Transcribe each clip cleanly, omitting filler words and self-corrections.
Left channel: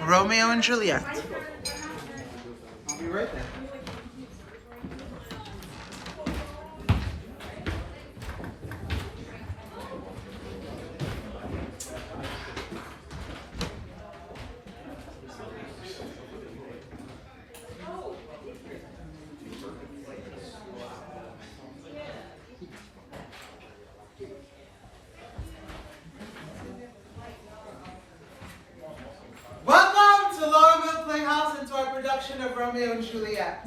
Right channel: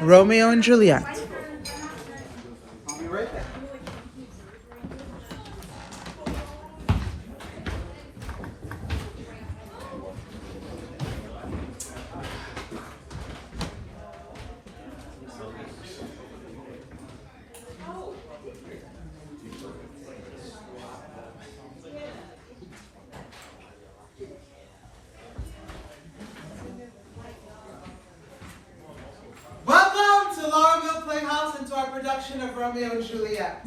Romeo and Juliet. I'll be right back. Welcome to ROMEO Playhouse and to our production of Romeo and Juliet.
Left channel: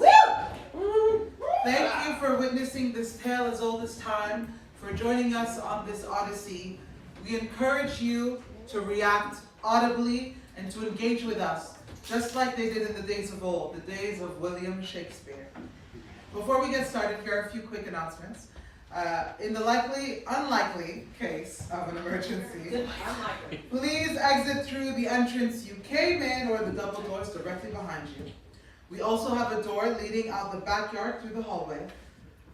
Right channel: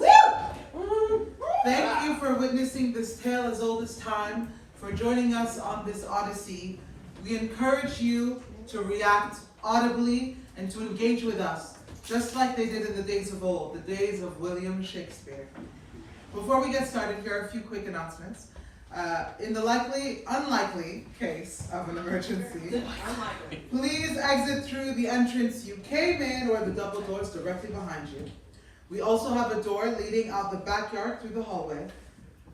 Woo! Thank you for witnessing this tale as old as time, for joining us on this odyssey. We encourage you to react audibly and to engage with us, just like they did in the days of old, the days of William Shakespeare. Before we get started, here are a few quick announcements. In the unlikely case of an emergency, please exit through the entrance you came in or the double doors directly behind you. We also have a door leading out the backyard through the hallway.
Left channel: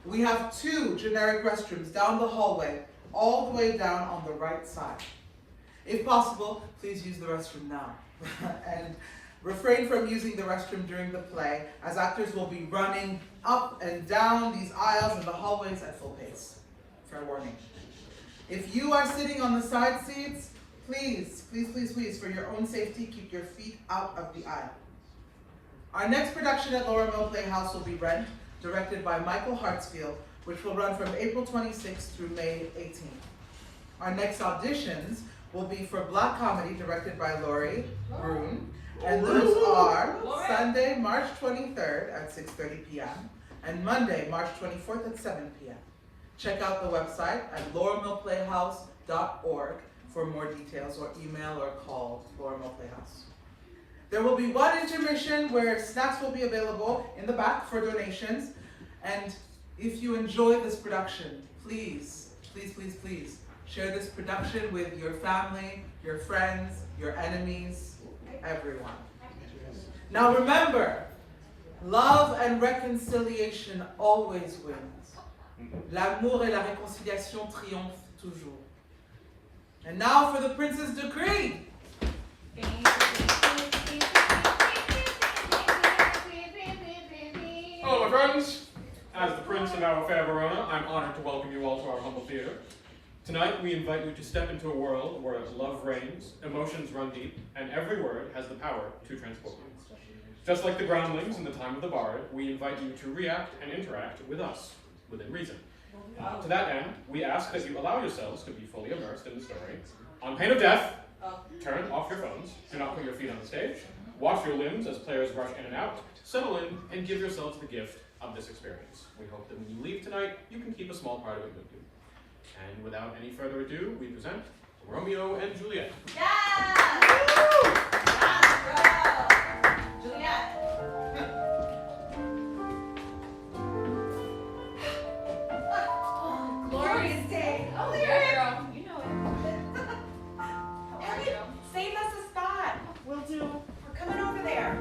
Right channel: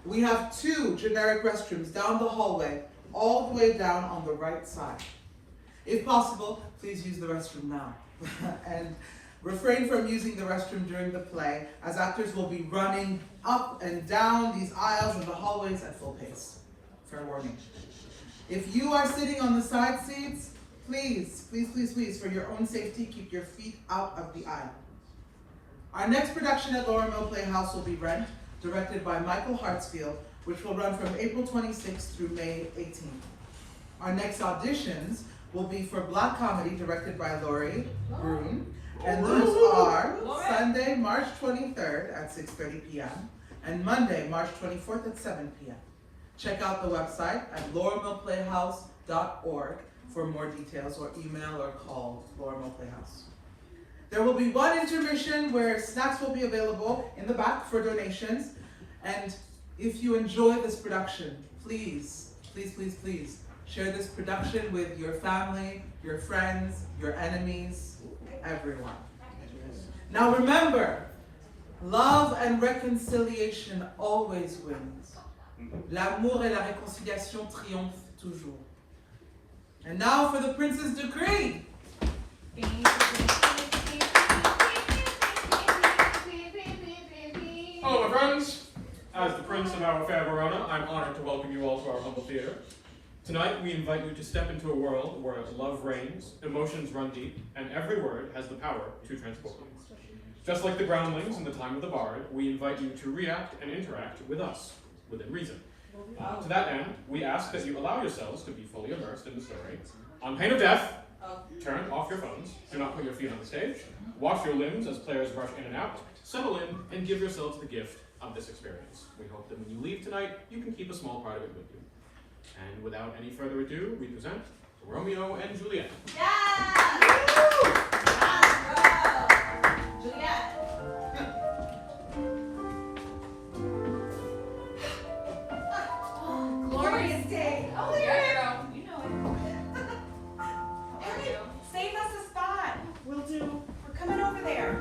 We have 2 generic restrooms down the hallway, all the way down on the right side. If possible, please use the restroom now. And refrain from using the restroom during the play, as actors will be running up and down these aisles and the hallways at full pace. Fair warning. If you are sitting on the side seats, please, for your own safety, keep your feet out of the aisle. Our next production at ROMEO Playhouse will be Rent, directed by Michael Hartsfield, which will run from April 26th through May 18th. Our next auditions will be for Black Comedy, directed by Laurie Brune, and those are Sunday, March 23rd at 6:30 p.m. and Monday, March 24th at 7 p.m. Check out the website at loremoplayhouse.org for more details, or email or call ROMEO Playhouse. There will be one intermission where snacks will be available in the back for donations. And if you enjoy this production, please share this production with your family, your friends, your enemies, everyone. Now remember, love and reconciliation always wins. L'amour et la réconciliation triomphent toujours. And now for the Prince's decree. Hello, my friends. As the Prince of our fair Verona, I'm honored to welcome you all to our humble theater. Tonight, we invite you to step into a world where love reigns, emotions run deep, and every word has the power to transport you. Just like the groundlings in the time of the bard, we invite you to react and interact with us, within reason. To that end, we ask that you allow yourselves to be fully immersed in the story. On pain of death, turn off your phones, do not put your feet on the stage, watch your limbs as players rush in and out, settle in, and give yourselves the gift of this experience. We hope that when you leave tonight, you can keep a small part of it with you. And without any further ado, we present Romeo and Juliet. Yeah! Juliet! Glorious day! Oh, yeah! You know it. Ellie, save us a spot. We'll do. We're coming over there.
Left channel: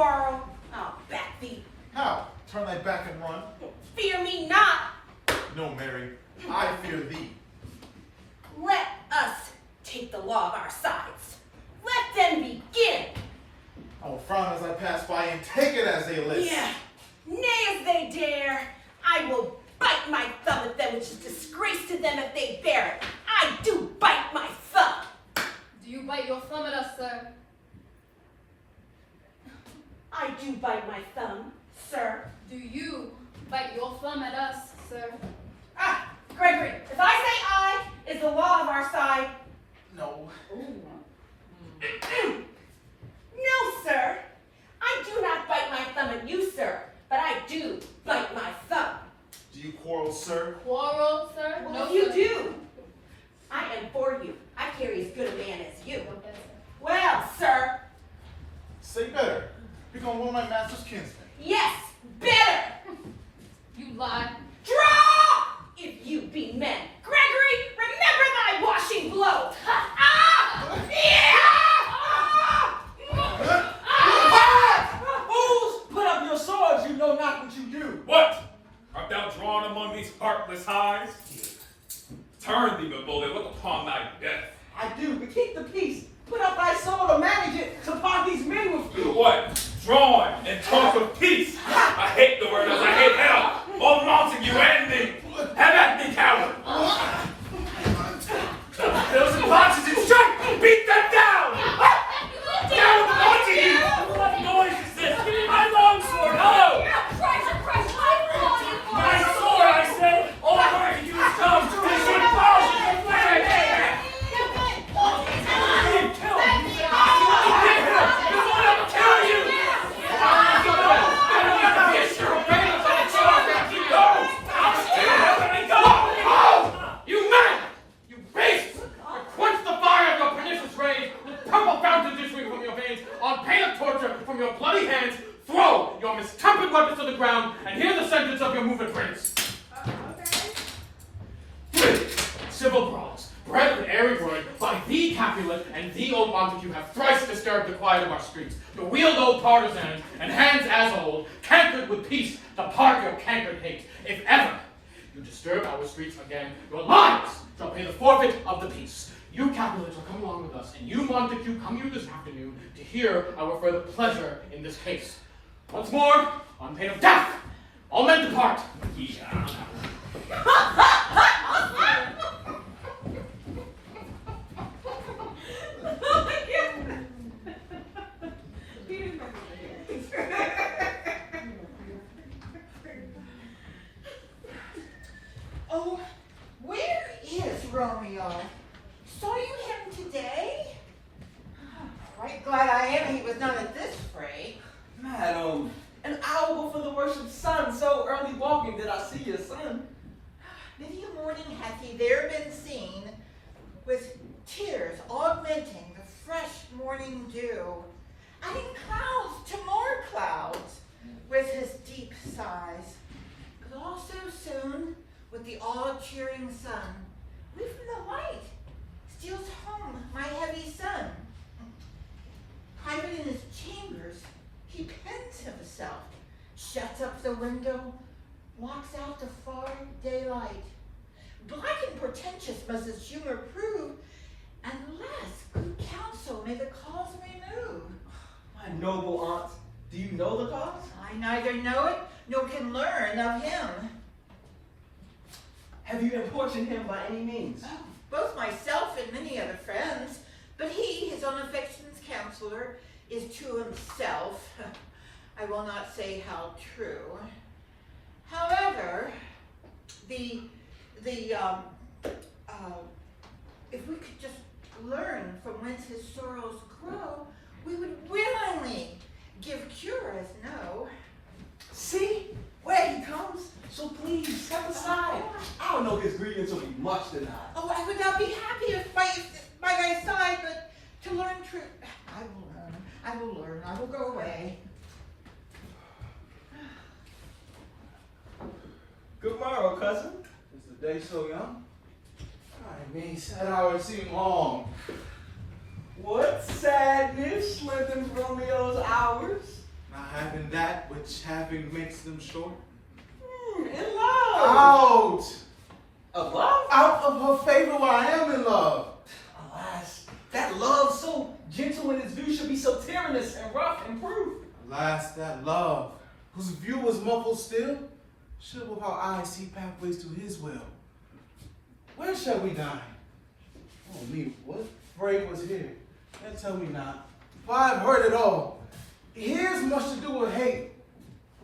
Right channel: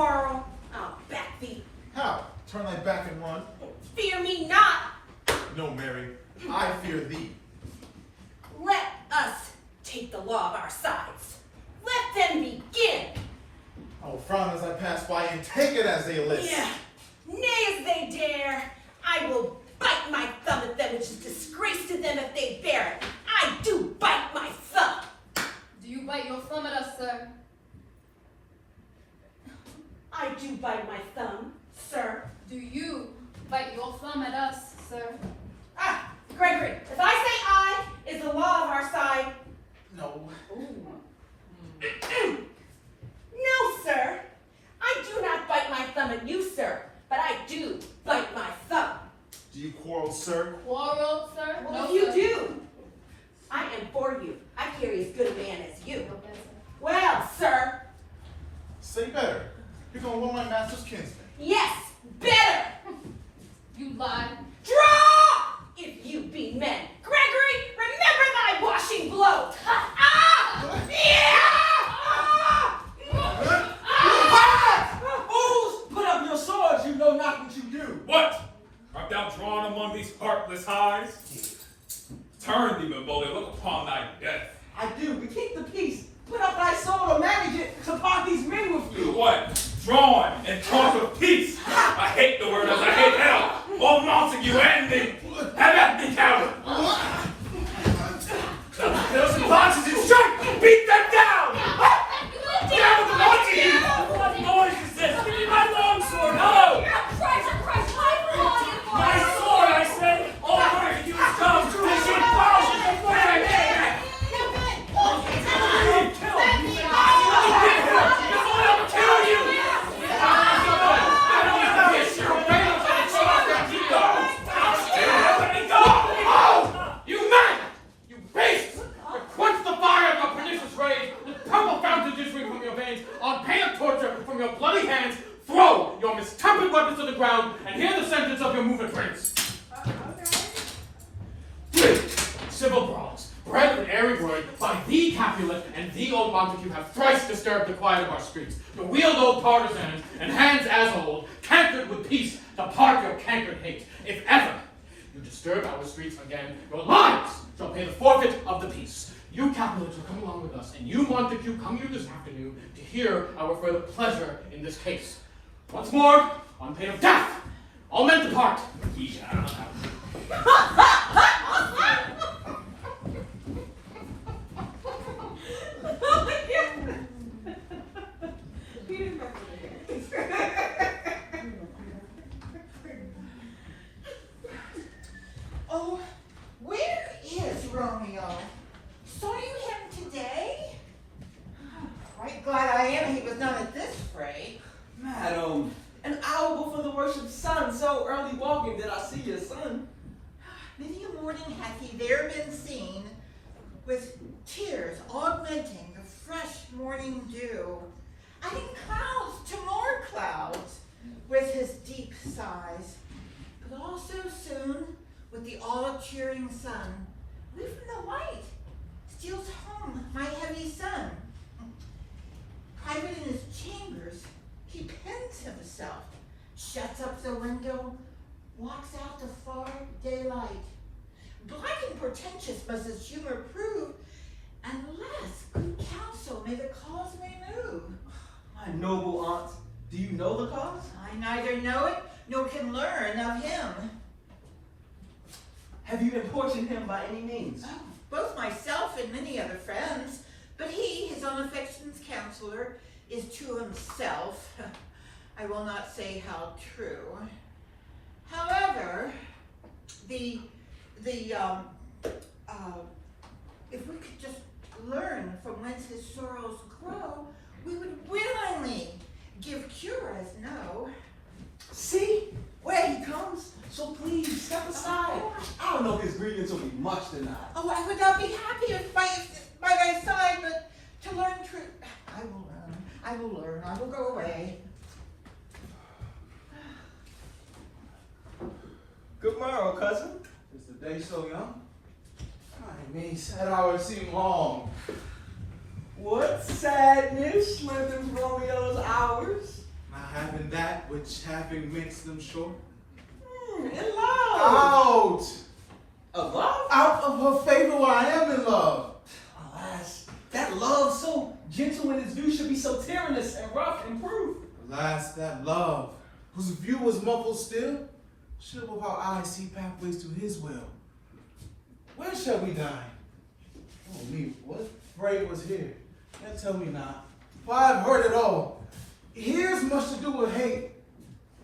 quarrel, I'll back thee. How? Turn thy back and run? Fear me not. No, Mary, I fear thee. Let us take the law of our sides. Let them begin. I will frown as I pass by and take it as they list. Yeah, nay as they dare. I will bite my thumb at them, which is disgrace to them if they bear it. I do bite my thumb. Do you bite your thumb at us, sir? I do bite my thumb, sir. Do you bite your thumb at us, sir? Ah, Gregory, if I say I is the law of our side. No. No, sir. I do not bite my thumb at you, sir, but I do bite my thumb. Do you quarrel, sir? Quarrel, sir? Well, No, you sir. do. I am for you. I carry as good a man as you. No better. Well, sir, Say better. You're gonna win my master's kinsman. yes, better. You lie. Draw! If you be men. Gregory, remember thy washing blow. Ah! Yeah! Fools, put up your swords, you know not what you do. What? Art thou drawn among these heartless highs? Turn thee, my bully, look upon thy death. I do, but keep the peace. Put up thy sword or manage it to part these men with you. What? Drawn and talk of peace. I hate the word as I hate hell. Both Montague and me. Have at me, coward. Those and boxes and strike. Beat them down. Down, Montague. What noise is this? Give me my long sword. Hello. My sword, I said. All I'm going to use comes. This sword falls in your way. On pain of torture from your bloody hands, throw your mistempered weapons to the ground and hear the sentence of your movement prince. 3. Civil brawls, bred with airy word, by thee Capulet and thee old Montague have thrice disturbed the quiet of our streets. To wield old partisans and hands as old, cankered with peace, to part your cankered hate. If ever you disturb our streets again, your lives shall pay the forfeit of the peace. You Capulet shall come along with us, and you Montague come here this afternoon to hear our further pleasure in this case. Once more, on pain of death, all men depart. Oh, where is Romeo? Saw you him today? Right glad I am he was not at this fray. Madam, an hour before the worship sun, so early walking did I see your son. Many a morning hath he there been seen, with tears augmenting the fresh morning dew, adding clouds to more clouds with his deep sighs. But also soon, with the all-cheering sun, we from the light steals home my heavy son. Private in his chambers, he pens himself, shuts up the window, walks out to far daylight. Black and portentous must his humor prove, unless good counsel may the cause remove. My noble aunt, do you know the cause? I neither know it, nor can learn of him. Have you importuned him by any means? Both myself and many other friends, but he, his own affection's counselor, is to himself. I will not say how true. However, if we could just learn from whence his sorrows grow, we would willingly give cure as no. See, where he comes. So please, step aside. I don't know if his grievance will be much tonight. Oh, I would not be happy if by thy side, but to learn truth. I will go away. Good morrow, cousin. Is the day so young? I mean, sad hours seem long. What sadness slithers Romeo's hours? Having that which having makes them short. In love. Out! Of love? Out of her favor where I am in love. Alas, that love so gentle in its view should be so tyrannous and rough and proof. Alas, that love, whose view was muffled still, should with our eyes see pathways to his will. Where shall we dine? Oh me, what fray was here? And tell me not, for I have heard it all. Here's much to do with hate,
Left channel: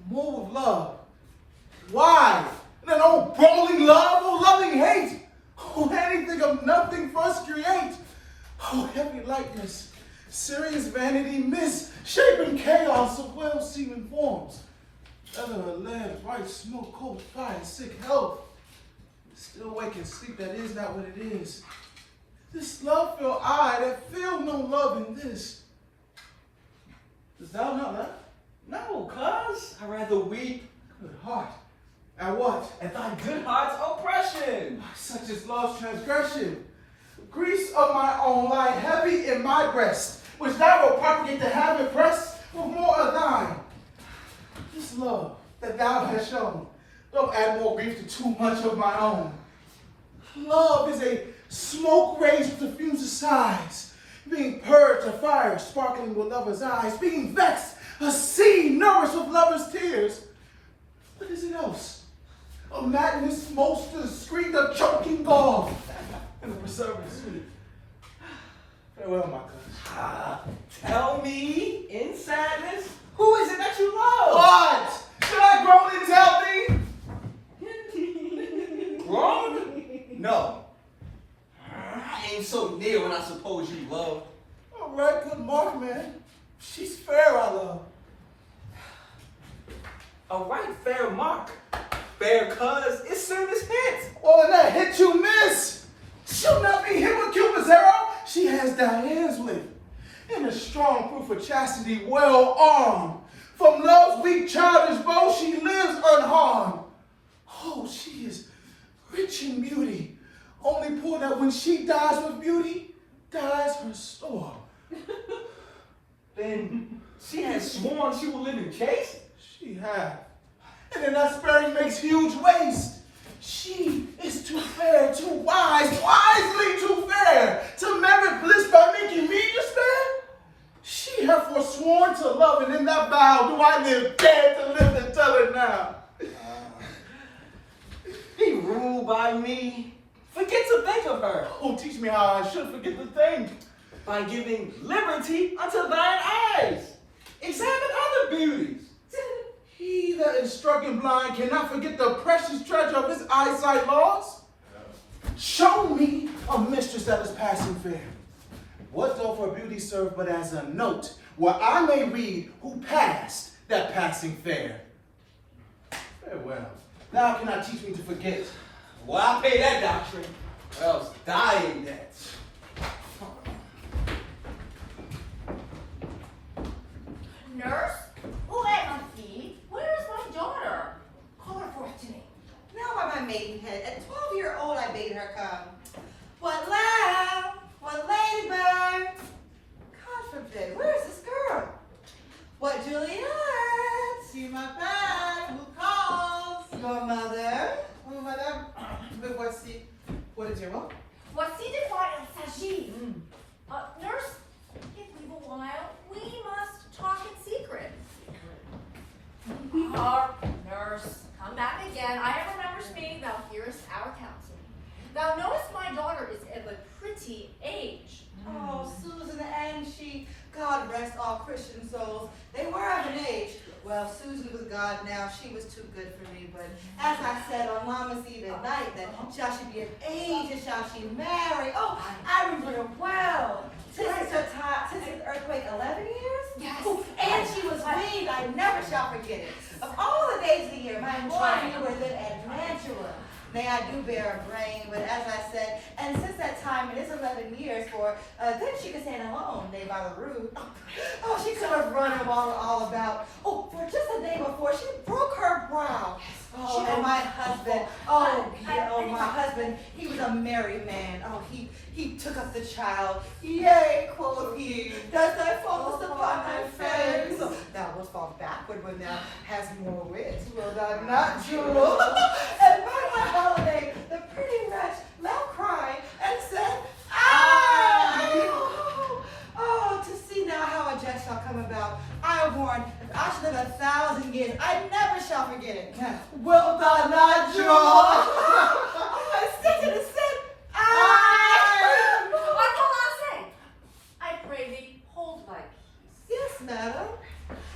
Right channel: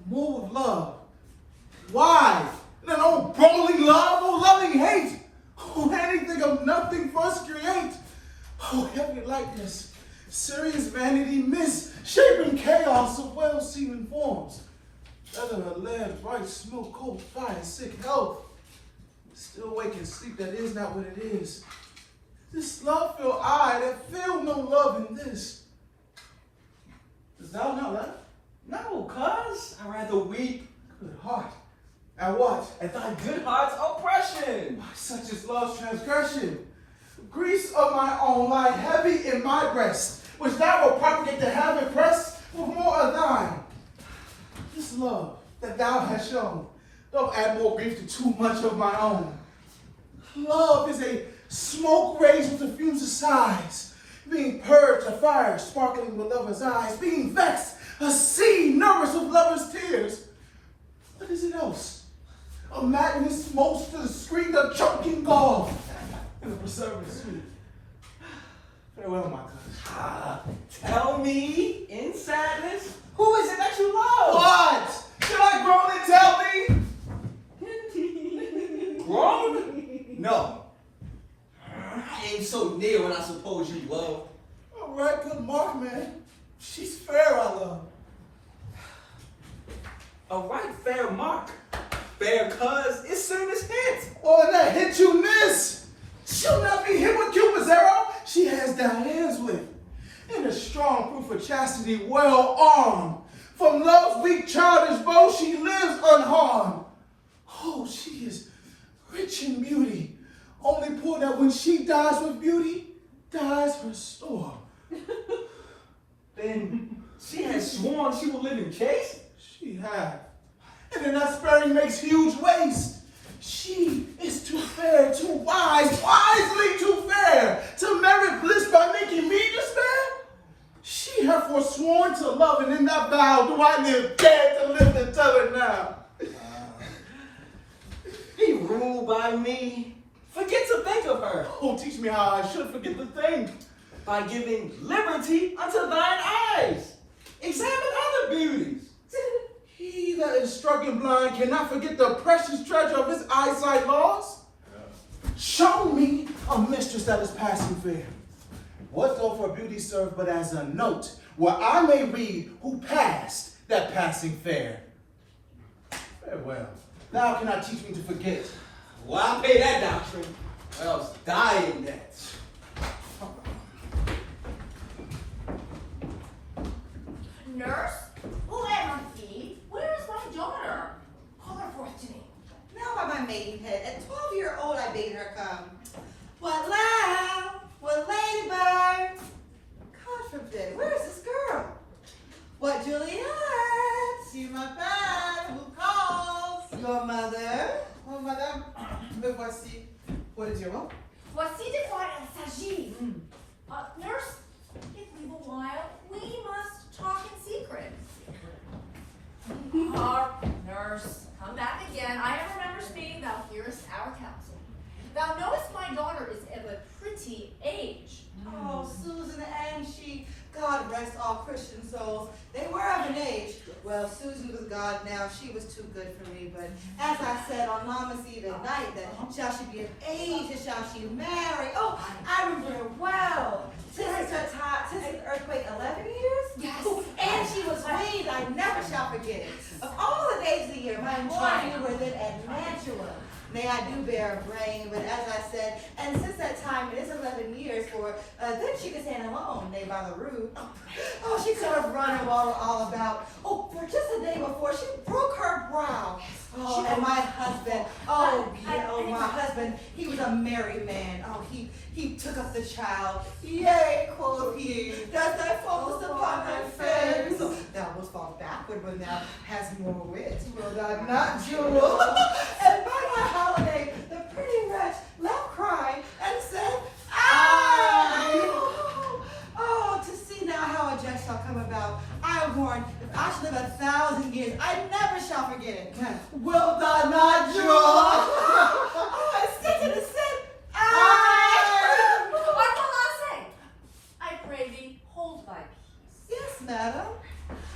more with love. Why? Then oh brawling love, oh loving hate, oh anything of nothing first create. Oh heavy lightness, serious vanity, misshaping chaos of well-seeming forms. Whether a lead, bright smoke, cold fire, sick health. Still wake and sleep, that is not what it is. This love feel I that feel no love in this. Dost thou not laugh? No, cuz I rather weep. Good heart. At what? At thy good heart's oppression. Such is love's transgression. Griefs of my own lie heavy in my breast, which thou wilt propagate to have impressed with more of thine. This love that thou hast shown, don't add more grief to too much of my own. Love is a smoke raised with the fumes of sighs, being purged a fire sparkling with lovers' eyes, being vexed a sea nourished with lovers' tears. What is it else? A madness most to the scream of choking gall and the preserving sweet. Farewell, my cousin. Tell me, in sadness, who is it that you love? What? Should I groan and tell thee? Grown? No. I ain't so near when I suppose you love. All right, good mark, man. She's fair, I love. A right fair mark. Fair cuz, it soon is hit. Oh, and that hit you miss. She'll not be hit with Cupid's arrow. She has Diane's with. And a strong proof of chastity, well armed. From love's weak childish bow, she lives unharmed. Oh, she is rich in beauty. Only poor that when she dies with beauty, dies her store. Then she has sworn she will live in chaste? She had. And then that sparing makes huge waste. She is too fair, too wise, wisely too fair, to merit bliss by making me despair. She hath forsworn to love, and in that vow do I live dead to live and tell her now. Be ruled by me. Forget to think of her. Oh, teach me how I should forget to think. By giving liberty unto thine eyes. Examine other beauties. He that is struck and blind cannot forget the precious treasure of his eyesight lost. Show me a mistress that is passing fair. What doth her beauty serve but as a note where I may read who passed that passing fair? Farewell. Thou cannot teach me to forget. Well, I'll pay that doctrine. Else dying yet. Nurse? Oh, Auntie, where is my daughter? Call her forth to me. Now by my maidenhead, at 12-year-old I bade her come. What loud, what ladybird? God forbid, where is this girl? What Juliette? See my fan, who calls? Your mother? Oh, madame, me voici. What is your will? Voici de quoi il s'agit. Nurse, give me a while. We must talk in secret. Nurse, come back again. I have remembered me, thou hearest our counsel. Thou knowest my daughter is of a pretty age. Oh, Susan and she, God rest all Christian souls. They were of an age. Well, Susan was God now. She was too good for me. But as I said on Mama's Eve at night, that shall she be of age and shall she marry? Oh, I remember well. Since the earthquake, 11 years? Yes. Ooh, and she was weaned. I never shall forget it. Of all the days of the year, my boy were then at Mantua. May I do bear a brain, but as I said, and since that time, it is 11 years, for then she could stand alone, nay, by the root. Oh, she could have run all about. Oh, for just the day before, she broke her brow. Oh, and my husband, oh, yeah, oh, my my husband, he was a merry man. Oh, he took up the child. Yay, quoth he, does thy focus upon thy face. So thou wilt fall backward when thou hast more wit, will thou not, Jewel? And by my holiday, the pretty wretch left crying and said, I. Oh, to see now how a jest shall come about. I warn, if I should live 1,000 years, I never shall forget it. Wilt thou not, Jewel? Oh, I said and said, I. I pray thee, hold thy peace. Yes, madam.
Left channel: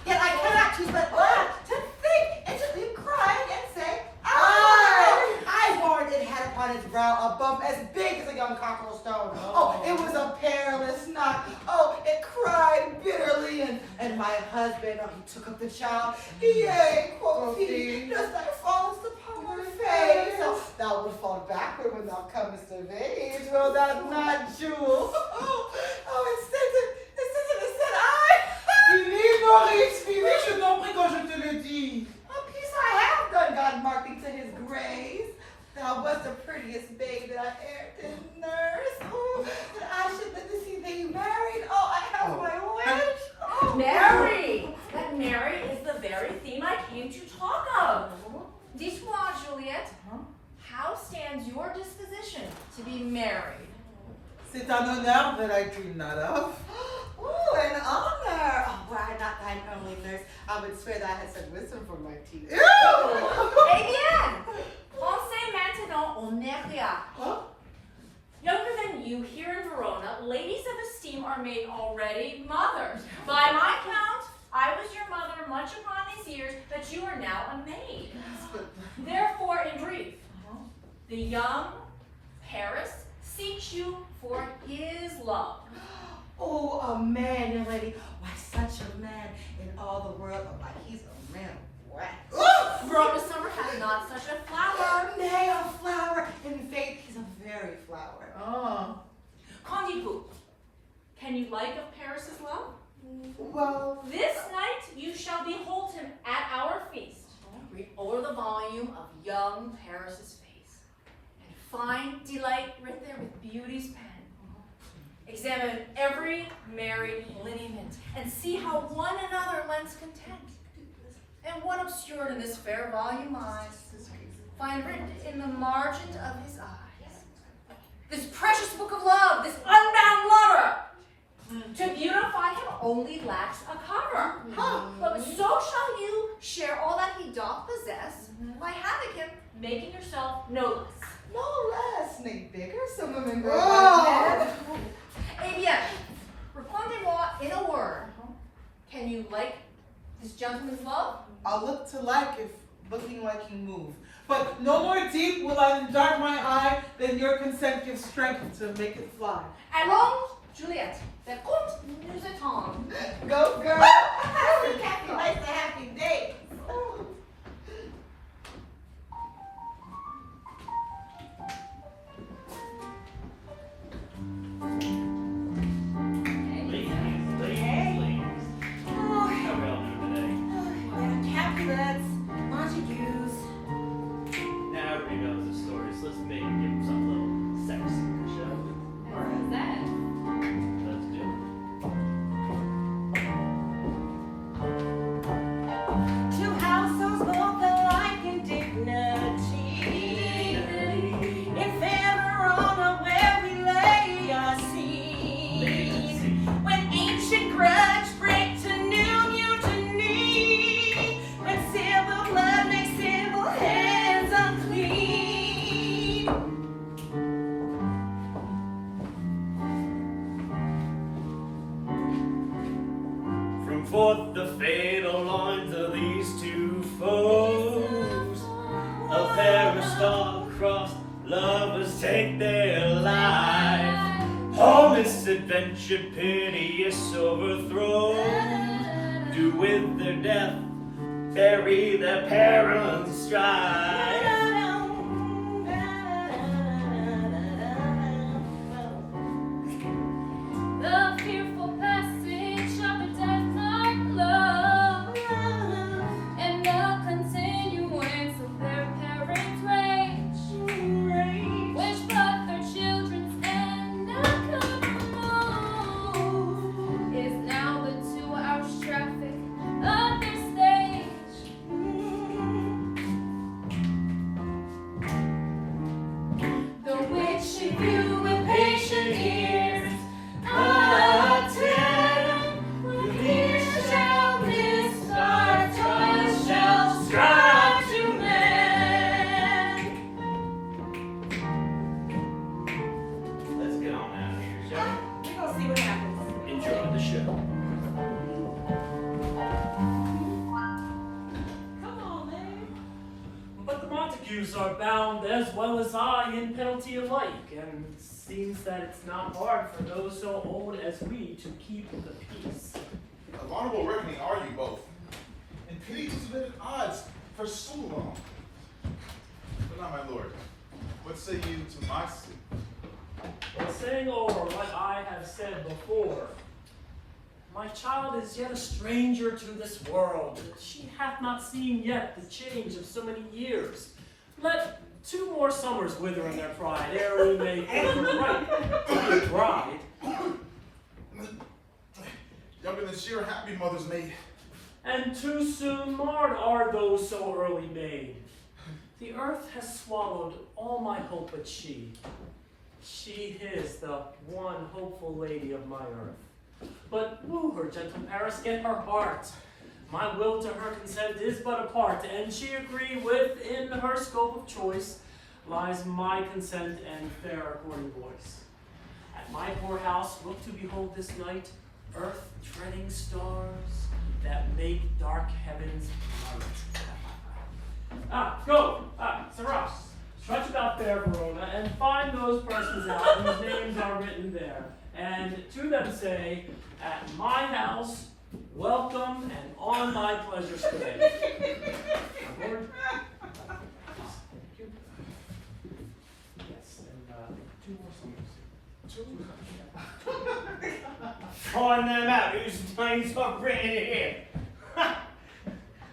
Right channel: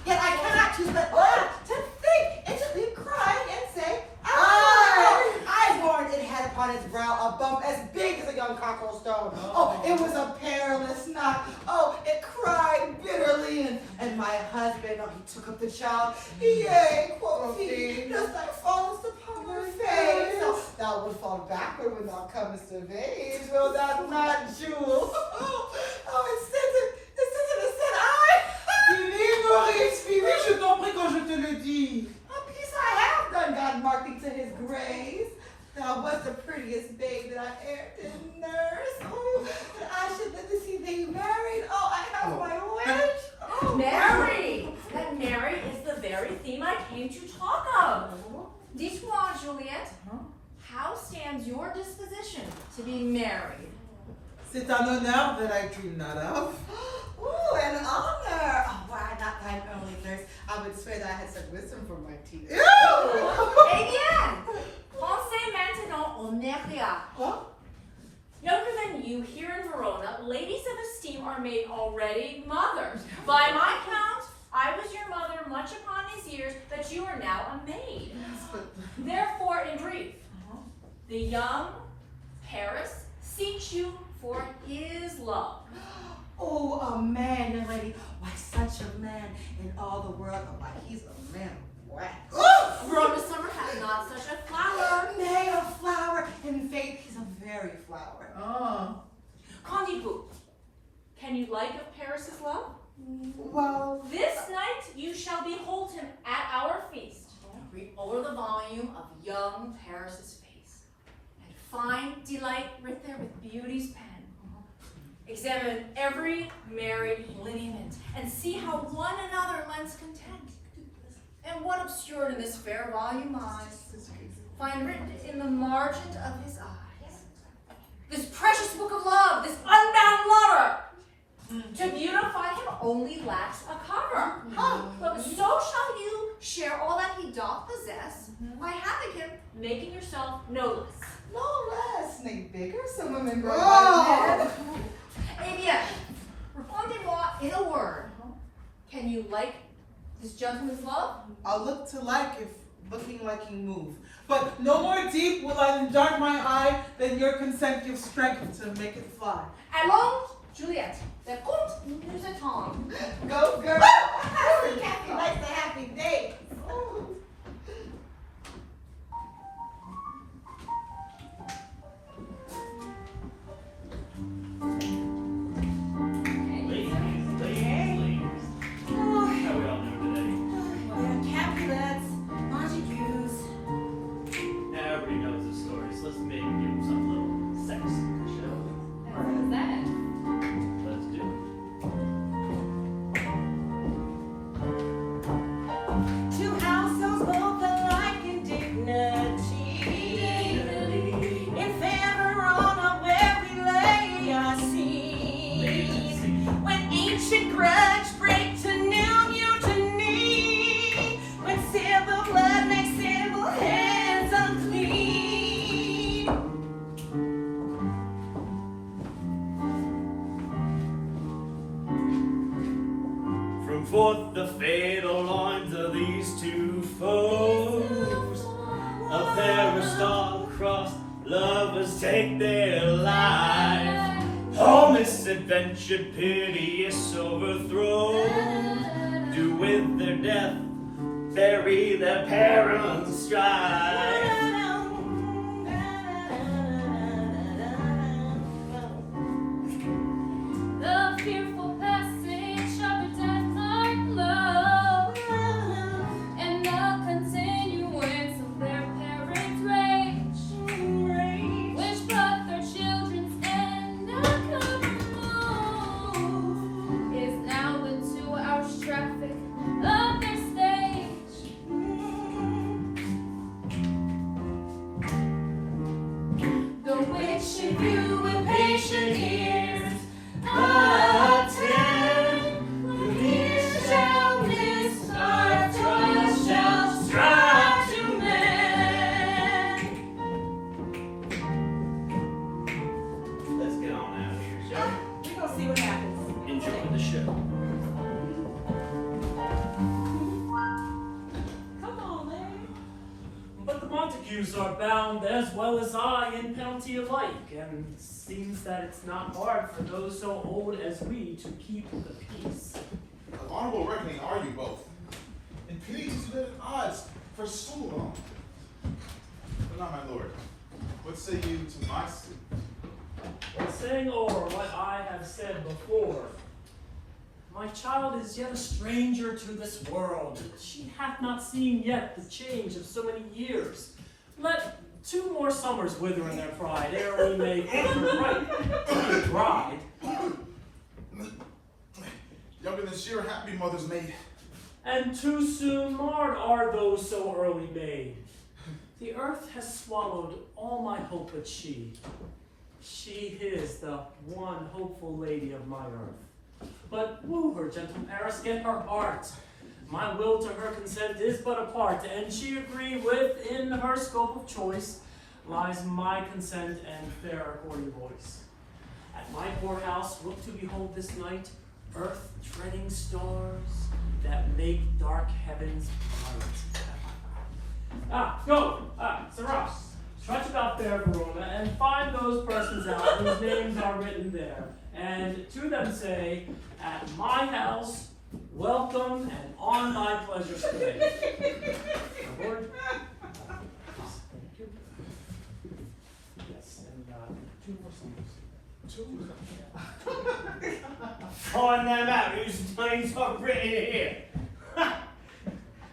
Yet I cannot choose but laugh to think it should leave crying and say, I warned it had upon its brow a bump as big as a young cockerel stone. Oh, it was a perilous knock. Oh, it cried bitterly, and my husband, oh, he took up the child. Yea, quoth he, does thy fallest upon my face? Oh, thou wilt fall backward when thou comest of age, will thou not, Jewel? Oh, it said, Mais je t'en prie quand je te le dis. a piece I have done, God marked thee to his grace. Thou wast the prettiest babe that I e'er did nurse. Oh, that I should live to see thee married. Oh, I have my wish. Oh, Mary! That Mary is the very theme I came to talk of. Dis-moi, Juliette, how stands your disposition to be married? C'est un honneur that I dream not of. Ooh, an honor. Oh, were I not thine only nurse, I would swear that I had such wisdom for my teeth. Eh bien! Pensez maintenant au Neria. Huh? Younger than you here in Verona, ladies of esteem are made already mothers. By my count, I was your mother much upon these years, but you are now a maid. Therefore, in brief, the young Paris seeks you for his love. Oh, a man, young lady. Why, such a man in all the world. Oh, why, he's a man of wax. Verona summer has not such a flower. Nay, a flower. In faith, he's a very flower. Oh. Qu'en dites-vous? Can you like of Paris's love? Well, This night you shall behold him at our feast. Read over the volume of young Paris's face, and find delight writ there with beauty's pen. Examine every married lineament, and see how one another lends content. And what obscured in this fair volume lies, find written in the margin of his eyes. This precious book of love, this unbound lover, to beautify him only lacks a cover. But so shall you share all that he doth possess, by having him making yourself no less. no less, nay, bigger, some women grow Oh. Eh bien, répondez-moi in a word. Can you like this gentleman's love? I'll look to like if looking like you move. But no more deep will I dart my eye than your consent gives strength to make it fly. Allons, Juliette, the compte nous attend. Go, girl. Happy, happy, like the happy day. Ladies. How we all doing today? Capulets, Montagues. Now everybody knows the story, so let's maybe give them some little sex, shall we? What is that? Let's do it. Two households both alike in dignity. In Verona where we lay our seed. When ancient grudge break to new mutiny. When civil blood makes civil hands unclean. From forth the fatal loins of these two foes, a pair of star-crossed lovers take their life. All misadventured, piteous overthrows do with their death bury their parents' strife. The fearful passage of a death-dark love, and the continuance of their parents' rage. Montagues are bound as well as I in penalty alike, and seems that it's not hard for those so old as we to keep the peace. Of honorable reckoning are you both, and pity to been at odds for so long. But now, my lord, what say you to my suit? Well, saying over what I have said before, my child is yet a stranger to this world. She hath not seen yet the change of so many years. Let 2 more summers wither in their pride, ere we may think her right to be a bride. Younger than sheer happy mother's maid. And too soon marred are those so early made. The earth has swallowed all my hope but she. She is the one hopeful lady of my earth. But woo her, gentle Paris, get her heart. My will to her consent is but a part, and she agree within her scope of choice lies my consent and fair according voice. At my poor house look to behold this night earth treading stars that make dark heavens bright. Go, Sarah, trudge about fair Verona, and find those persons out whose names are written there, and to them say, at my house, welcome, and on my pleasure stay. Lord, thank you. Yes, and 2 more songs. Find them out whose names are written here.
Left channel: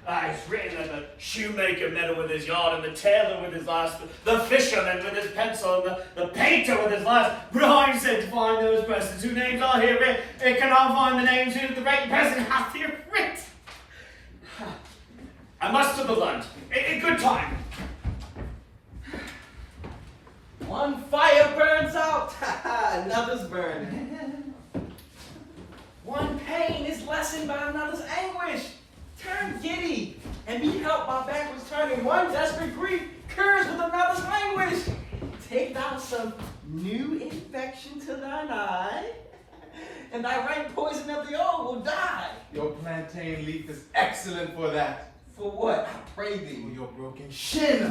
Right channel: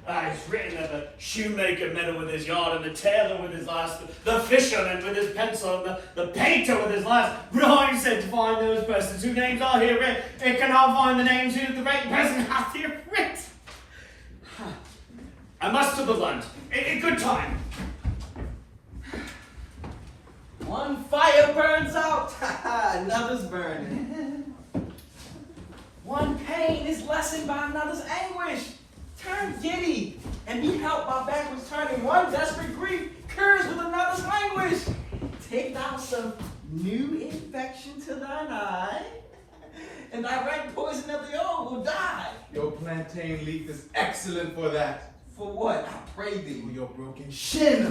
It's written of the shoemaker meddle with his yard, and the tailor with his last, the fisherman with his pencil, and the painter with his last. But I said to find those persons whose names are here writ, it cannot find the names who the right person hath here writ. I must to the land. A good time. One fire burns out, another's burning. One pain is lessened by another's anguish. Turn giddy and be helped by backwards turning. One desperate grief cures with another's languish. Take thou some new infection to thine eye, and thy right poison of the old will die. Your plantain leaf is excellent for that. For what? I pray thee. For your broken shin.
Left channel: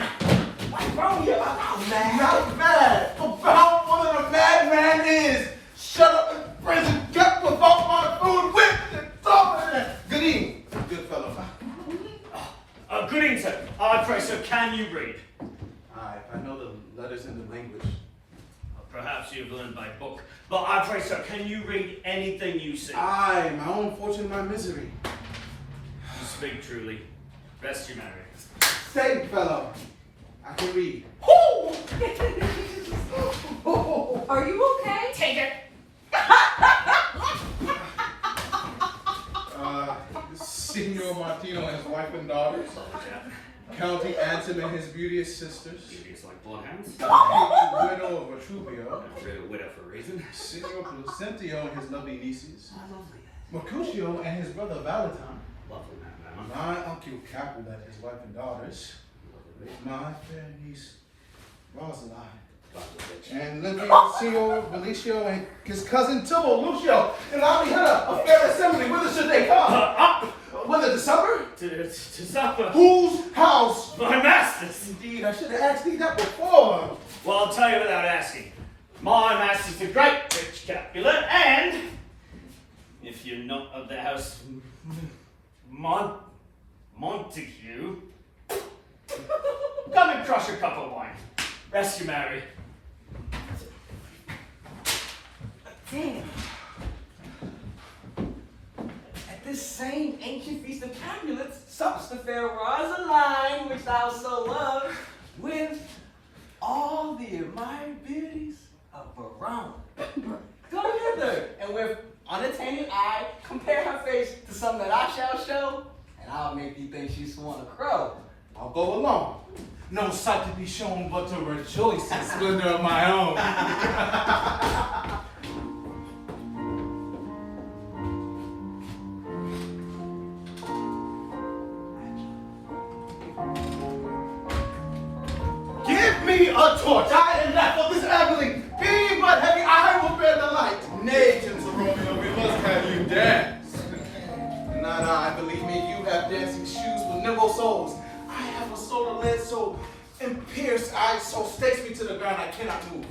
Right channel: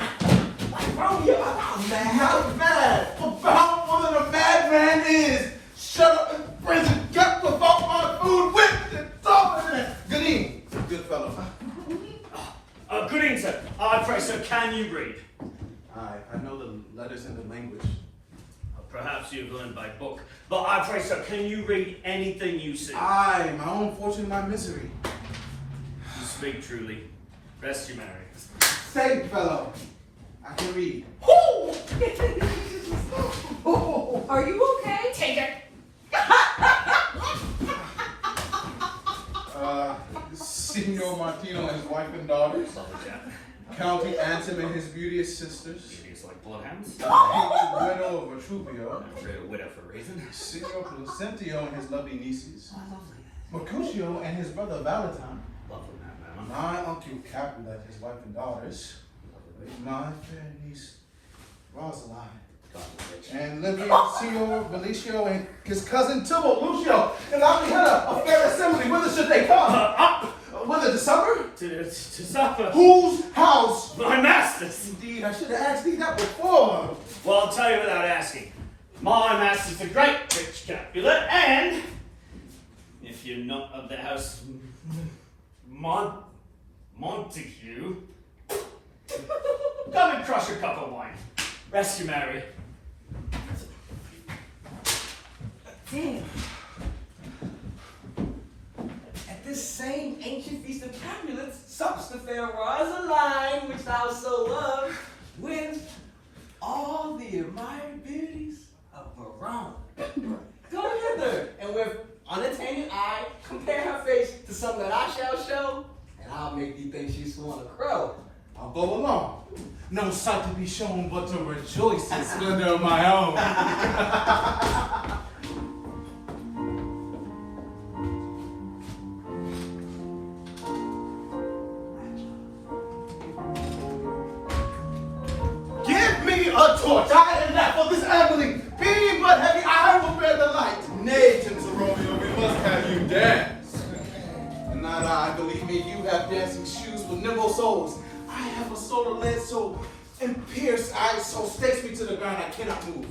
Like Romeo, I'm mad. Not mad about what a madman is. Shut up in prison, kept without my food, whipped and thrown. Good evening, good fellow. Good evening, sir. I pray, sir, can you read? I know the letters in the language. Perhaps you've learned by book, but I pray, sir, can you read anything you see? Aye, my own fortune, my misery. You speak truly. Rest you, Mary. Say, fellow, I can read. Are you okay? Take it. Signor Martino and his wife and daughters. Oh, yeah. County Anthem and his beauteous sisters. Beauties like bloodhounds. Widow of Vitruvio. A widow for a reason. Signor Placentio and his lovely nieces. Lovely. Mercutio and his brother Valentine. Lovely man, My uncle Capulet, his wife and daughters. My fair niece Rosaline. And Licio, Belicio, and his cousin Tybalt, Lucio. And I had a fair assembly. Whither should they come? Whither to supper? To supper. Whose house? My master's. Indeed, I should have asked thee that before. Well, I'll tell you without asking. My master's the great rich Capulet, and if you're not of the house Montague, come and crush a cup of wine. Rest you, Mary. Damn. At this same ancient feast of Capulets, sups the fair Rosaline, which thou so loved, with all the admired beauties of Verona. Go hither, and with unattainted eye, compare her face to some that I shall show, and I'll make thee think she's sworn a crow. I'll go along. No sight to be shown but to rejoice in splendor of my own. Give me a torch. I am not for this ambling. Be but heavy, I will bear the light. Nay, gentle Romeo, we must have you dance. Not I, believe me, you have dancing shoes with nimble souls. I have a soul of lead soul, and pierced eyes so stakes me to the ground I cannot move.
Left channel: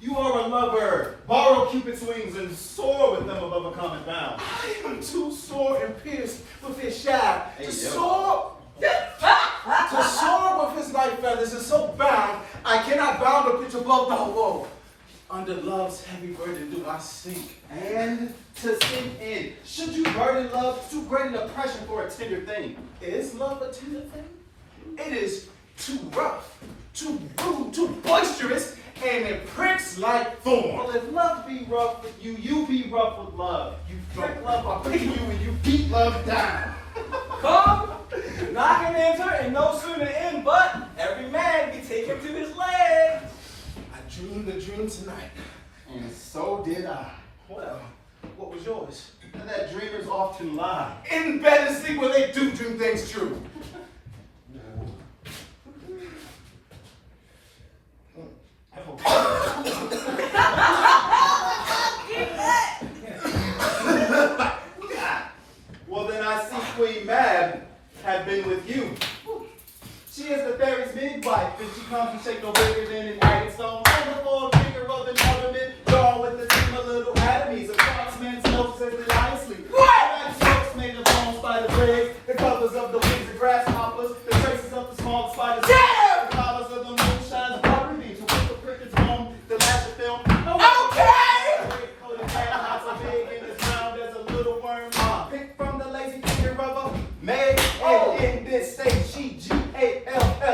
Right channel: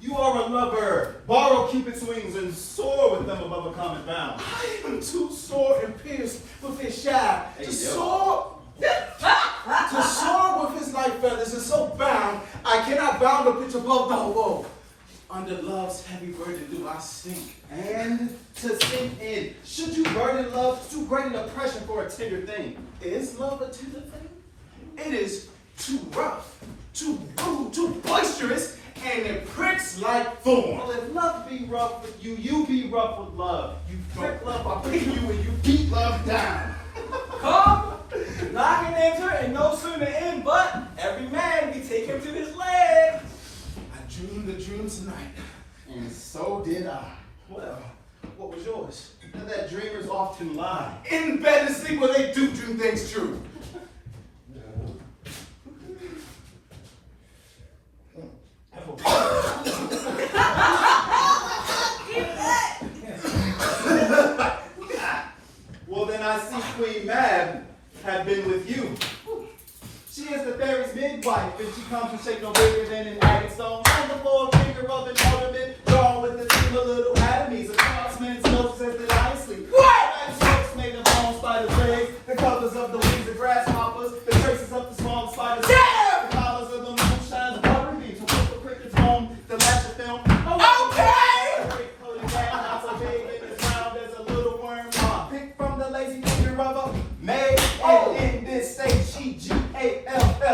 You are a lover. Borrow Cupid's wings and soar with them above a common bound. I am too sore and pierced with his shaft to soar. To soar with his light feathers is so bound, I cannot bound or pitch above the woe. Under love's heavy burden do I sink. And to sink in, should you burden love, too great an oppression for a tender thing. Is love a tender thing? It is too rough, too rude, too boisterous, and it pricks like thorn. Well, if love be rough with you, you be rough with love. You prick love by picking you and you beat love down. Come, knock and enter, and no sooner in, but every man can take him to his leg. I dreamed a dream tonight. And so did I. Well, what was yours? That dreamers often lie. In bed and sleep where they do dream things true. Well, then I see Queen Mab had been with you. She is the fairy's midwife, and she comes to shake no bigger than an agate stone. Wonderful drinker of an ornament, drawn with the team of little atomies. A craftsman's notes as the lion sleep. What? Strokes made of long spider legs, the colors of the wings of grasshoppers, the traces of the small spider's the colors of the moonshine, the buttery beams, who put the cricket's home, the lash of film. Not so big and as round as a little worm. Picked from the lazy finger of a maid. And in this state, she G-A-L-L-O-P-S.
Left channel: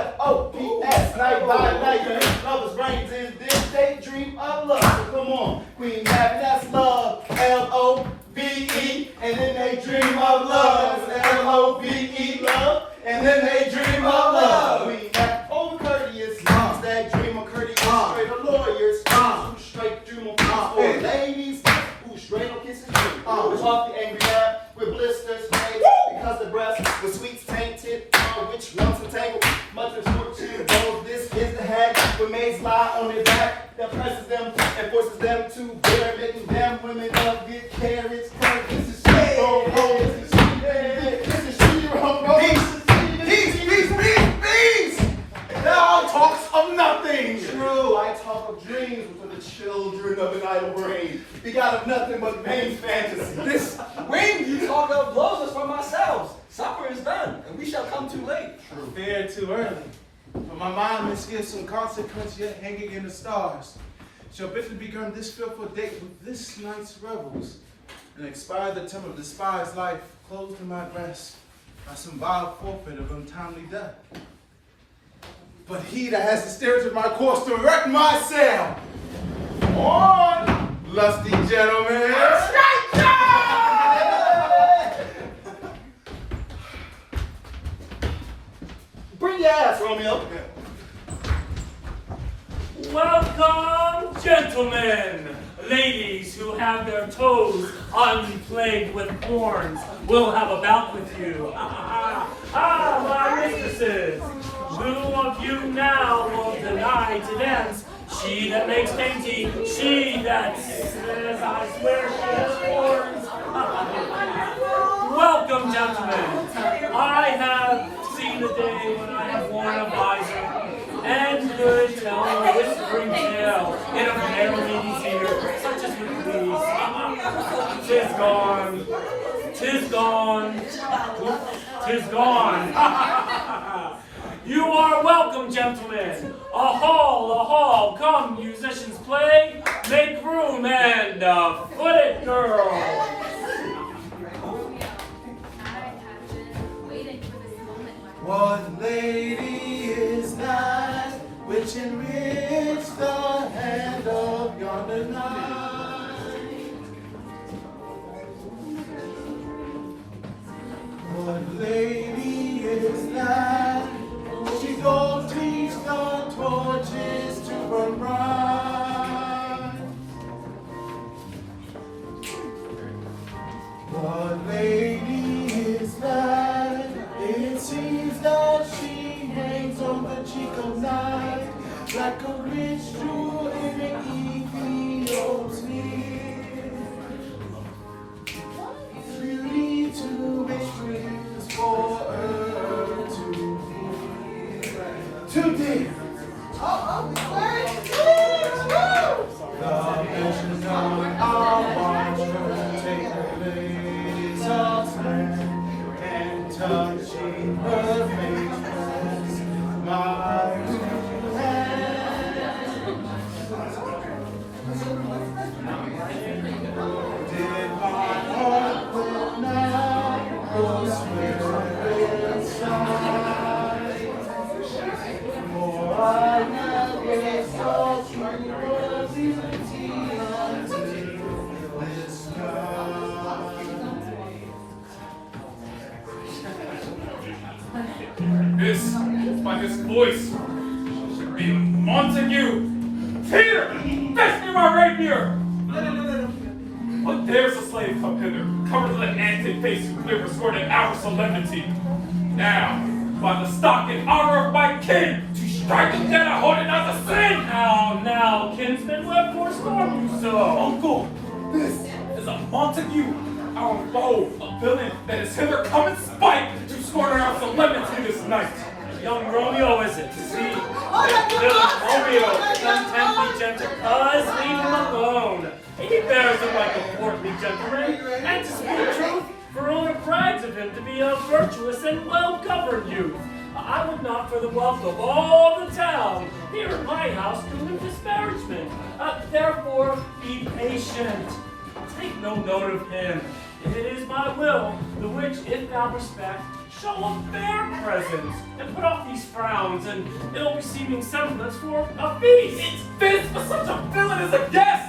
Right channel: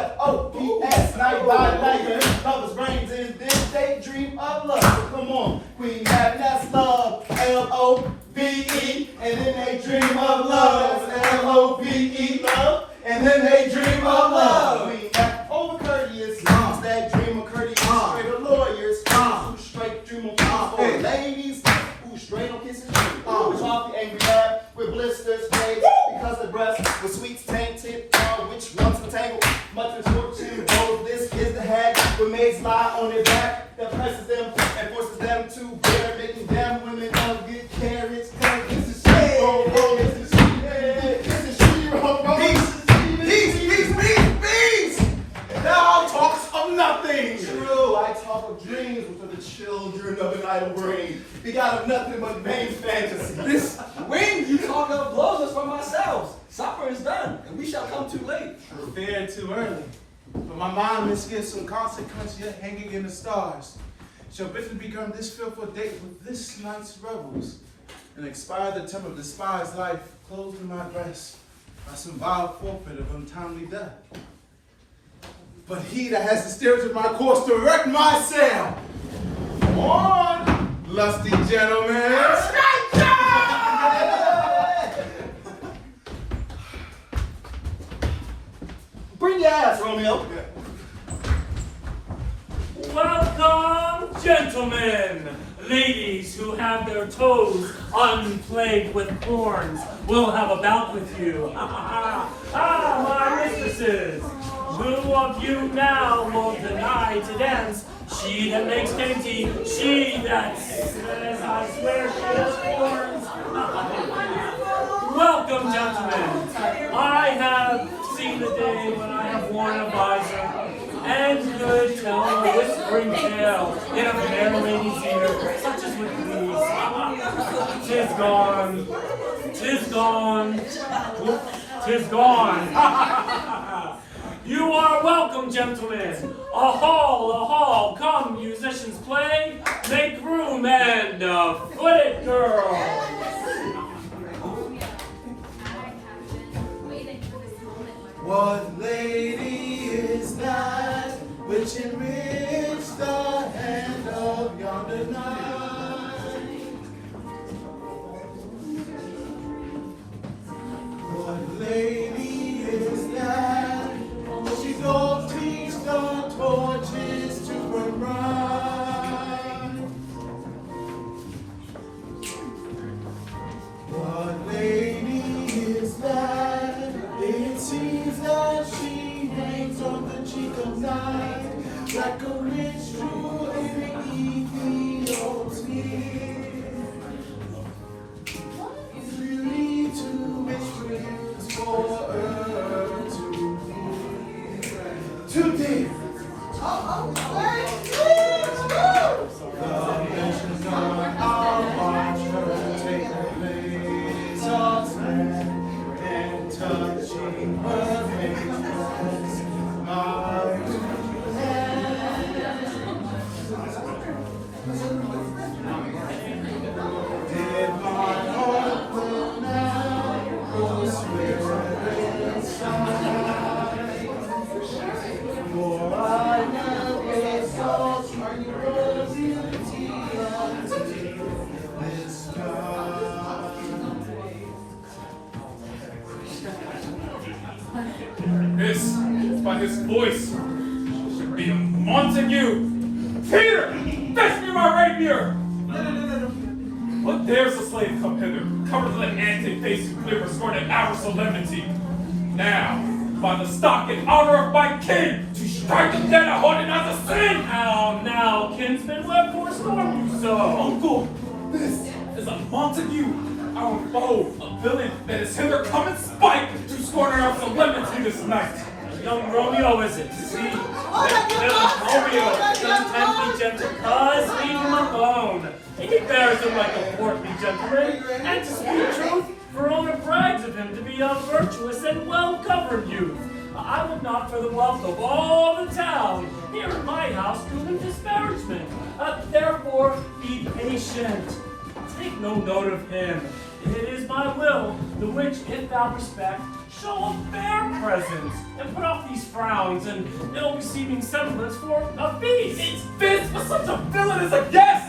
Night by night, your lover's brains in this daydream of love. So come on, Queen Mab, that's love. L-O-V-E. And then they dream of love. That's L-O-V-E, love. And then they dream of love. Queen Mab, over courteous. That dream of courteous. Straight of lawyers. Straight dream of oh, ladies. Straight on kissing dream. Off the angry lab with blisters made because the breast was sweet tainted. Which one's the tangle? Much misfortune goes. This is the head. The maids lie on their back that presses them and forces them to bear, making them women of get carriage. Cause this is she. This is she. This is she. Peace. Thou talks of nothing. True, I talk of dreams for the children of an idle brain. Begot of nothing but vain fantasy. This wind you talk of blows us from ourselves. Supper is done, and we shall come too late. Prepared too early. For my mind misgives some consequence yet hanging in the stars. Shall bidden begun this fearful date with this night's revels, and expire the term of despised life closed in my breast by some vile forfeit of untimely death. But he that has the steerage of my course to wreck my sail. On, lusty gentlemen. Bring your ass, Romeo. Welcome, gentlemen. Ladies who have their toes unplagued with horns will have a bout with you. My mistresses. Who of you now will deny to dance? She that makes dainty, she that says, I swear she has horns. Welcome, gentlemen. I have seen the day when I have worn a visor and could tell a whispering tale in a fair lady's ear, such as with these. 'Tis gone, 'tis gone, 'tis gone. You are welcome, gentlemen. A hall, come, musicians play, make room and foot it, girls. What lady is that which enriched the hand of yonder knight? What lady is that? She don't teach the torches to burn bright. What lady is that? It seems that she hangs on the cheek of night like a rich jewel in an Ethiopian smear. Beauty to which dreams for her to to thee. Oh, The nations are watching take place of men and touching her face. Did my heart will now go swimming inside? For I never saw truer beauty until this night. This, by his voice, should be Montague. Here, fetch me my rapier. What dares the slave come hither, covered with an antic face and clear sworn in our solemnity? Now, by the stock and honor of my king, to strike him dead I hold it not to sin! Now, kinsman, what forstorm you so? Uncle, this is a Montague, our foe, a villain that is hither come in spite to scorn our solemnity this night. Young Romeo, is it? See, that villain Romeo sometimes be gentle, cuz leave him alone. He bears him like a portly gentleman, and to speak truth, Verona brags of him to be a virtuous and well-governed youth. I would not for the wealth of all the town here at my house do him disparagement. Therefore, be patient. Take no note of him. It is my will, the which, if thou respect, show a fair presence, and put off these frowns and ill-beseeming sentiments for a feast. It's fits for such a villain as a guest!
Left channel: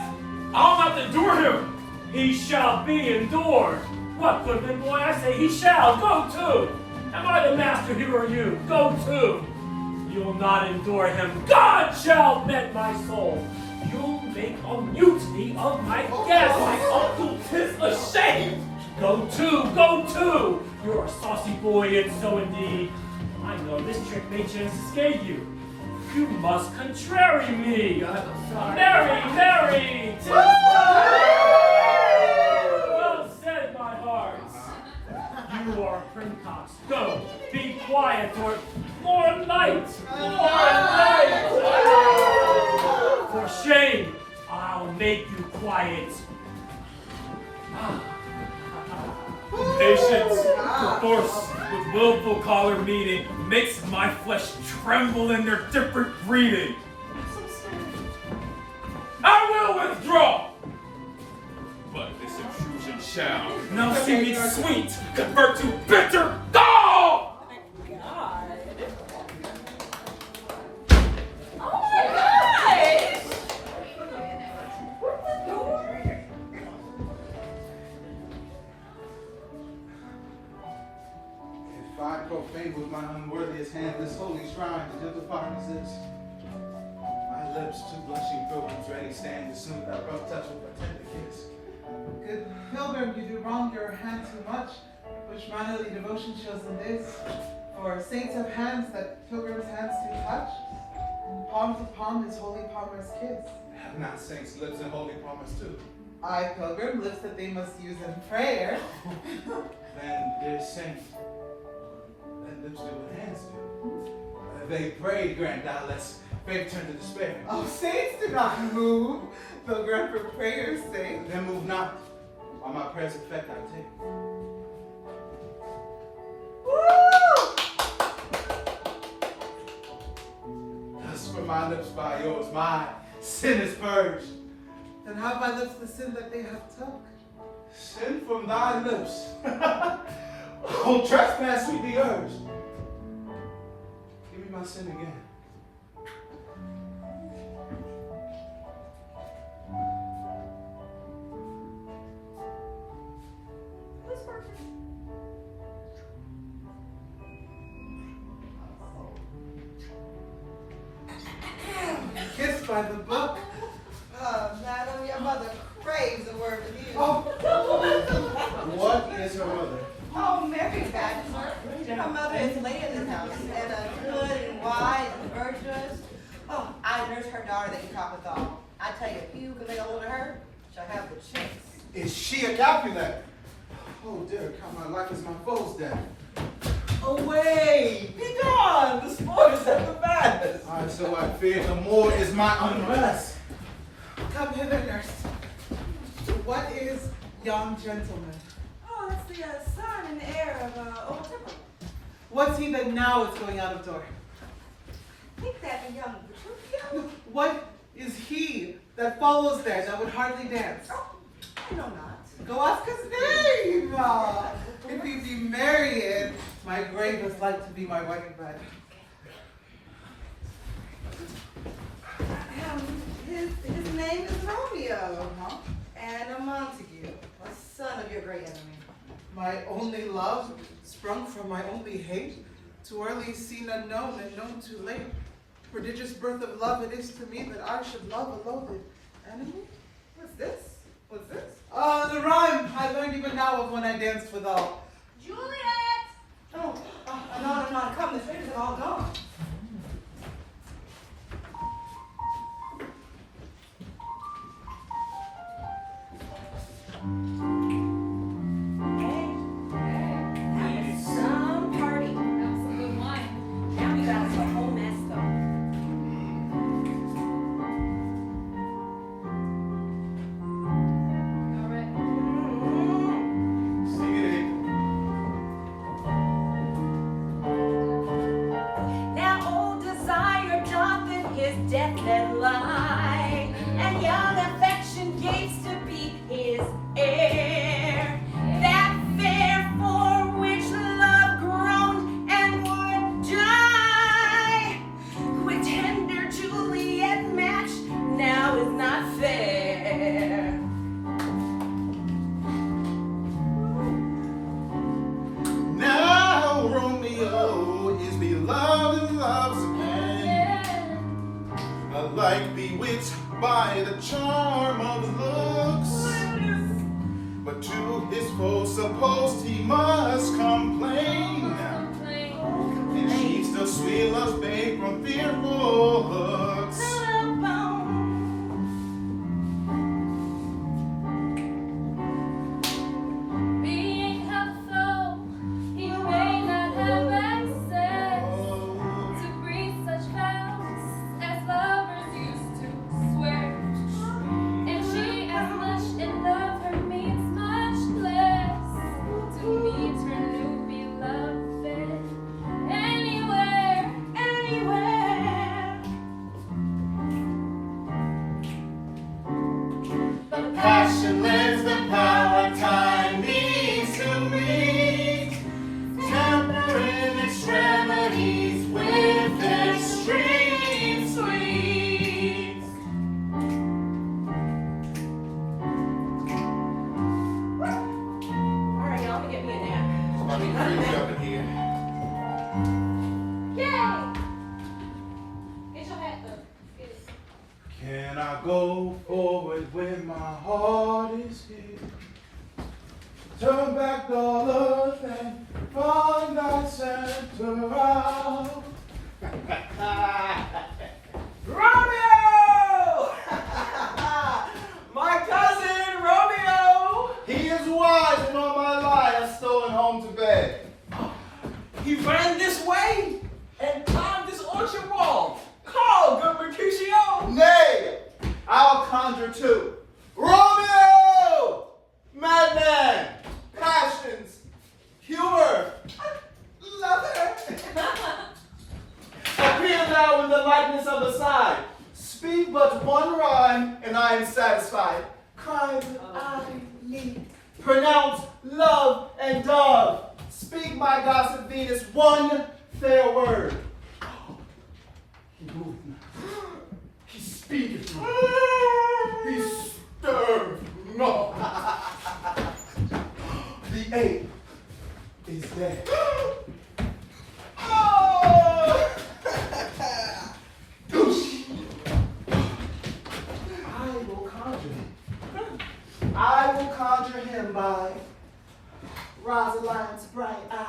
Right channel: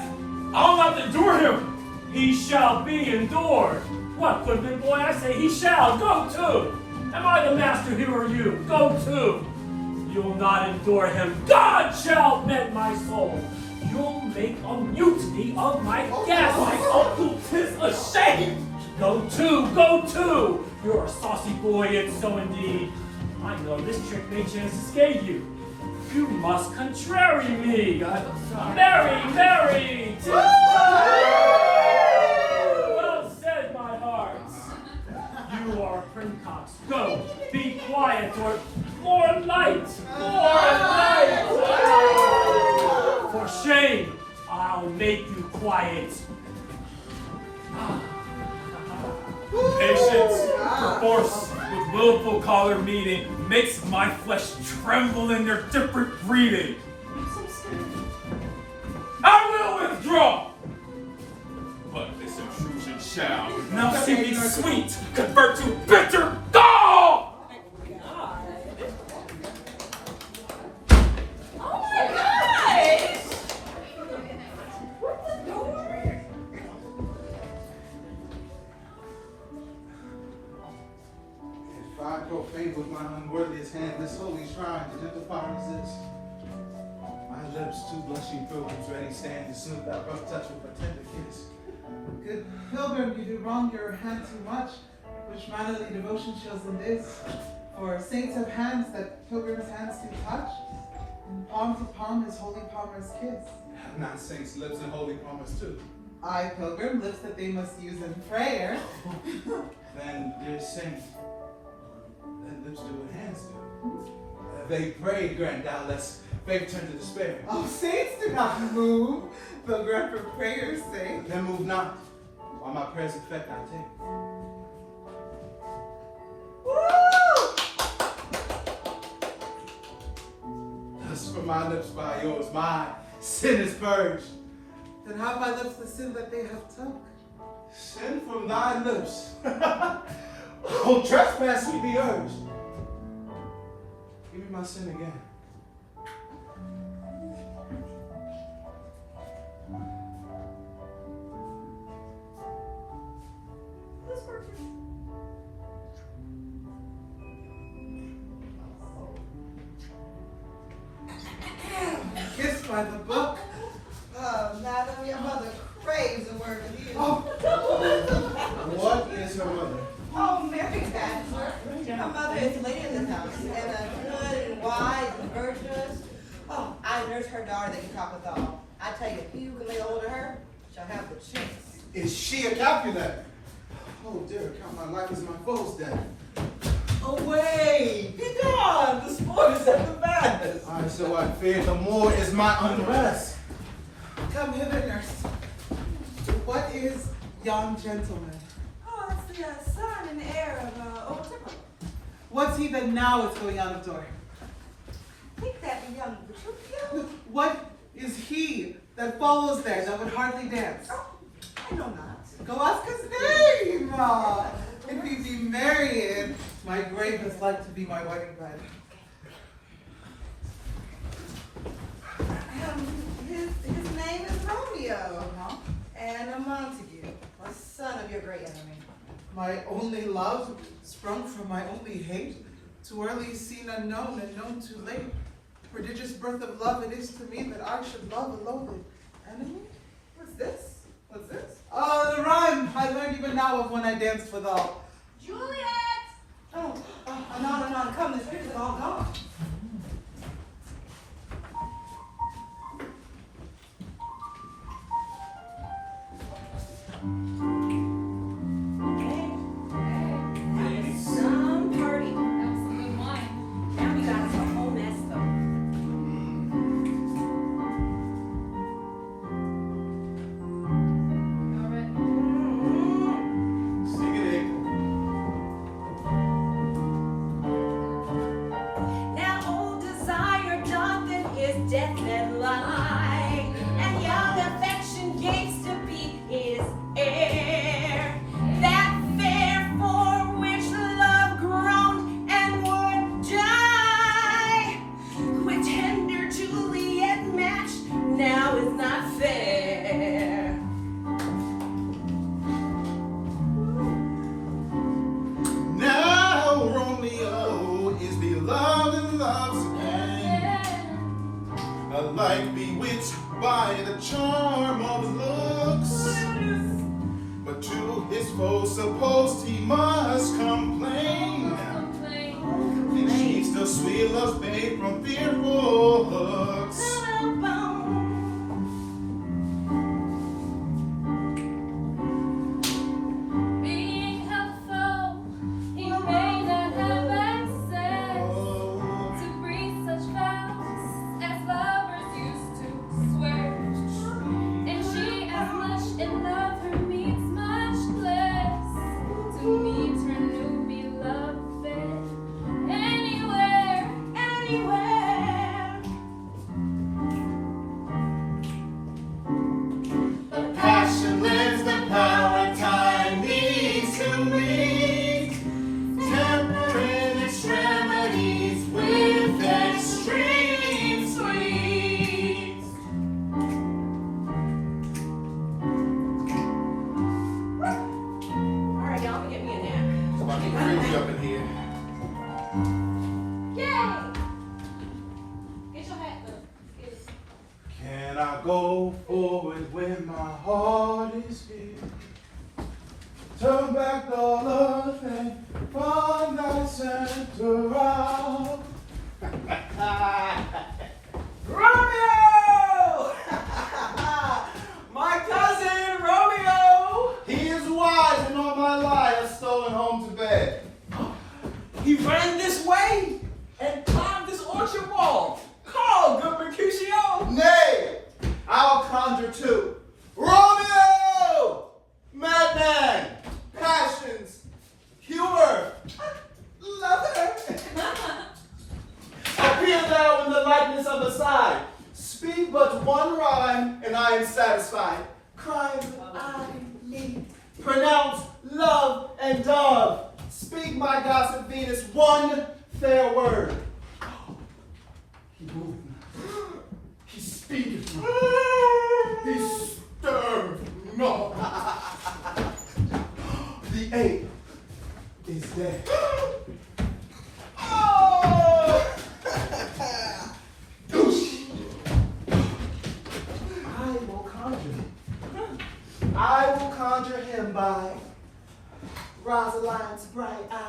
I'll not endure him! He shall be endured. What, goodman boy, I say he shall. Go to. Am I the master here or you? Go to. You'll not endure him. God shall mend my soul. You'll make a mutiny of my guest. My uncle, 'tis a shame! Go to, go to. You're a saucy boy, it's so indeed. I know this trick may chance escape you. You must contrary me. Marry, 'tis well said, my heart. You are a princox. Go, be quiet, or more light, For shame, I'll make you quiet. Patience, force, with willful collar meeting, makes my flesh tremble in their different breeding. I will withdraw! But this intrusion shall now see me sweet, convert to bitter gall! Oh my God! If I profane with my unworthiest hand this holy shrine, to gentle fire resist. My lips, two blushing pilgrims, ready stand to soothe that rough touch with a tender kiss. good pilgrim, you do wrong your hand too much. Which mannerly devotion shows in this? For saints have hands that pilgrims' hands do touch. And palm to palm is holy palmer's kiss. Have not saints' lips and holy promise too? I, pilgrim, lips that they must use in prayer. Then, dear saint, let lips do what hands do. They pray, grant thou, lest faith turn to despair. Oh, saints do not move, pilgrim, for prayer's sake. Then move not, while my prayers effect I take. Woo! Thus from my lips by yours, my sin is purged. Then have my lips the sin that they have took. Sin from thy lips. Oh, trespass we be urged. Give me my sin again. Kissed by the book. Oh, madam, your mother craves a word with you. Oh, What is her mother? Oh, Mary Bachelor. Her mother is lady of this house, and a good, wise, and virtuous. Oh, I nurse her daughter that you talk with all. I tell you, if you can lay hold of her, she'll have the chance. Is she a Capulet? Oh, dear, count my life as my foe's death. Away! Be gone! The sport is at the back! so I fear the more is my unrest. Come hither, nurse. What is young gentleman? Oh, that's the son and heir of old Temple. What's he that now is going out of door? I think that the young Petruchio. What is he that follows there that would hardly dance? I know not. Go ask his name. If he be marrying, my grave is like to be my wedding bed. His name is Romeo, and a Montague, a son of your great enemy. My only love, sprung from my only hate, too early seen unknown and known too late. Prodigious birth of love it is to me that I should love a loathed enemy. What's this? What's this? Oh, the rhyme I learned even now of when I danced with all. Juliet! Oh, no, come, the strangers are all gone. Death that lie, and young affection gates to be his heir. That fair for which love groaned and would die, with tender Juliet matched, now is not fair. Now Romeo is beloved and loves again. Alike bewitched by the charm of his looks, but to his foe supposed he must complain, and she still sweet love's babe from fearful hooks. Being helpful, he may not have access to breathe such vows as lovers used to swear. And she as much in love her means much less to meet her new beloved anywhere, anywhere. But passion lends the power time needs to meet, tempering extremities with extreme sweet. Alright, y'all, let me get me a nap. It's about to be crazy up in here. Yay! Get your hat though. Can I go forward when my heart is here? Turn back the love and find thy center out. Romeo! My cousin Romeo! He is wise and on my lie has stolen home to bed. He ran this way and climbed this orchard wall. Call, good Mercutio! Nay, I'll conjure too. Romeo! Madman! Passions! Humor! Lover! Appear thou in the likeness of a sigh. Speak but one rhyme, and I am satisfied. Cry with I need. Pronounce love and dove. Speak, my gossip Venus, one fair word. He moved me. He speaketh. He stirred not. The ape is dead. Oh! I will conjure him by Rosalind's bright eye,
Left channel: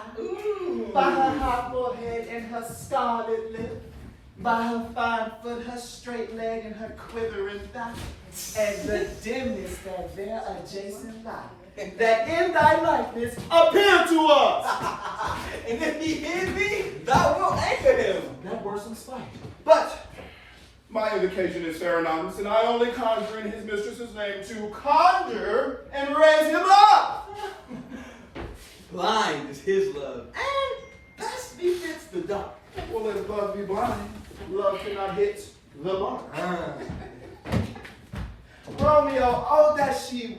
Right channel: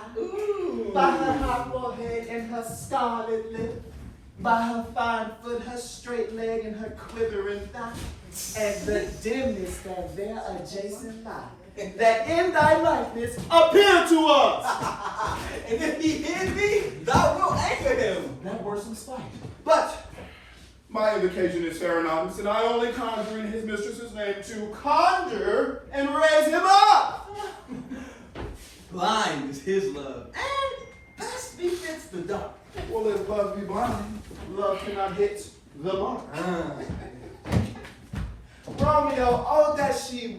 by her hot forehead and her scarlet lip, by her fine foot, her straight leg, and her quivering thigh, and the dimness that there adjacent lie, that in thy likeness appear to us. And if he hid me, thou wilt anchor him. That works in spite. But My invocation is Serenanus, and I only conjure in his mistress's name to conjure and raise him up. Blind is his love, and best befits the dark. Well, if love be blind, love cannot hit the mark. Romeo, oh that she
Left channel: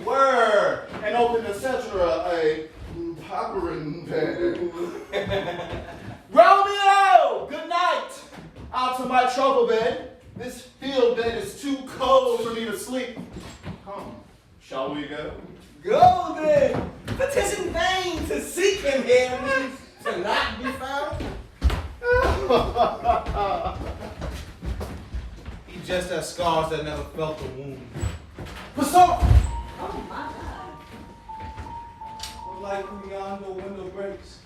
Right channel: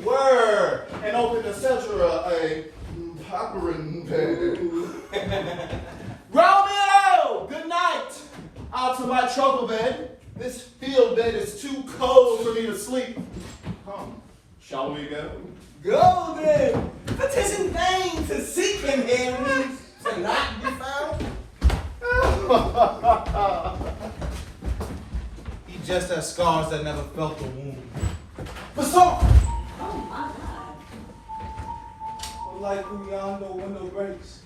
were, and open etc. a popperin pen. Romeo, good night. Out to my truckle bed. This field bed is too cold for me to sleep. Come, shall we go? Go then, but 'tis in vain to seek him here, to not be found. He just has scars that never felt the wound. What's up? Oh my God. Like when yonder window breaks.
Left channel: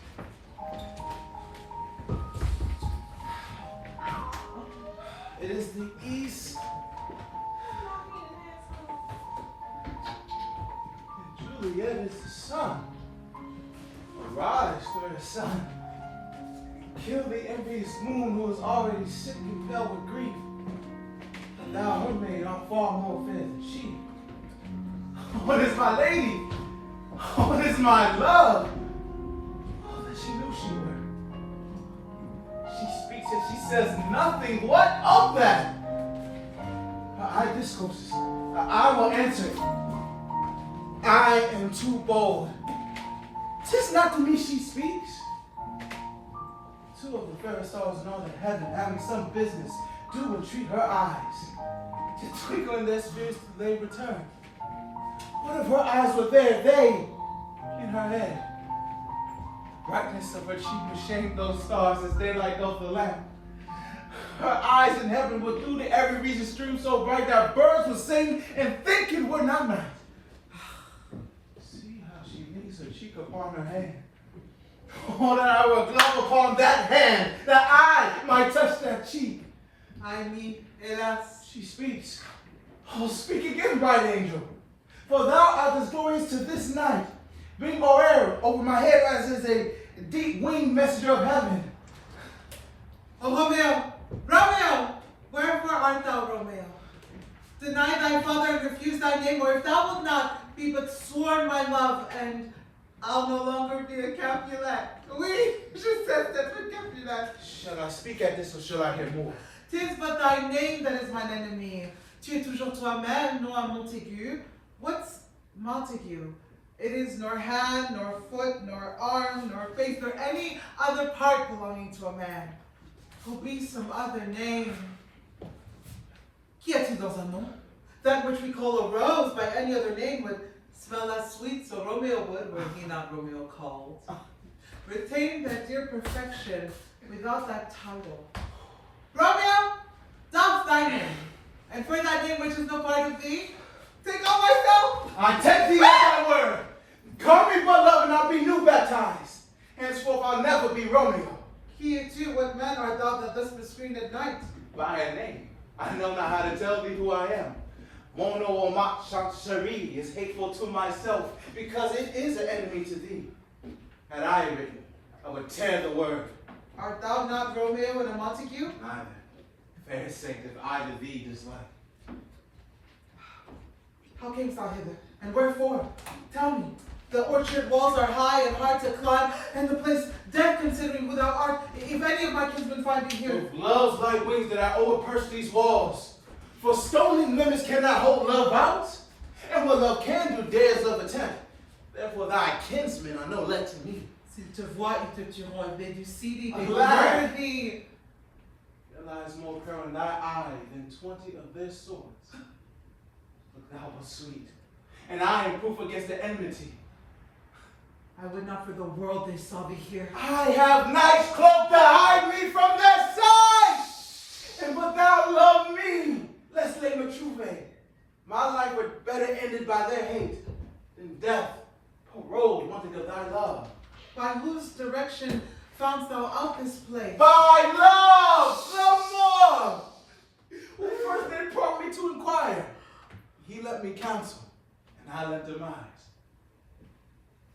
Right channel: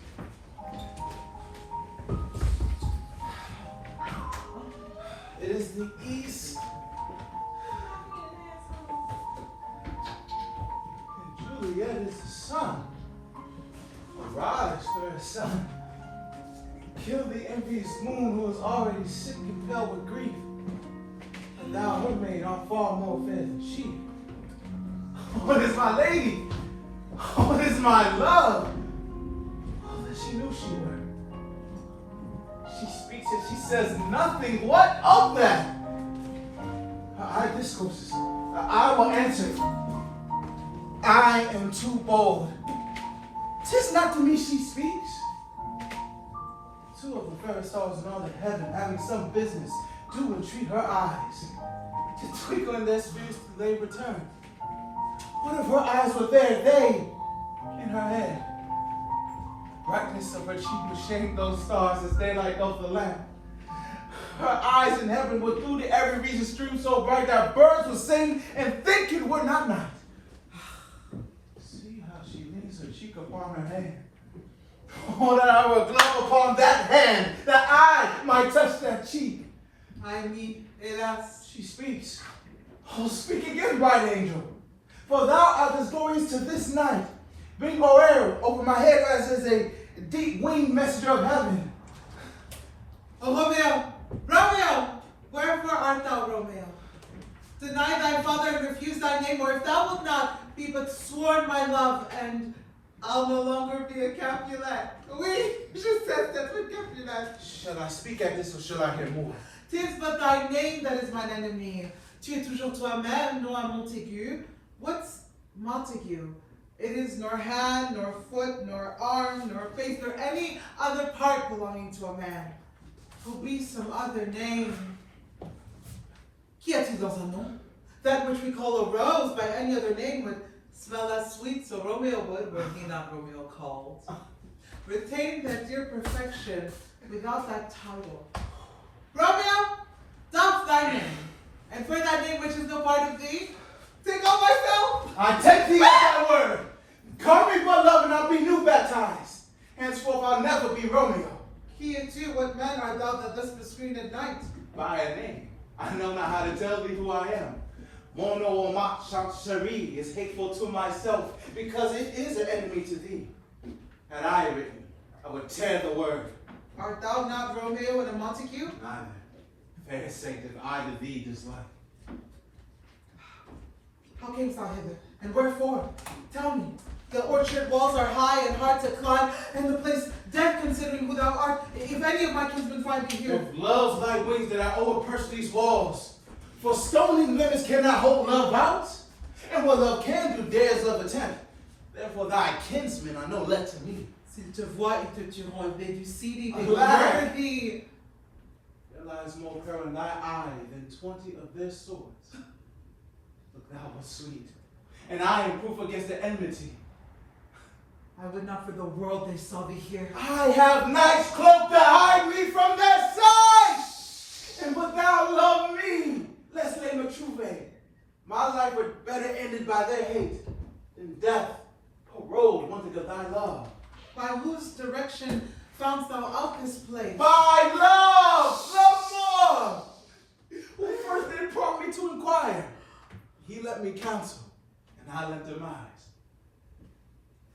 It is the east. And Juliet is the sun. Rise for her son. Kill the envious moon who is already sick and fell with grief. But thou, her maid, art far more fair than she. What is my lady? What is my love? Oh, that she knew she were. She speaks and she says nothing. What of that? Her eye discourses. I will answer. I am too bold. 'Tis not to me she speaks. Two of the fairest stars in all of heaven, having some business, do entreat her eyes to twinkle in their spheres till they return. What if her eyes were there, they in her head? Brightness of her cheek would shade those stars as they light up the lamp. Her eyes in heaven would through to every region stream so bright that birds would sing and think it would not night. See how she leans her cheek upon her hand. Oh, that I would glove upon that hand, that I might touch that cheek. I mean, hélas. She speaks. Oh, speak again, bright angel. For thou art as glorious to this night. Bring more air over my head as is a deep-winged messenger of heaven. Oh, Romeo! Romeo! Wherefore art thou, Romeo? Deny thy father and refuse thy name, or if thou wilt not, be but sworn my love, and I'll no longer be a Capulet. Oui, je sais être Capulet. Shall I speak at this or shall I hear more? 'Tis but thy name that is mine enemy. Tu es toujours toi-même, non à Montaigu. What's Montague? It is nor hand, nor foot, nor arm, nor face, nor any other part belonging to a man. Who be some other name. Qu'y a-t-il dans un nom? That which we call a rose by any other name would smell as sweet, so Romeo would, were he not Romeo called. Retain that dear perfection without that title. Romeo, doff thy name, and for that name which is no part of thee, take on myself. I take thee at thy word. Call me but love and I'll be new baptized. Henceforth I'll never be Romeo. Here too, what man art thou that dost screen at night? By a name. I know not how to tell thee who I am. Mono or ma Cherie is hateful to myself because it is an enemy to thee. Had I written, I would tear the word. Art thou not Romeo and a Montague? Neither. Fair sake, if I to thee dislike. How camest thou hither, and wherefore? Tell me. The orchard walls are high and hard to climb, and the place dead considering who thou art. If any of my kinsmen find me here. With love's light wings that I owe purse these walls. For stony limits cannot hold love out. And what love can do dares love attempt. Therefore thy kinsmen are no let to me. S'ils te voient, ils te tueront. If they do see thee, they A will lie. murder thee. There lies more peril in thy eye than 20 of their swords. But thou wast sweet, and I am proof against the enmity. I would not for the world they saw thee here. I have night's cloak to hide me from their sight. And but thou love me, let's lay Matruve. My life were better ended by their hate than death, paroled wanted of thy love. By whose direction foundst thou out this place? By love, more. Who first did prompt me to inquire? He let me counsel, and I lent demise.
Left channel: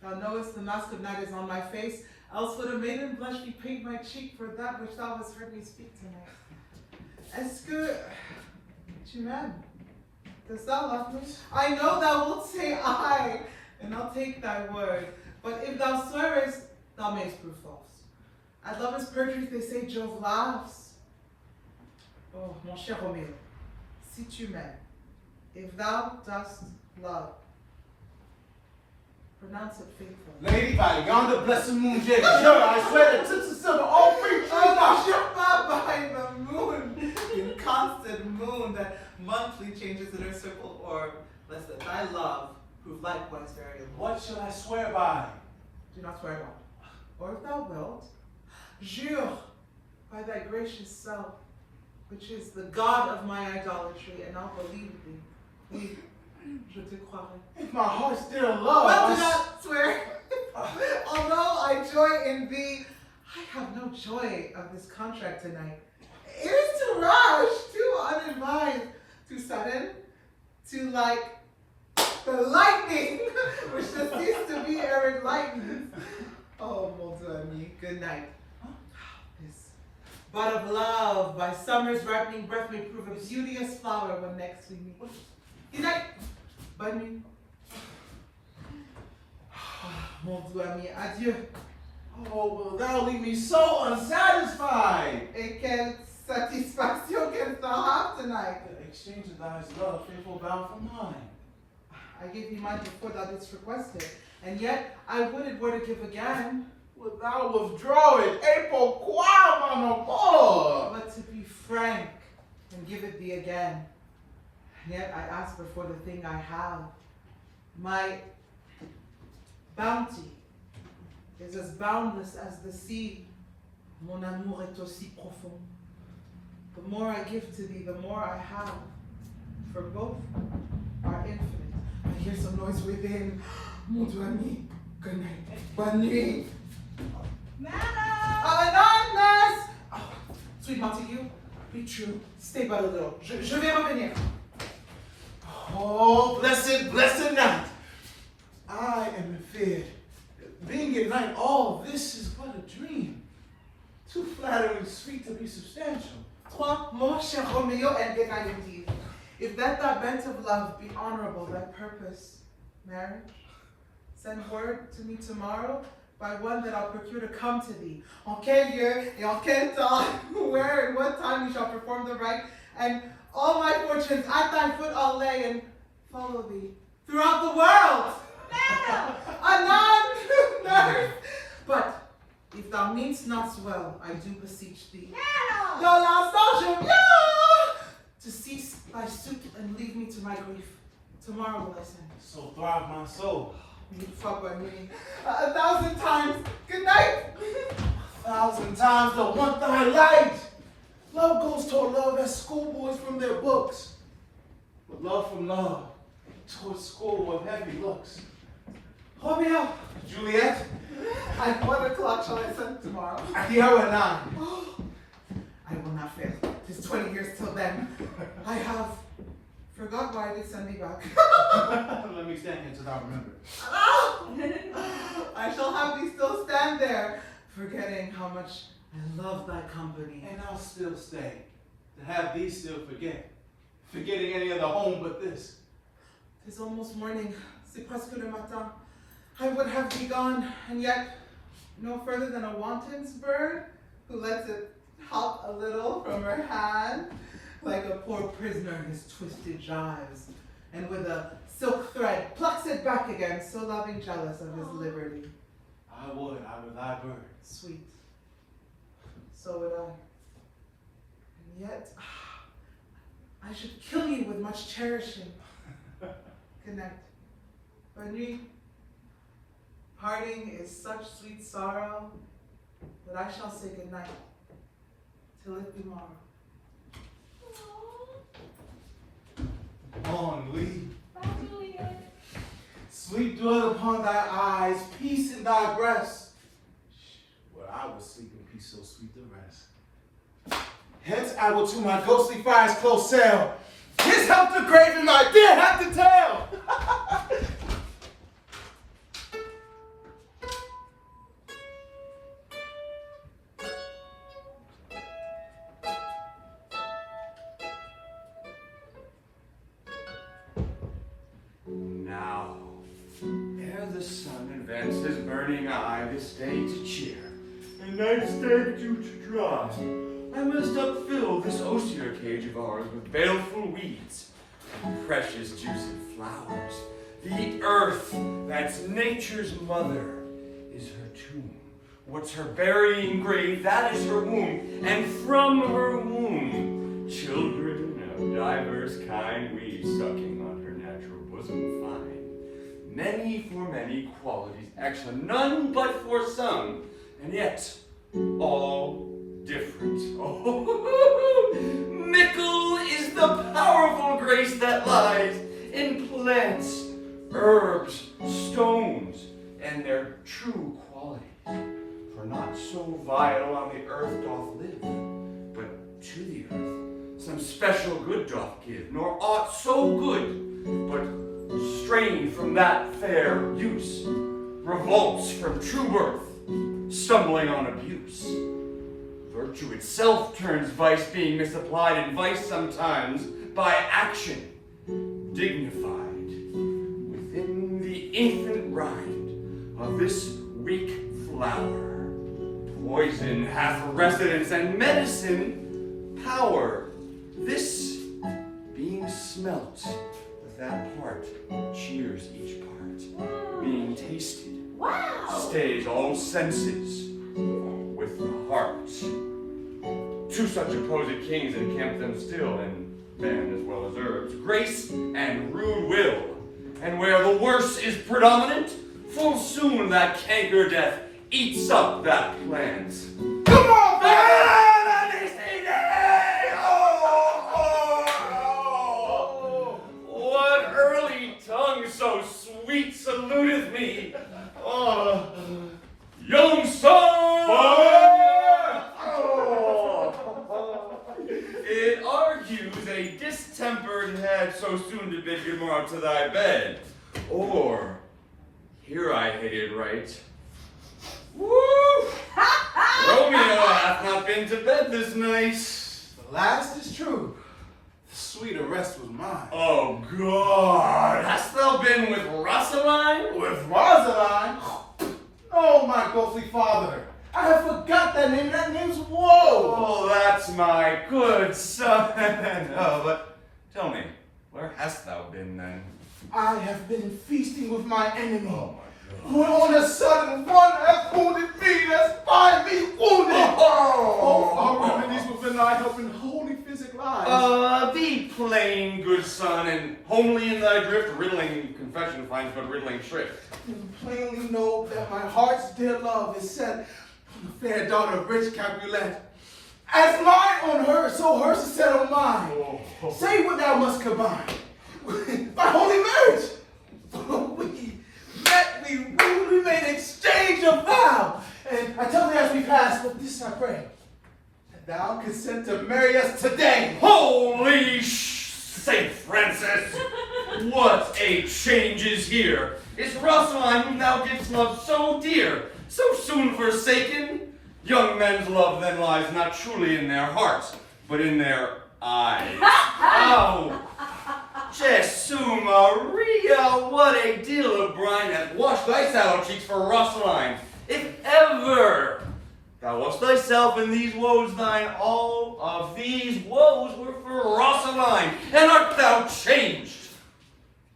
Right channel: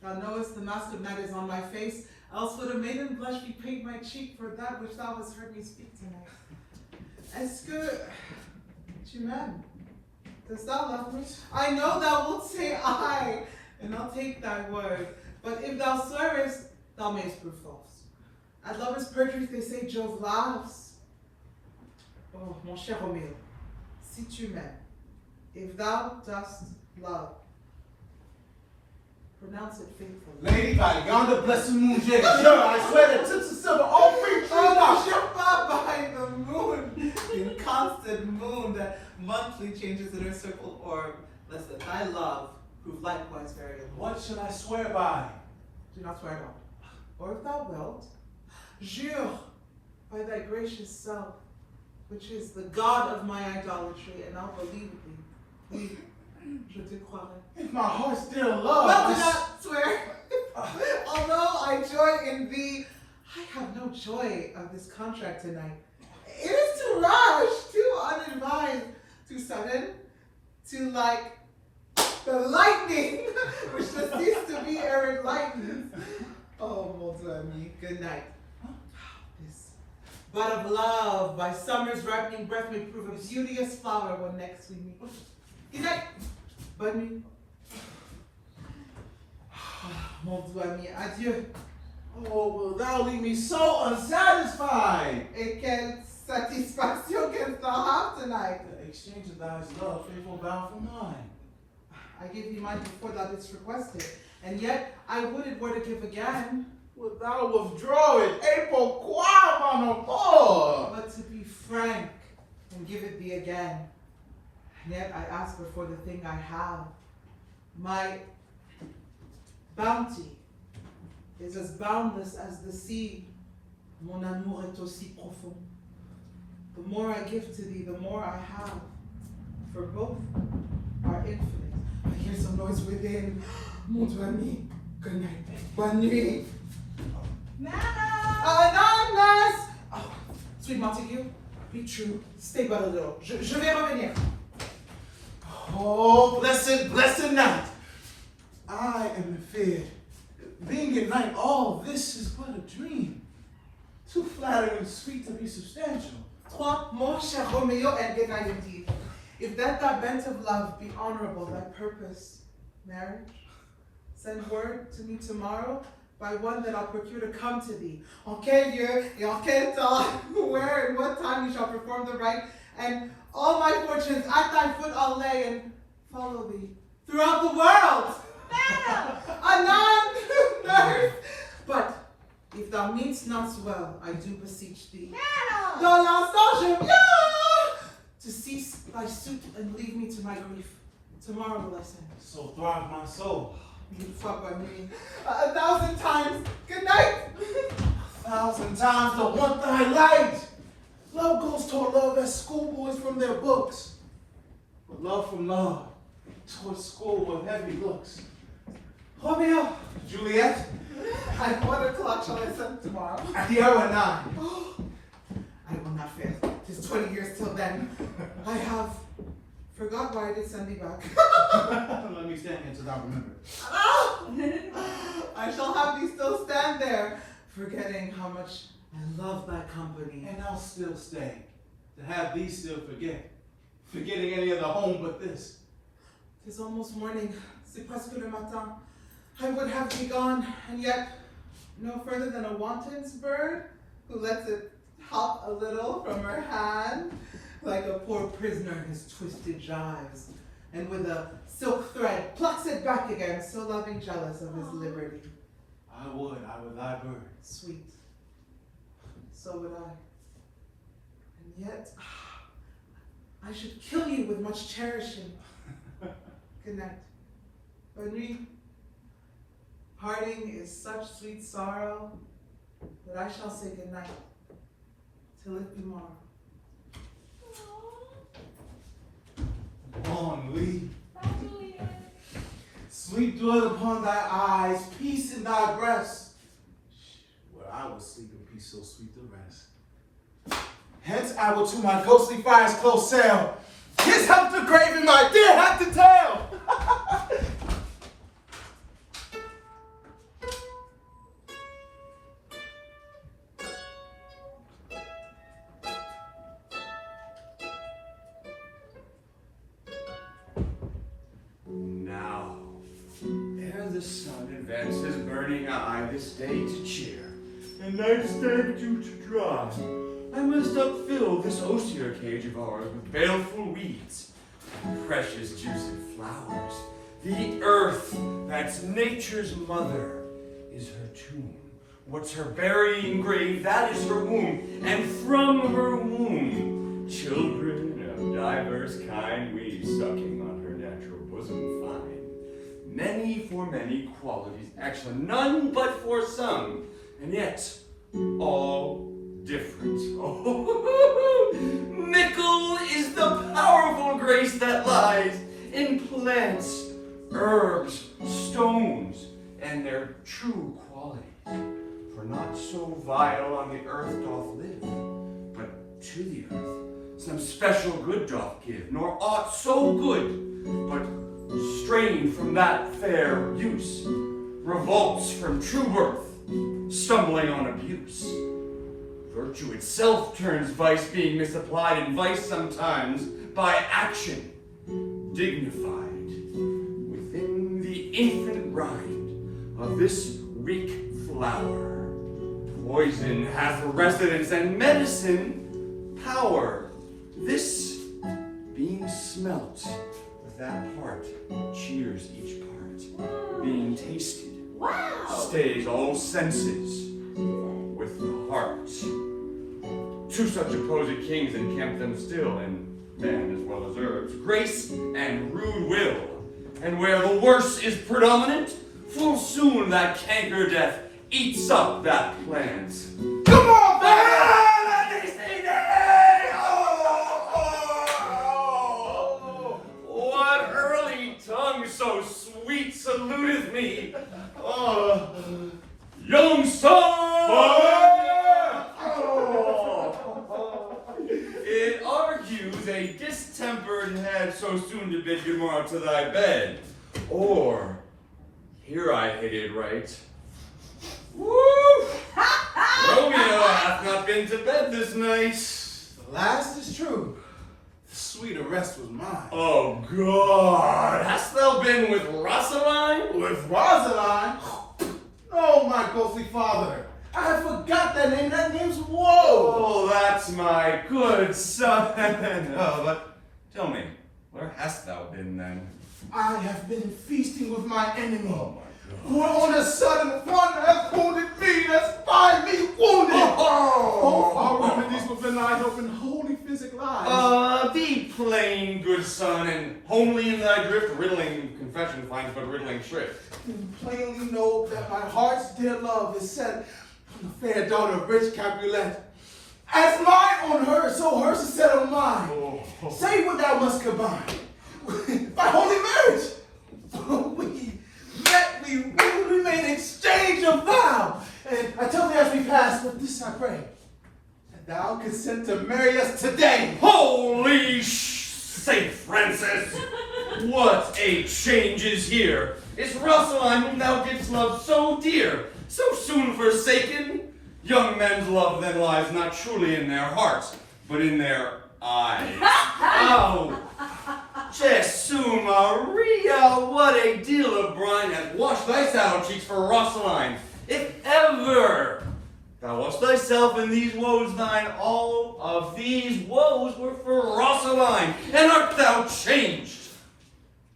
Thou knowest the mask of night is on my face, else would a maiden blush bepaint my cheek for that which thou hast heard me speak tonight. Est-ce que tu m'aimes? Does thou love me? I know thou wilt say I, and I'll take thy word. But if thou swearest, thou mayst prove false. At lovers' perjury they say Jove laughs. Oh, mon cher Roméo, si tu m'aimes, if thou dost love, pronounce it faithfully. Lady, by yonder blessed moon, sure, I swear that tips of silver, all free. Oh, not by the moon, the inconstant moon that monthly changes in her circle orb, lest that thy love prove likewise variable. What shall I swear by? Do not swear at all. Or if thou wilt, jure by thy gracious self, which is the God of my idolatry, and I'll believe thee. Oui, je te croirai. If my heart still loves. Well, do not swear. Although I joy in thee, I have no joy of this contract tonight. It is too rash, too unadvised, too sudden, too like the lightning, which does cease to be ere it lightens. Oh, mon Dieu ami, good night. This bud of love, by summer's ripening breath, may prove a beauteous flower when next we meet. Good night. Bonne nuit. Mon Dieu ami, adieu. Oh, will thou leave me so unsatisfied? Et quelle satisfaction canst thou have tonight? The exchange of thy love, faithful bound for mine. I gave thee mine before thou didst request it, and yet I would it were to give again. Wilt thou withdraw it? Et pourquoi, mon amour? But to be frank and give it thee again. And yet I ask for the thing I have. My bounty is as boundless as the sea. Mon amour est aussi profond. The more I give to thee, the more I have. For both are infinite. I hear some noise within. Mon Dieu ami, good night. Bonne nuit. Anonymous! Oh, sweet Montague, be true. Stay but a little. Je vais revenir. Oh, blessed night. I am feared. Being in night, all this is but a dream. Too flattering sweet to be substantial. Toi, mon cher Roméo, and good night indeed. If that thy bent of love be honorable, thy purpose, marriage, send word to me tomorrow by one that I'll procure to come to thee. En quel lieu et en quel temps, where and what time you shall perform the rite, and all my fortunes at thy foot I'll lay and follow thee throughout the world. Anon, nurse. But if thou meanst not well, I do beseech thee. Dans l'instant, je viens to cease thy suit and leave me to my grief. Tomorrow will I send. So thrive my soul. Fuck by me. 1,000 times. Good night. 1,000 times to want thy light. Love goes toward love as schoolboys from their books. But love from love toward school with heavy looks. Romeo, Juliette, at what o'clock shall I send tomorrow? at the hour 9. I will not fail. 'Tis 20 years till then. I have forgot why I did send thee back. Let me stand here till thou remember. I shall have thee still stand there, forgetting how much I love thy company. And I'll still stay, to have thee still forgetting any other home but this. 'Tis almost morning, c'est presque le matin. I would have thee gone, and yet no further than a wanton's bird, who lets it hop a little from her hand, like a poor prisoner in his twisted gyves, and with a silk thread plucks it back again, so loving jealous of his liberty. I would thy bird. Sweet. So would I. And yet, I should kill you with much cherishing. Good night. Bonne nuit. Parting is such sweet sorrow that I shall say good night till it be morrow. Bon nuit. Sleep dwell upon thy eyes, peace in thy breast, where I will sleep in peace so sweet to rest. Hence I will to my ghostly fire's close sail, kiss up the grave in my dear have to tell. vents his burning eye this day to cheer, the nightstand due to dry. I must upfill this osier cage of ours with baleful weeds and precious juicy flowers. The earth, that's nature's mother, is her tomb. What's her burying grave, that is her womb. And from her womb, children of diverse kind we sucking on her natural bosom find. Many for many qualities excellent, none but for some, and yet all different. Oh, mickle is the powerful grace that lies in plants, herbs, stones, and their true quality. For not so vile on the earth doth live, but to the earth some special good doth give, nor aught so good, but strained from that fair use, revolts from true birth, stumbling on abuse. Virtue itself turns vice, being misapplied, and vice sometimes by action dignified within the infant rind of this weak flower. Poison hath residence and medicine power. This being smelt with that part cheers each part. Being tasted stays all senses with the heart. Two such opposite kings encamp them still, and man as well as herbs, grace and rude will. And where the worse is predominant, full soon that canker death eats up that plant. Come on, baby! What early tongue so sweet saluteth me? Young son! It argues a distempered head so soon to bid good morrow to thy bed. Or, here I hit it right. Woo! Romeo hath not been to bed this night. The last is true. The sweeter rest was mine. Oh, God. Hast thou been with Rosaline? With Rosaline? Oh, my ghostly father. I had forgot that name. That name's Woe. Oh, that's my good son. Oh, but tell me, where hast thou been then? I have been feasting with my enemy. Oh, my God. When on a sudden one has wounded me, that's by me wounded. Oh, our remedies within thy help in holy physic lies. Be plain, good son, and homely in thy drift, riddling confession finds but riddling shrift. You plainly know that my heart's dear love is set on the fair daughter of rich Capulet. As mine on her, so hers is set on mine. Say what thou must combine. By holy marriage. We met, we wooed, we made exchange of vow. And I tell thee as we pass, but this I pray, that thou consent to marry us today. Holy Saint Francis! What a change is here! Is Rosaline, whom thou didst love so dear, so soon forsaken? Young men's love then lies not truly in their hearts, but in their eyes. Oh, Jesu Maria, what a deal of brine hath washed thy sallow cheeks for Rosaline. If ever thou wast thyself in these woes thine, all of these woes were for Rosaline, and art thou changed?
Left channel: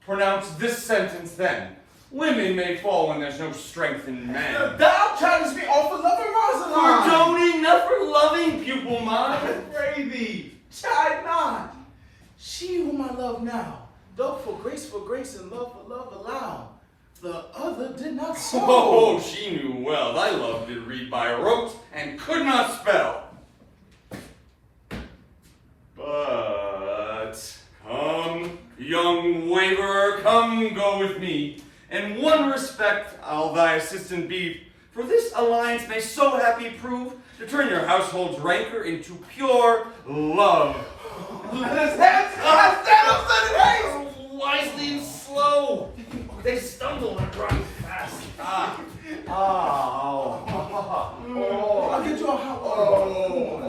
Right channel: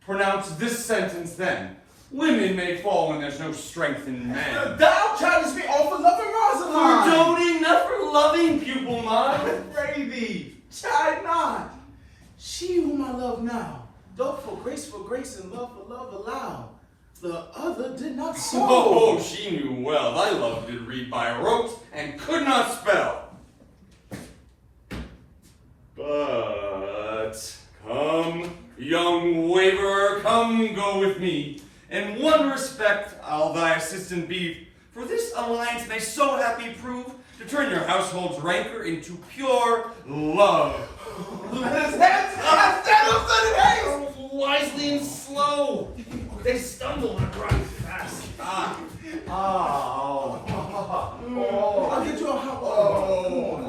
Pronounce this sentence then. Women may fall when there's no strength in men. Thou chidest me all for loving Rosaline. For doting, not for loving, pupil mine. I pray thee, chide not. She whom I love now, doth for grace and love for love allow. The other did not so. Oh, she knew well. Thy love did read by rote and could not spell. But come, young waverer, come go with me. In one respect I'll thy assistant be, for this alliance may so happy prove to turn your household's rancor into pure love. Let us hence! I stand up, let it haste! Wisely and slow. They stumble and run fast. I'll get you a hot water.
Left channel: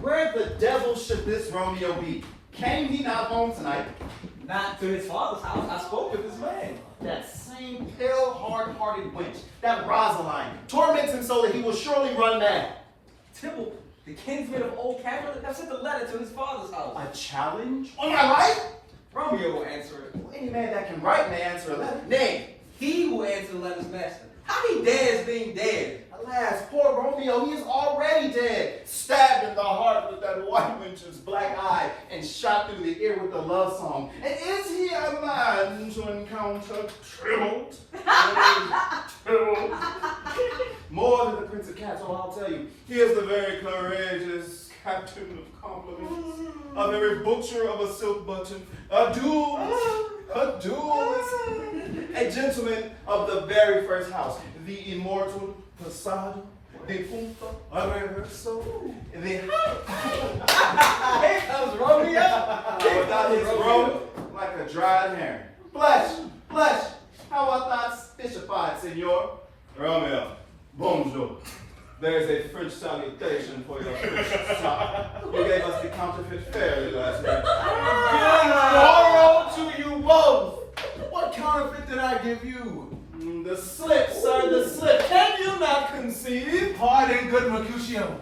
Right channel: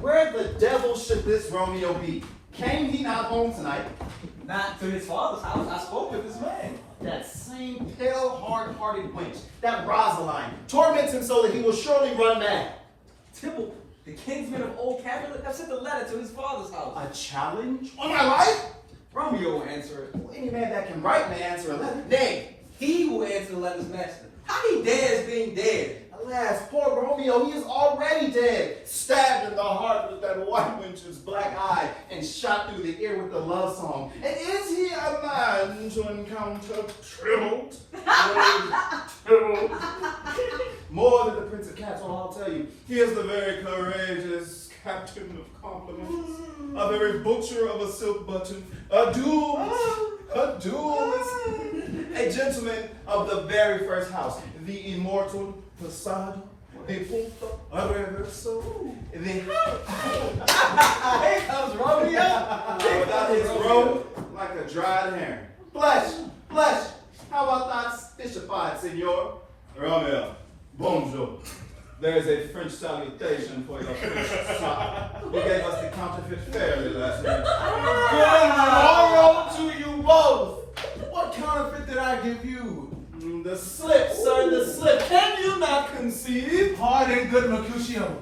Where the devil should this Romeo be? Came he not home tonight? Not to his father's house. I spoke with this man. That same pale, hard-hearted wench, that Rosaline, torments him so that he will surely run mad. Tybalt, the kinsman of old Capulet, have sent a letter to his father's house. A challenge on my life? Romeo will answer it. Well, any man that can write may answer a letter. Nay, he will answer the letter's master. How he dares being dead? Alas, poor Romeo, he is already dead. Stabbed in the heart with that white wench's black eye and shot through the ear with the love song. And is he a man to encounter Tybalt? More than the Prince of Cats, oh, I'll tell you. He is the very courageous captain of compliments, a very butcher of a silk button, a duelist, a gentleman of the very first house, the immortal Passado, the punto, a rehearsal, the Here comes Romeo. that is grown like a dried herring. Flesh, how about that fishified, senor? Romeo, bonjour. There's a French salutation for your French son. You gave us the counterfeit fairly last night. Moral to you both. What counterfeit did I give you? The slip, sir, the slip. Can you not conceive? Hard and good, Mercutio.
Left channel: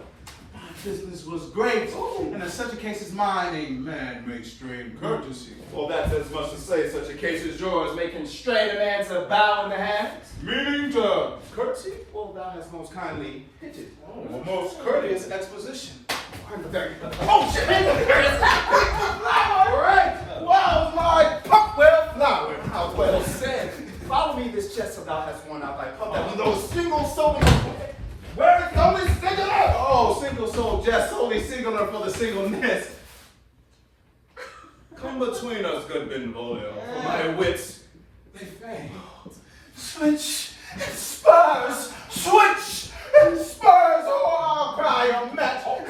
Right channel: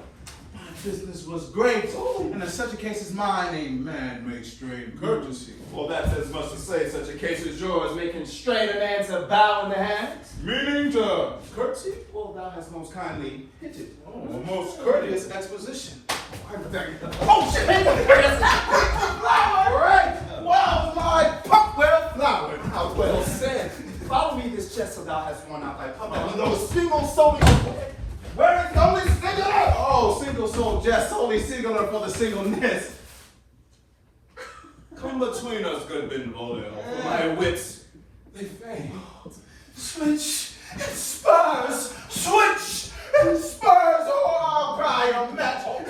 My business was great. And in such a case as mine, a man may strain courtesy. Well, that's as much to say such a case as yours may constrain a man to bow in the hands. Meaning to Courtesy? Well, thou hast most kindly hinted. a most courteous exposition. Oh, shit! Hey, flower! Right? Wow, my puck well flowered. How well said. Follow me this chest so thou hast worn out thy cup. That was no single soul. Where is only singular? Oh, single soul jest, only singular for the singleness. Come between us, good Benvolio, for my wits, they fail. Switch and spurs, switch and spurs, oh, I'll cry on metal.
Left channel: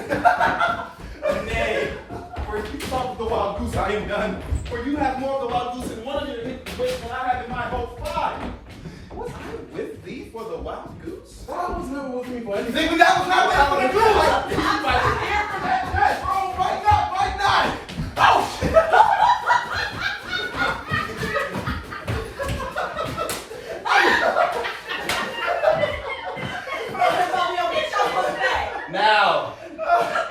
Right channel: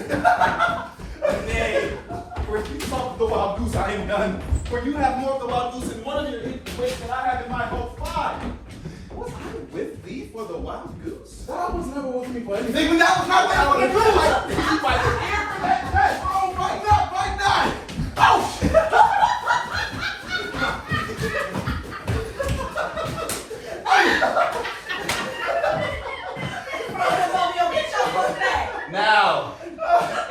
Nay, where you talk of the wild goose, I ain't done. Where you have more of the wild goose in one of your wits than I have in my whole 5. Was I with thee for the wild goose? That was never with me for anything. Then that was not there for the goose! Yes, oh, right not. Oh, shit. Now,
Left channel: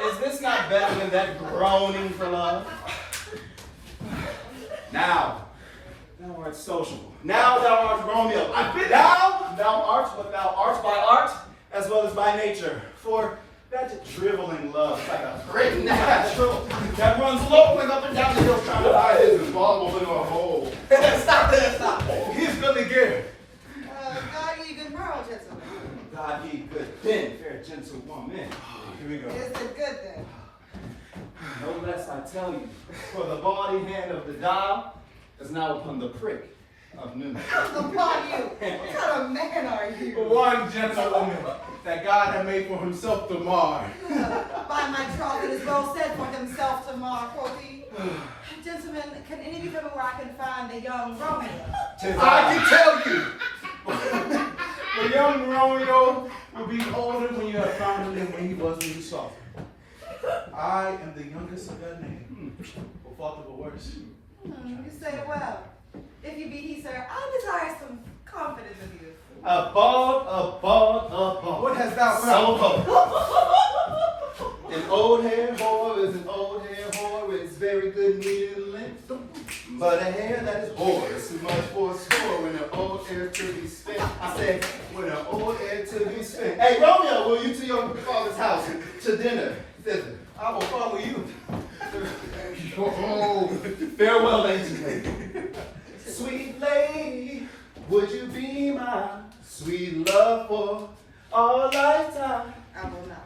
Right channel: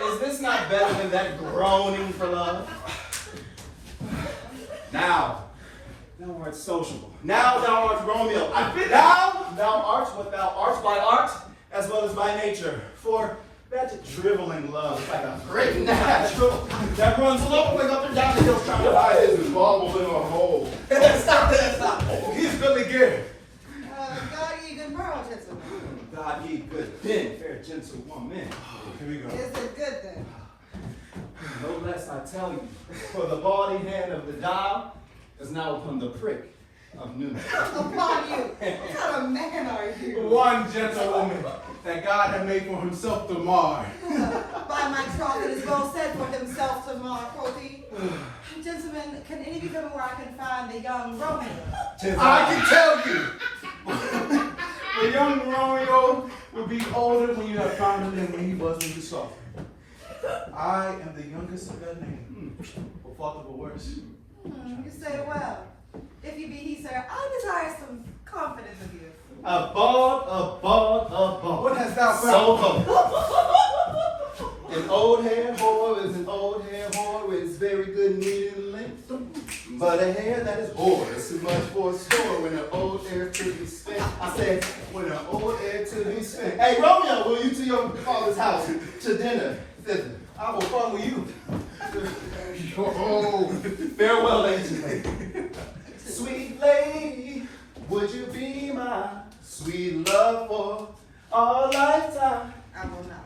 is this not better than that groaning for love? Now, thou art sociable. Now thou art Romeo. I've been thou art what thou art by art as well as by nature. For that driveling love is like a great natural that runs loping up and down the hill trying to hide his bubble in a hole. Stop it. He's goodly geared. God, ye good morrow, gentlemen. God, ye good men, fair gentlewoman. Here we go. Is it good then? No less I tell you, for the body hand of the dial is now upon the prick of noon. Upon you. What kind of man are you? One gentlewoman that God had made for himself to mar. By my troth, it is well said for himself to mar, quoth he. Gentlemen, can any of you tell me where I can find the young Romeo? I can tell you. The young Romeo will be older when you have found him than when he was when you saw him. I am the youngest of that name. For fault of a worse. You say it well. If you be he, sir, I desire some confidence of you. A bald. What hast thou So found? bold. An old hair whore is an old hair whore. It's very good needle length. But a hair that is hoarse is much for a score when an old hair to be spent. I said, when an old hair to be spent. Hey, Romeo, will you to your father's house to dinner? Thither. I will follow you. Oh, farewell, lady. Sweet lady, would you be my sweet love for all lifetime? I will not.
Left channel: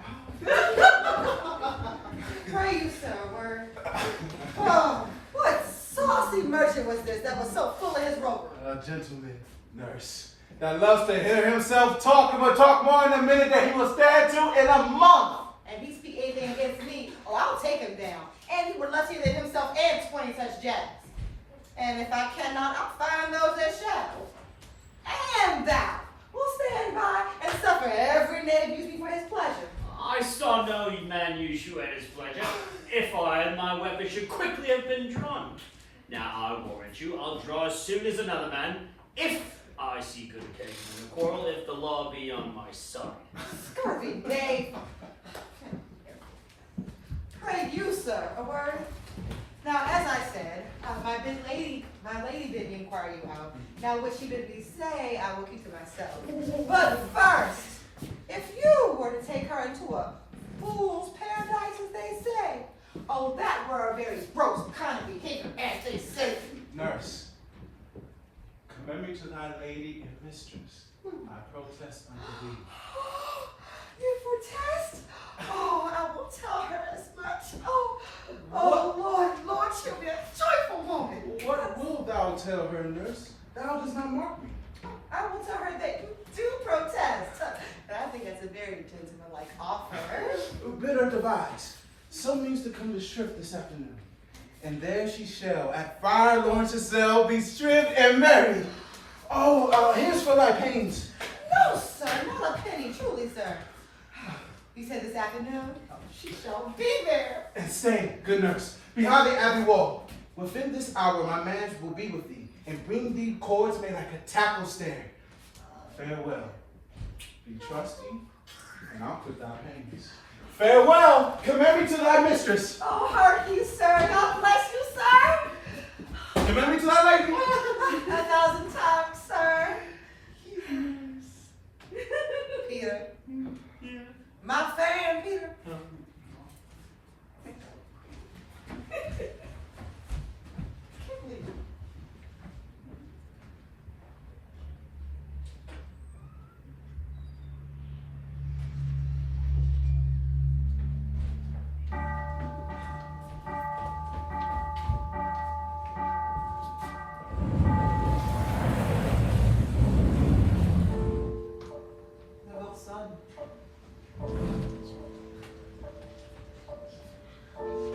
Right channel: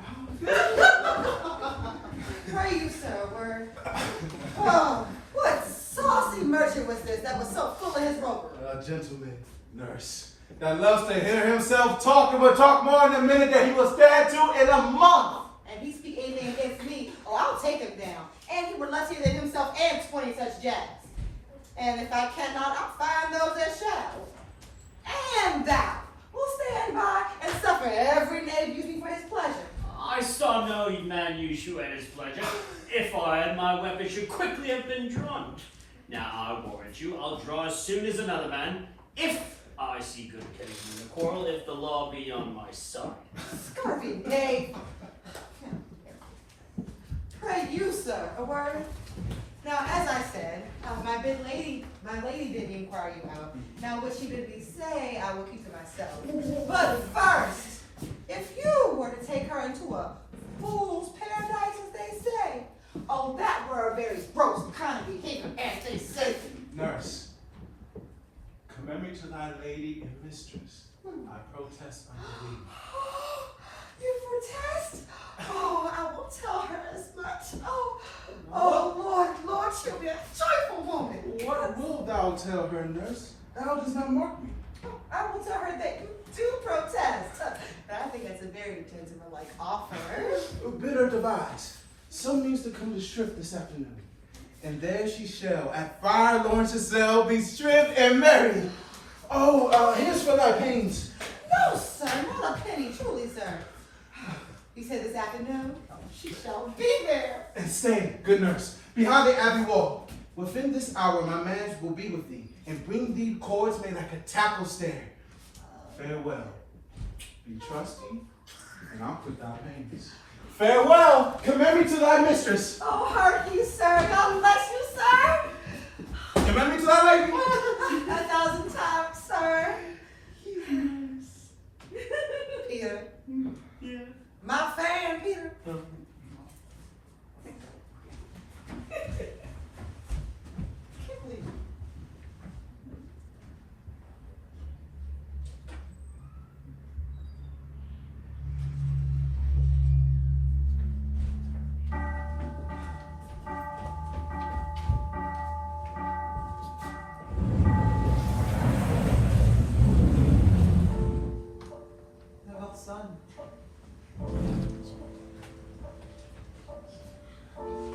Pray you, sir, a word. Oh, what saucy merchant was this that was so full of his roper? A gentleman nurse that loves to hear himself talk, but talk more in a minute that he will stand to in a month. And he speak anything against me, oh, I'll take him down. And he were luckier than himself and 20 such jacks. And if I cannot, I'll find those that shall. And thou will stand by and suffer every native use me for his pleasure. I saw no man use you at his pleasure. If I and my weapon should quickly have been drawn. Now I warrant you, I'll draw as soon as another man, if I see good occasion in the quarrel, if the law be on my side. Scurvy Dave. Pray you, sir, a word. Now, as I said, my lady bid me inquire you out. Now, what she bid me say, I will keep to myself. But first, if you were to take her into a fool's paradise, as they say, oh, that were a very gross kind of behavior, as they say. Nurse, commemorate to thy lady and mistress. I protest unto thee. You protest? Oh, I will tell her as much. Oh, Lord, she'll be a joyful woman. What wilt thou tell her, nurse? Thou does not mark me. I will tell her that you do protest. But I think it's a very gentlemanlike offer. Bid her devise. Some means to come to Shrift this afternoon. And there she shall, at Friar Lawrence's cell, be stripped and married. Oh, here's for thy pains. No, sir, not a penny, truly, sir. You said this afternoon? Oh, she shall be there. And stay, good nurse, behind the abbey wall. Within this hour my man will be with thee, and bring thee cords made like a tackle stair. Farewell. Be trusty, and I'll put thy pains. Farewell, commemorate to thy mistress. Oh, hark you, sir. God bless you, sir. Commemorate to thy lady. 1,000 times, sir. Peter. Yeah. My fan, Peter. Can't believe it.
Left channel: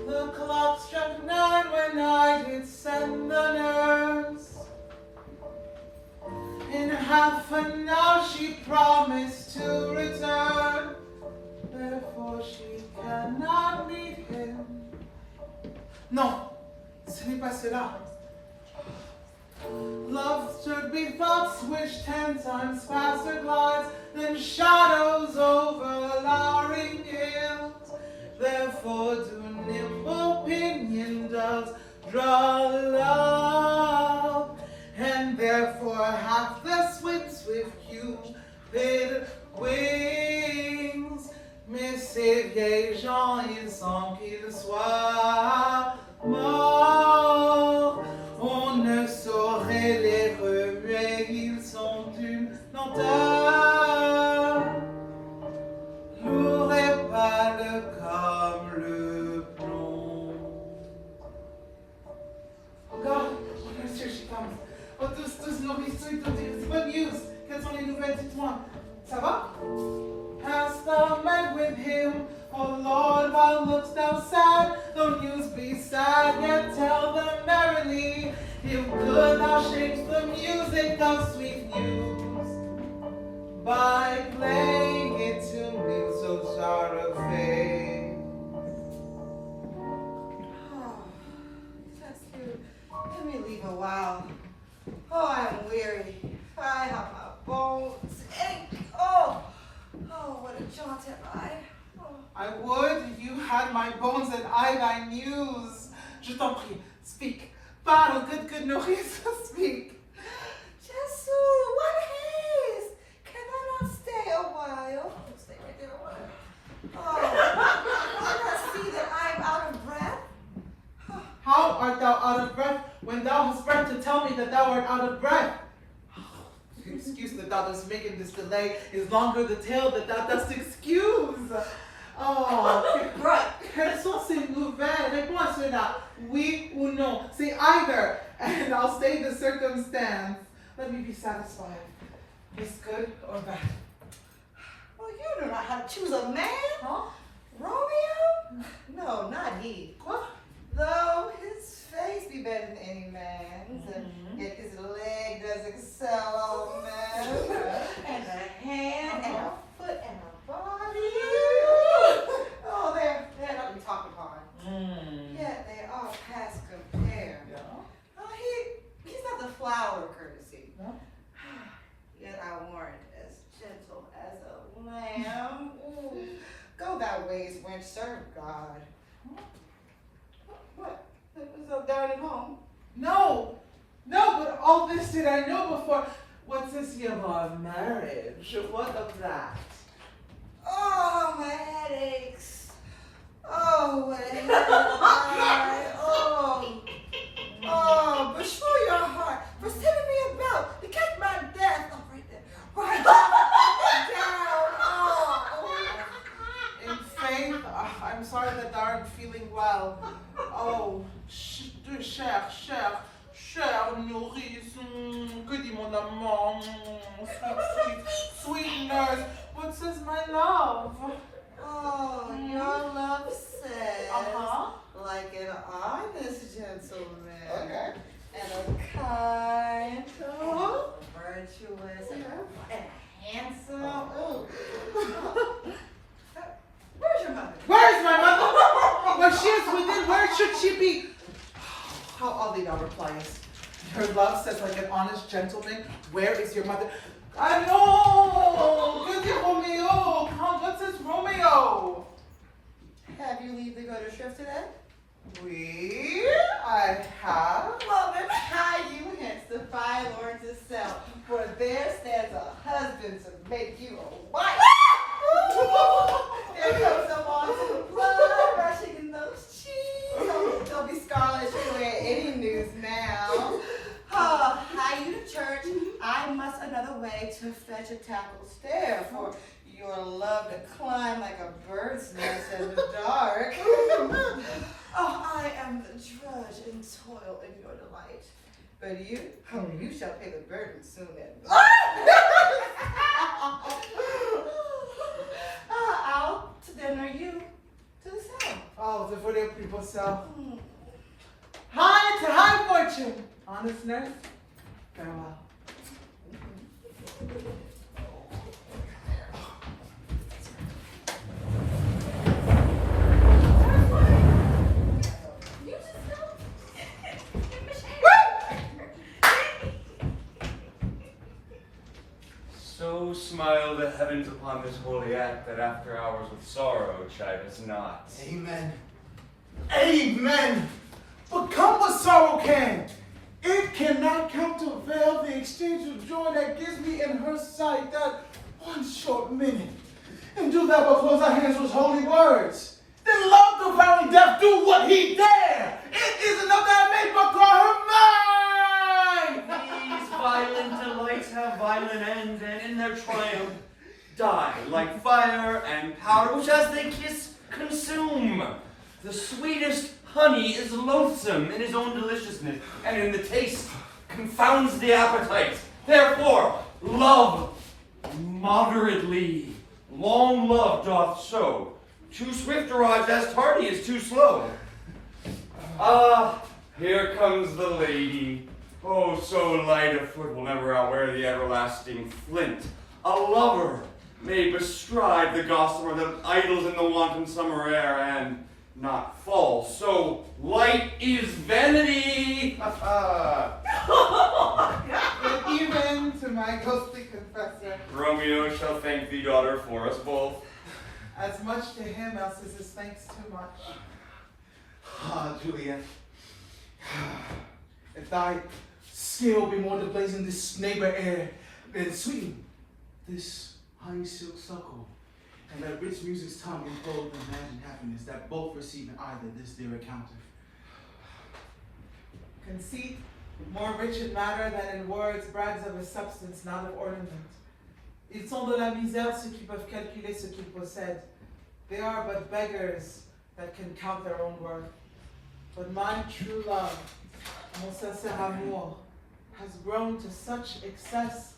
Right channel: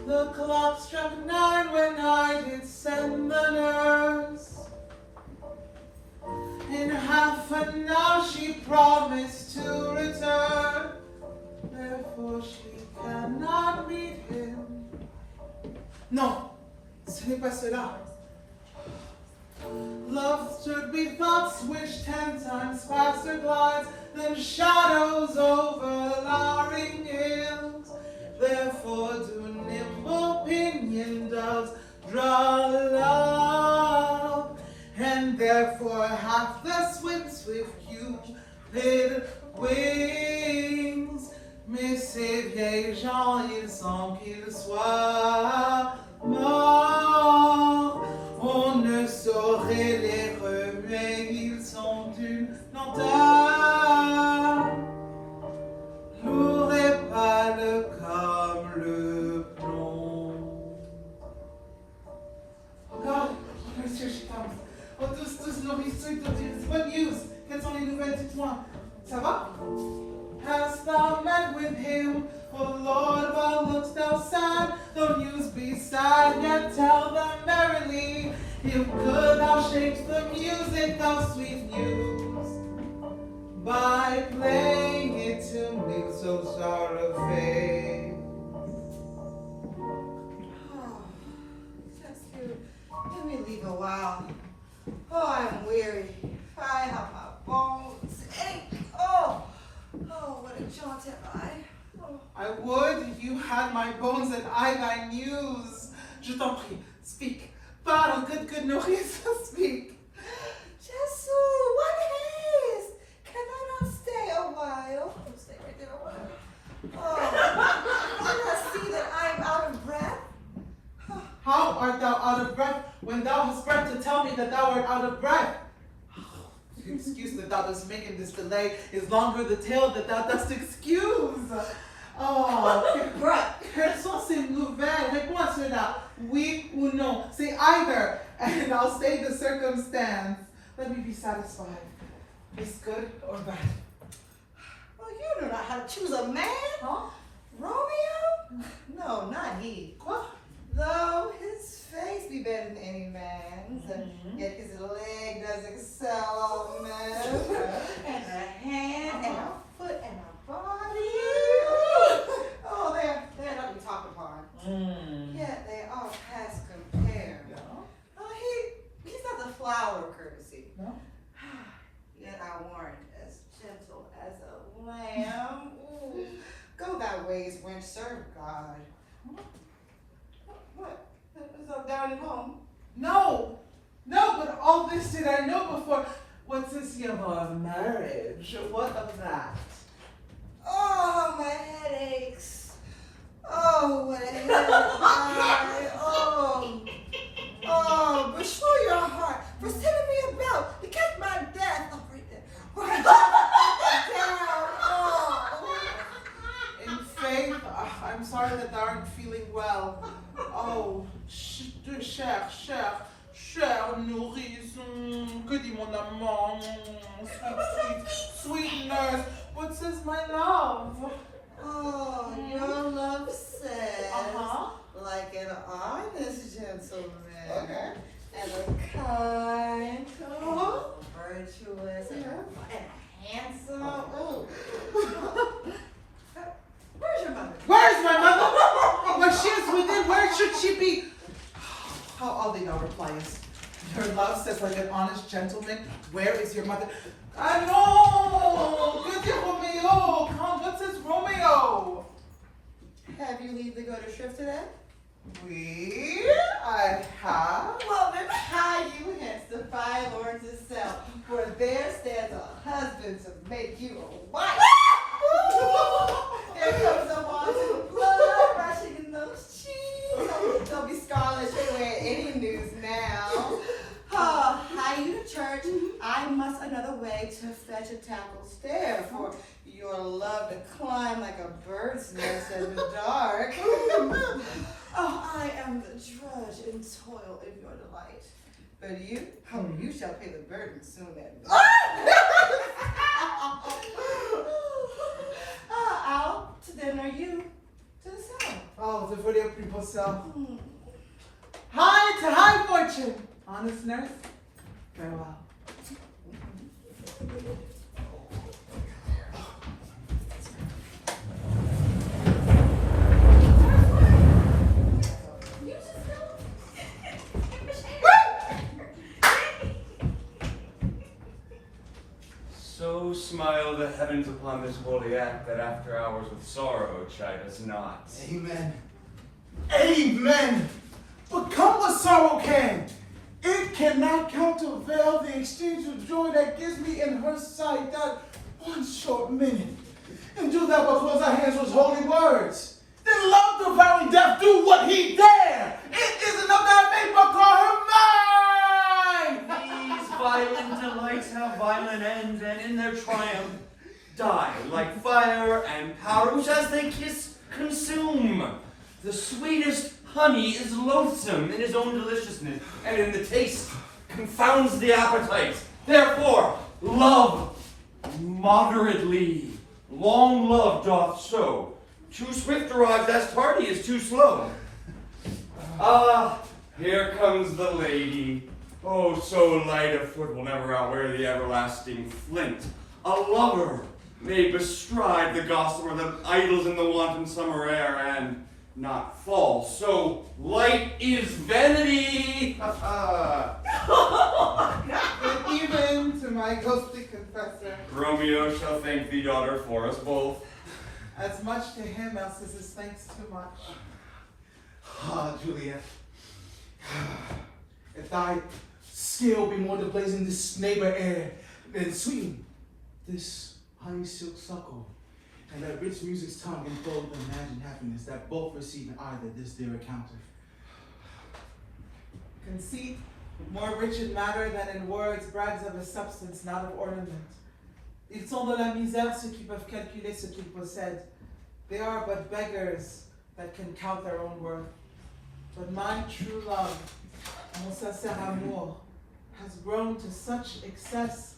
The clock struck 9 when I did send the nurse. In half an hour she promised to return. Therefore she cannot meet him. Non, ce n'est pas cela. Love should be thoughts which 10 times faster glides than shadows over lowering hills. Therefore do nimble pinion doves draw love, and therefore hath the swift Cupid wings. Mais ces vieilles gens, il semble qu'ils soient morts. On ne saurait les remuer, ils sont d'une lenteur. Lourd et pâle comme le plomb. Oh God, here she comes. Oh, tous nourrissent, bonne news. Quelles sont les nouvelles, dites-moi. Ça va? Hast thou met with him? Oh Lord, why look'st thou sad? Though news be sad, yet tell them merrily. If good thou shapes the music of sweet news, by playing it to me so sorrowful. Oh, that's good. Let me leave a while. Oh, I'm weary. I have my bones ache. Oh, what a jaunt am I. Oh. I would you had my bones and I thy news. Je t'en prie, speak. Parle, good nourrice, speak. Jesu, what haste? Can I not stay a while? Stay right there a while. Oh, do you not see that I am out of breath? How art thou out of breath when thou hast breath to tell me that thou art out of breath? Excuse that thou dost make in this delay is longer the tale that thou dost excuse. Oh, right. Quelles sont ces nouvelles? Réponds à cela. Oui ou non. Say either, and I'll say the circumstance. Let me be satisfied. Is good or bad? Well, you do not how to choose a man, huh? Romeo? No, not he. Quoi? Though his face be better than any man's, yet his leg does excel a man's, and a hand, and a foot, and a body. Oh, they're not to be talked upon. Yet they are past compare. my ways, wench, serve God. What? So down at home? No, but all this did I know before. What's this of our marriage? What of that? Oh, my headaches. Oh, what a headache. Oh, beshrew your heart for sending me about to catch my death. Oh, right there. Right down. Oh. In faith, I'm sorry that thou aren't feeling well. Oh, cher nourrice, que dit mon amant, sweet nurse, what says my love? Oh, your love says, Uh-huh. like an honest gentleman, and a kind, virtuous, and handsome. Oh. Where's your mother? Where's my mother? When she is within, where should she be? How all they now replies. Your love says like an honest gentleman, where is your mother? I know! Good Romeo! Come, what says Romeo? Have you leave to go to shrift today? I have. Well, then hide you hence the fine Lord to sell, for there stands a husband to make you a wife. There comes a wanton blood rushing in those cheeks. Don't be scarlet straight away at any news now. Hie you to church, I must another way to fetch a tackle stair, for your love to climb like a bird's nest in the dark. Oh, I am the drudge and toil in your delight. But you, you shall pay the burden soon and out to dinner, you to the south. Oh, the video people sell. Hi to high fortune. Honest nurse, farewell. So smile the heavens upon this holy act that after hours with sorrow chide us not. Amen. Amen. But come what sorrow can, it cannot countervail the exchange of joy that gives me in her sight that one short minute. And do thou but close our hands with holy words. Then love devouring death do what he dare. It is enough that I may but call her mine. These violent delights have violent ends, and in their triumph die like fire and powder, which as they kiss consume. The sweetest honey is loathsome in his own deliciousness, and in the taste confounds the appetite. Therefore, love moderately. Long love doth so. Too swift arrives as tardy is too slow. Ah, here comes the lady. Oh, so light of foot will never outwear the everlasting flint. A lover may bestride the gossamer that idles in the wanton summer air and not fall. So light is vanity. Even to my ghostly confessor, Romeo shall thank thee, daughter, for us both. as much to him as is his thanks too much. Ah, Juliet. If thy skill be more to blazing this neighbor air, then sweeten this honey silk suckle, and let rich music's tongue enfold the imagined happiness that both receive in either this dear encounter. Conceit, more rich in matter than in words, brags of a substance, not of ornament. Ils sont de la misère ceux qui peuvent calculer ce qu'ils possèdent. They are but beggars that can count their own worth. But my true love, mon sincère amour, has grown to such excess,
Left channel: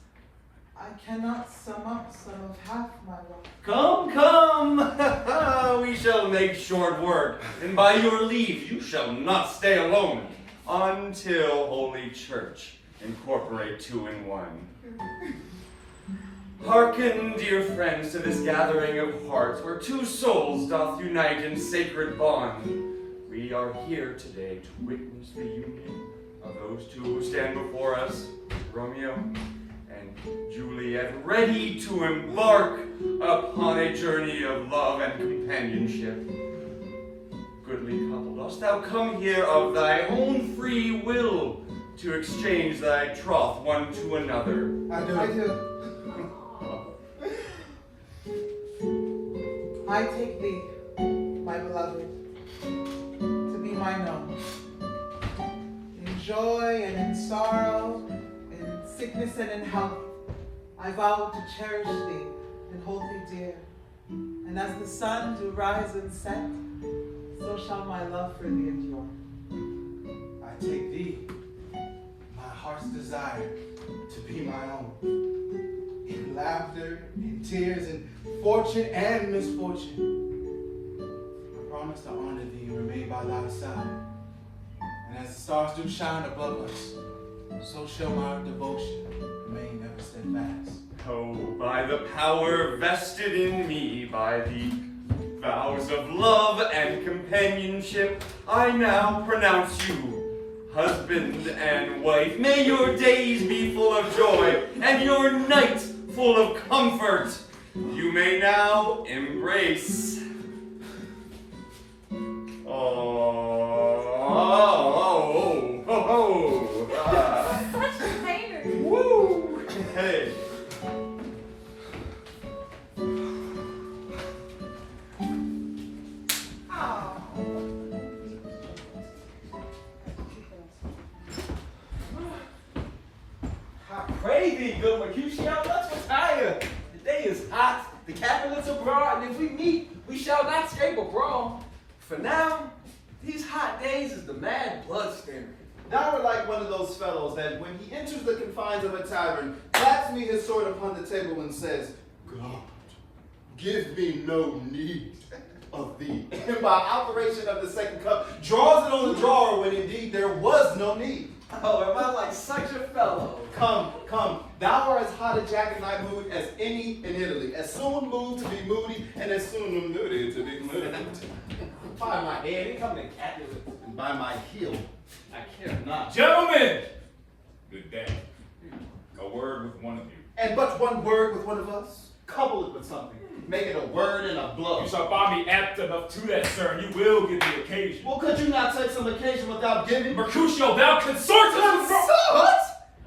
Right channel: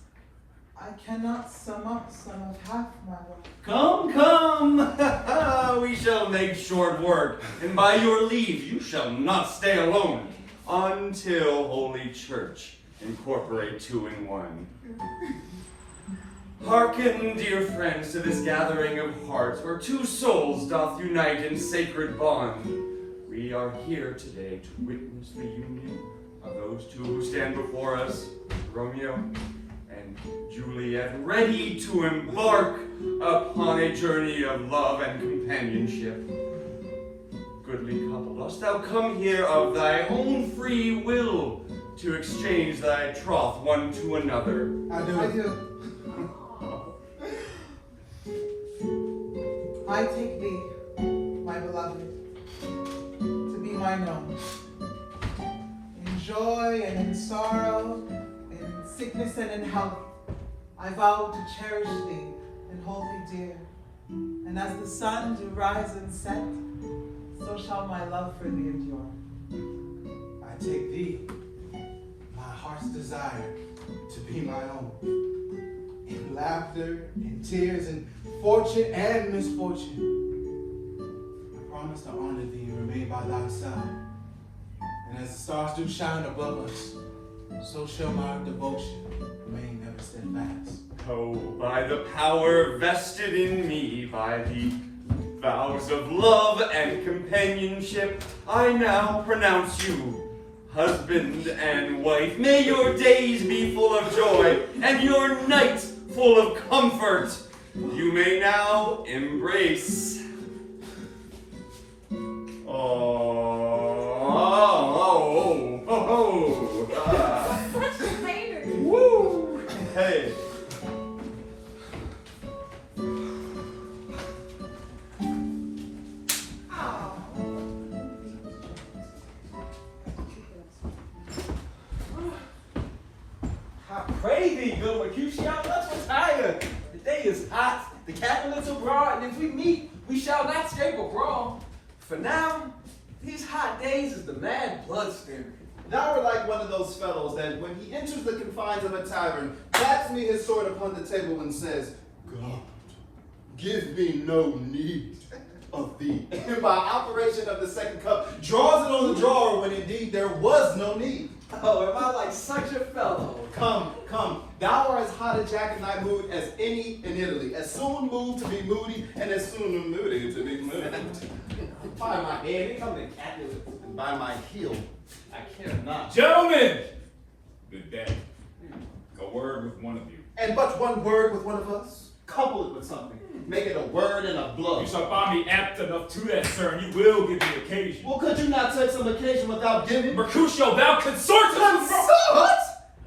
I cannot sum up some of half my love. Come, come, we shall make short work, and by your leave you shall not stay alone until Holy Church incorporate two in one. Hearken, dear friends, to this gathering of hearts, where two souls doth unite in sacred bond. We are here today to witness the union of those two who stand before us, Romeo and and Juliet, ready to embark upon a journey of love and companionship. Goodly couple, dost thou come here of thy own free will to exchange thy troth one to another? I do. I take thee, my beloved, to be mine own. In joy and in sorrow, in sickness and in health, I vow to cherish thee and hold thee dear. And as the sun do rise and set, so shall my love for thee endure. I take thee, my heart's desire, to be my own. In laughter, in tears, in fortune and misfortune. I promise to honor thee and remain by thy side. And as the stars do shine above us, so shall my devotion remain never steadfast. Oh, by the power vested in me by the vows of love and companionship, I now pronounce you husband and wife. May your days be full of joy and your nights full of comfort. You may now embrace. Such a hater. Woo! Hey. I pray thee, good Mercutio, let's retire. The day is hot, the capital's abroad, and if we meet, we shall not escape abroad. For now, these hot days is the mad blood stirring. Thou art like one of those fellows that when he enters the confines of a tavern, claps me his sword upon the table and says, God, give me no need of thee. And by operation of the second cup, draws it on the drawer when indeed there was no need. Oh, am I like such a fellow? Come, thou art as hot a jackknife mood as any in Italy. As soon moved to be moody, and as soon moody to be moody. By my head, they come to Capulet. And by my heel, I care not. Gentlemen! Good day. A word with one of you. And but one word with one of us, couple it with something. Make it a word and a blow. You shall find me apt enough to that, sir, and you will give the occasion. Well, could you not take some occasion without giving? Mercutio, thou consortest! Consort?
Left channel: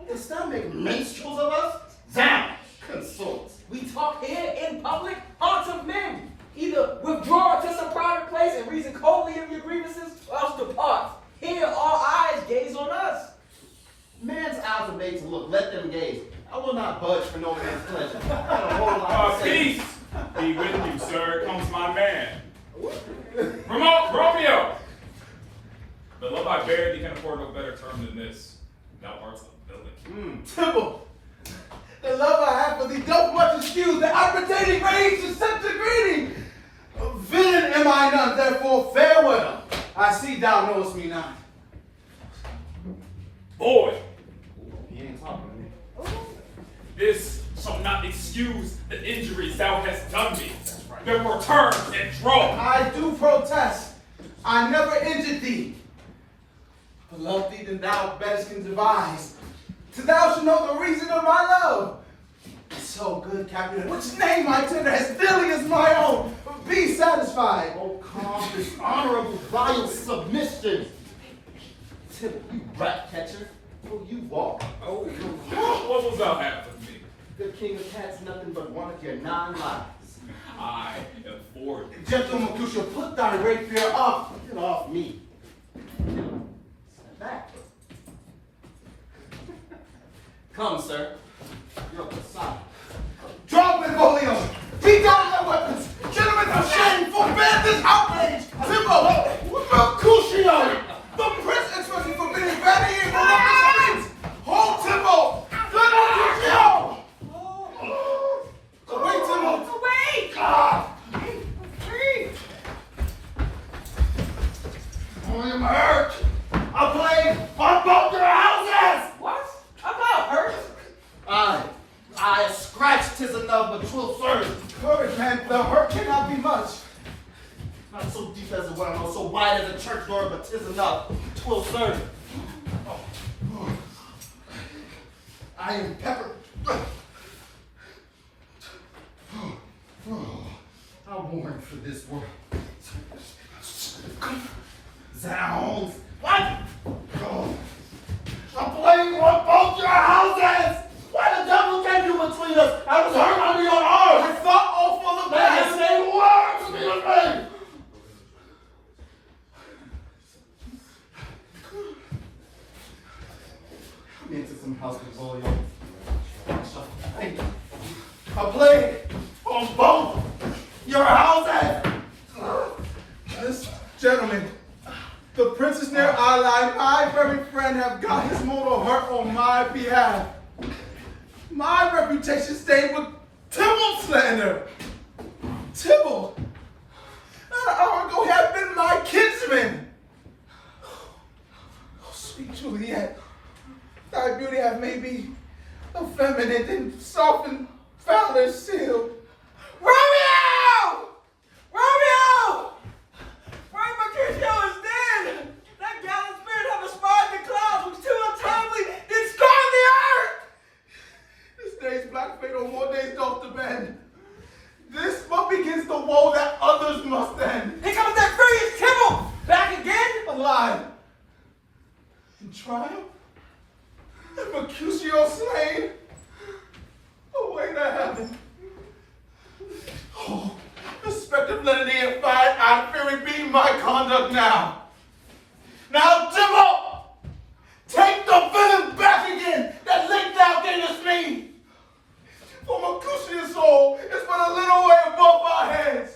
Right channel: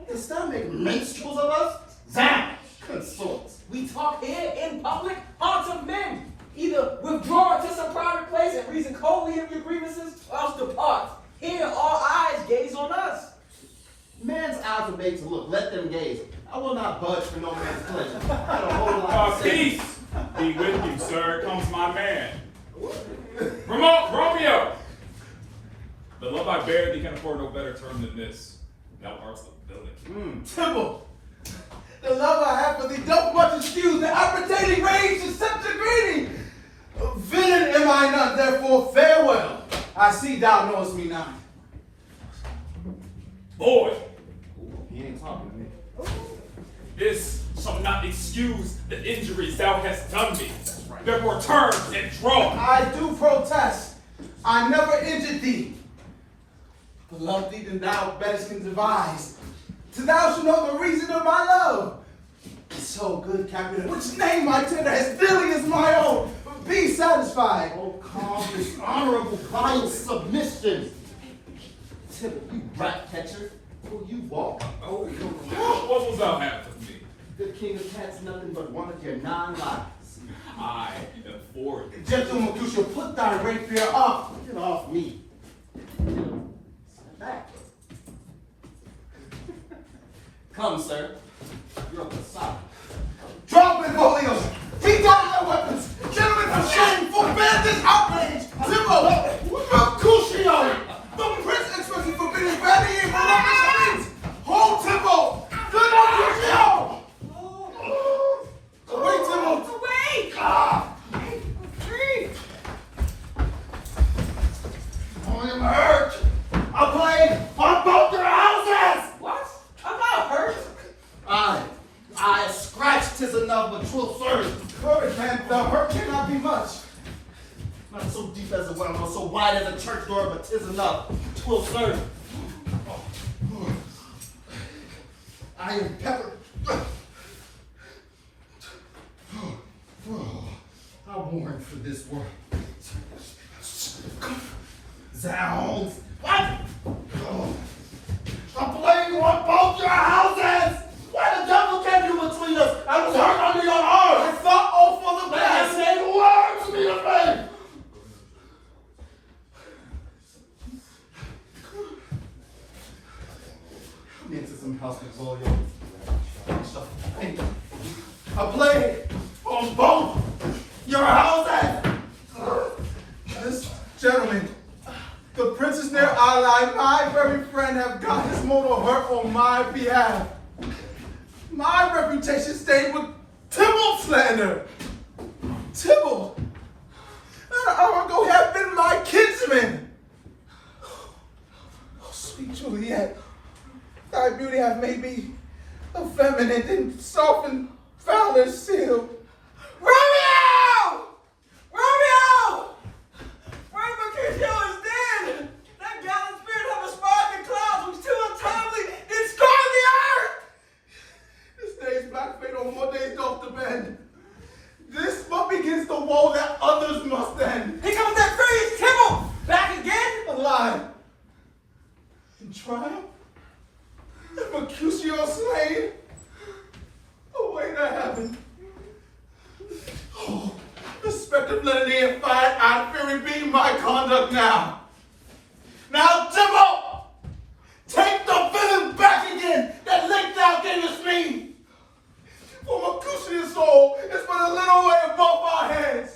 Dost thou make minstrels of us? Zam! Consorts. We talk here in public, haunts of men. Either withdraw to some private place and reason coldly of your grievances, or else depart. Here all eyes gaze on us. Man's eyes are made to look, let them gaze. I will not budge for no man's pleasure. I got a whole lot to say. Peace be with you, sir. Comes my man. Romeo! The love I bear thee can afford no better term than this. Thou art the villain. Tybalt, the love I have for thee doth much excuse the appertaining rage to such a greeting. Villain am I not, therefore farewell. I see thou knowest me not. Boy, He ain't talking to me. this shall not excuse the injuries thou hast done me. Therefore turn and draw. I do protest. I never injured thee. But love thee than thou best can devise. So thou shalt know the reason of my love. So good, Captain, which name my tender as dearly as my own. Be satisfied. Oh, calm, dishonorable, vile submission. Tybalt, you rat catcher. Will you walk? Oh, what will thou have with me? Good king of cats, nothing but one of your 9 lives. I am for thee. Gentle Mercutio, put thy rapier up. Get off me. Stand back. Come, sir. You're up the side. Drop Benvolio. Beat down their weapons. Gentlemen, for shame, forbear this outrage. Tybalt, Mercutio, the prince expressing forbidding vanity and voluptuous offense. Hold Tybalt. Good Mercutio. Away, Tybalt. Away! I am hurt. I'll play on both your houses! What? I'm not hurt. I a scratch 'tis enough, but 'twill serve. Courage, man, the hurt cannot be much. Not so deep as a well, nor so wide as a church door, but 'tis enough. 'Twill serve. I am peppered I'm born for this world. Zounds! What? Oh. I'm blaming on both your houses! Why the devil came in between us? I was hurt under your arm! I fought all for the best! Say words to me to me! Come into some house with volume. I played on both your houses! This gentleman, the princess near ally, my very friend, have got his mortal hurt on my behalf. My reputation stayed with Tybalt slander. Tybalt, not an hour ago, had been my kinsman. Oh, sweet Juliet, thy beauty hath made me effeminate and softened foul and sealed. Romeo! Romeo! Frank Mercutio is dead! That gallant spirit have aspired the clouds, which too untimely did scorn the earth! This day's black fate on more days doth the bend. This but begins the woe that others must end. Here comes that furious Tybalt! Back again? Alive. In triumph? And Mercutio slain? Away to heaven. Oh, the spectre of lenity and fire and fury be my conduct now. Now, Tybalt! Take the villain back again that licked thou gavest me. For Mercutio's soul is but a little way above our heads.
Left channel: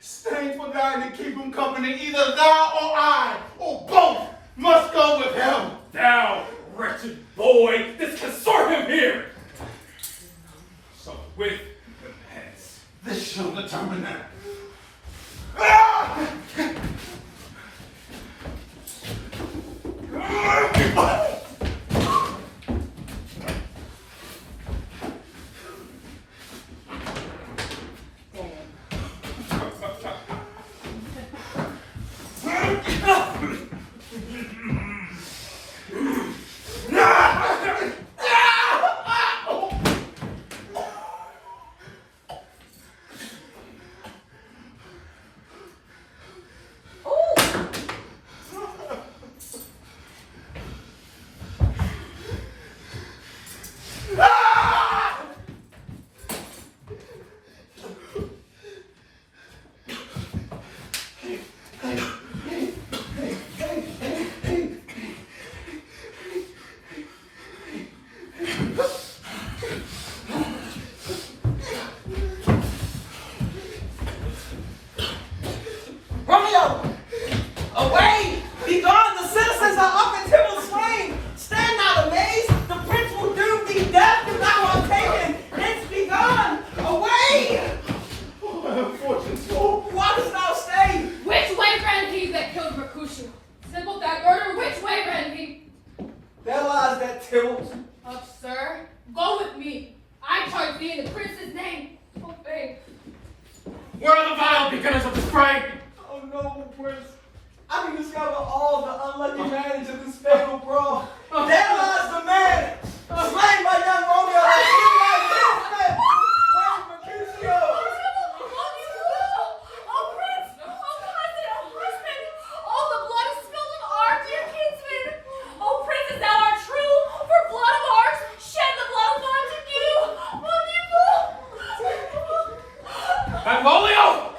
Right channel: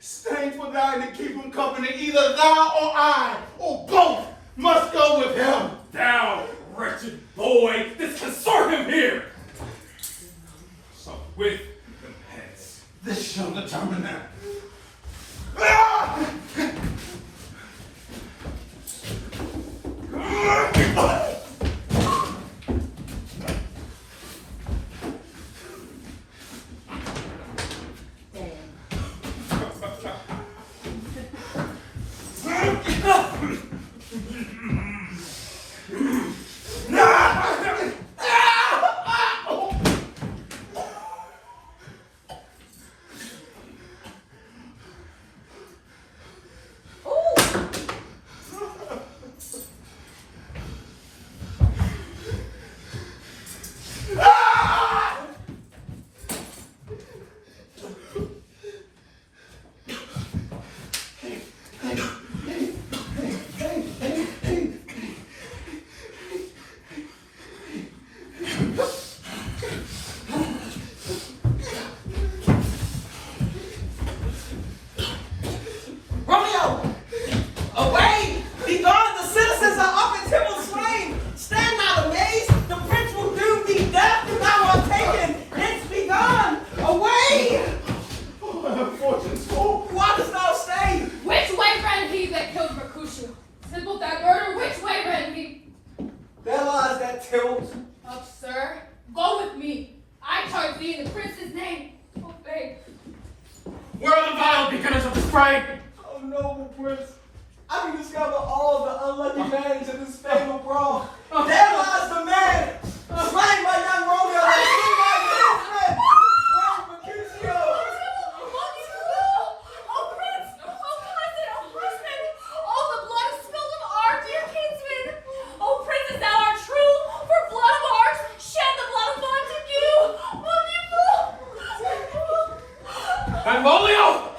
Staying for thine to keep him company, either thou or I, or both, must go with him. Thou wretched boy, this can serve him here. So with him hence. This shall determine that. Ah! Romeo! Away! Be gone! The citizens are up in Tybalt's slain! Stand not amazed! The prince will doom thee death if thou art taken! Hence be gone! Away! Oh, my unfortunate soul. Why dost thou stay? Which way ran he that killed Mercutio? Tybalt that murder, which way ran he? There lies that Tybalt. Up, sir. Go with me. I charge thee in the prince's name. Obey. Where are the vile beginners of this fray? Oh, noble prince, I can discover all the unlucky manage of this fatal brawl. There lies the man, slain by young Romeo, that killed my kinsman, Frank Mercutio. Oh, prince! Oh, cousin! Oh, husband! Oh, the blood is spilled of our dear kinsman! Oh, prince, is thou art true? For blood of ours, shed the blood of ours in you! Oh, Benvolio!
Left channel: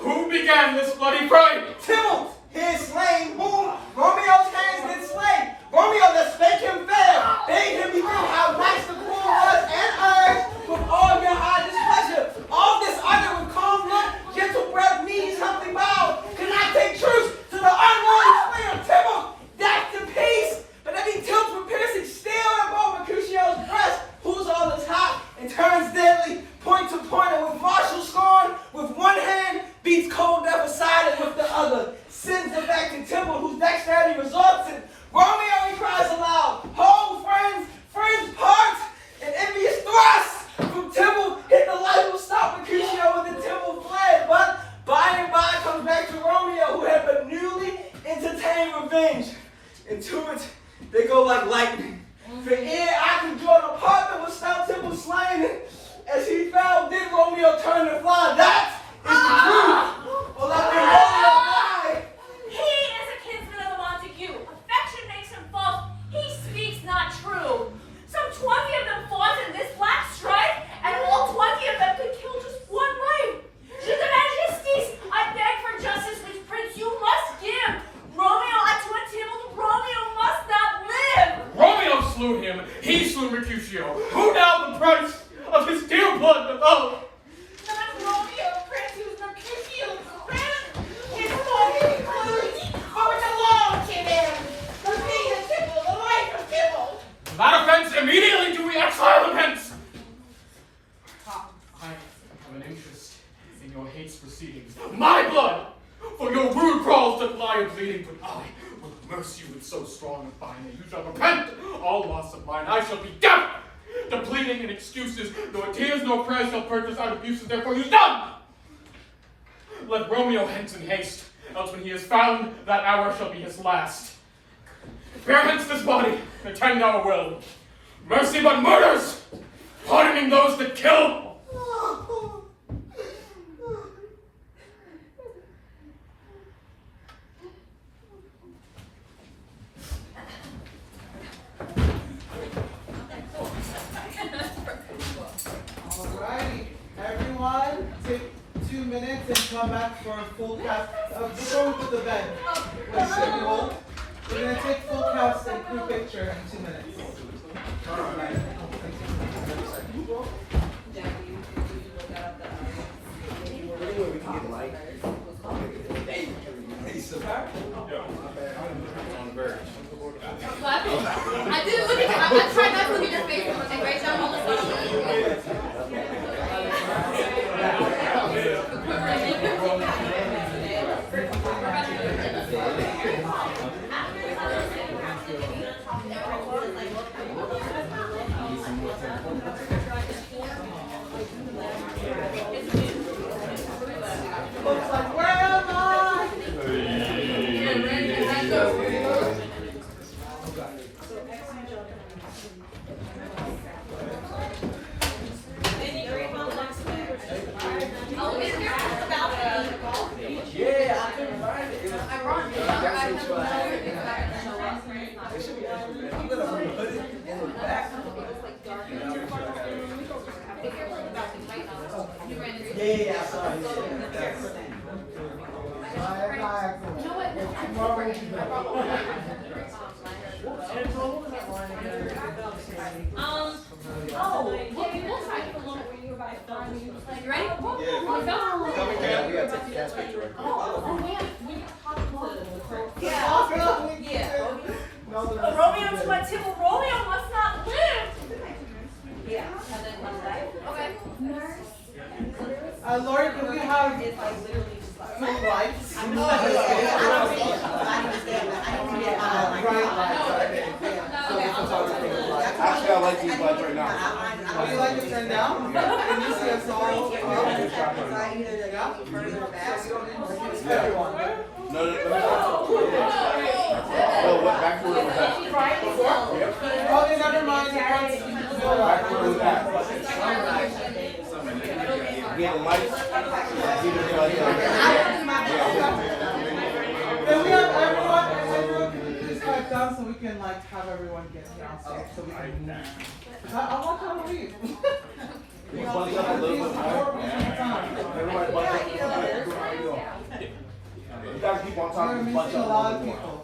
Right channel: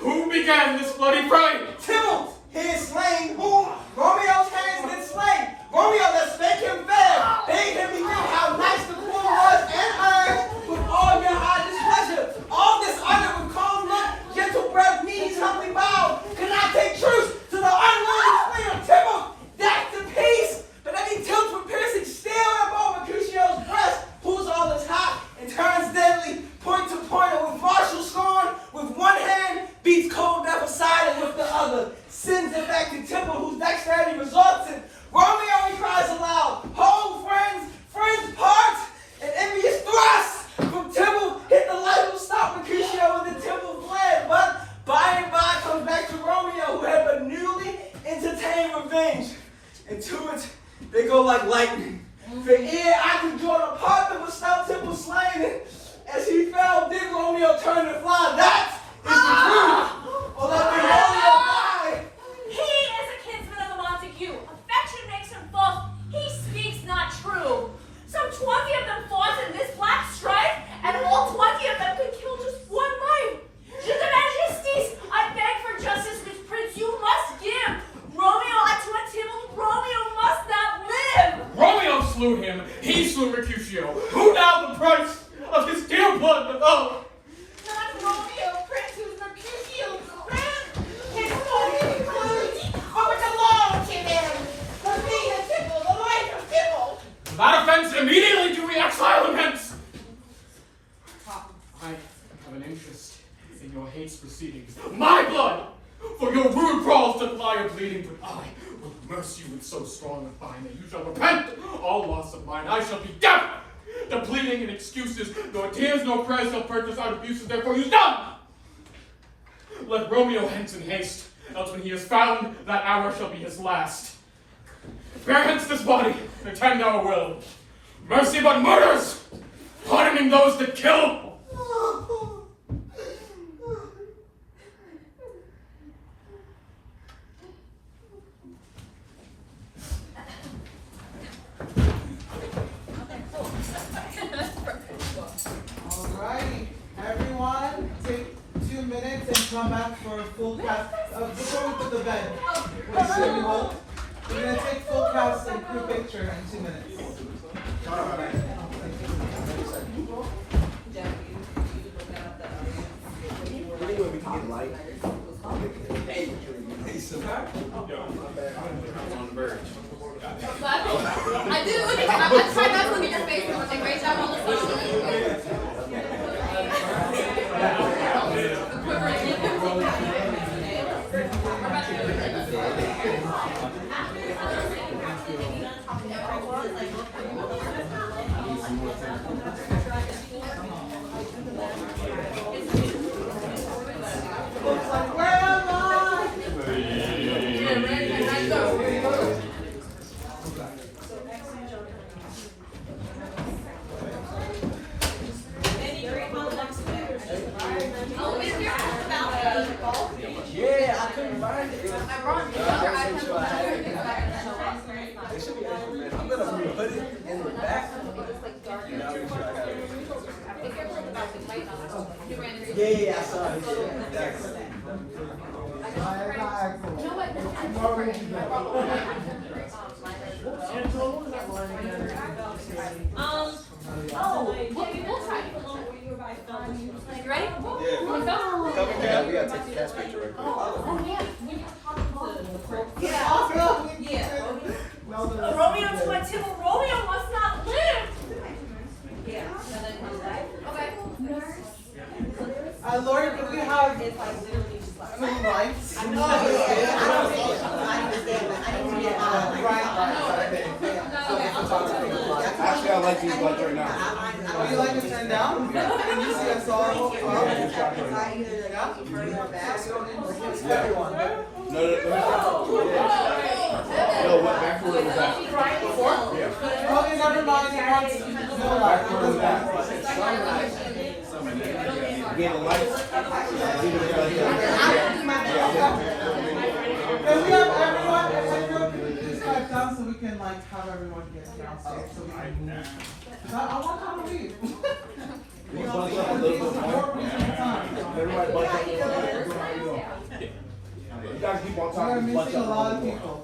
Who began this bloody fray? Tybalt, he is slain, whom Romeo's hands did slain. Romeo that spake him fair, bade him bethink how nice the poor was, and urged with all your high displeasure. All this uttered with calm look, gentle breath, knees humbly bowed. Could not take truce to the unworthy spleen of Tybalt. That's the peace, but that he tilts with piercing steel and bow Mercutio's breast, who's on the top and turns deadly, point to point, and with martial scorn, with one hand beats cold death aside, and with the other sends it back to Tybalt, whose dexterity resorts it. Romeo, he cries aloud, hold friends, friends part, and envious thrusts from Tybalt hit the light will stop Mercutio, and the Tybalt fled. But by and by comes back to Romeo, who had but newly entertained revenge. And to it they go like lightning. For ere I could draw the part that was turn to fly. That is the truth. Oh, let me Romeo die. He is a kinsman of the Montague. Affection makes him false. He speaks not true. Some 20 of them fought in this black strife, and all 20 of them could kill just one life. Je de majesties, I beg for justice, which prince you must give. Romeo unto a Tybalt, Romeo must not live. Romeo slew him, he slew Mercutio. Who now the price of his dear blood? Oh, Not Romeo, Prince, who's Mercutio's grand. His body includes over the law, Timon. The king of Tybalt, the life of Tybalt. that offense immediately do we exile him hence. I have an interest in your hate's proceedings. My blood! For your rude crawls to lie or bleeding, but I will mercy you with so strong a fine that you shall repent all loss of mine. I shall be deaf to pleading and excuses, nor tears nor prayers shall purchase our abuses, therefore use none. Let Romeo hence in haste, else when he is found, that hour shall be his last. Bear hence this body, and attend our will. Mercy but murders, pardoning those that kill. Alrighty, everyone, take 2 minutes and come back for a full cast. Before we put the bed, we're gonna take full cast and crew picture in 2 minutes. Anywhere we can get light. I didn't look at you. I tried not to look at your face. And great job on the Looks like, where am I? Yeah, I couldn't find it. I'm gonna put it in the back. Yeah, I saw it. You ready? Yeah, we gotta take the cast picture right Romeo to my Tybalt, Romeo must not live. Okay. Lord, do we have full lights? I don't see it. I need to stand back. I need to get Actually, I like these lights right now. Would you like to turn down? Can you see us all? further back. No, let me Oh, what back where was that? Yeah. Okay, never mind. He wants to keep the Back where was that? Get the lights. Can we have everyone can we please cut down so we can like have everyone get downstairs so we can move. I want to leave. Can you bunch up a little bit more? Everybody bunch up. You guys keep on We're talking. Bunch missing a up lot a of little more. people.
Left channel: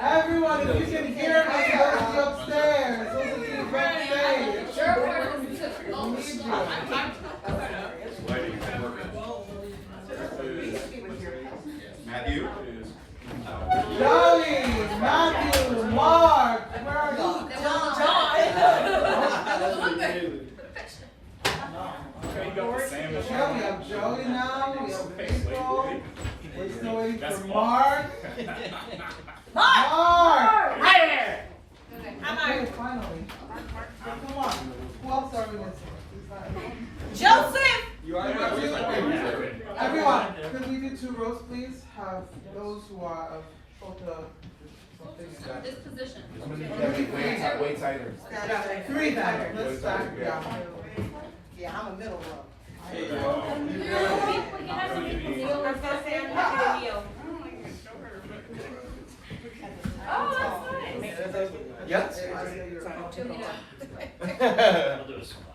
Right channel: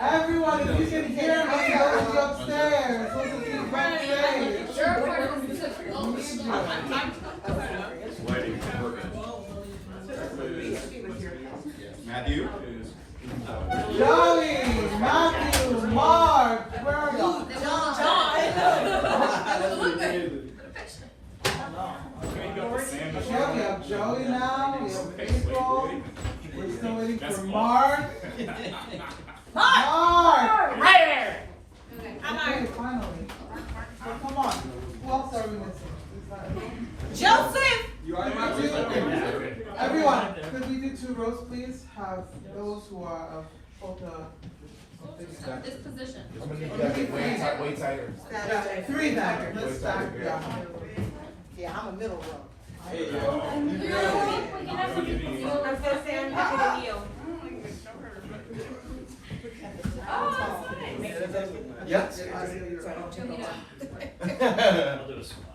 Everyone, if you can hear me, go upstairs. Those of you backstage. Matthew? Joey, Matthew, Mark, where are you? We have Joey now, we have April. We're still waiting for Mark. Mark! Hi there. Okay, finally. So come on. Who else are we missing? Joseph. Everyone, could we do 2 rows, please? Have those who are of photo. This position. I'm gonna need that way tighter. Yeah, 3 then. Let's stack. Yeah. Yeah, I'm a middle row. We can have some people. I'm so sad I'm happy to you. Oh, that's fine. Yes. I'll do a swan.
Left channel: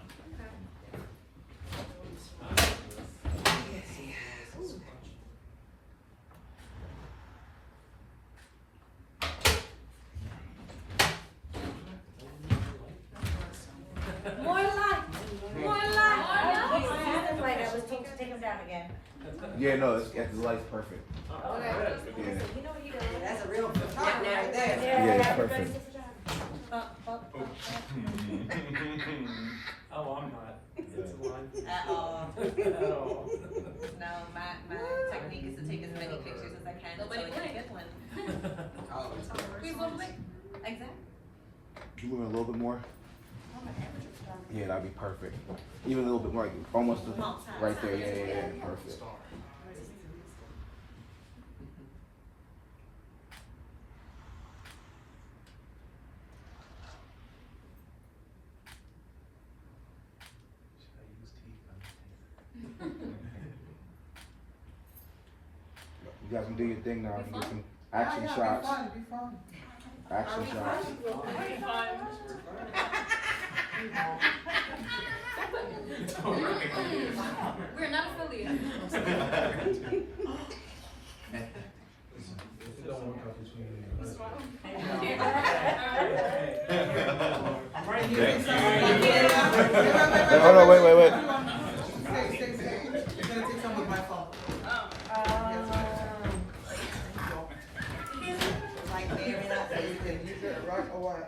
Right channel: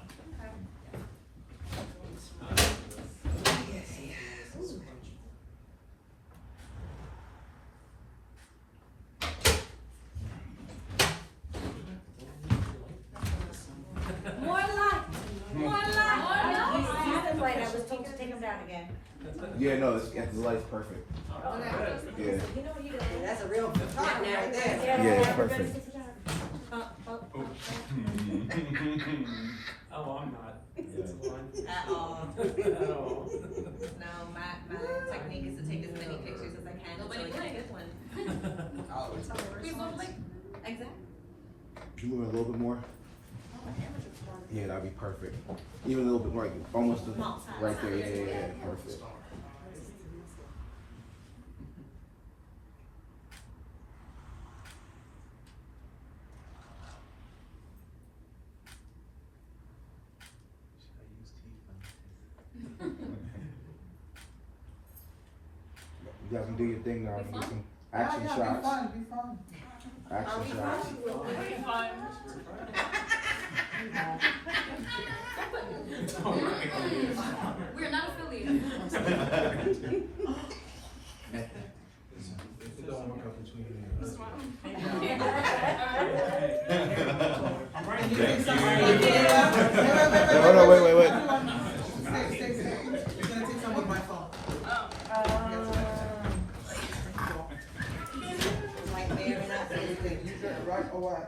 More light. More light. Use the light. I was told to take him down again. Yeah, no, the light's perfect. Yeah. You know what he does? That's a real photographer right there. Yeah, it's perfect. Oh, I'm not. It's one. Uh-oh. Oh. No, my technique is to take as many pictures as I can until I can get one. We will like, exactly. You move it a little bit more? Yeah, that'd be perfect. Even a little bit more, like almost right there. Yeah, perfect. You guys can do your thing now. You can do some action shots. Be fun. Action shots. We're not affiliated. Hold on, wait. Stay. You're gonna take some with my phone. Like very not Use it right or what?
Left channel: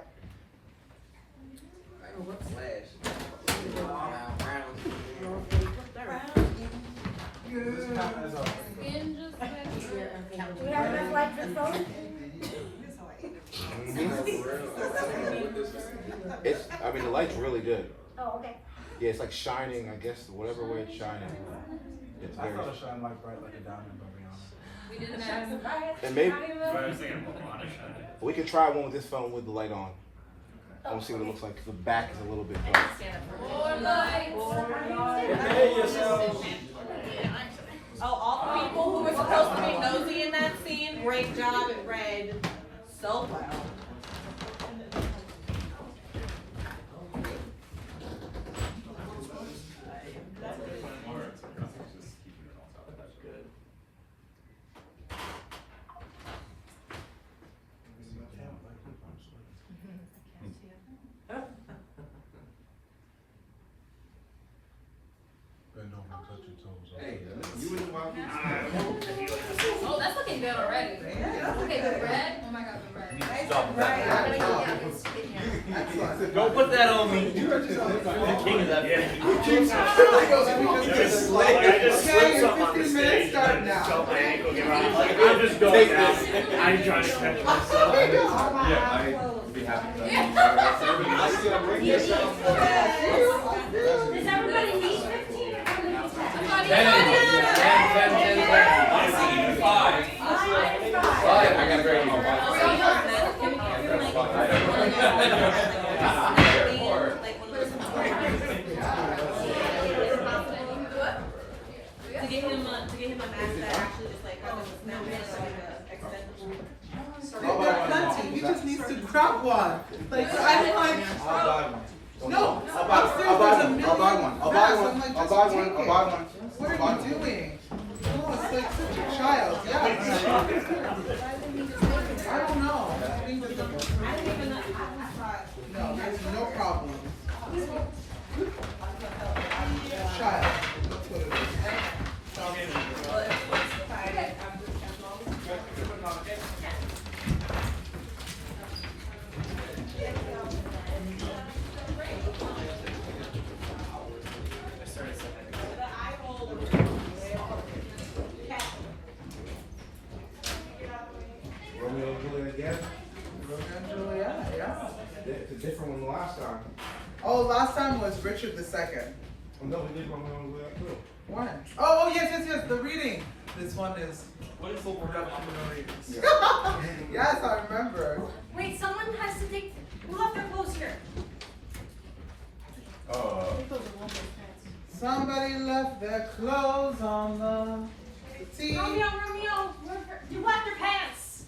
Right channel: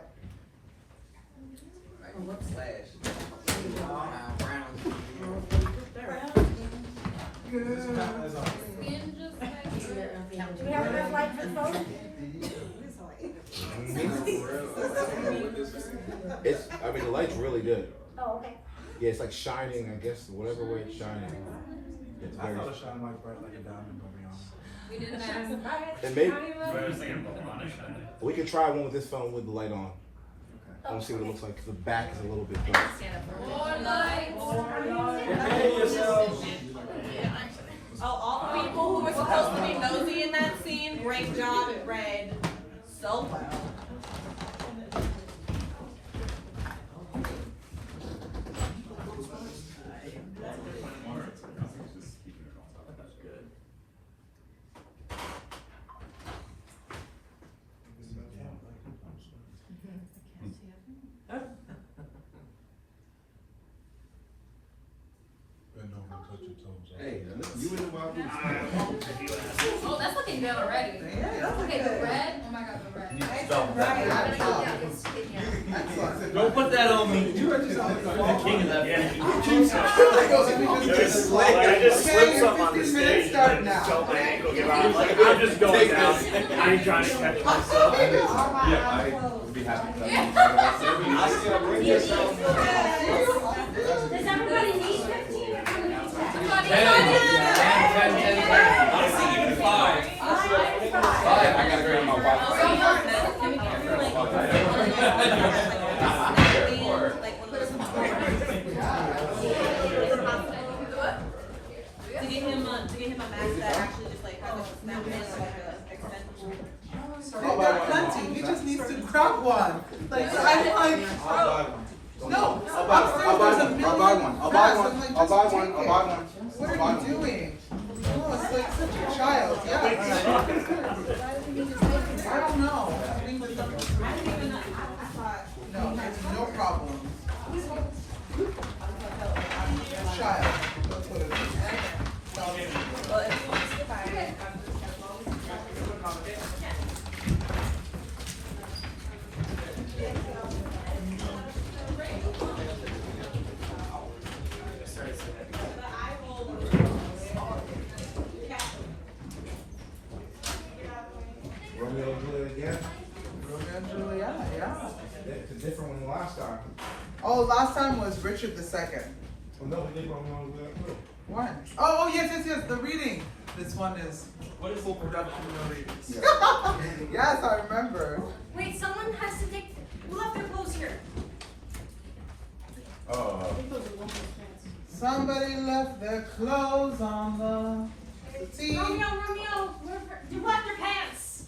Do we have enough light for the phone? The light's really good. Oh, okay. Yeah, it's like shining, I guess, whatever way it's shining. It's I very. thought it shined like bright like a diamond, I'll be honest. We didn't have. And maybe I was thinking of on a shine. we can try one with this phone with the light on. I want to see what it looks like. The back is a little bit bright. More lights. Oh, all the people who were supposed to be nosy in that scene, great job. It read so well. Bend over and touch your toes. Hey, you in the wild goose. Oh, that's looking good already. Okay, the red. Oh my god, the red. Don't put that on me. You are just the king of that. Okay, your 15 minutes start now. I'm just going out. I ain't trying to catch myself. I'd be happy to. Does everybody need 15? I got very To get him a mask that actually just like has a snap extendable. Oh, there are plenty. He just needs to grab one. Like, no, upstairs there's a million masks. I'm like, just take it. What are you doing? No, it's like such a child. Yeah. I don't know. I think that no, there's no problem. Child. That's what it Romeo and Juliet again? Romeo and Juliet, yeah. It's a different one than last time. Oh, last time was Richard II. Oh, no, we did Romeo and Juliet too. When? Oh, yes, the reading. This one is. What is full production of readings? Yes, I remember. Wait, someone has to take. Who left their clothes here? Somebody left their clothes on the seat. Romeo, you left your pants.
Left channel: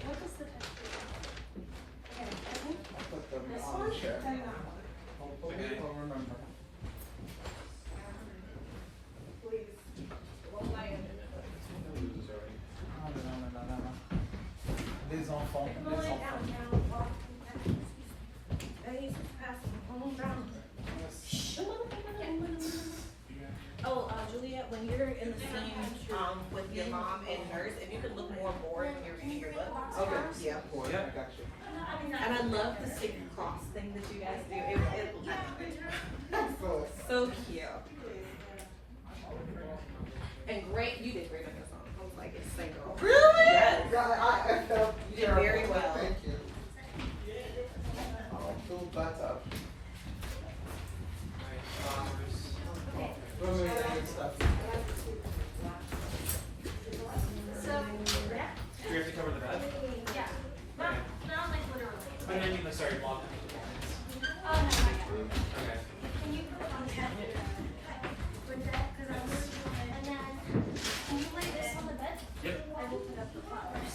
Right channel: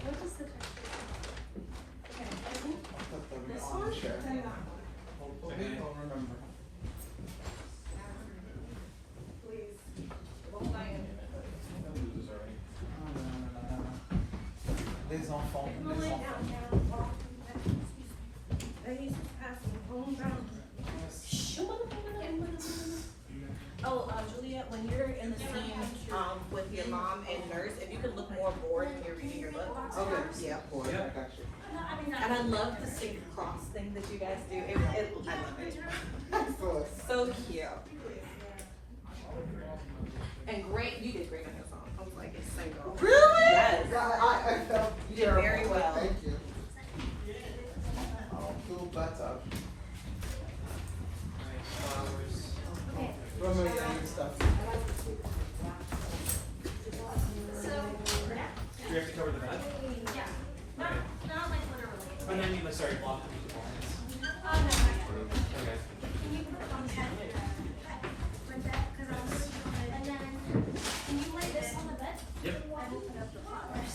What is the picture? Okay, this one? Hopefully he'll remember. Les enfants, les enfants. Oh, Juliet, when you're in the scene with your mom and nurse, if you could look more bored when you're reading your book. Okay. Yeah. I got you. And I love the sync cross thing that you guys do. Excellent. So cute. And great, you did great on the song. I was like, it's single. Really? Yes. I felt You did very well. Thank you. I'll feel better. What am I doing stuff? So, yeah. We have to cover the bed? Yeah. Not like literally. But I mean, like, sorry, block the blinds. Oh, no, not yet. Okay. Can you put on the bed? And then, can you lay this on the bed? Yep. I will put up the flowers.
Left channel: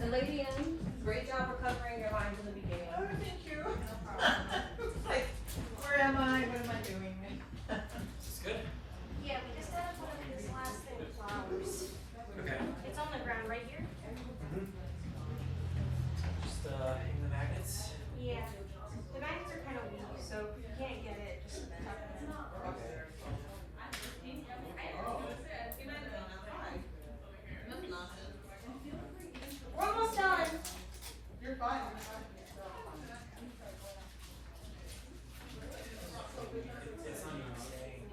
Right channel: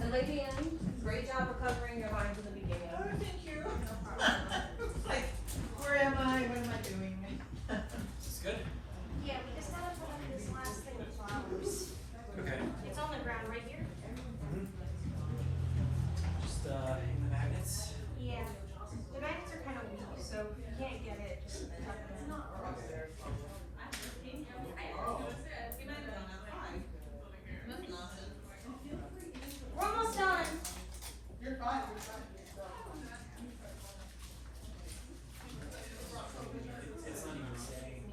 And Lady Anne, great job recovering your mind in the beginning. Oh, thank you. It's like, where am I? What am I doing? It's good? Yeah, we just gotta put up this last thing of flowers. Okay. It's on the ground right here. Just, hang the magnets. Yeah. The magnets are kind of weak, so if you can't get it, just tuck them in. We're almost done. You're fine.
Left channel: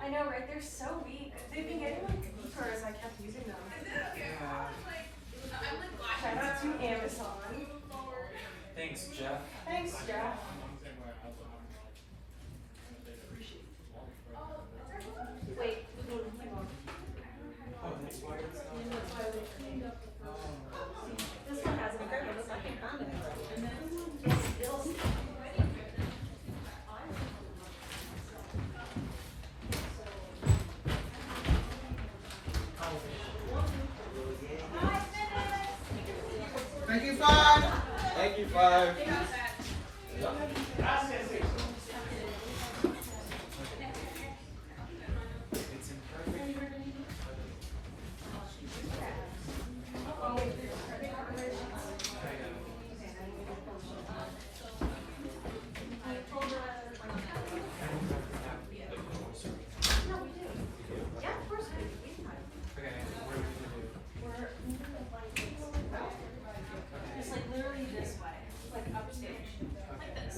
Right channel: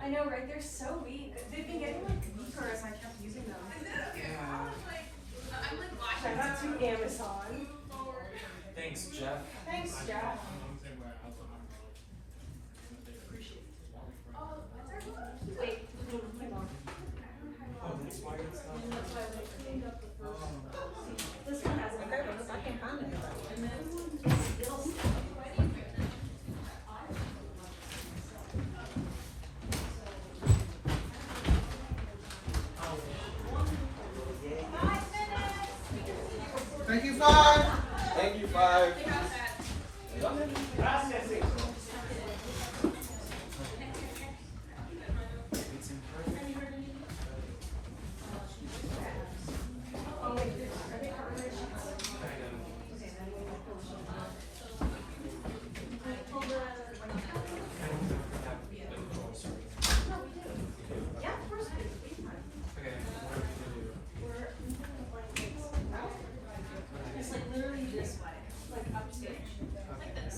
I know, right? They're so weak. They've been getting like weaker as I kept using them. Yeah. Shout out to Amazon. Thanks, Jeff. Thanks, Jeff. Wait, hang on. This one has a Thank you, Five. Thank you, Five. It's imperfect. Yeah, of course we do. Okay, what are we gonna do? We're moving the blankets. Just like literally this way, like upstairs, like this.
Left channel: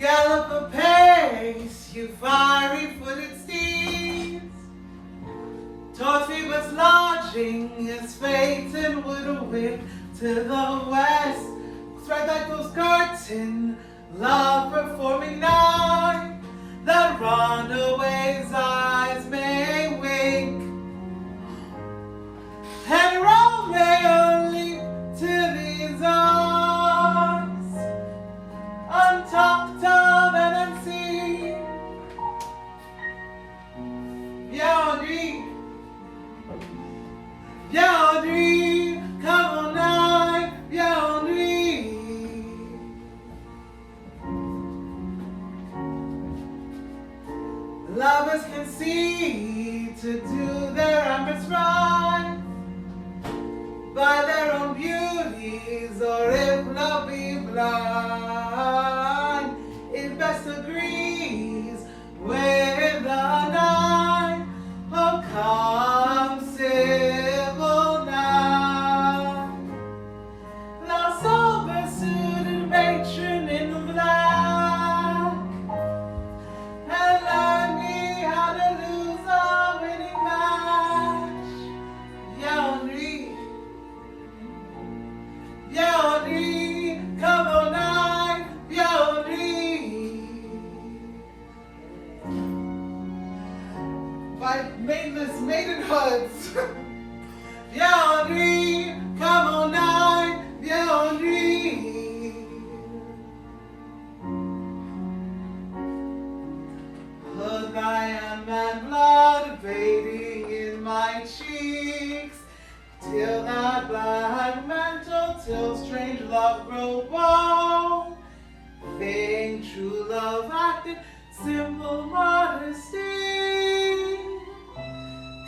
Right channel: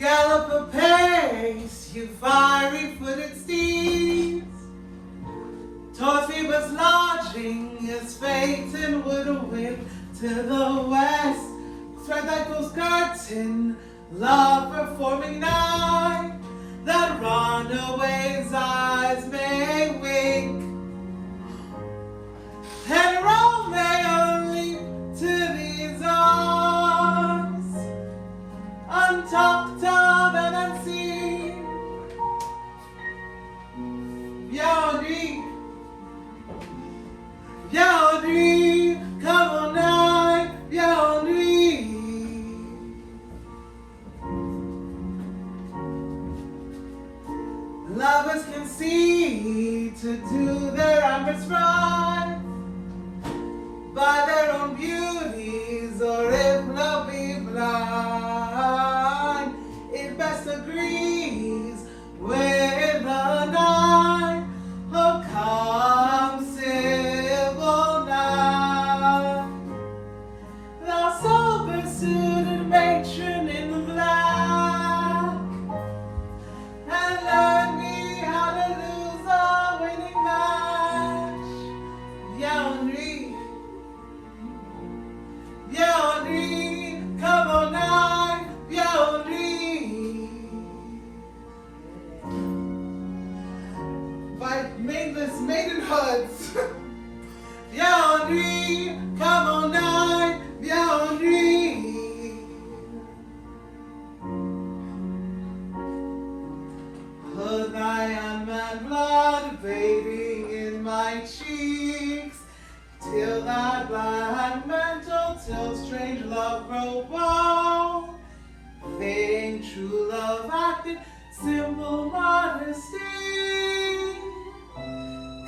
Gallop apace, you fiery-footed steeds. Toward Phoebus' lodging is Phaeton would await to the west. Spread back those curtains, love performing night, that runaway's eyes may wink. And Romeo leap to these arms, untalked of and unseen. Yaudry, Yaudry, come on night, Yaudry. Lovers can see to do their amorous right by their own beauties, or if love be blind, it best agrees with the night. Oh, come, civil night, thou sober-suited matron in the black, and learn me how to lose a winning match. Yaudry, Yaudry, come on night, Yaudry. By maidenless maidenhoods. Yaudry, come on night, Yaudry. Hood I am and blood bathing in my cheeks, till that black mantle, till strange love grow bold. Vain true love acted, simple modesty.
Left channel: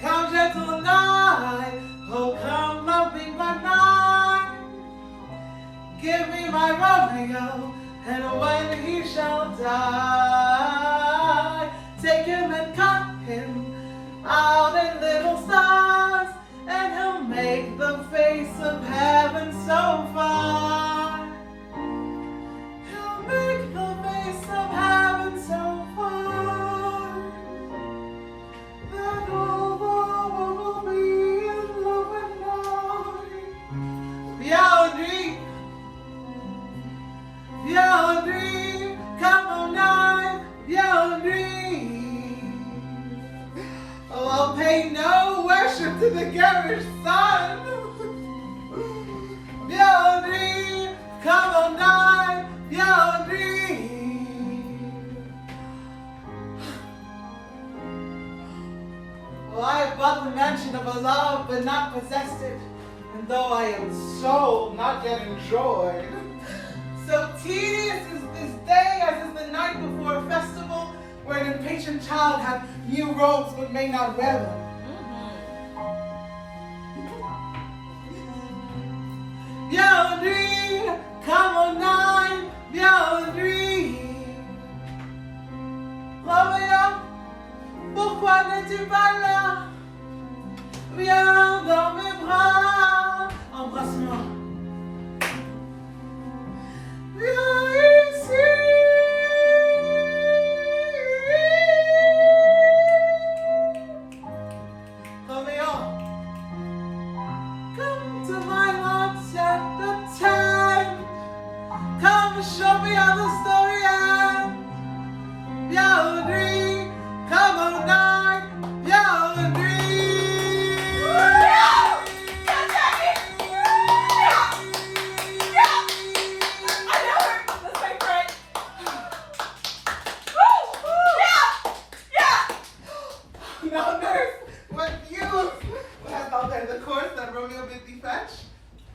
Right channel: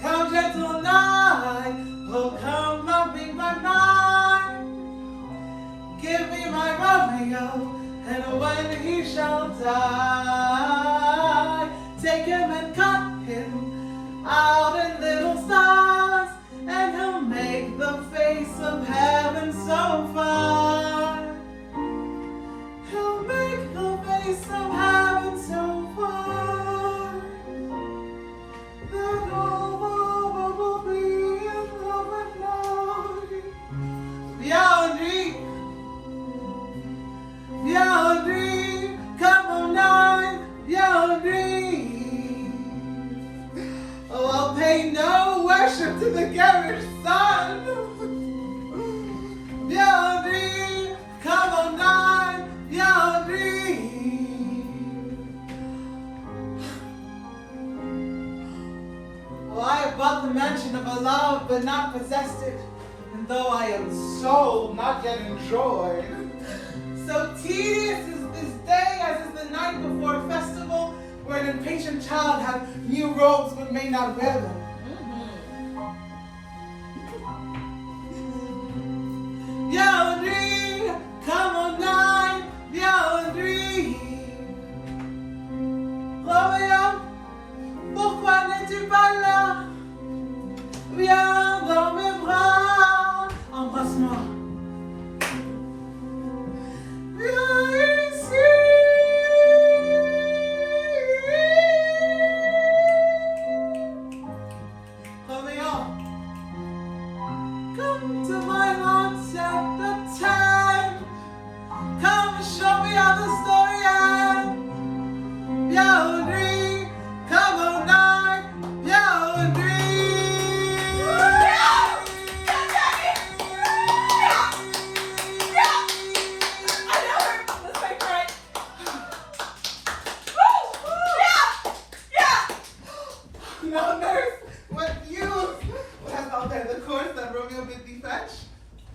Come gentle night, oh come loving by night. Give me my Romeo, and when he shall die, take him and cut him out in little stars, and he'll make the face of heaven so fine. He'll make the face of heaven so fine that all the world will be in love and light. Yaudry, Yaudry, come on night, Yaudry. Oh, I'll pay no worship to the garish sun. Yaudry, come on night, Yaudry. Well, I have bought the mansion of a love, but not possessed it. And though I am sold, not yet enjoyed. So tedious is this day as is the night before a festival, where an impatient child had new robes but may not wear them. Yaudry, come on night, Yaudry. Romeo, pourquoi n'es-tu pas là? Viens dans mes bras, embrasse-moi. Viens ici. Romeo, come to my house at the time. Come and show me how the story ends. Yaudry, come on night, Yaudry. No, nurse, what news? What hast thou there, the course that Romeo bid thee fetch?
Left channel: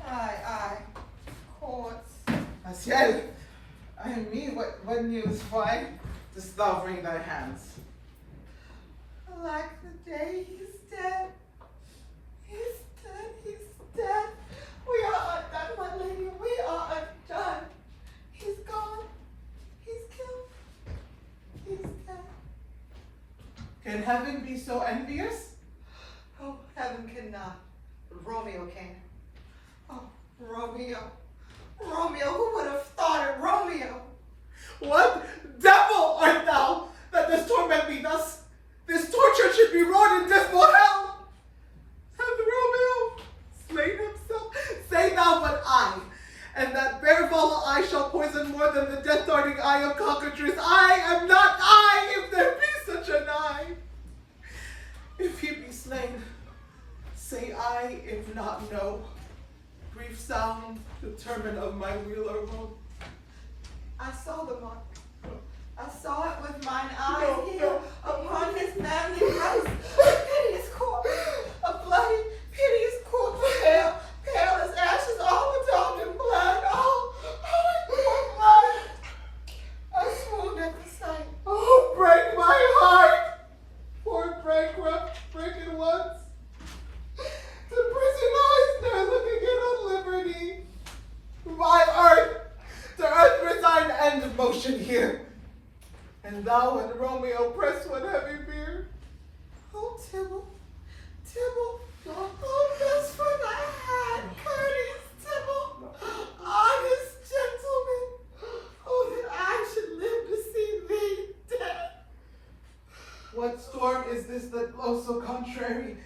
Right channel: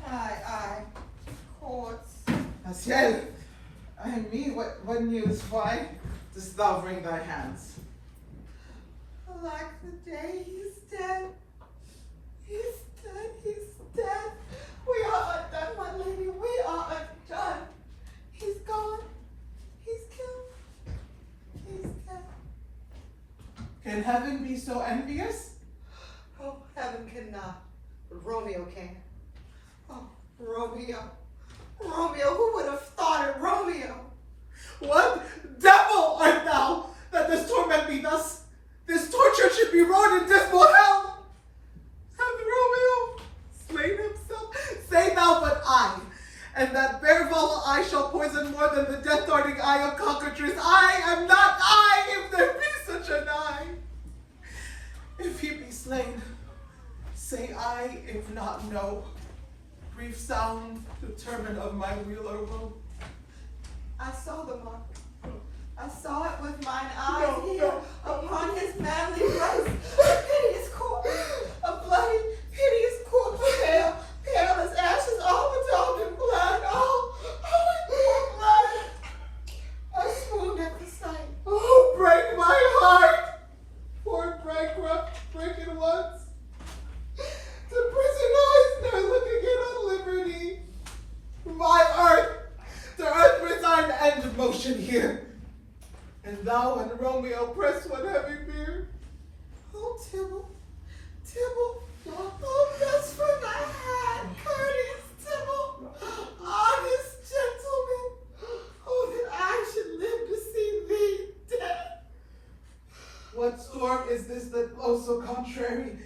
Aye, courts. Asiel, I mean, what news? Why dost thou wring thy hands? Alack the day, he's dead. He's dead, he's dead. We are undone, my lady, we are undone. He's gone. He's killed. He's dead. Can heaven be so envious? Oh, heaven cannot. But Romeo can. Oh, Romeo. Romeo, who would have thought it? Romeo. What? Devil art thou, that this torment me thus? This torture should be wrought in dismal hell. Hath Romeo slain himself? Say thou but I, and that bare volatile eye shall poison more than the death-darting eye of cockatrice. I am not I, if there be such an eye. If he be slain, say I, if not, no. Brief sound, determined of my wheeler will. I saw the mark. I saw it with mine eyes here upon his manly breast. A piteous corpse, a bloody, piteous corpse, pale, pale as ashes, all bedaubed in blood. Oh, oh, blood. I swooned at the sight. Oh, break my heart! Poor bankrupt, break it once. The prison eyes there look again on liberty. My earth, the earth resign end motion here. And thou and Romeo press one heavy beard. Oh, Tybalt, Tybalt, oh, best friend I had, courteous Tybalt, honest gentleman, oh, that I should live to see thee dead. What storm is this that blows so contrary?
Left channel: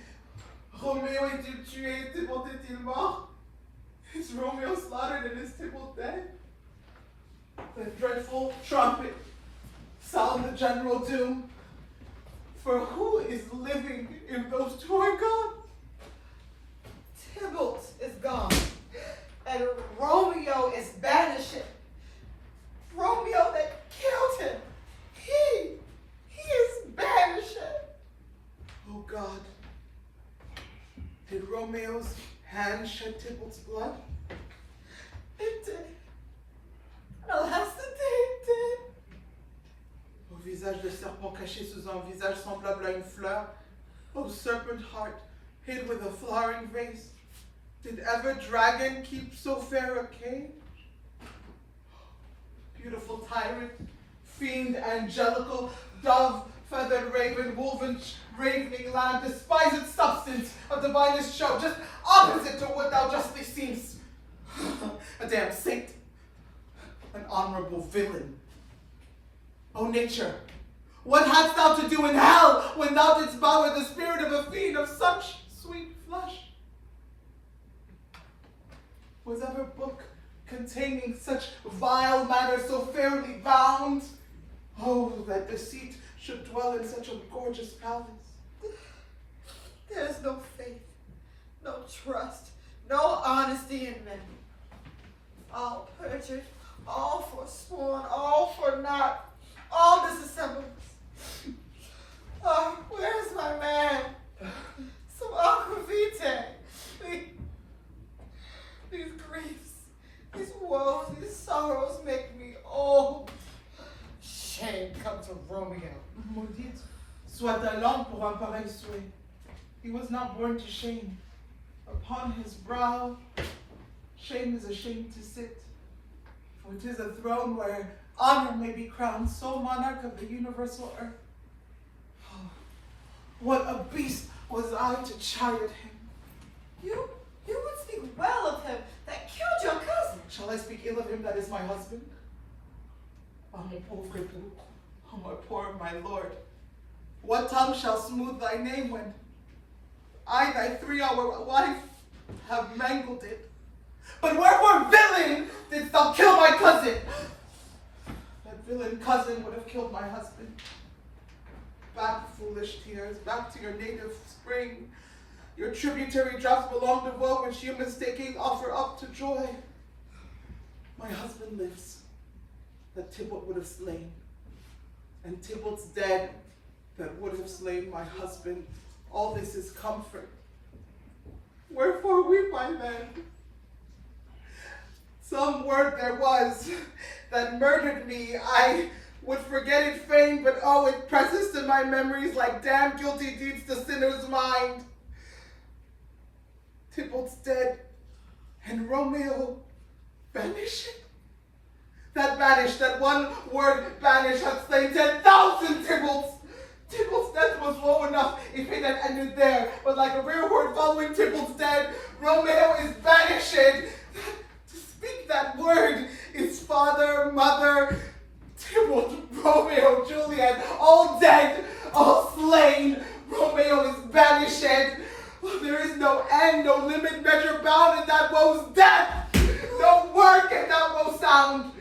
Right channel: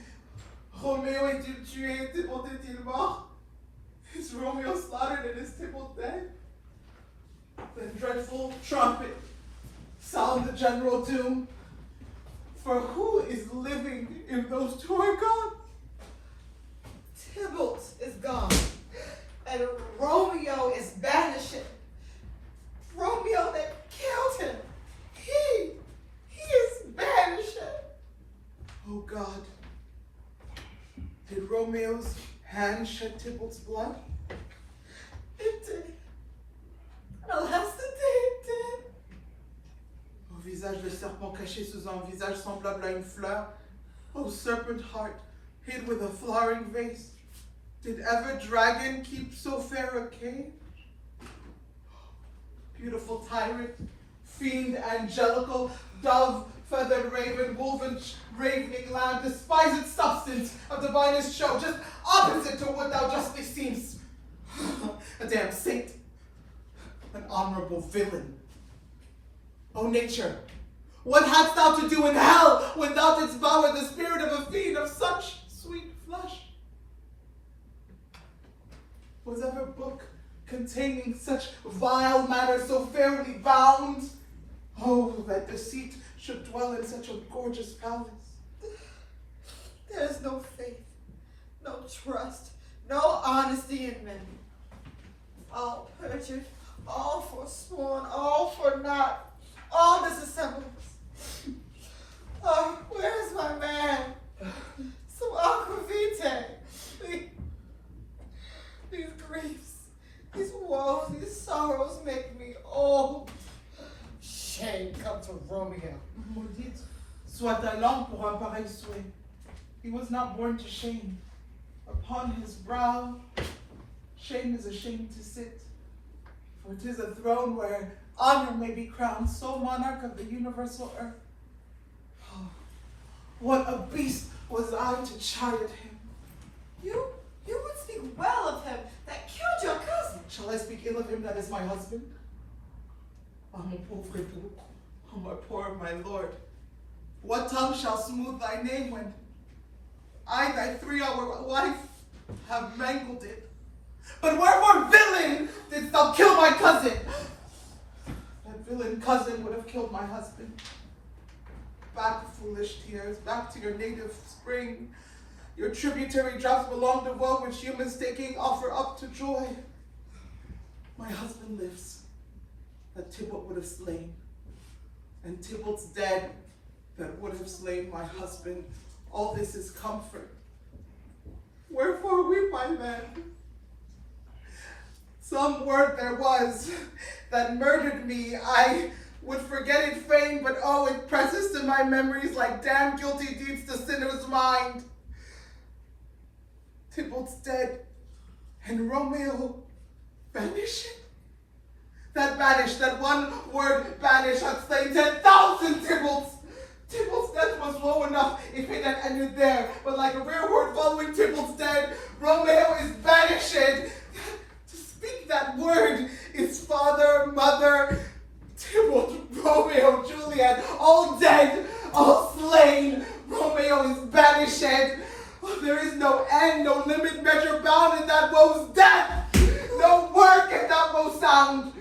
Romeo est-il tué, Tybalt est-il mort? Is Romeo slaughtered and is Tybalt dead? The dreadful trumpet sound the general doom. For who is living if those two are gone? Tybalt is gone, and Romeo is banished. Romeo that killed him, he is banished. Oh God, did Romeo's hand shed Tybalt's blood? It did. Alas, it did. Au visage de serpent caché sous un visage semblable à une fleur, O serpent heart, hid with a flowering vase, did ever dragon keep so fair a cage? Beautiful tyrant, fiend angelical, dove, feathered raven, woven ravening lamb, despised substance of divinest show, just opposite to what thou justly seemst. A damn saint, an honorable villain. O nature, what hadst thou to do in hell when thou didst bower the spirit of a fiend of such sweet flesh? Was ever book containing such vile matter so fairly bound? Oh, that deceit should dwell in such a gorgeous palace. There's no faith, no trust, no honesty in men. All perjured, all forsworn, all for naught, all disassembled. Oh, where's my man? Some aqua vitae. These griefs, these woes, these sorrows make me old. Shame come to Romeo. Maudite soit ta langue pour un pareil souhait. He was not born to shame. Upon his brow, shame is ashamed to sit. For 'tis a throne where honor may be crowned, sole monarch of the universal earth. Oh, what a beast was I to chide at him. You would speak well of him that killed your cousin. Shall I speak ill of him that is my husband? Oh, mon pauvre époux, oh, my poor my lord. What tongue shall smooth thy name when I, thy 3-hour wife, have mangled it? But wherefore, villain, didst thou kill my cousin? That villain cousin would have killed my husband. Back, foolish tears, back to your native spring. Your tributary drops belong to woe, which you mistaking offer up to joy. My husband lives, that Tybalt would have slain. And Tybalt's dead, that would have slain my husband. All this is comfort. Wherefore weep, my man? Some word there was that murdered me. I would forget it fain, but oh, it presses to my memories like damn guilty deeds to sinner's mind. Tybalt's dead, and Romeo banished. That banished, that one word banish had slain 10,000 Tybalts. Tybalt's death was low enough if it had ended there, but like a rare word following Tybalt's dead, Romeo is banished. To speak that word is father, mother, Tybalt, Juliet, all dead, all slain. Romeo is banished. There is no end, no limit, measure bound in that woe's death. No word can that woe sound.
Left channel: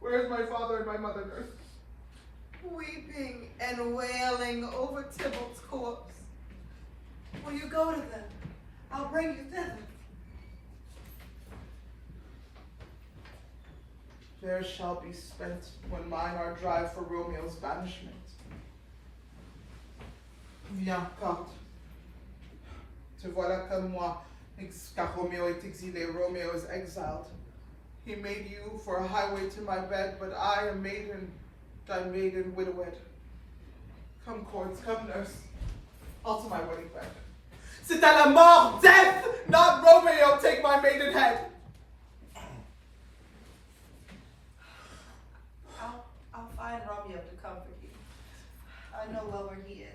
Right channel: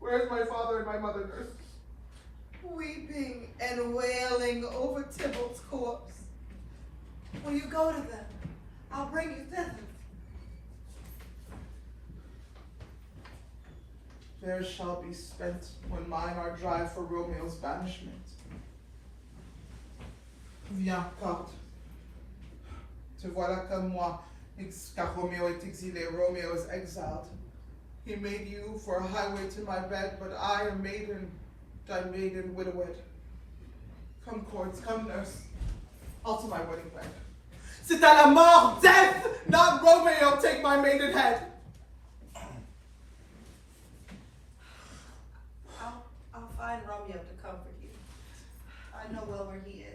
Where is my father and my mother, nurse? Weeping and wailing over Tybalt's corpse. Will you go to them? I'll bring you thither. There shall be spent when mine are dry for Romeo's banishment. Viens, carte. Te voilà comme moi, car Romeo est exilé, Romeo is exiled. He made you for a highway to my bed, but I, a maiden, thy maiden widowed. Come, cords, come, nurse. I'll to my wedding bed. C'est à la mort, death, not Romeo, take my maiden head. I'll find Romeo to comfort you. I know well where he is.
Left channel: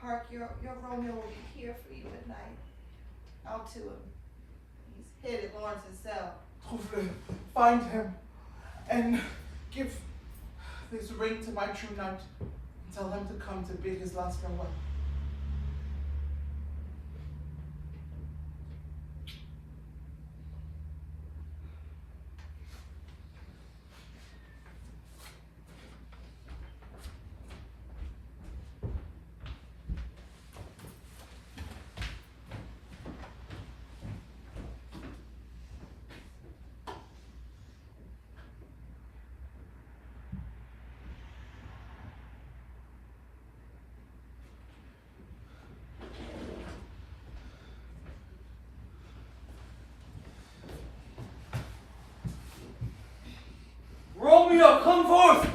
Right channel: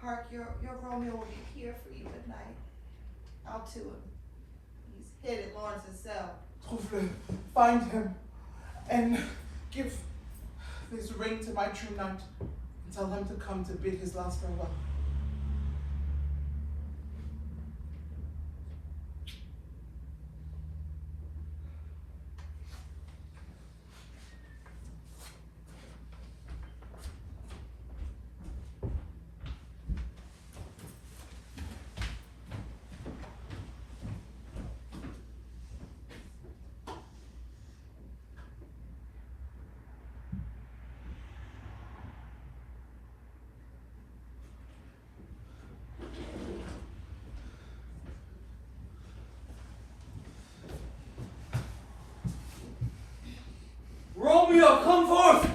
Hark, your Romeo will be here for you at night. I'll to him. He's hid at Lawrence's cell. Trouve-le, find him, and give this ring to my true knight, and tell him to come to bid his last farewell. Romeo, come forth!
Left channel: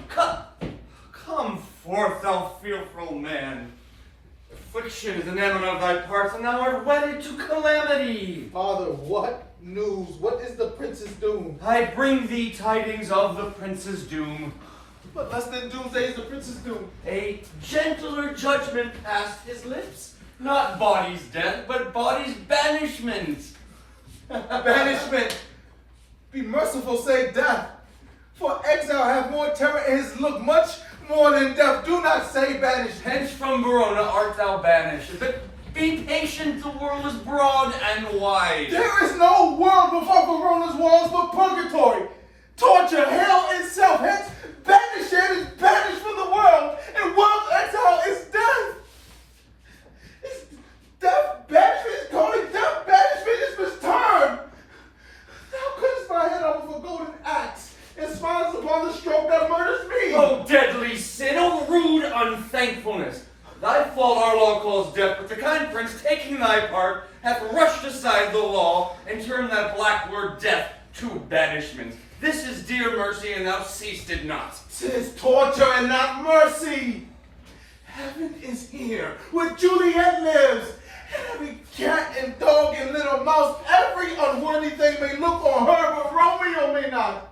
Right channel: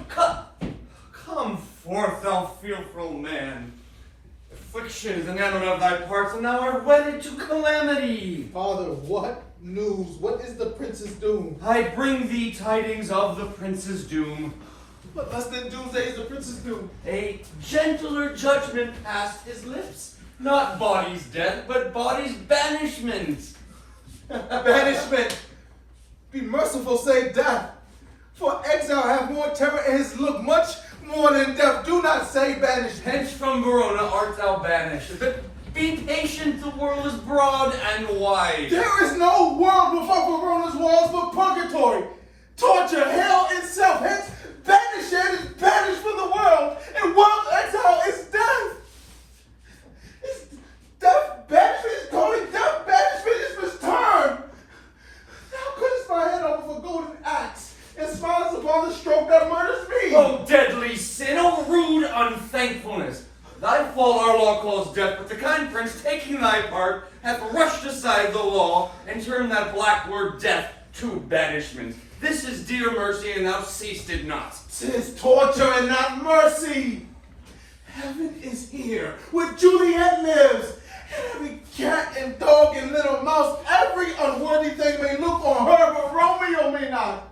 Come forth, thou fearful man. Affliction is enamored of thy parts, and thou art wedded to calamity. Father, what news? What is the prince's doom? I bring thee tidings of the prince's doom. But less than doomsday is the prince's doom. A gentler judgment passed his lips. Not body's death, but body's banishment. Banishment. Be merciful, say death. For exile have more terror in his look, much more than death. Do not say banished. Hence from Verona art thou banished. But be patient, the world is broad and wide. There is no world before Verona's walls but purgatory. Torture, hell itself. Hence, banished is banished from the world, and world exile is death. It's death, banishment is calling death, banishment is return. Thou couldst my head off with a golden axe, and smiles upon the stroke that murders me. O deadly sin, O rude unthankfulness! Thy fault our law calls death, but the kind prince, taking thy part, hath rushed aside the law, and turned that black word death to banishment. This is dear mercy, and thou seest it not. 'Tis torture and not mercy. Heaven is here, where Juliet lives. And every cat and dog and little mouse, every unworthy thing may look on her, but Romeo may not.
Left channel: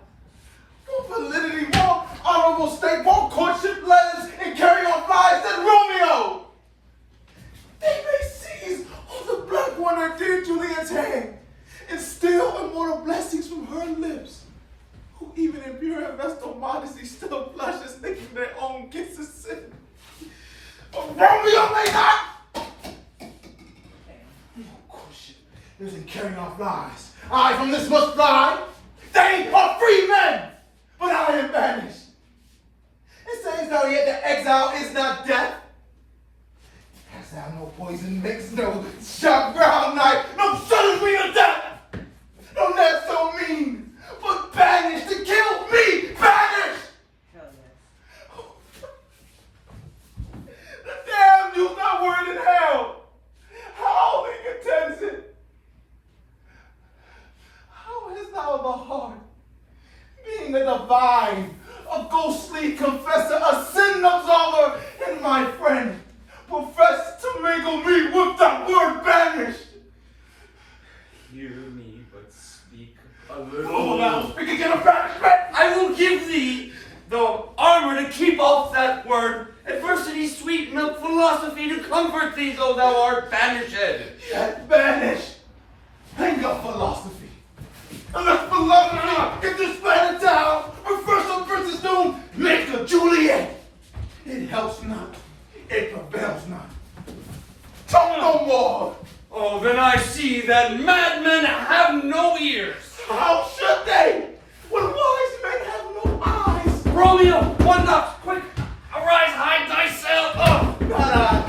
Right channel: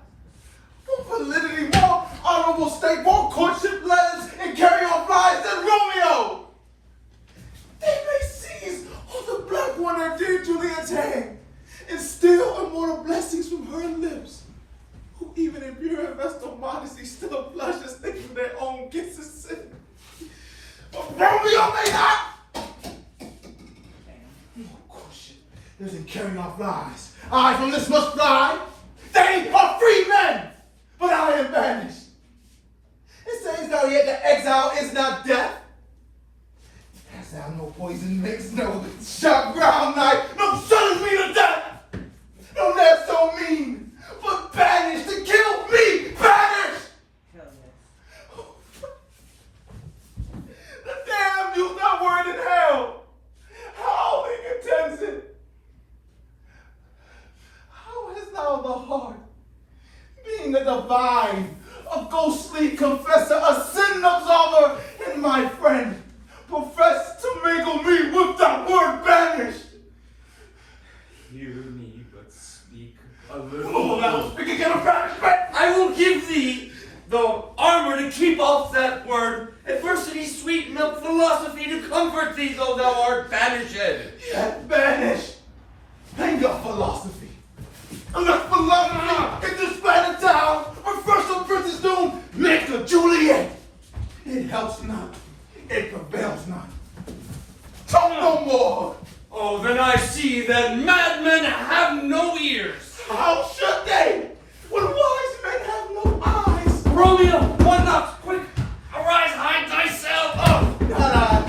More validity, more honorable state, more courtship letters, and carry on flies than Romeo. They may seize on the black one at dear Juliet's hand, and steal immortal blessings from her lips, who even in pure and vestal modesty still blushes, thinking their own kisses sin. But Romeo may not. More courtship isn't carrying off lies. I from this must fly. They are free men, but I am banished. It says thou yet that exile is not death. Hast thou no poison mix, no sharp ground knife, no sudden wheel of death? No, not so mean, but banished to kill me, banished! Hell yes. The damned use that word in hell. How he contends it? How hast thou the heart, being a divine, a ghostly confessor, a sin absolver, and my friend, profess to mingle me with that word banished? Hear me, but speak a Oh, little. now speak again of banishment! I will give thee the armor to keep off that word, adversity, sweet milk, philosophy to comfort thee, though thou art banished. Yet banished. Hang up philosophy. And let philosophy get this planet down. Or first the prince's doom, make the Juliet men have no ears. How should they? When wise men have no eyes. Romeo, one knock, quick, arise, hide thyself. Oh. Not I.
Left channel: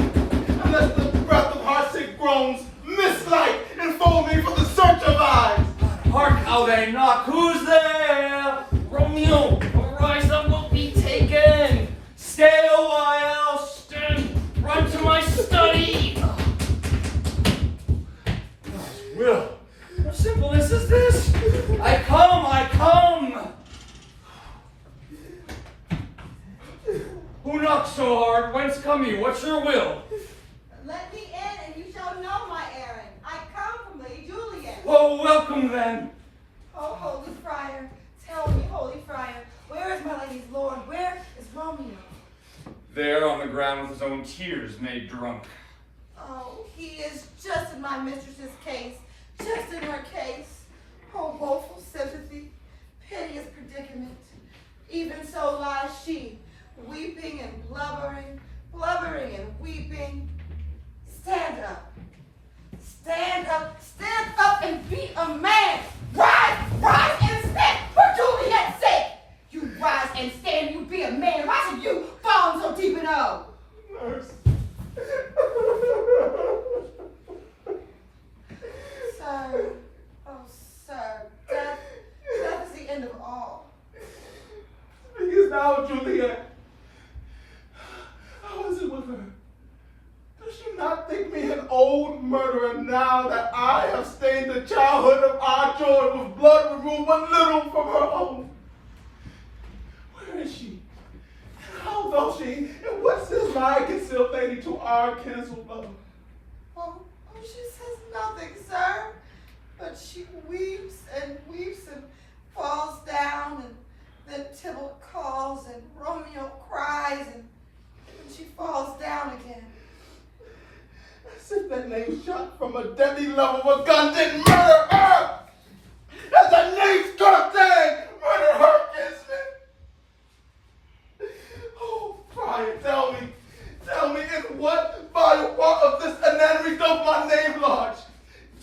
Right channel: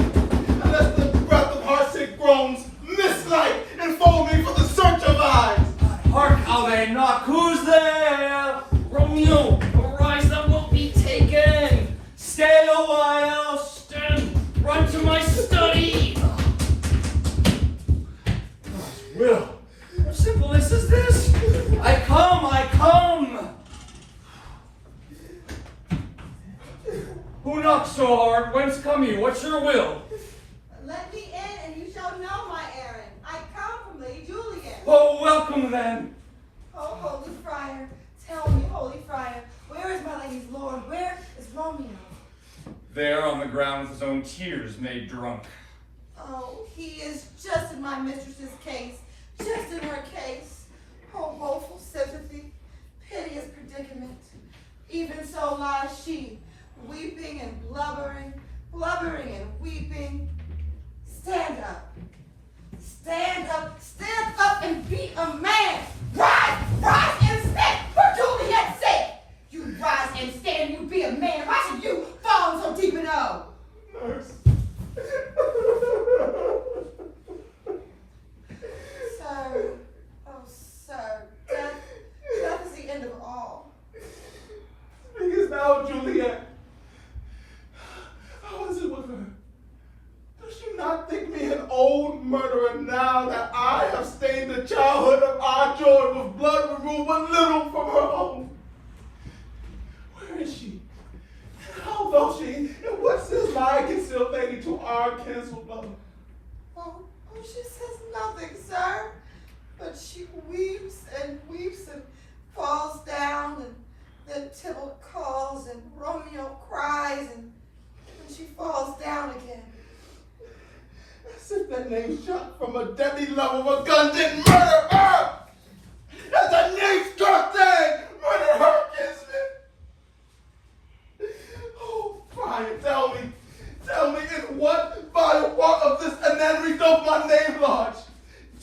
Unless the breath of heartsick groans, mislight, enfold me for the search of eyes. Hark how they knock, who's there? Romeo, arise, thou wilt be taken. Stay a while, run to my study. God's will, how simple is this? I come. Who knocks so hard? Whence come you? What's your will? Let me in and you shall know my errand. I come from Lady Juliet. Oh, welcome then. Oh, holy friar, tell me, holy friar, where is my lady's lord? Where is Romeo? There on the ground with his own tears made drunk. Oh, he is just in my mistress's case, just in her case. Oh, woeful sympathy, piteous predicament. Even so lies she, weeping and blubbering and weeping. Stand up, stand up and be a man. Rise and stand for Juliet's sake. You rise and stand, you be a man. Why should you fall so deep in hole? Nurse. Sir, oh sir, death is the end of all. Because now, Juliet, how is it with her? Does she not think me an old murderer now that I have stained the childhood of our joy with blood removed but little from her own? Where is she? How doth she? And what says my concealed lady to our cancelled love? Oh, she says nothing, sir. But she weeps and falls down, and then Tybalt calls, and Romeo cries, and she falls down again. As if that name shot from a deadly love of a gun didn't murder her! As a name struck thing murder her kinsman! Oh, Brian, tell me in what vile part of this anatomy doth my name lodge?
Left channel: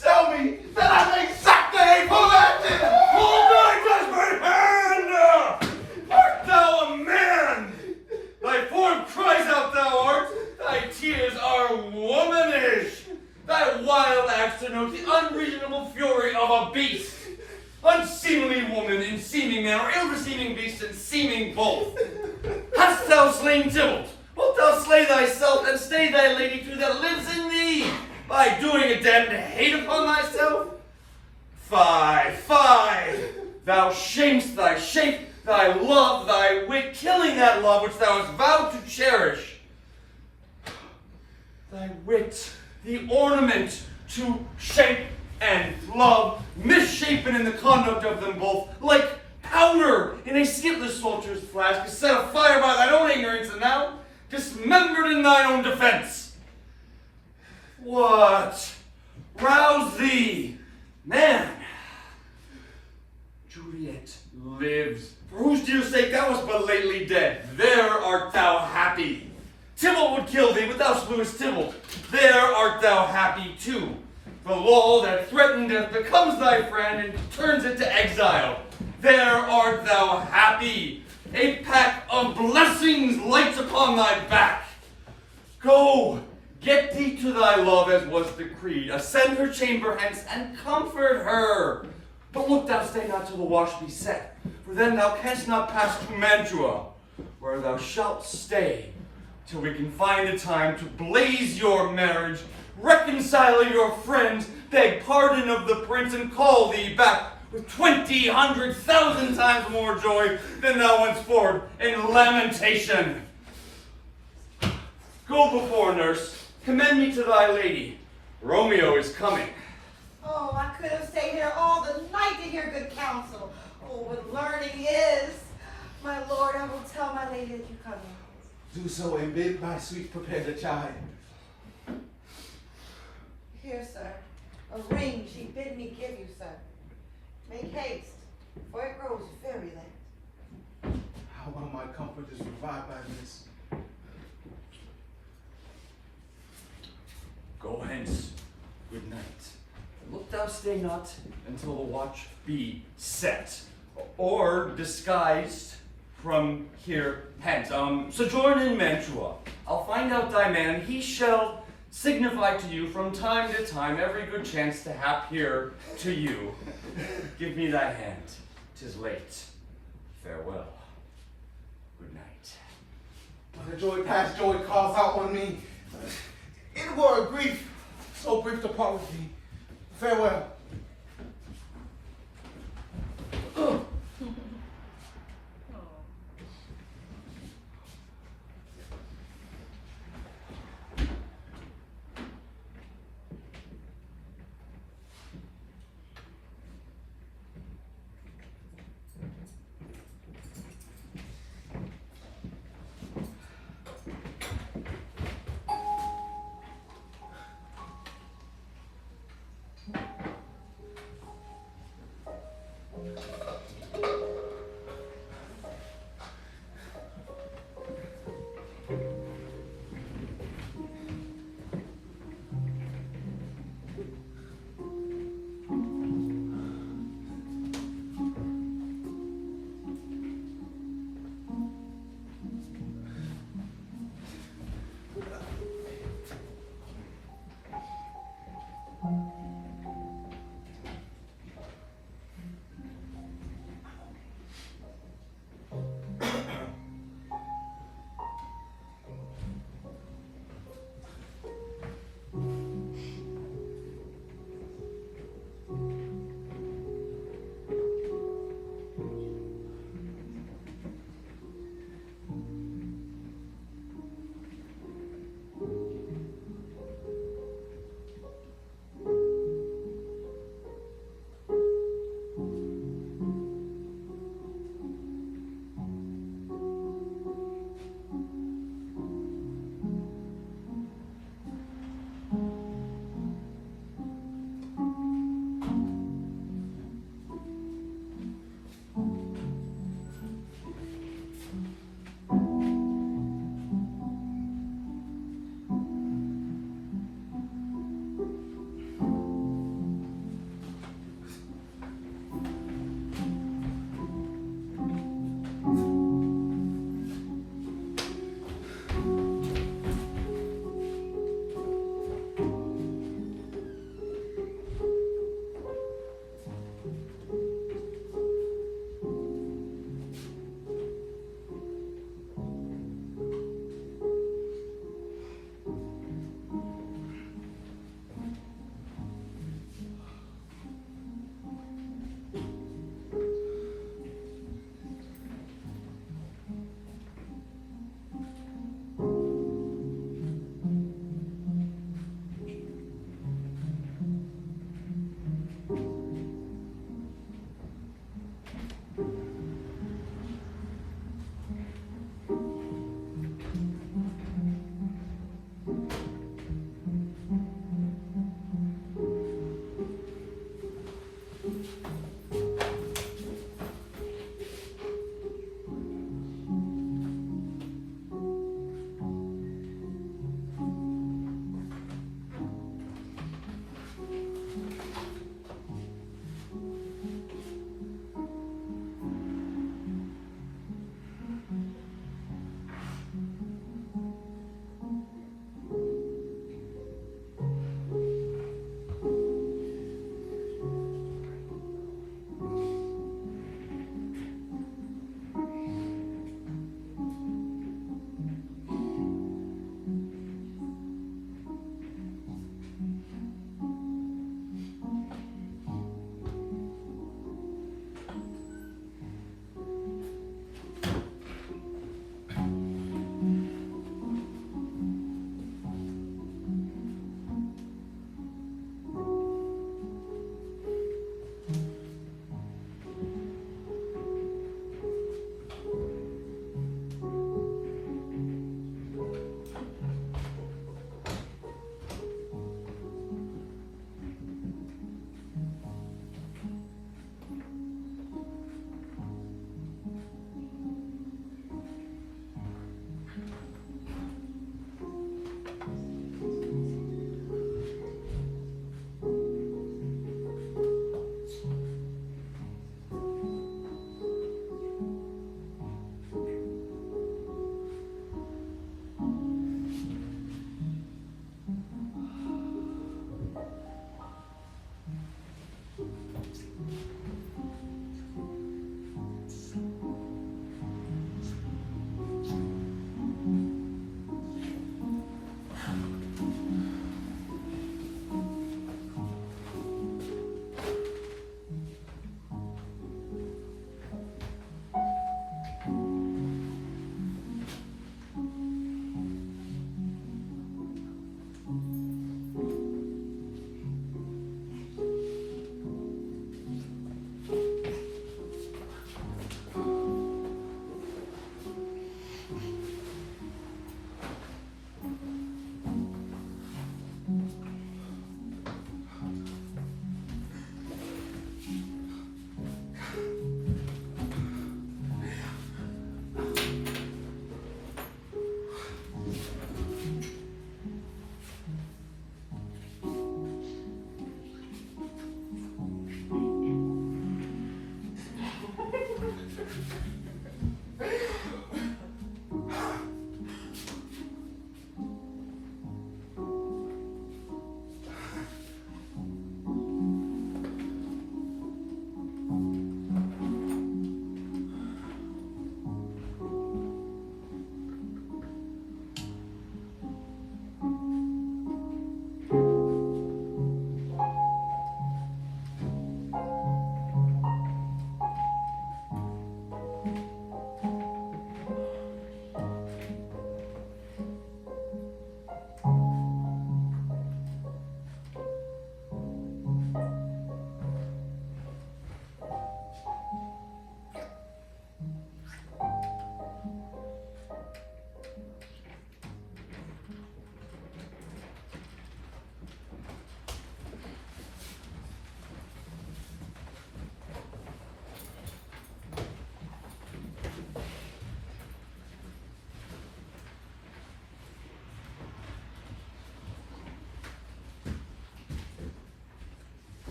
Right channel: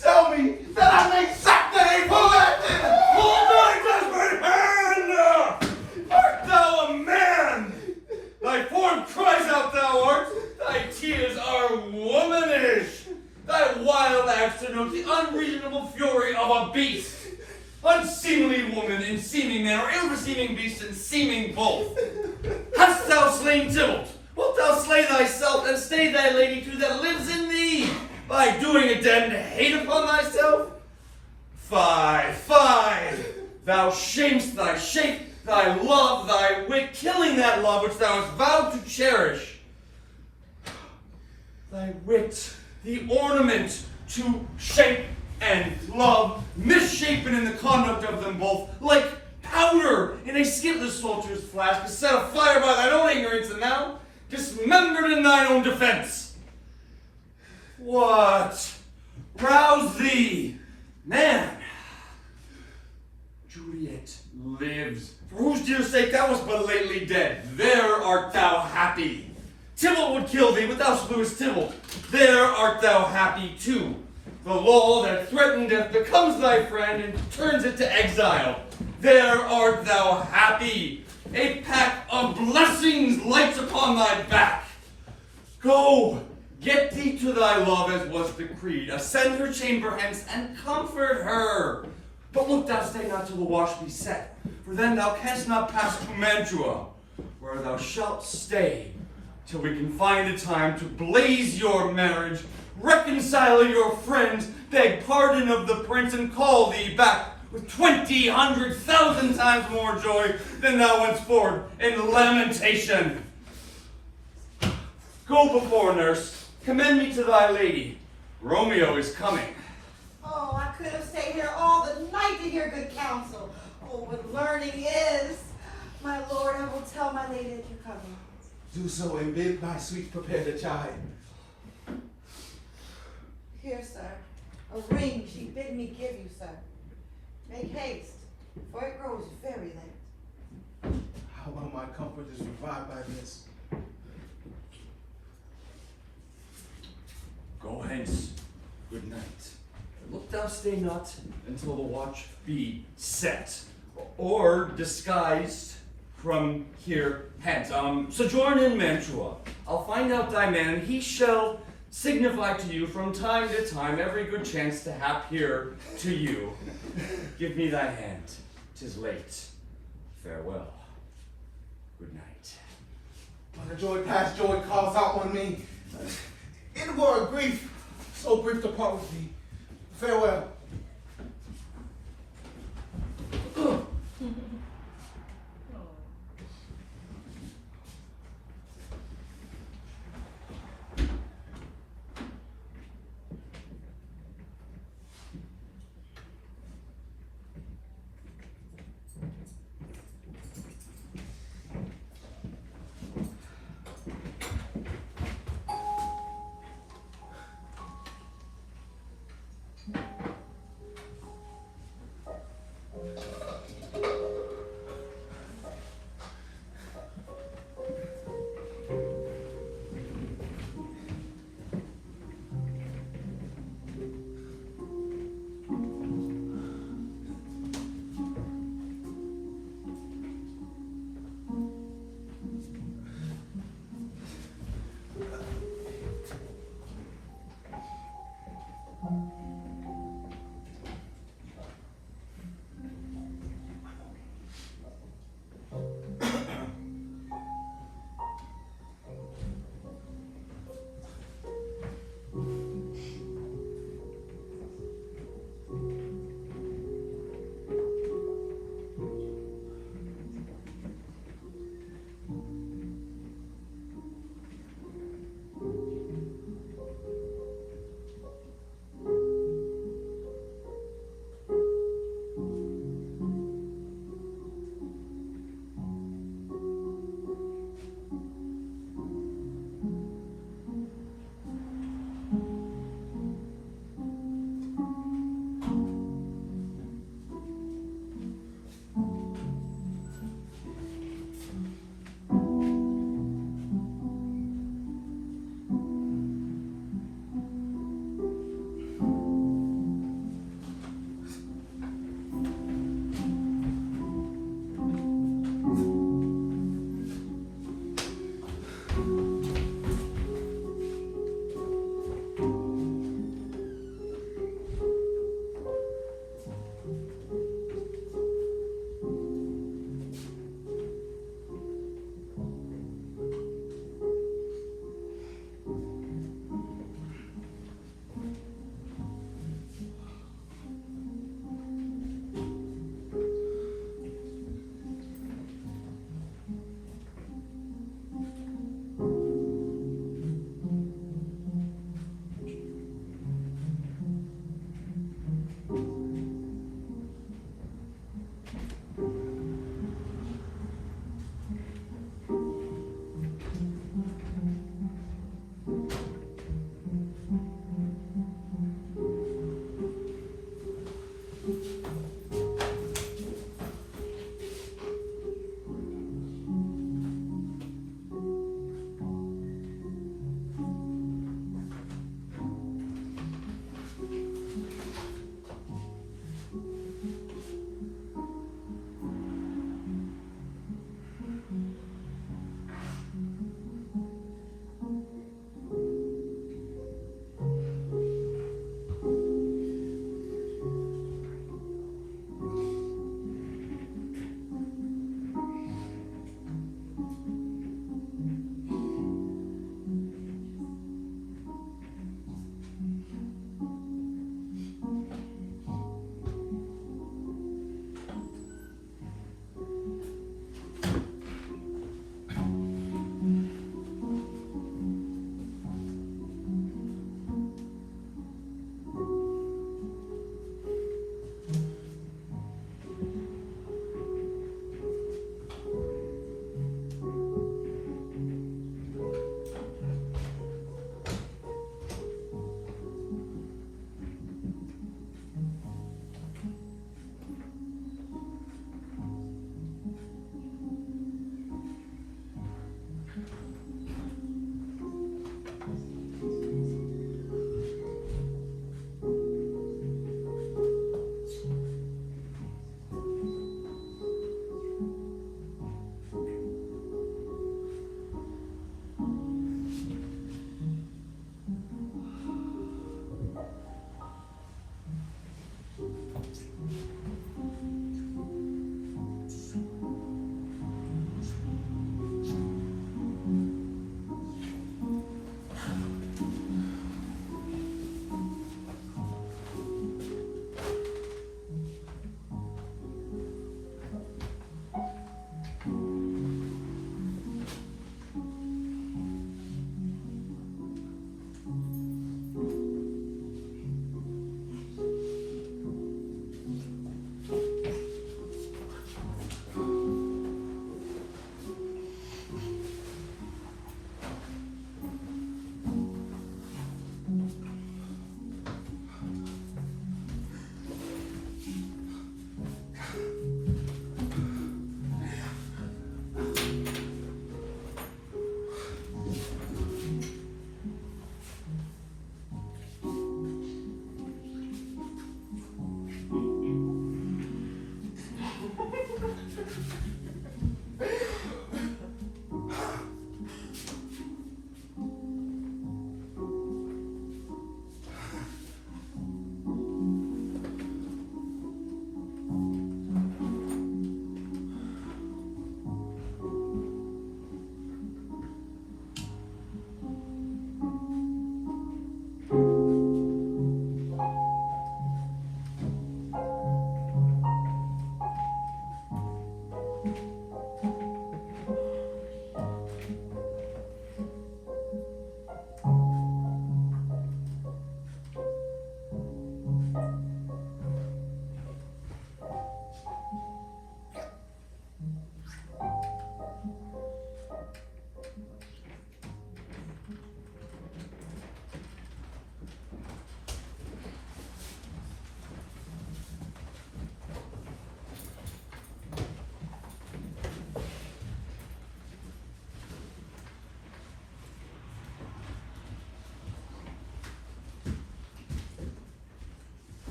Tell me that I may sack the hateful acting! Hold thy desperate hand! Art thou a man? Thy form cries out thou art, thy tears are womanish. Thy wild acts denote the unreasonable fury of a beast. Unseemly woman in seeming man, or ill-beseeming beast in seeming both. Hast thou slain Tybalt? Wilt thou slay thyself and stay thy lady too that lives in thee, by doing a damned hate upon thyself? Fie! Thou shamest thy shape, thy love, thy wit, killing that love which thou hast vowed to cherish. Thy wit, the ornament to shape and love, misshapen in the conduct of them both, like powder in a skitless soldier's flask, is set afire by thine own ignorance, and thou dismembered in thine own defense. What? Rouse thee, man. Juliet lives, for whose dear sake thou wast but lately dead. There art thou happy. Tybalt would kill thee, but thou slewest Tybalt. There art thou happy too. The law that threatened death becomes thy friend and turns it to exile. There art thou happy. A pack of blessings lights upon thy back. Go, get thee to thy love as was decreed. Ascend her chamber hence and comfort her. But look thou stay not till the wash be set, for then thou canst not pass to Mantua, where thou shalt stay till we can find a time to blaze your marriage, reconcile your friends, beg pardon of the prince, and call thee back with 1,000 times more joy than thou wentst forward in lamentation. Go before, nurse. Commend me to thy lady. Romeo is coming. Oh, I could have stayed here all the night to hear good counsel. Oh, what learning is. My lord, I will tell my lady that you come in. Do so and bid my sweet prepare the chime. Here, sir, a ring she bid me give you, sir. Make haste, for it grows very late. How about my comfort is revived by this? Go hence. Good night. Look thou stay not until the watch be set, or disguised from here hence. Sojourn in Mantua. I'll find out thy man, he shall signify to you from time to time every good chance to hap here to you. Give me thy hand, 'tis late. Farewell. Good night. When the joy past joy calls out on me, it were a grief, so brief to part with thee. Farewell.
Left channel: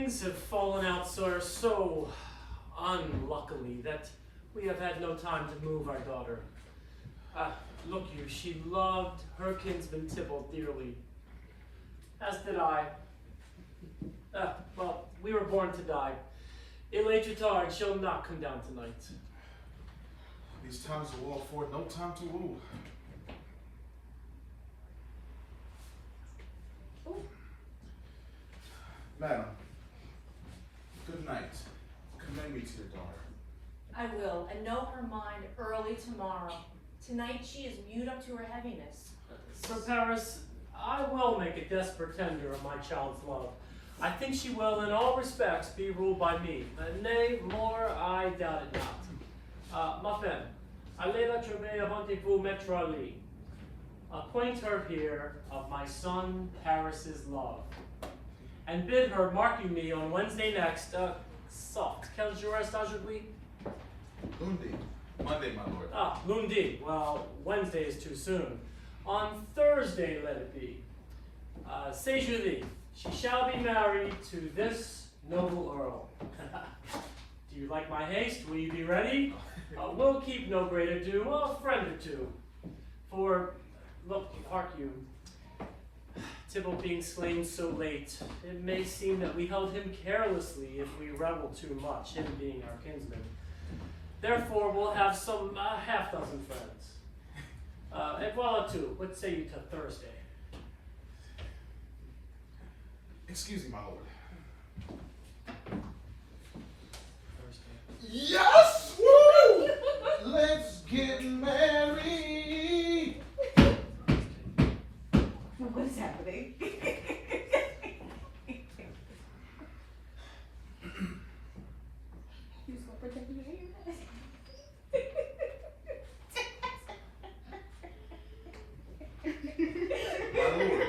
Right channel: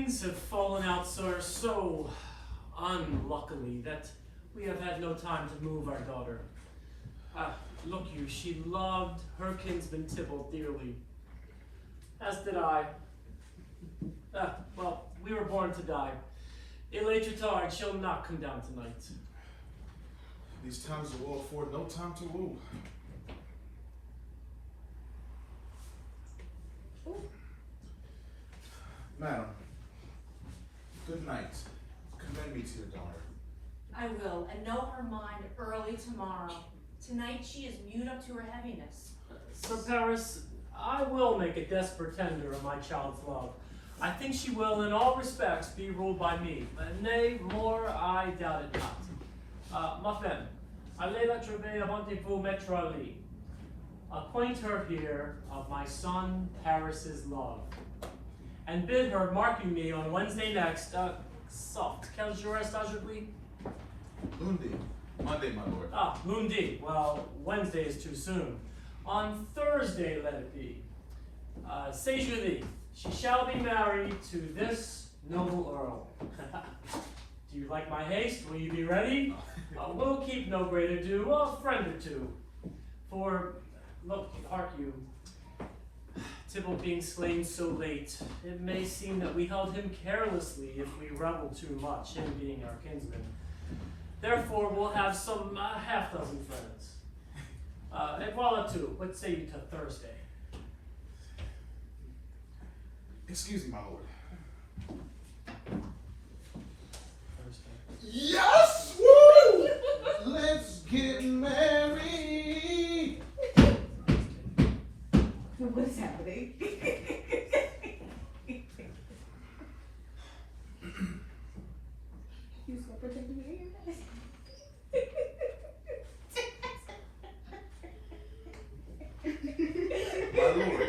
things have fallen out, sir, so unluckily that we have had no time to move our daughter. Look you, she loved her kinsman Tybalt dearly, as did I. Well, we were born to die. Elatrata shall not come down tonight. These times of war afford no time to woo. Madam, good night. Commend me to your daughter. I will, and know her mind early tomorrow. Tonight she is mute up to her heaviness. Sir Paris, I will make a desperate tender of my child's love. I think she will, in all respects, be ruled by me. Nay, more, I doubt it not. Ma femme, allez la trouver avant-vous mettre à lit. Acquaint her here of my son Paris's love, and bid her mark you me on Wednesday next. Soft. Quel jour est aujourd'hui? Lundi. Monday, my lord. Lundi. Well, Wednesday is too soon. On Thursday, let it be. C'est jeudi. She shall be married to this noble earl. Do you like my haste? Will you be ready? We'll keep no great ado, a friend or two. For, look, hark you, Tybalt being slain so late, it may seem that we held him carelessly if we reveled too much, him being our kinsman. Therefore, we'll have some half-dozen friends. Et voilà tout. What say you to Thursday? Excuse me, my lord. Thursday. Yes! Woo! Let's get married. What is happening? You so protective. My lord.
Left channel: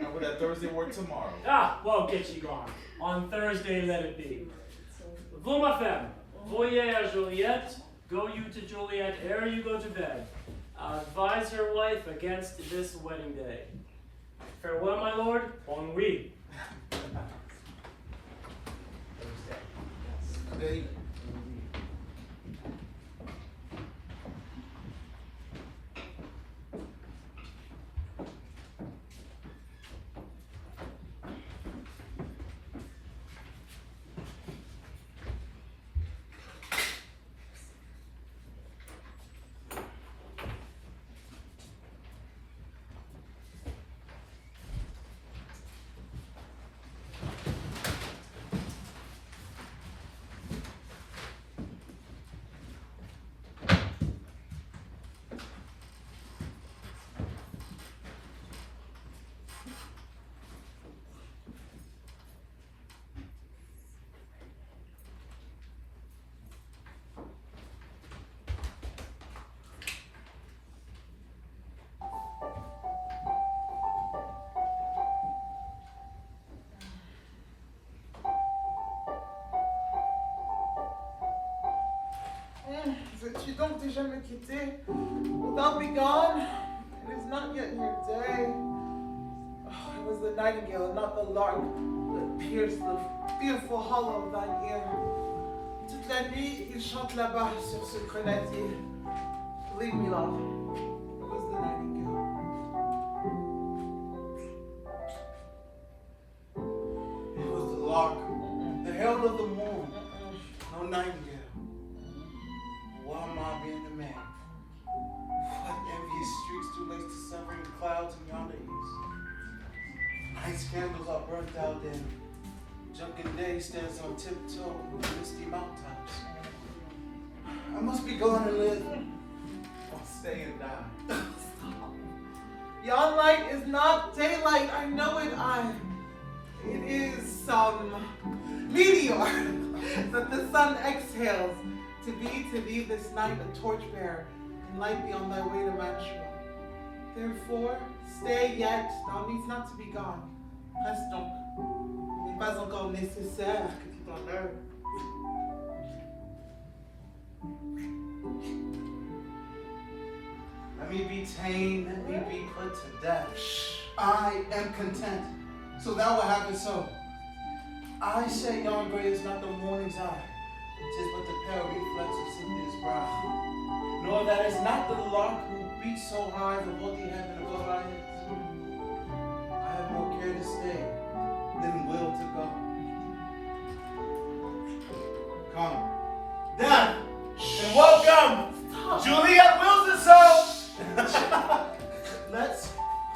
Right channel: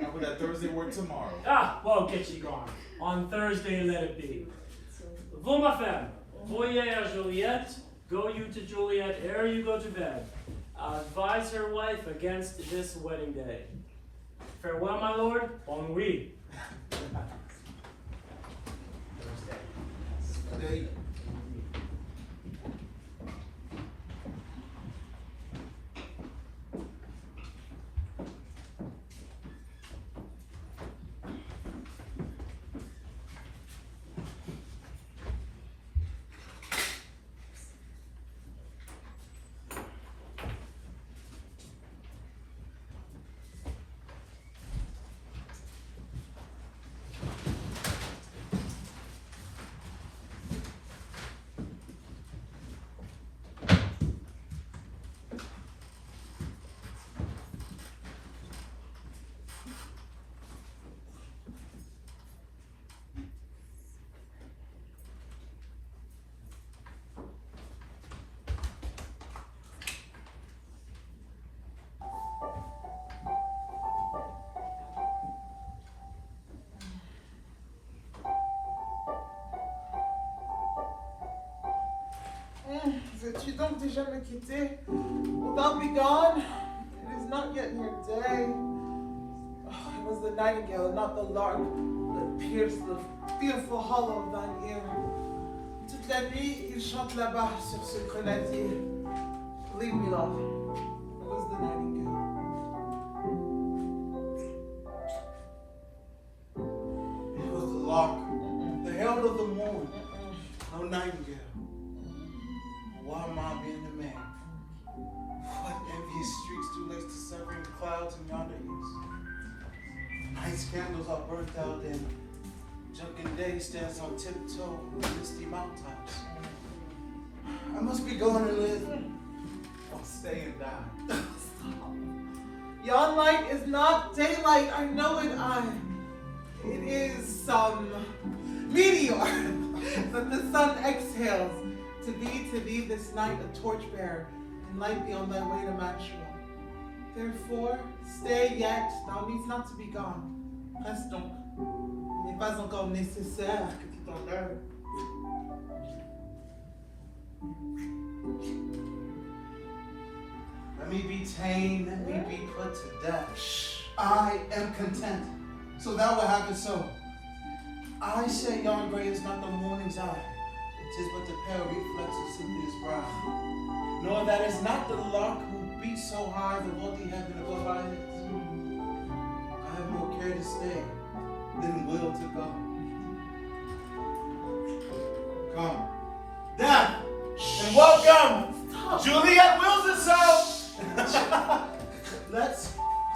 How would that Thursday work tomorrow? Well, get you gone. On Thursday, let it be. Vous, ma femme, voyez à Juliette, go you to Juliette ere you go to bed. Advise her wife against this wedding day. Farewell, my lord. Bon nuit. They Veux-tu donc déjà me quitter? Wilt thou be gone? It is not yet your day. Oh, it was the nightingale, not the lark, that pierced the fearful hollow of thine ear. Toute la nuit, il chante là-bas sur ce grenadier. Believe me, love, it was the nightingale. It was the lark, the herald of the moon, no nightingale. Why am I being the man? What envious streaks do lace to severing clouds in yonder east? Night candles are burnt out then. Drunken day stands on tiptoe in the misty mountaintops. I must be gone and live, or stay and die. Yon light is not daylight, I know it, It is some meteor that the sun exhales. To be this night a torchbearer, and light be on thy way to Mantua. Therefore, stay yet, thou needst not to be gone. Reste donc. Il n'est pas encore nécessaire que tu t'en ailles. Let me be tamed, let me be put to death. I am content. So thou will have it so. I say yon grey is not the morning's eye, 'tis but the pale reflex of Cynthia's brow. Nor that is not the lark who beats so high the vaulty heaven above our heads. I have more care to stay than will to go. Come, down, and welcome, Juliette wills it so. Let's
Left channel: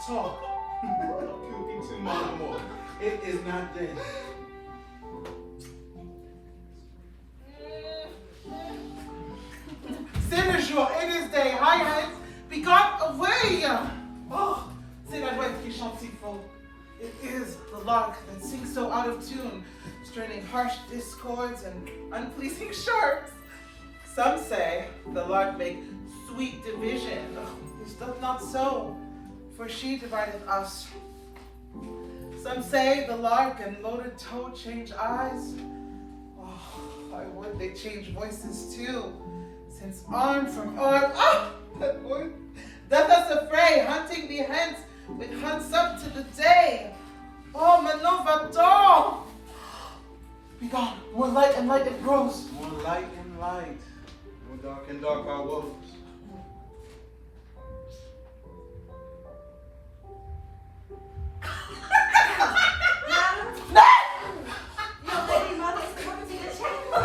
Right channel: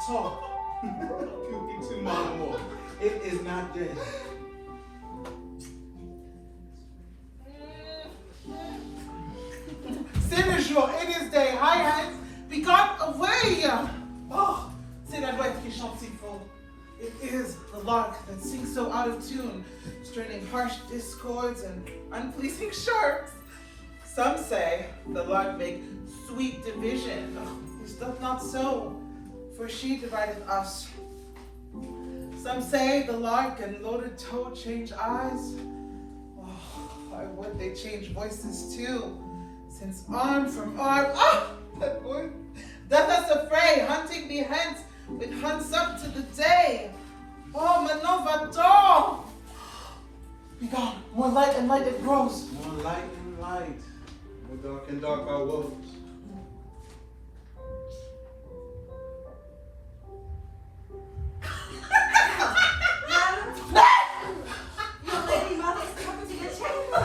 talk. Could be too much more. It is not dead. C'est le jour, it is day. High heads, be gone away. Oh, c'est la douette qui chante si faux. It is the lark that sings so out of tune, straining harsh discords and unpleasing sharps. Some say the lark make sweet division. This doth not so, for she divideth us. Some say the lark and loaded toad change eyes. Oh, I would they change voices too, since arm from arm, that word, doth us affray, hunting be hence, with hunts up to the day. Oh, maintenant va-t'en! Be gone, more light and light it grows. More light and light, more dark and dark our woes. Your lady mother is coming to the chamber.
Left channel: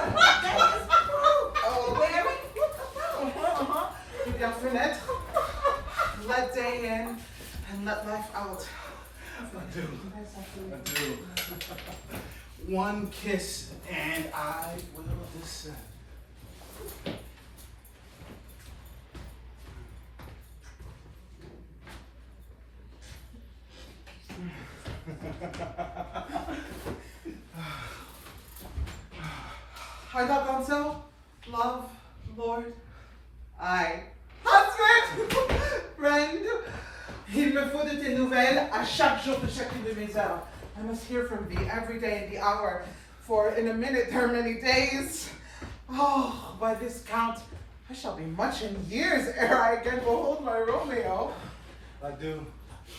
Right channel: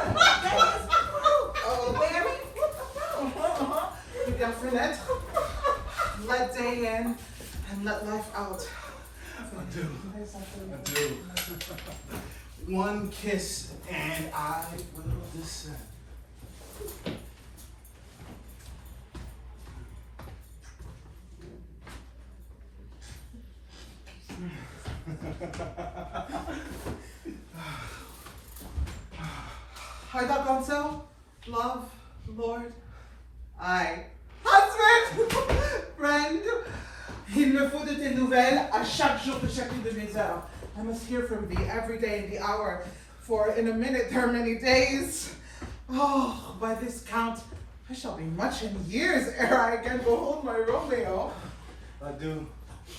You got fenêtre. Let day in and let life out. I do. One kiss and I will descend. Are thou gone so? Love, Lord? Aye. Husband! Friend! Il me faut de tes nouvelles à chaque jour de chacune de mes heures. I must hear from thee every day in the hour, for in a minute there are many days. Oh, by this count, I shall be much in years ere I again behold my Romeo. I do.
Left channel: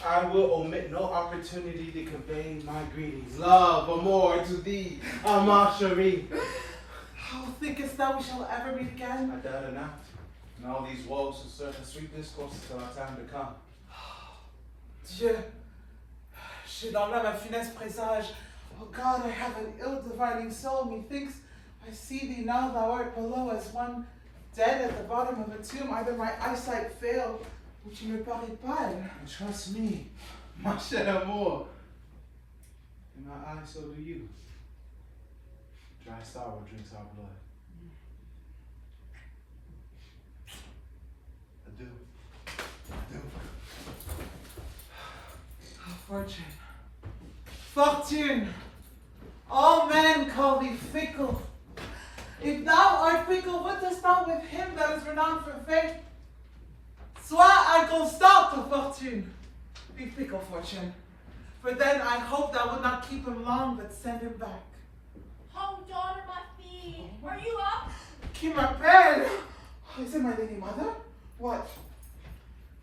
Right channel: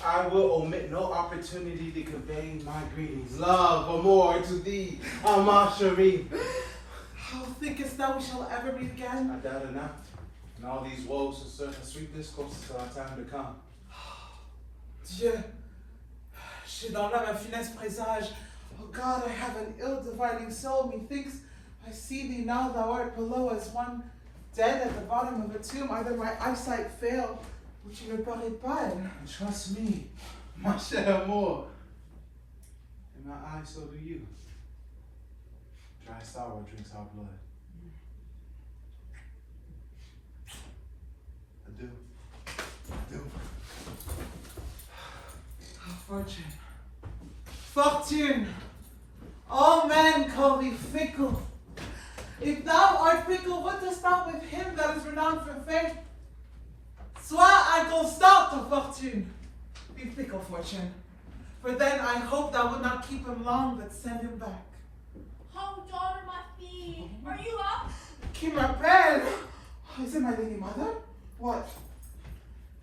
I will omit no opportunity to convey my greetings, love, amour to thee, ma chérie. Oh, thinkest thou we shall ever meet again? I doubt it not. And all these woes will serve a sweet discourse till our time to come. Dieu, j'ai dans l'âme un funeste présage. Oh God, I have an ill-dividing soul. Methinks I see thee now, thou art below as one dead at the bottom of a tomb. Either my eyesight fail, ou tu me parais pâle. And trust me, my cher amour. In my eyes, so do you. Dry sorrow drinks our blood. Adieu. Adieu. Fortune. Fortune. All men call thee fickle. If thou art fickle, what dost thou with him that is renowned for faith? Sois inconstant, Fortune. Be fickle, Fortune. For then I hope thou would not keep him long, but send him back. Oh, daughter, my feet. Are you up? Qui m'appelle? Oh, is it my lady mother? What?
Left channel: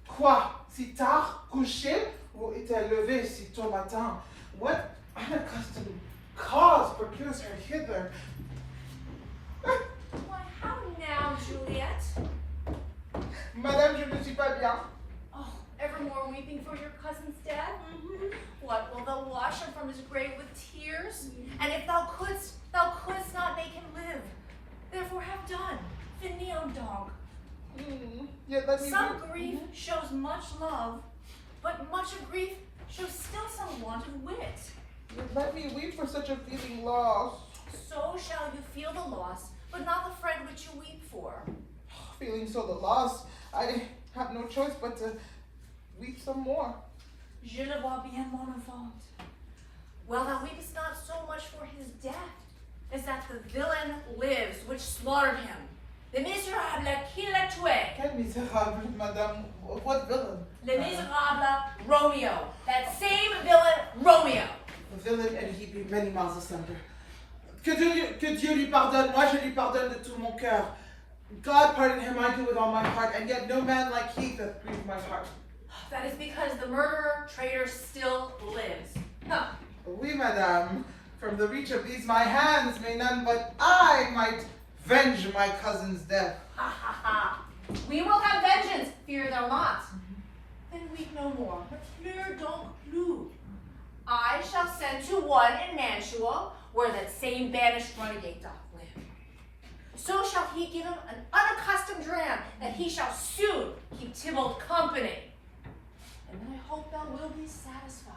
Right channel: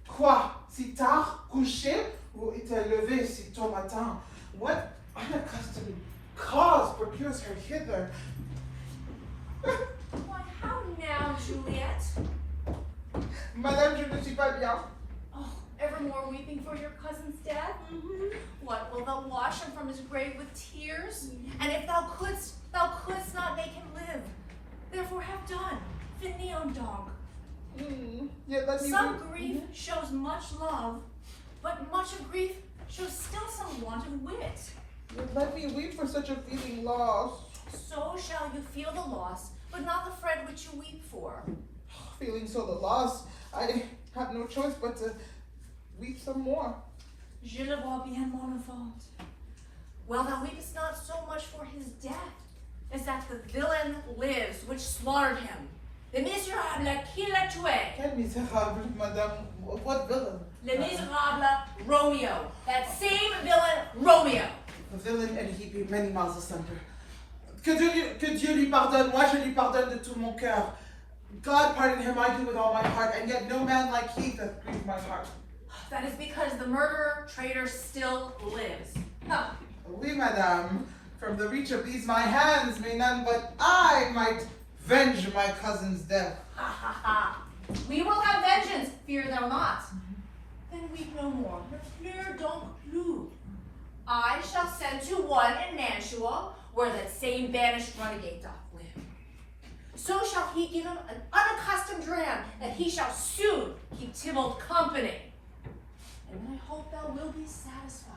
Quoi? Si tard, couché? Ou était levé si tôt matin? What unaccustomed cause procures her hither? Why, how now, Juliette? Madame, je ne suis pas bien. Oh, evermore weeping for your cousin's death? What, will thou wash him from his grave with tears? And if thou couldst not make him live. Therefore have done. Finis, own dog. Yet let me Some grief shows much love, but much of grief shows still some want of wit. Yet let me weep for such a feeling loss. So shall you feel the loss, but not the friend which you weep for. Feeling so the loss, I have no choice but to weep some more. Je le vois bien, mon enfant. Well, thou weepest not so much for his death, as that the villain lives which slaughtered him. Le misérable qui l'a tué. Quel misérable, madame. What villain? Le misérable Romeo. That same villain Romeo. The villain, and he be many miles asunder. Que Dieu lui pardonne, moi je lui pardonne de tout mon cœur. God pardon him, I do with all my heart, and yet no man like he doth grieve my heart. That is because the murderer, traitor, still lives. Huh. Oui, madame. From the reach of these my hands may none but I might venge my cousin's death. Ha ha ha. We will have vengeance, fear thou not. Then weep no more, but fear don't clue. I shall send to one in Mantua, where that same banished renegade doth live. So shall he give him an unaccustomed dram, that he shall soon keep Tybalt company. And then I hope thou will be satisfied.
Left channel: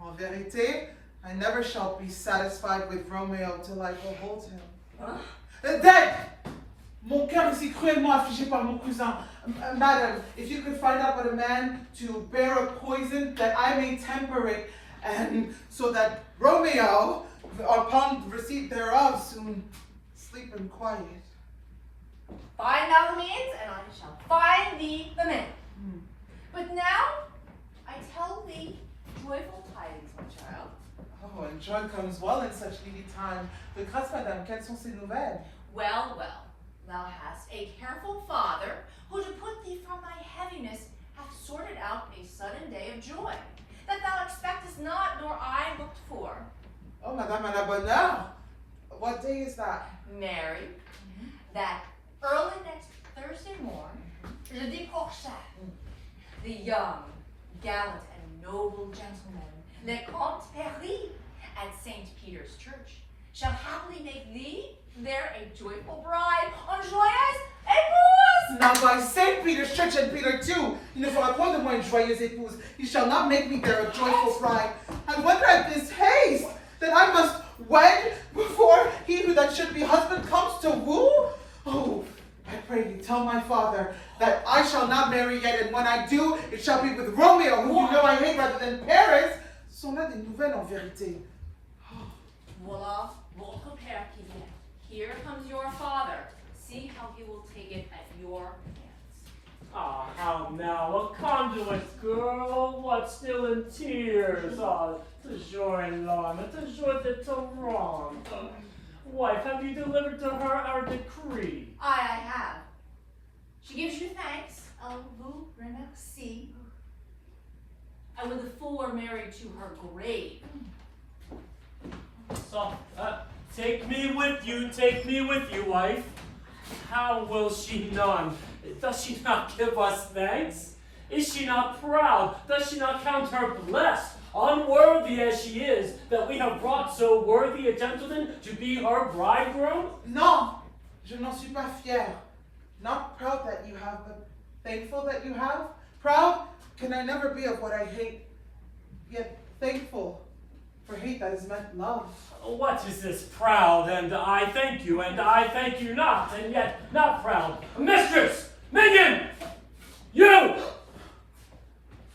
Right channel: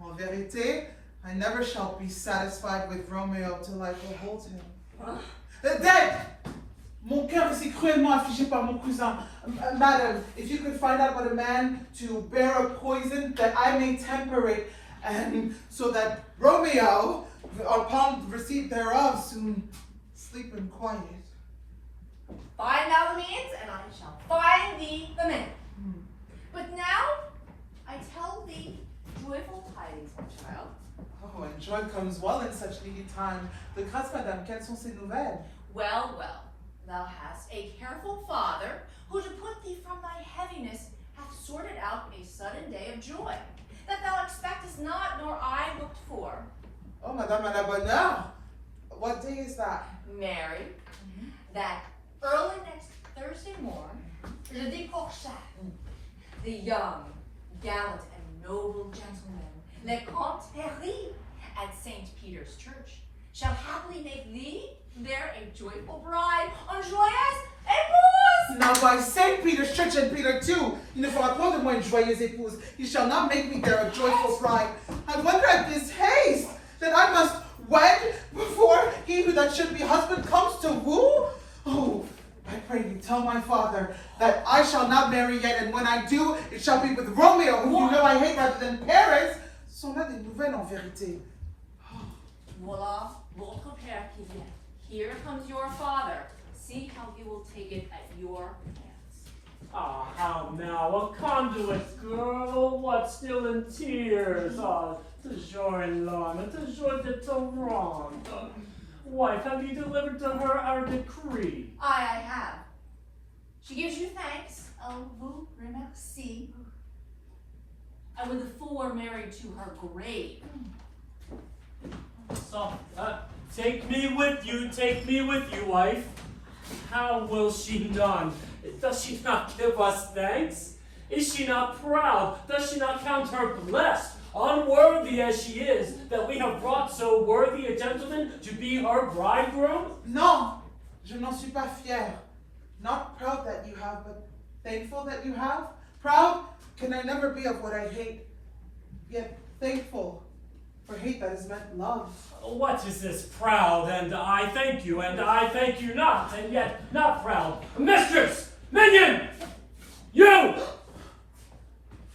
En vérité, I never shall be satisfied with Romeo till I behold him. Huh? Dead! Mon cœur est si cruellement affligé par mon cousin. Madam, if you could find out what a man to bear a poison, that I may temper it, and so that Romeo, upon receipt thereof, soon sleep in quiet. Find thou the means, and I shall find thee the man. But now, I tell thee joyful tidings, my child. Oh, and joy comes well in such needy time. De grâce, madame, quelles sont ces nouvelles? Well, well, thou hast a careful father, who to put thee from thy heaviness hath sorted out a sudden day of joy, that thou expectest not, nor I looked for. Oh, madame, à la bonne heure. What day is that? Mary, that early next Thursday morn, jeudi prochain, the young, gallant, and noble gentleman, Le Comte Paris, at St. Peter's Church, shall happily make thee there a joyful bride en joyeuse épouse. Now by St. Peter's Church and Peter too, il ne fera point de moi une joyeuse épouse. He shall not make me there a joyful bride. I wonder at this haste that I must wed before he who that should be husband comes to woo. Oh, I pray you tell my father that I shall not marry yet, and when I do, it shall be with Romeo, whom you know I hate rather than Paris. Sont là des nouvelles en vérité. Voilà, votre père qui vient. Here comes your father. See how he will take it at your hands. Ah, how now, a conduit girl, what, still in tears? Ah, toujours in larmes, toujours de torrent. Wife, have you delivered to her our decree? I have. She gives you thanks. Vous remercie. And with the fool were married to her grave. So, take me with you, wife. How will she none? Does she not give us thanks? Is she not proud? Does she not count her blessed, unworthy as she is, that we have brought so worthy a gentleman to be her bridegroom? Non, je n'en suis pas fière. Not proud that you have, but thankful that you have. Proud can I never be of what I hate, yet thankful for hate that is meant love. What is this proud, and I thank you, and I thank you not, and yet not proud? Mistress! Minion! You!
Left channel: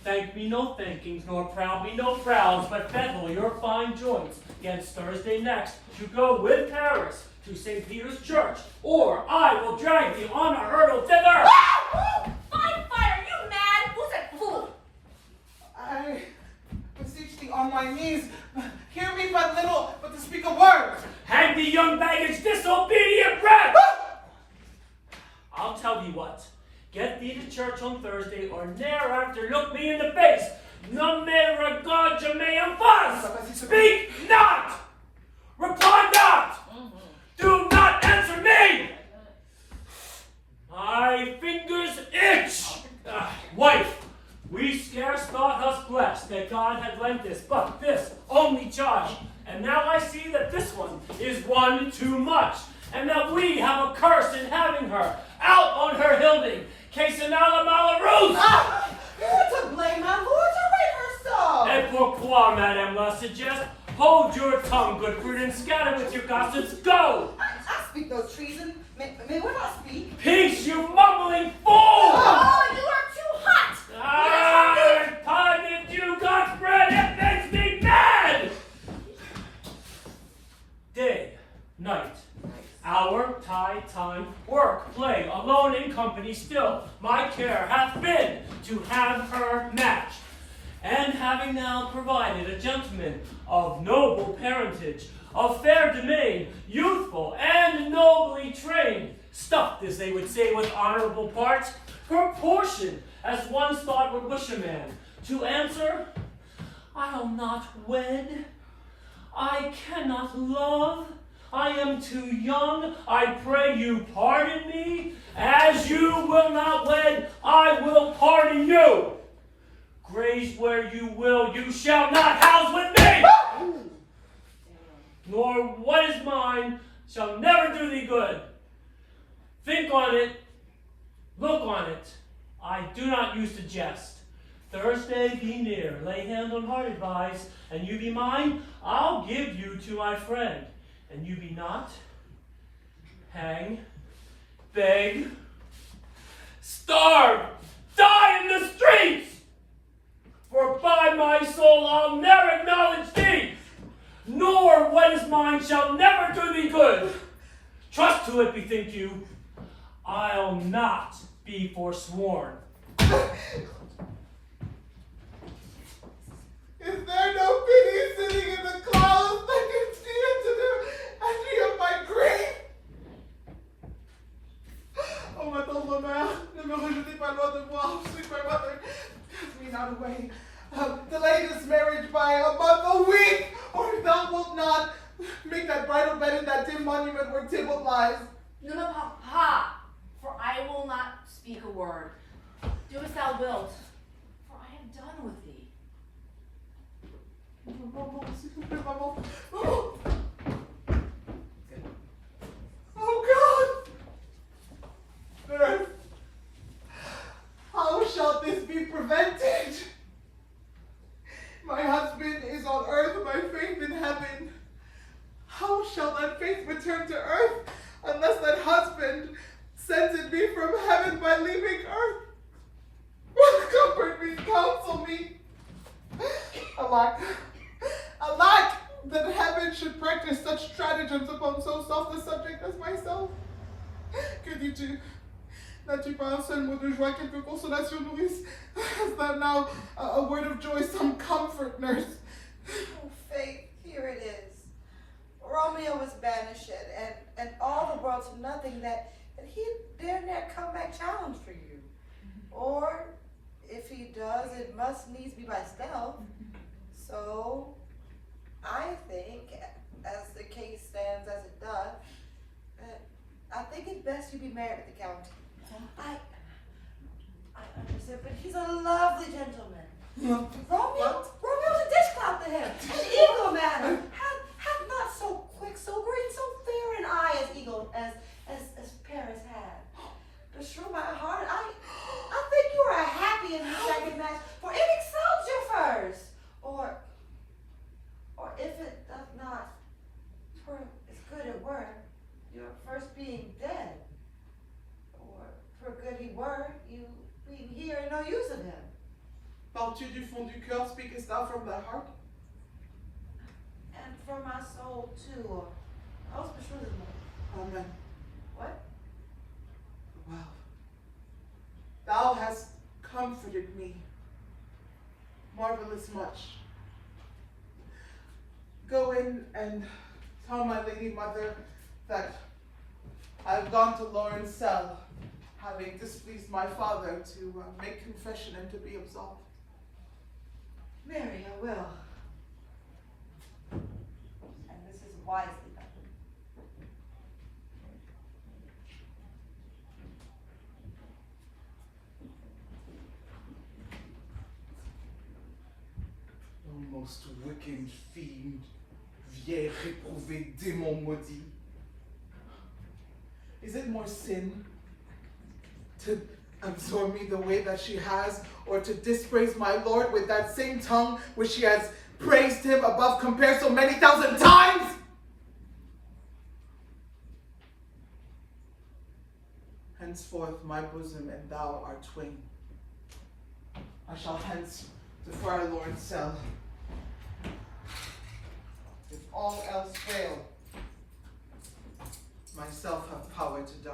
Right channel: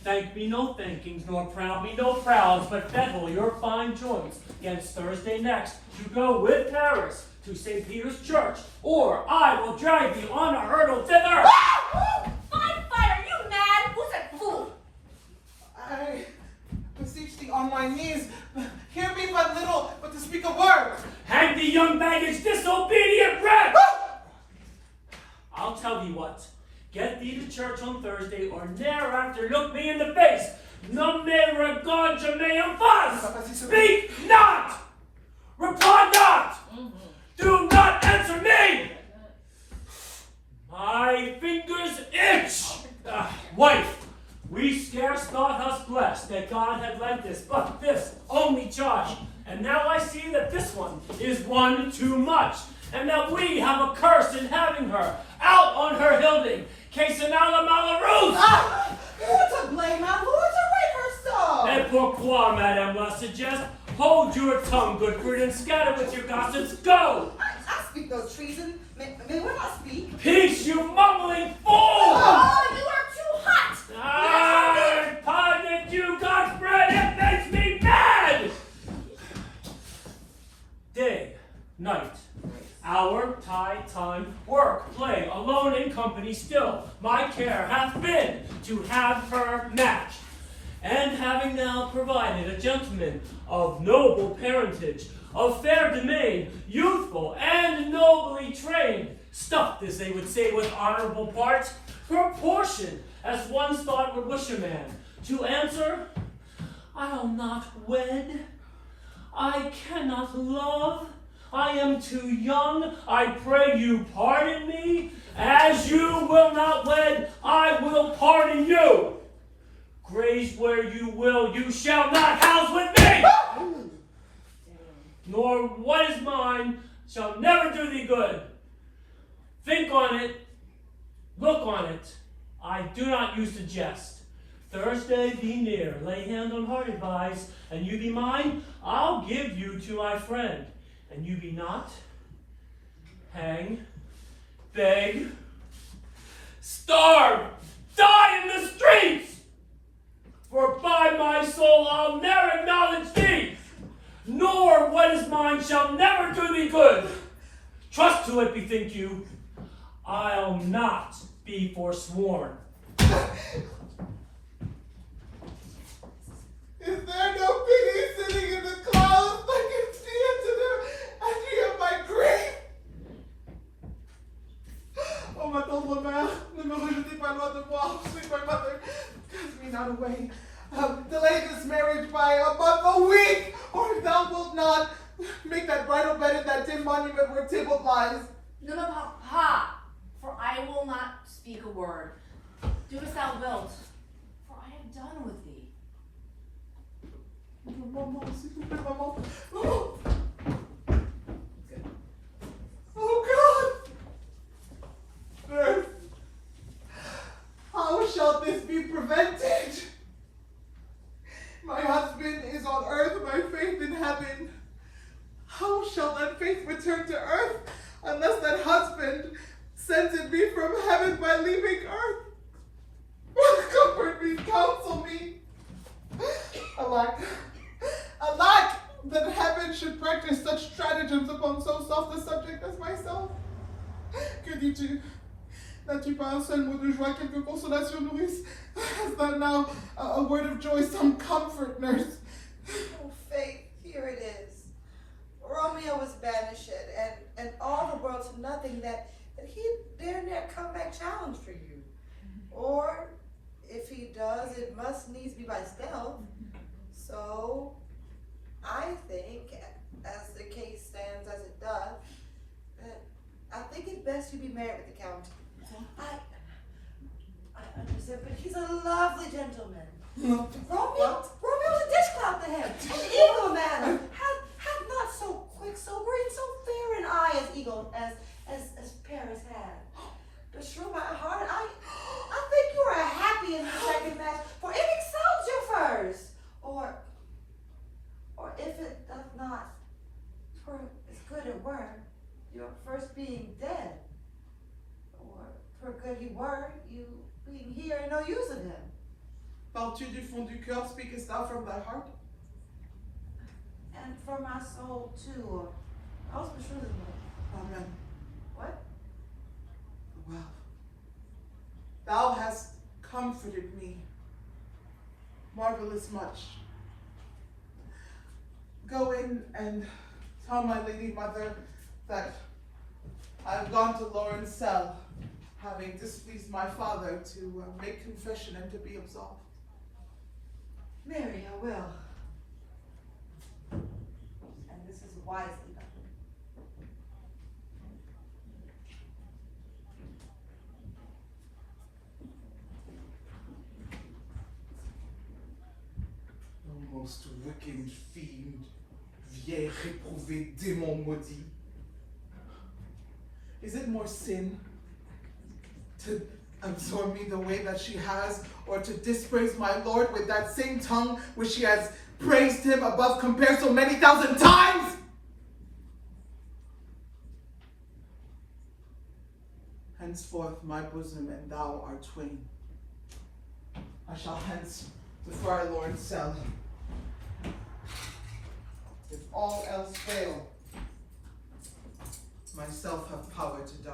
Thank me no thankings, nor proud me no prouds, but fettle your fine joints against Thursday next to go with Paris to St. Peter's Church, or I will drag you on a hurdle thither! Fine fire, you mad? Who's that fool? I beseech thee on my knees, hear me but little, but to speak a word. Hang the young baggage, disobedient brat! I'll tell thee what. Get thee to church on Thursday, or ne'er after look me in the face. Non me regard je me emphase. Speak not! Reply not! Do not answer me! My fingers itch! Wife, we scarce thought us blessed that God had lent us but this only charge. And now I see that this one is one too much, and that we have a curse in having her out on her hilding. Quesenala Malarus! Ah, you're to blame, my lord, to rate her so. Et pourquoi, madame, la suggest? Hold your tongue, good fruit, and scatter with your gossips. Go! I speak no treason. May what I speak? Peace, you mumbling fool! Oh, you are too hot! Ah, pardon you, God's bread, it makes me mad! Day, night, hour, tide, time, work, play, alone in company still, my care hath been to have her match. And having now provided a gentleman of noble parentage, of fair domain, youthful and nobly trained, stuffed, as they would say, with honorable parts, proportioned, as one's thought would wish a man, to answer, I'll not wed, I cannot love. I am too young. I pray you pardon me. As you will not wed, I will pardon you. Graze where you will, you shall not house with me. Nor what is mine shall never do thee good. Think on it, look on it. I do not use to jest. Thursday be near, lay hand on heart advise, and you be mine, I'll give you to my friend. And you be not, hang, beg, starve, die in the streets! For by my soul I'll never acknowledge thee, nor what is mine shall never do thee good. Trust to it, bethink you, I'll not be forsworn. Is there no pity sitting in the clouds? I can see into the entry of my grave. Oh, ma tendre mère, ne me rejetez pas loin de moi. Sweet my mother, cast me not away. Delay this marriage by a month, a week, or if thou wilt not, make that bridal bed in that dim monument where Tybalt lies. No, papa, for I will not speak a word. Do as thou wilt, for I am done with thee. Oh God! Earth, how shall this be prevented? My husband is on earth, my faith in heaven. How shall that faith return to earth unless that husband sent it me from heaven by leaving earth? Comfort me, counsel me. Alack, that heaven should practice such stratagems upon so soft a subject as myself. Que dis-tu? N'as-tu pas un seul mot de joie, quelque consolation nourrice? Has that now a word of joy, some comfort, nurse? Oh, Faith, here it is. Romeo was banished, and all the world to nothing that he dare not come back challenge for you. Or, if he does, it must needs be by stealth. So, I think, as the case stands as it does, I think it's best you be married at the county. I understand, but he's a lovely gentleman. Romeo's a dish clout to him. An eagle, madam, hath not so quick, so great, so fair an eye as eagle as Paris had. Beshrew my heart, I think you are happy in the second match, for it excels your first. Or if it doth not, for as good it were, your first being dead. Or for good he were, you being here and no use of him. Parles-tu du fond du cœur, speakest thou from thy heart? And from my soul too. I was Beshrew this morning. Amen. What? Well, thou hast comforted me marvelous much. Go in and tell my lady mother that I've gone to Lauren's cell, having displeased my father, to make confession and to be absolved. Mary, I will. And this is wisely done. Oh, most wicked fiend, vieille réprouvé démon maudit. Is it more sin to absorb me the way that she has, or to dispraise my Lord with that same tongue which she has praised him above compare so many thousand times? Henceforth my bosom and thou are twain. I shall hence to Friar Lauren's cell. If all else fail, myself have power to die.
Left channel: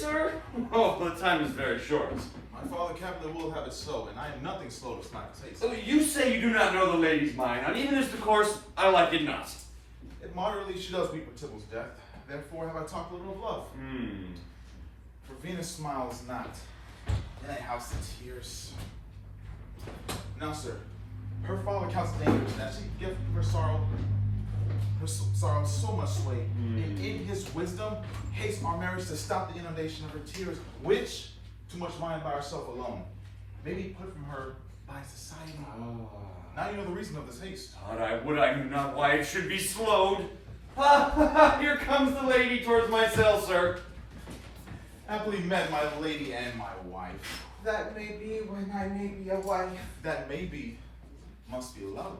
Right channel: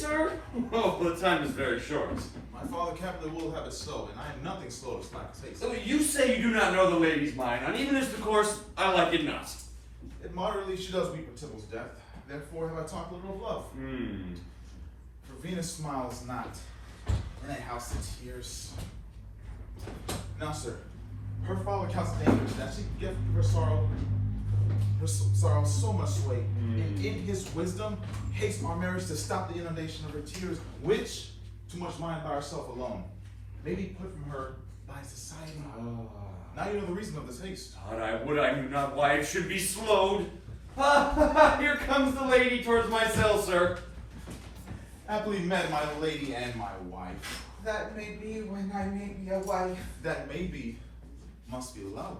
sir? Oh, the time is very short. My father capitally will have it so, and I am nothing slow to slap the taste. So you say you do not know the lady's mind, and even as to course, I like it not. It moderately she does weep for Tybalt's death. Therefore have I talked a little of love. For Venus smiles not, in a house of tears. Now, sir, her father counts it dangerous that she gives her sorrow so much sway. And in his wisdom, hates our marriage to stop the inundation of her tears, which, too much mind by herself alone, may be put from her by society. Now you know the reason of this haste. I knew not why it should be slowed. Here comes the lady towards my cell, sir. Happily met, my lady and my wife. That may be when I may be a wife. That may be, must be love.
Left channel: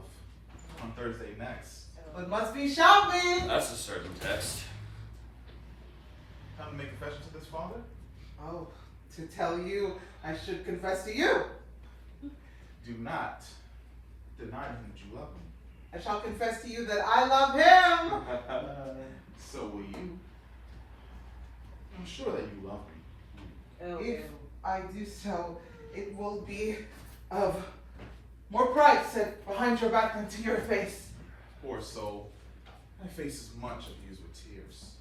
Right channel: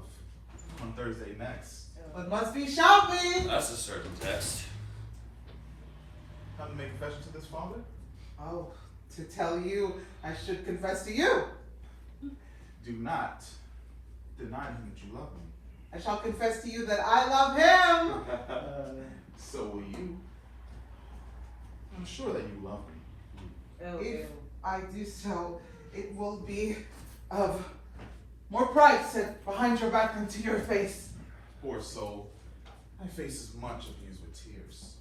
On Thursday next. But must be shopping. That's a certain text. Come to make confession to this father? Oh, to tell you, I should confess to you. Do not deny him that you love him. I shall confess to you that I love him. So will you. I'm sure that you love me. If I do so, it will be of more pride set behind your back than to your face. Poor soul. My face is much abused with tears.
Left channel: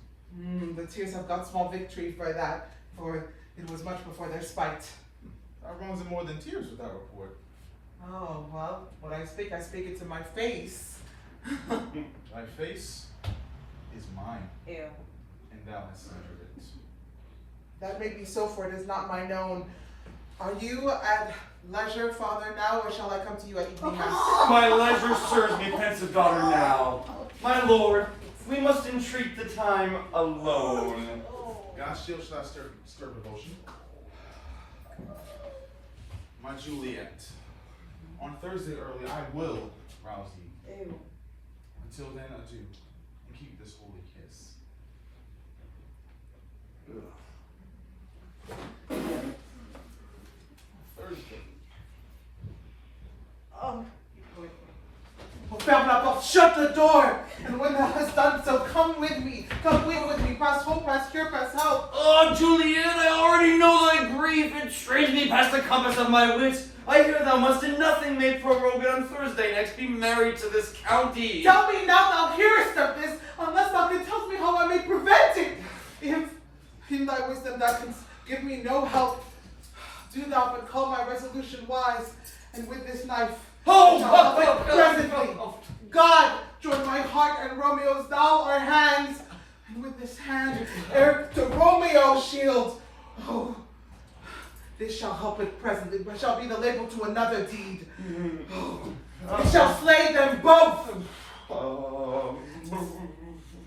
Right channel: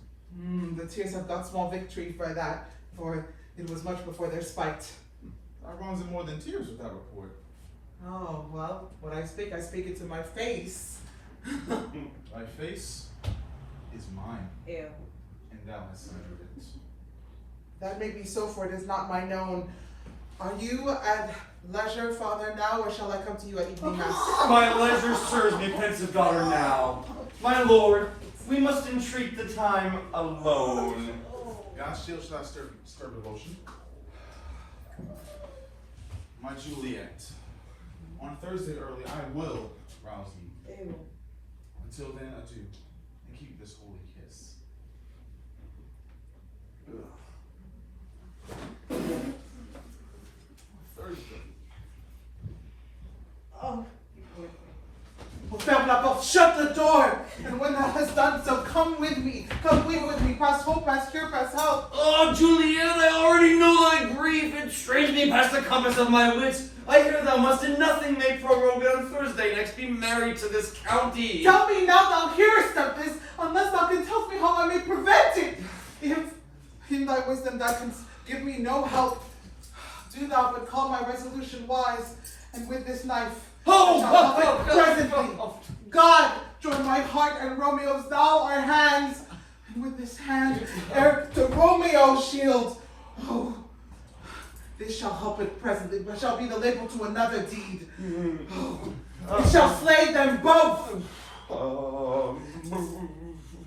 The tears have got small victory for that, for it was much before their spite. How wrong is it more than tears with that report? Oh, well, when I speak it to my face. My face is mine. Ew. And thou hast centered it. That may be so, for it is not mine own. Are you at leisure, father, now, or shall I come to you at evening mass? My leisure serves me, pensive daughter, now. My lord, we must entreat the time alone. God's shield shall not stir devotion. My Juliette, on Thursday early I will rouse thee. Ew. Until then, adieu, and keep this holy kiss. Thursday. Oh, ferme la porte, shut the door! And when thou hast done so, come with me, weep with me, past hope, past cure, past help. Oh, Juliette, I already know thy grief. It strains me past the compass of my wits. I hear thou must in nothing make poor Rogan on Thursday next be married to this county. Tell me now thou hearest of this, unless thou can tell me how I may prevent it. If in thy wisdom thou canst give me no help, do thou but call my resolution wise, and with this knife, presently, God, join my heart and Romeo's, thou our hands, and with this hand, ere to Romeo's shield. Oh, this shall help it presently, but shall be the label to another deed. Oh, it shall slay them both.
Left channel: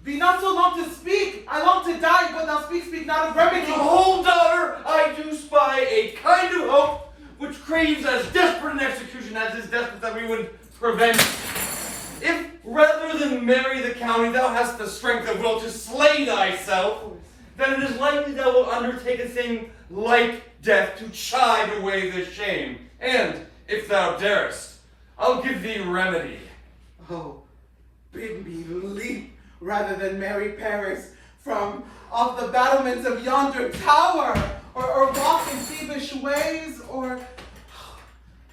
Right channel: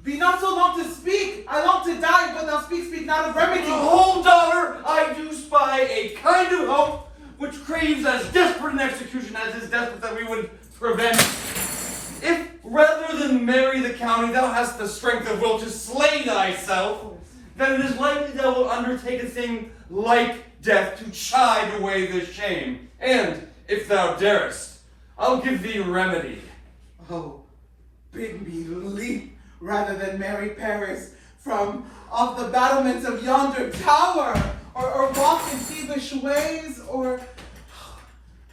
Be not so long to speak. I long to die, but thou speak not of remedy. Hold, daughter, I do spy a kind of hope which craves as desperate an execution as is desperate that we would prevent. If rather than marry the county thou hast the strength of will to slay thyself, then it is likely thou wilt undertake a thing like death to chide away this shame. And if thou darest, I'll give thee remedy. Oh, bid me leap rather than marry Paris from off the battlements of yonder tower, or walk in thievish ways, or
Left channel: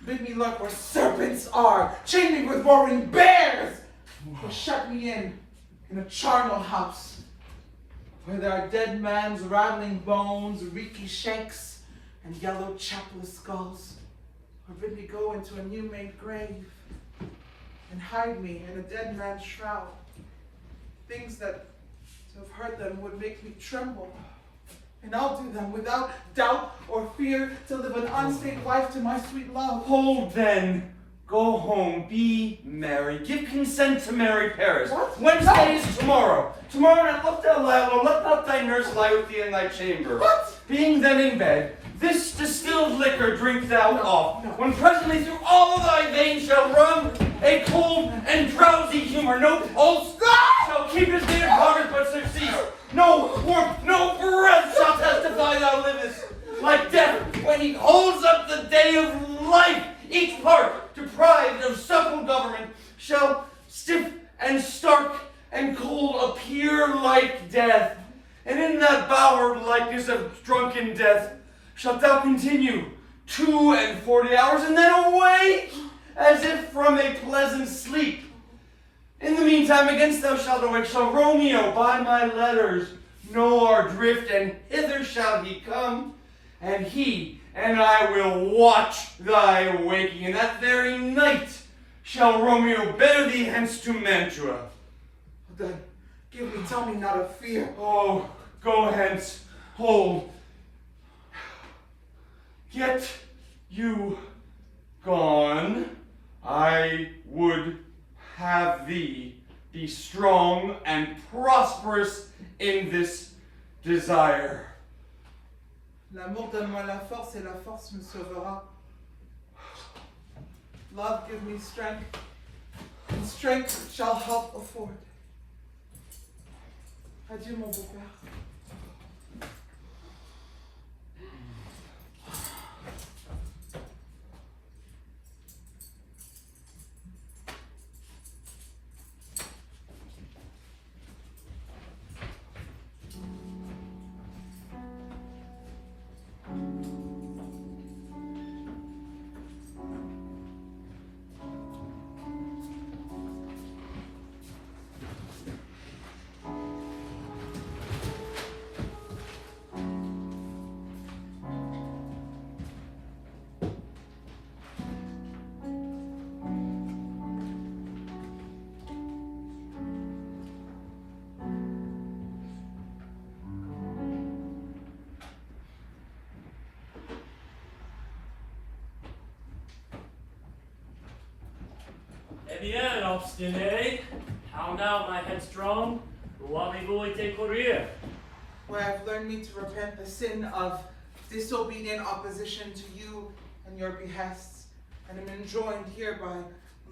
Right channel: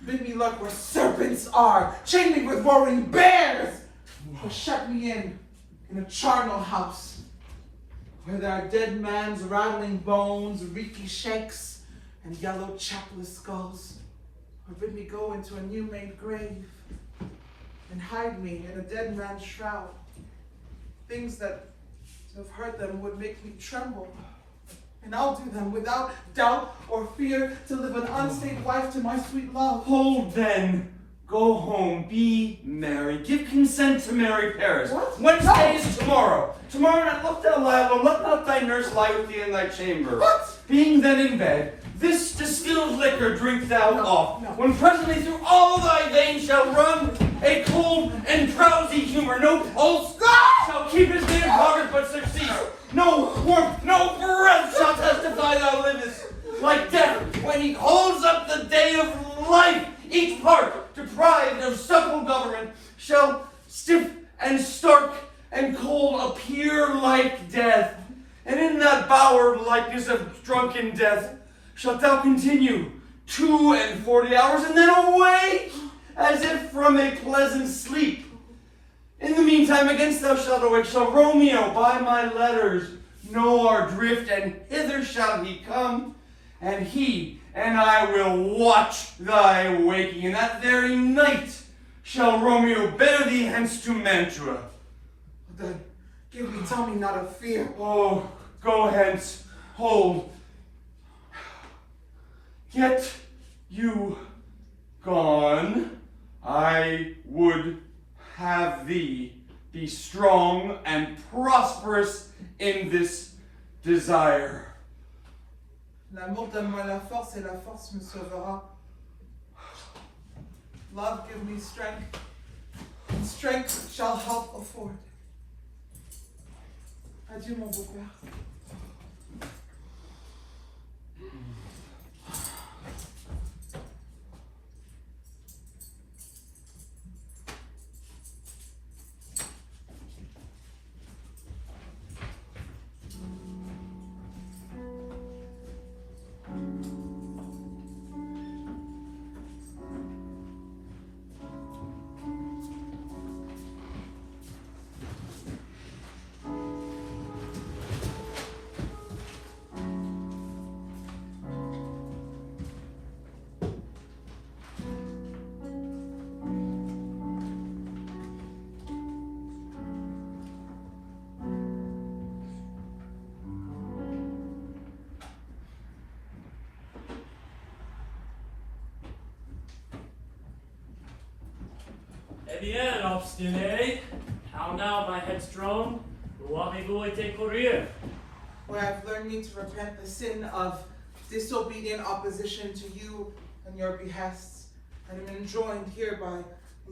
bid me lurk where serpents are, chain me with roaring bears, or shut me in a charnel house, where there are dead man's rattling bones, reeky shanks, and yellow chapless skulls, or bid me go into a new-made grave, and hide me in a dead man's shroud. Things that to have heard them would make me tremble. And I'll do them without doubt or fear to live an unstained wife to my sweet love. Hold then, go home, be merry, give consent to marry Paris. What? Wednesday is tomorrow. Tomorrow night look thou lie alone, let not thy nurse lie with thee in thy chamber. What? Being then in bed, this distilled liquor drink thou off, when presently through all thy veins shall run a cold and drowsy humor, no pulse shall keep his day of progress but surcease. No warmth, no breath shall testify thou livest. Like death, when he holds up the day of life, each part, deprived of supple government, shall stiff and stark and cold appear like death. And in that bowered likeness practice of drunken death shalt thou continue 42 hours, and then awake as if from a pleasant sleep. In the meantime, against thou shalt awake, shall Romeo by my letters know our drift, and hither shall he come, and he and I will watch thy waking, and that very night shall Romeo bear thee hence to Mantua. Then tell me not of fear. Oh, go hence, hold. Get you gone, I would have thee be strong and prosperous in this desire. L'amour donne-moi la force et la force me sauvera. Love give me strength, and strength shall help afford. Adieu mon beau-père. Eh bien, obstiné. How now, my headstrong? Où avez-vous été courir? Where I've learned me to repent the sin of disobedient opposition to you and your behests, and am enjoined here by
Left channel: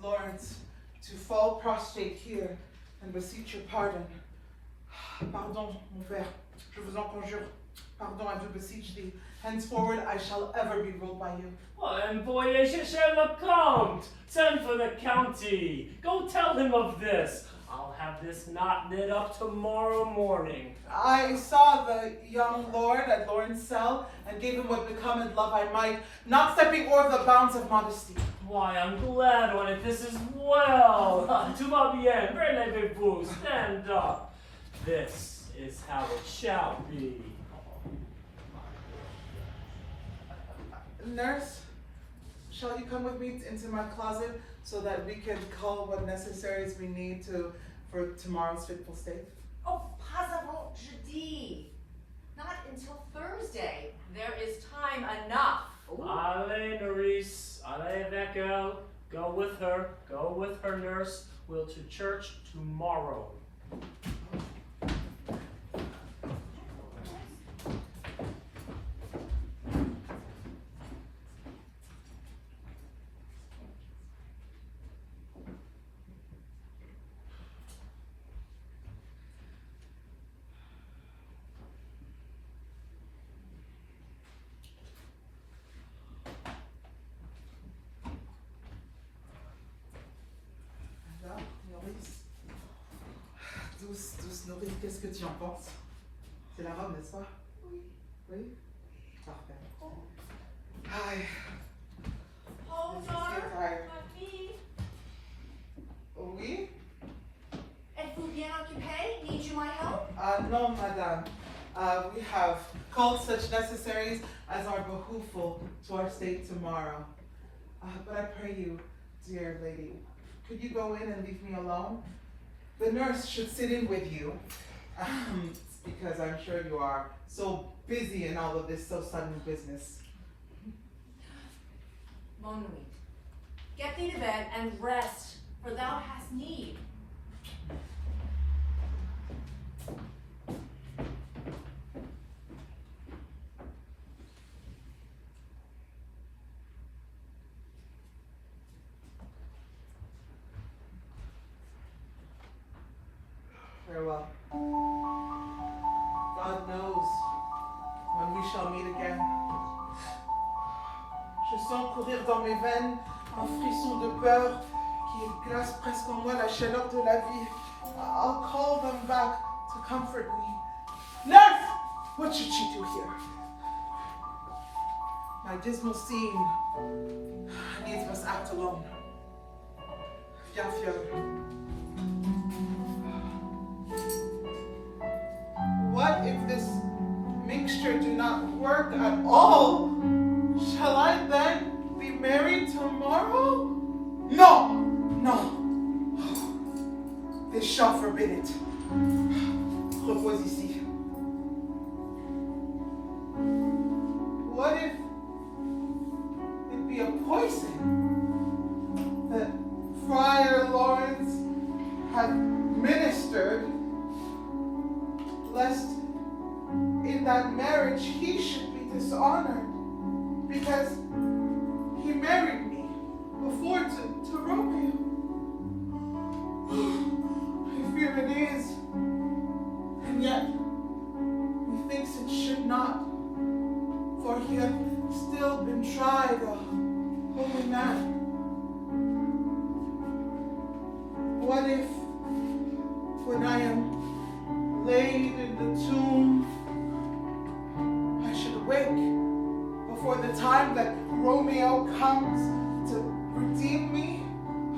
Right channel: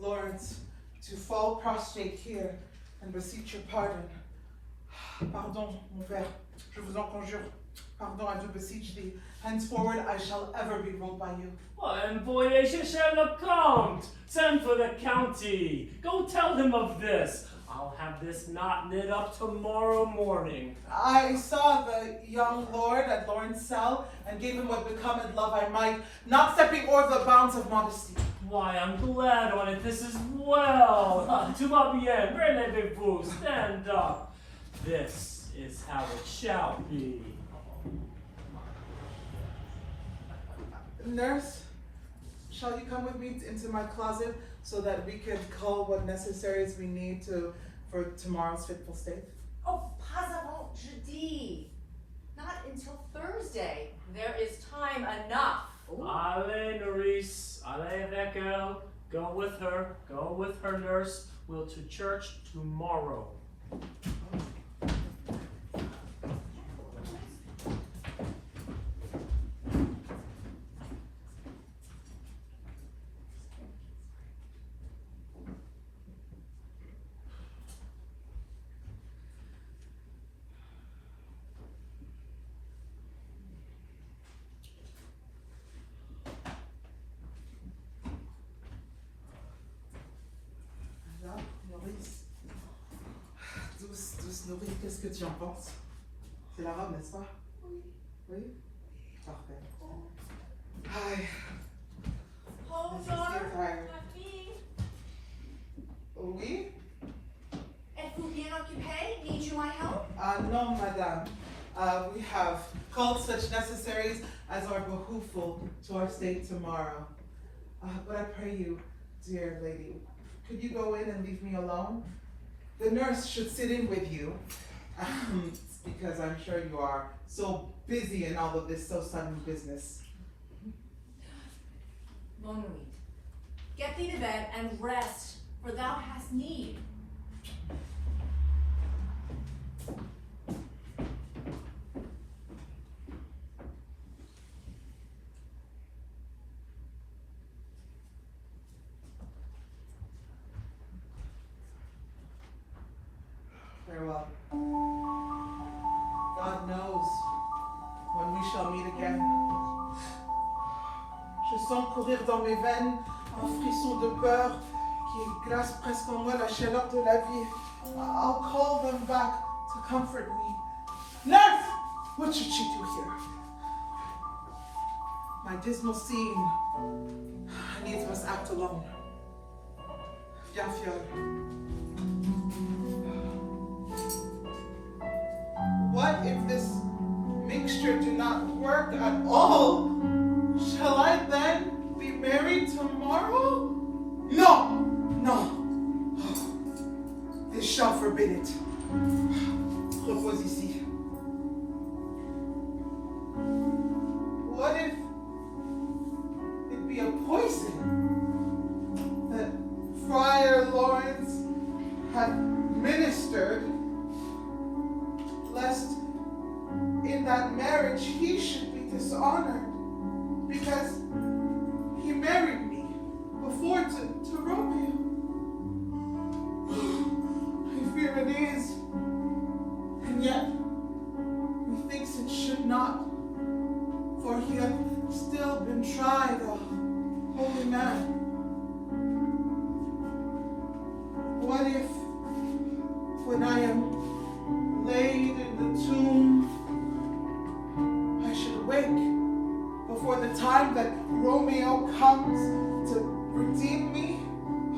Lawrence to fall prostrate here and beseech your pardon. Pardon, mon père, je vous en conjure. Pardon, I do beseech thee. Henceforward I shall ever be ruled by you. Oh, envoyez chercher le comte. Send for the county. Go tell him of this. I'll have this knot knit up tomorrow morning. I saw the young lord at Lawrence's cell and gave him what becometh love I might, not stepping o'er the bounds of modesty. Why, I'm glad on it. This is well. Tout va bien. Relevez-vous. Stand up. This is how it shall be. Nurse, shall you come with me into my closet so that we can cull what necessaries we need for tomorrow's fitful state? Oh, pas avant jeudi. Not until Thursday. There is time enough. Allez, nourrice. Allez avec elle. Go with her, nurse. We'll to church tomorrow. Douce nourrice, qu'est-ce que tu en penses? C'est la robe, n'est-ce pas? Oui. Oui? Parfait. Hi. Oh, Mrs. daughter, Gatire. mamie. Oui? Êtes-vous bien occupée? Need you my help? No, madame. We have culled such necessaries as are behooveful to our state tomorrow. But I pray you, dear lady, could you go in and leave me alone? The nurse should sit in with you, because I'm sure you are so busy in all of this so sudden business. Mon nuit. Get thee to bed and rest, for thou hast need. Farewell. God knows when we shall meet again. Je sens courir dans mes veines un frisson de peur qui glace presque en moi la chaleur de la vie. I'll call them back to comfort me. Nurse! What should she do here? My dismal scene needs must act alone. Yafyod. What if this mixture do not work at all? Shall I then be married tomorrow? No! No! This shall forbid it. Repose ici. What if it be a poison that Friar Lawrence had ministered, lest in that marriage he should be dishonored because he married me before to Romeo? I fear it is, and yet methinks it should not, for he hath still been tried a holy man. What if, when I am laid in the tomb, I should awake before the time that Romeo comes to redeem me?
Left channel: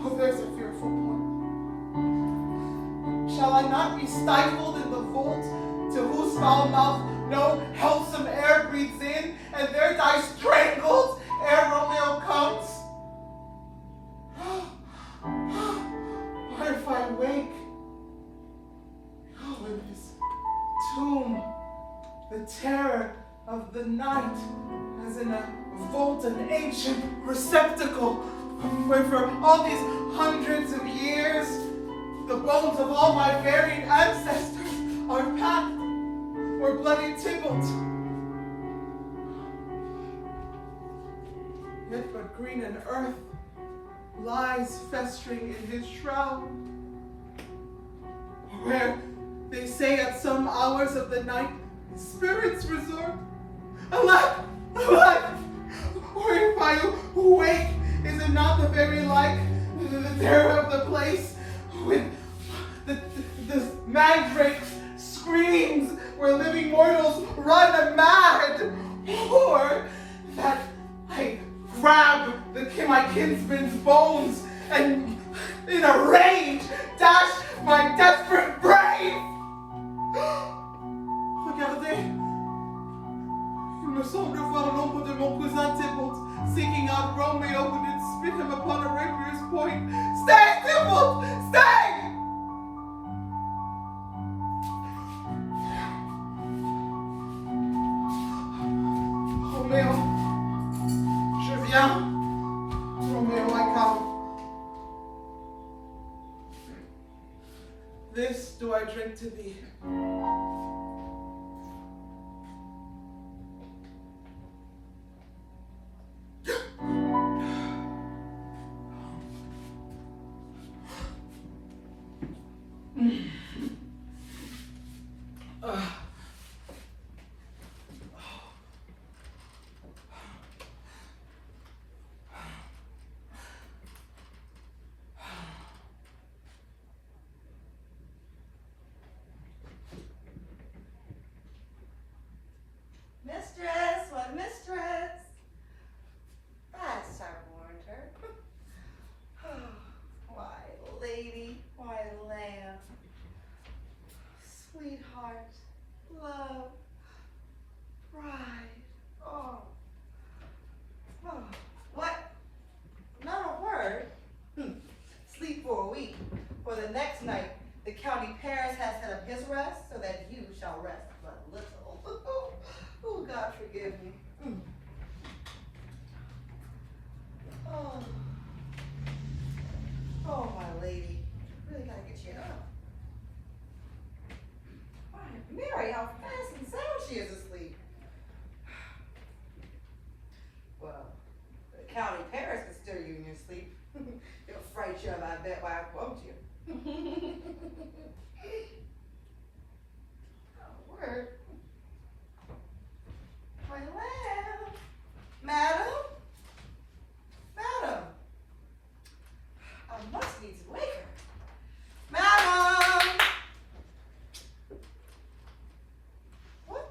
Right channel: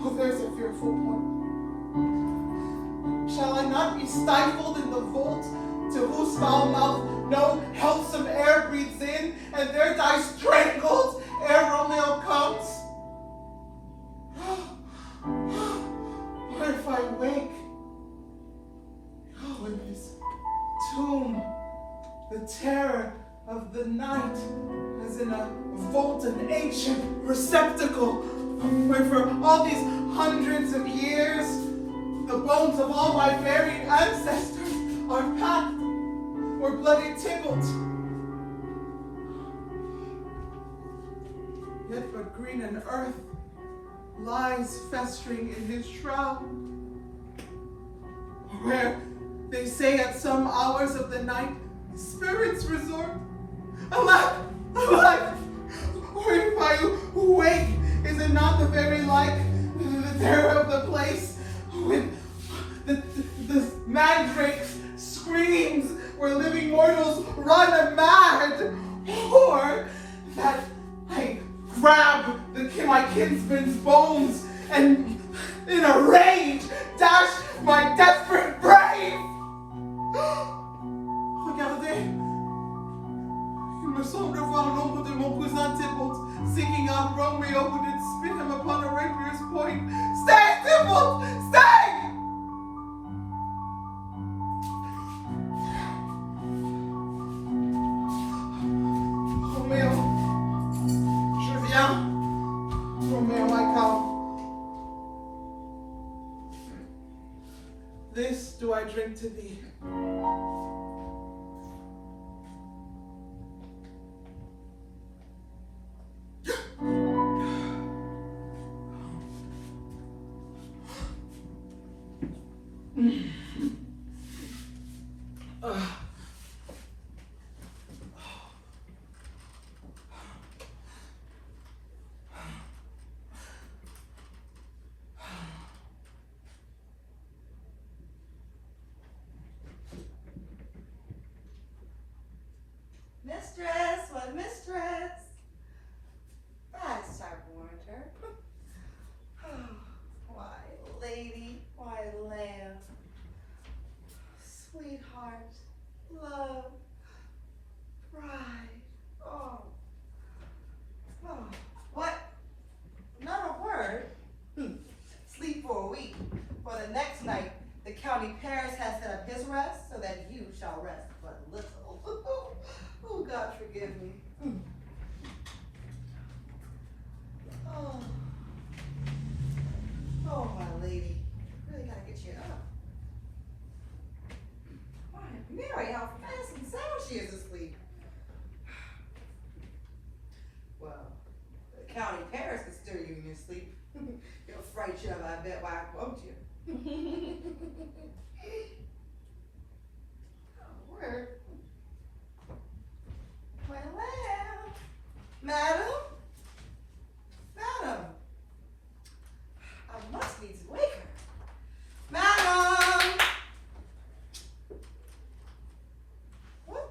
Oh, there's a fearful point. Shall I not be stifled in the vault to whose foul mouth no healthsome air breathes in, and there die strangled ere Romeo comes? What if I wake? Oh, in this tomb, the terror of the night, as in a vault, an ancient receptacle, where for all these hundreds of years, the bones of all my buried ancestors are packed, or bloody Tybalt. Yet but green and earth lies festering in his shroud, where they say at some hours of the night spirits resort. Alack, alack! Or if I wake, is it not the very like the terror of the place, with the mandrake's screams where living mortals run mad, or that I grab my kinsman's bones and in a rage dash my desperate brave? Regardez, il me semble voir l'ombre de mon cousin Tybalt seeking out Romeo who did spit him upon a rapier's point. Stay, Tybalt! Stay! Romeo, je viens. Romeo, I come. This do I drink to thee. Mistress, what mistress? That's our warrantor. Why, lady, why, lamb, sweetheart, love, bride. Oh, what? Not a word. Sleep for a week. For the next night, the county Paris has set up his rest so that you shall rest but little. Oh, God forgive me. Oh, my lady. Really gotta get you up. Why, Mary, how fast and sound she is asleep. Well, the county Paris can stir you in your sleep. It'll fright you up, I bet, why I quote you. Oh, word. My lamb. Madam? Madam. I must needs wake her. Madam! What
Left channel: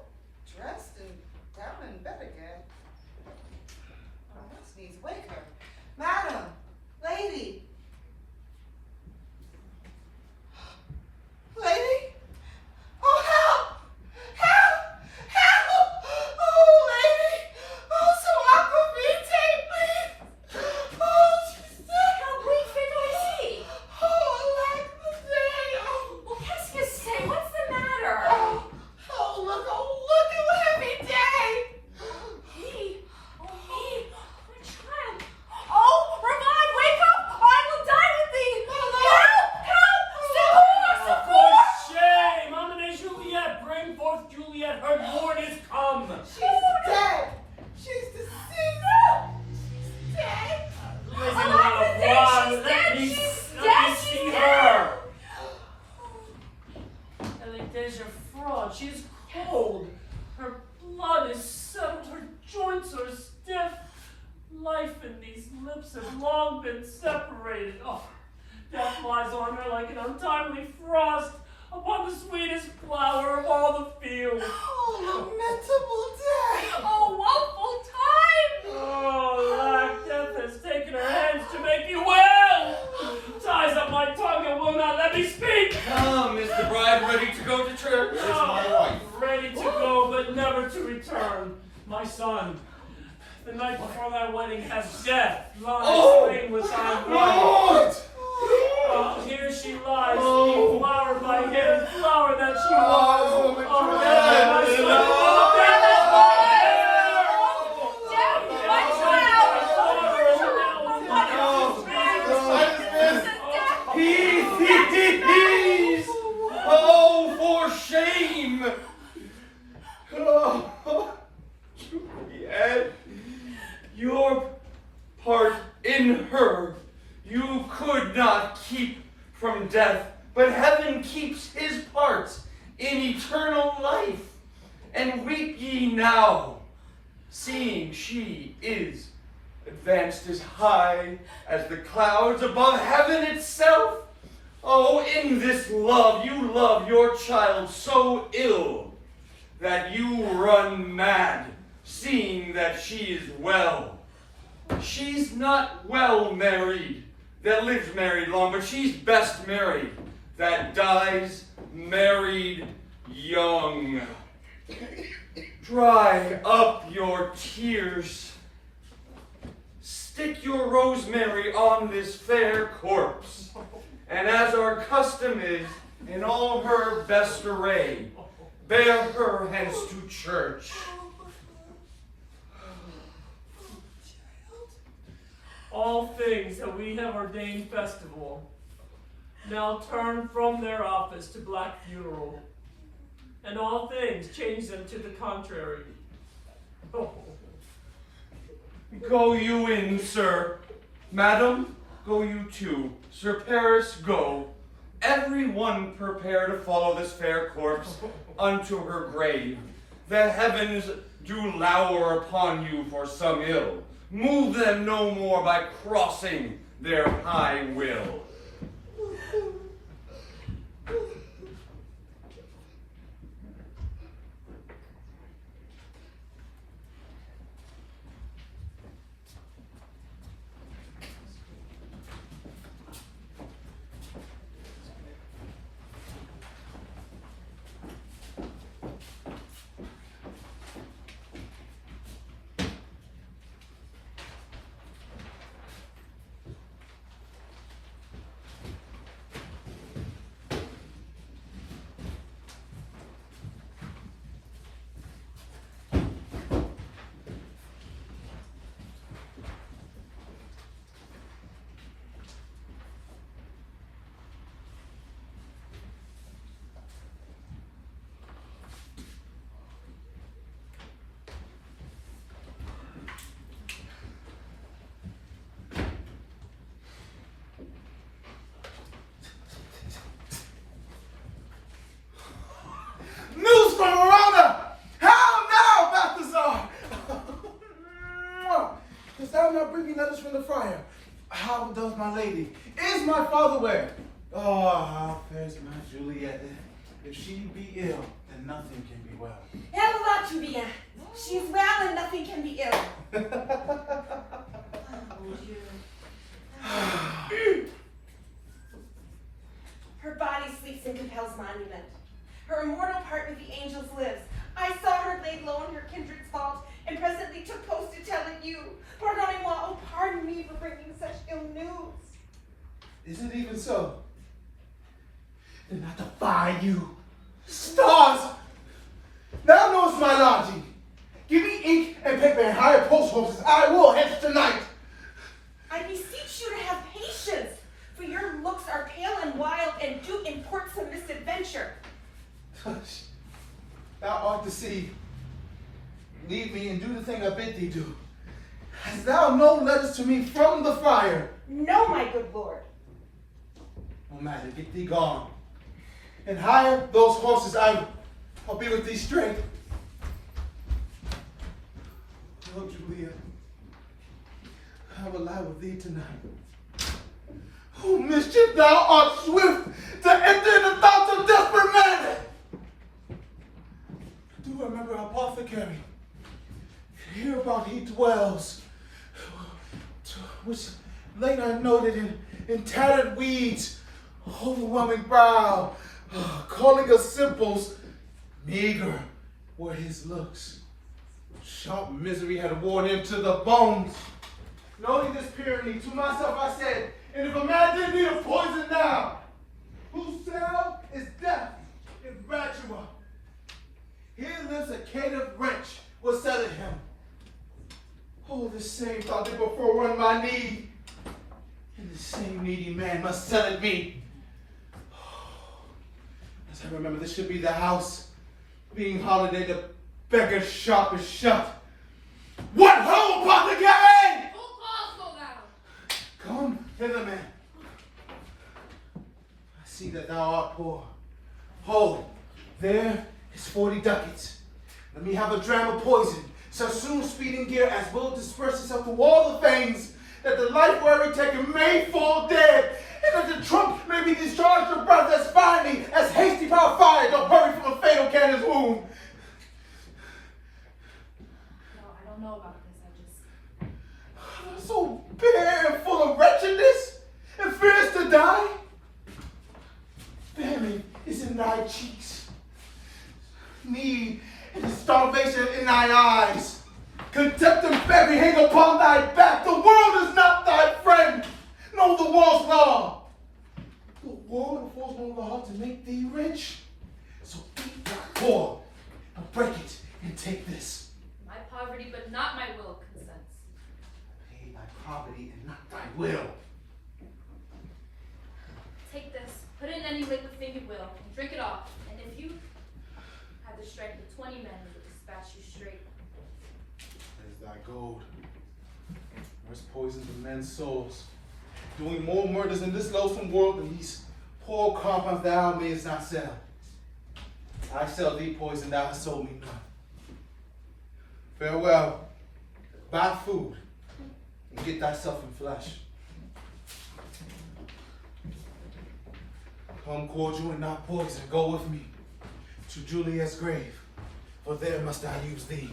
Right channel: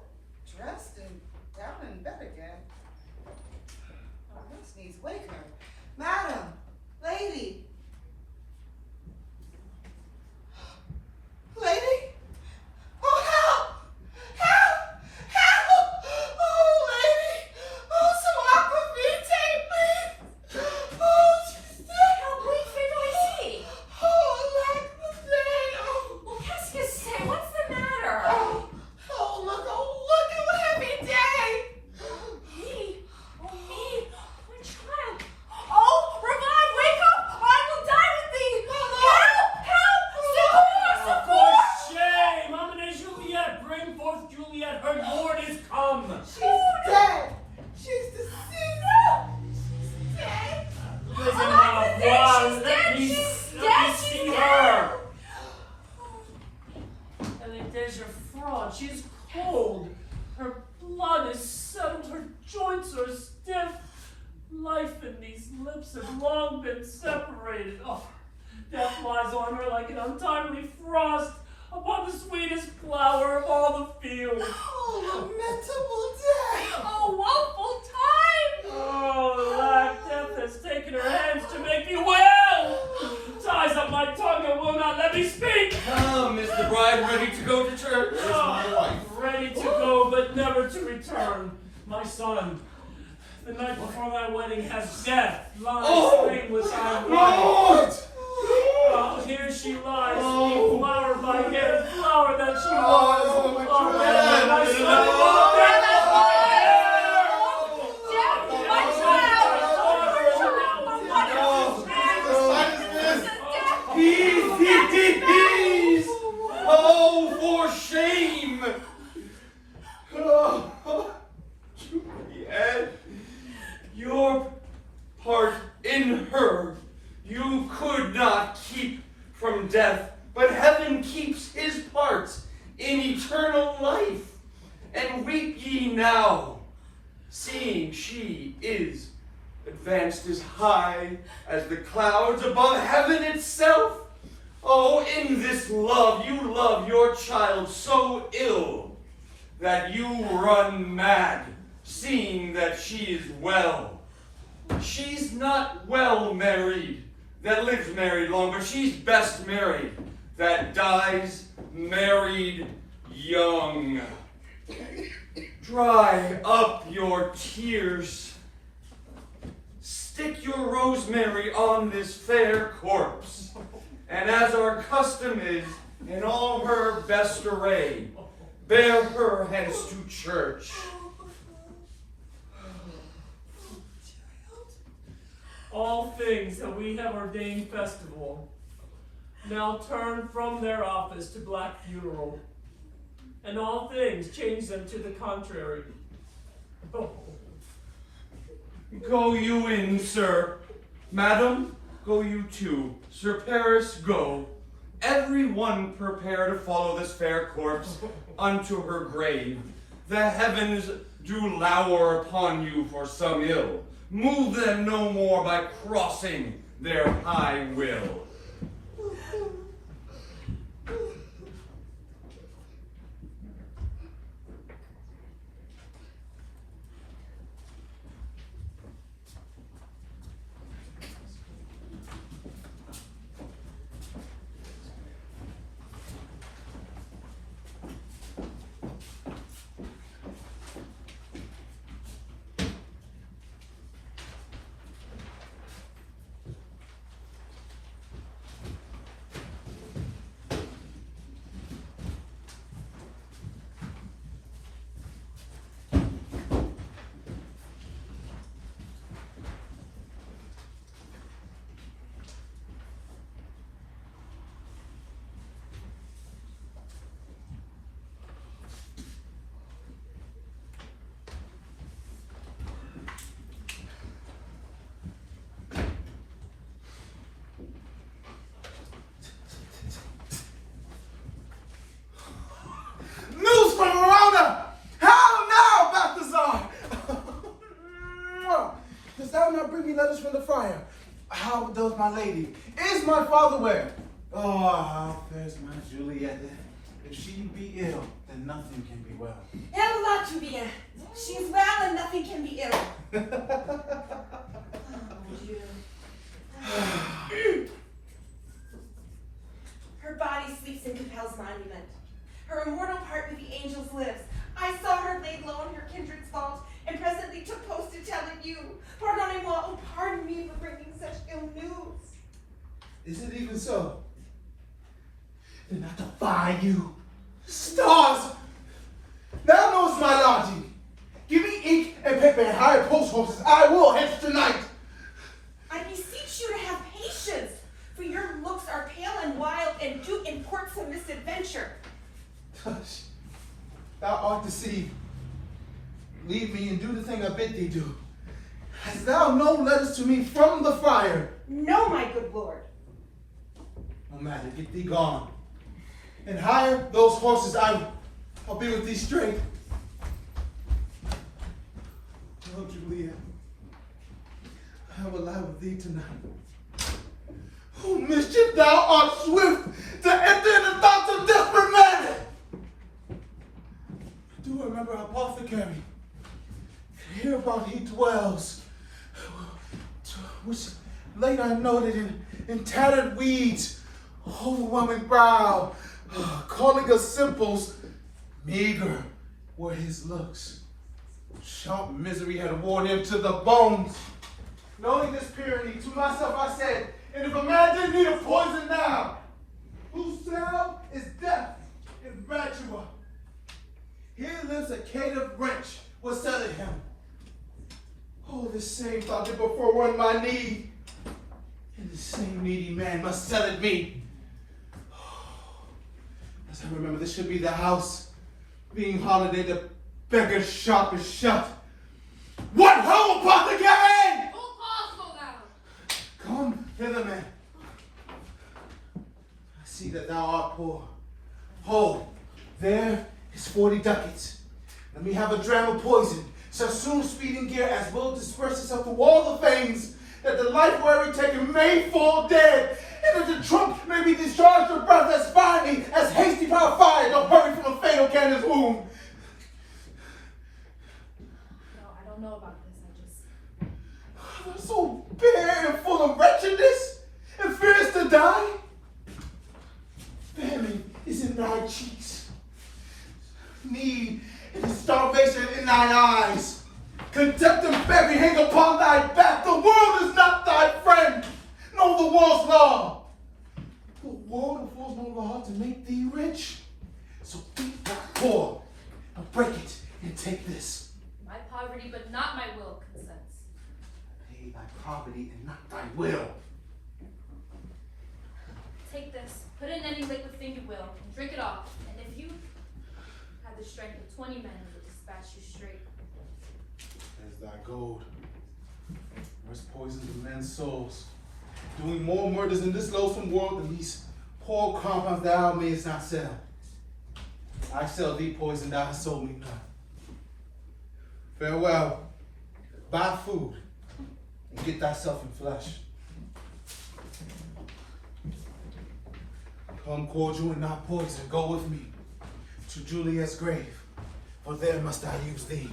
lips have long been separated. Oh, death lies on her like an untimely frost upon the sweetest flower of all the field. Oh, lamentable day. Oh, woeful time! Oh, alack, death has taken her hands to make me well. Ties up my tongue and will not let me speak. Come, is the bride ready to go to church? Ready to go, but never to return. My son, the night before thy wedding has death lying slain with thy wife. Here she lies, flower by him, flower that she was. My son, Peace! Oh, for shame! Juliet, your part in her you could not keep from death, but heaven keeps his part in eternal life. And weep ye now, seeing she is advanced as high as the clouds above heaven itself. Oh, in this love you love your child so ill that you run mad, seeing that she is well. She's not well married that lives married long, but she's best married that dies married young. Dry up your tears. Stick your rosemary on this fair corpse, and as our custom is, in all her best array, bear her hence to church. all things that we have ordained festival now turn from their office to black funeral, and all things change them to the contrary. Oh. Go you in, sir. Madam, go you too. Sir Paris, go. Every one prepare to follow this fair corpse unto her grave. The heavens do lower upon you for some ill. Move them no more by crossing their high will. News from Verona! How now, Balthazar? Dost thou not bring me letters from the friar? How does my lady? Is my father well? Oh, how fares my Juliette? If she be ill, then nothing can be well. Elle va tout bien. She is well and nothing can be ill. Her body sleeps in Capel's monument. Her immortal part with the angels lives. I saw her laid low in her kindred's vault, and presently took post to tell it you. Pardonnez-moi, oh pardon me for bringing such ill news. Is it even so? Then I defy you. Stars! Thou knowest my lodging. Give me ink and paper and hire post horses. I will hence tonight. I beseech you to have patience, for your looks are pale and wild, and do import some misadventure. Tush, thou art deceived. Leave me and do the thing I bid thee do. Hast thou no letters to me from the friar? No, my good lord. No matter, get thee gone. And hire those horses. I'll be with thee straight. Oh, Juliet, I will lie with thee tonight. Oh, mischief, thou art swift to enter in the thoughts of desperate men. I do remember apothecary. Hear about he dwells, which late I noted in tattered weeds, overwhelming brow, calling us simples, meager were his looks. Sharp misery had worn him to the bones. Knowing this tyranny, to myself I said, and if a man didn't need a poison now, whose cell is death in Ratua. Here lives a caitiff wretch, was selling him. Oh, this same thought did before run my need, and the same needy man must sell it me. As I remember, this should be the house. Being holiday, the beggar's shop is shut. What ho, apothecary! Come hither, man. I see that thou art poor. Hold, there is 40 ducats. Let me have a dram of poison, so soon speeding gear as will disperse itself to all the veins, that the life weary taker may fall dead, and that the trunk may be discharged of breath as finely as hasty power fire don't hurry from a fatal cannon's wound. No, I don't know about this. I just... So bare and full of wretchedness, and fears to die? Famine is in thy cheeks. Need and starvation in thy eyes. Contempt and beggary hang upon thy back. The world is not thy friend. Know the world's law. The world affords no law to make thee rich. So eat not poor, but break it and take this. My poverty, but not my will, consents. Pay thy poverty and not thy will. Take this, put it in any liquid thing you will, and drink it off. And if you have the strength of 20 men, we will dispatch you straight. As thy gold, there's poison to men's souls, doing more murders in this loathsome world than these poor compounds thou mayest not sell. I sell thee poison, thou hast sold me none. Farewell, buy food, and get thyself in flesh. Come cordial and not poison, go with me to Juliette's grave, for there must I use thee.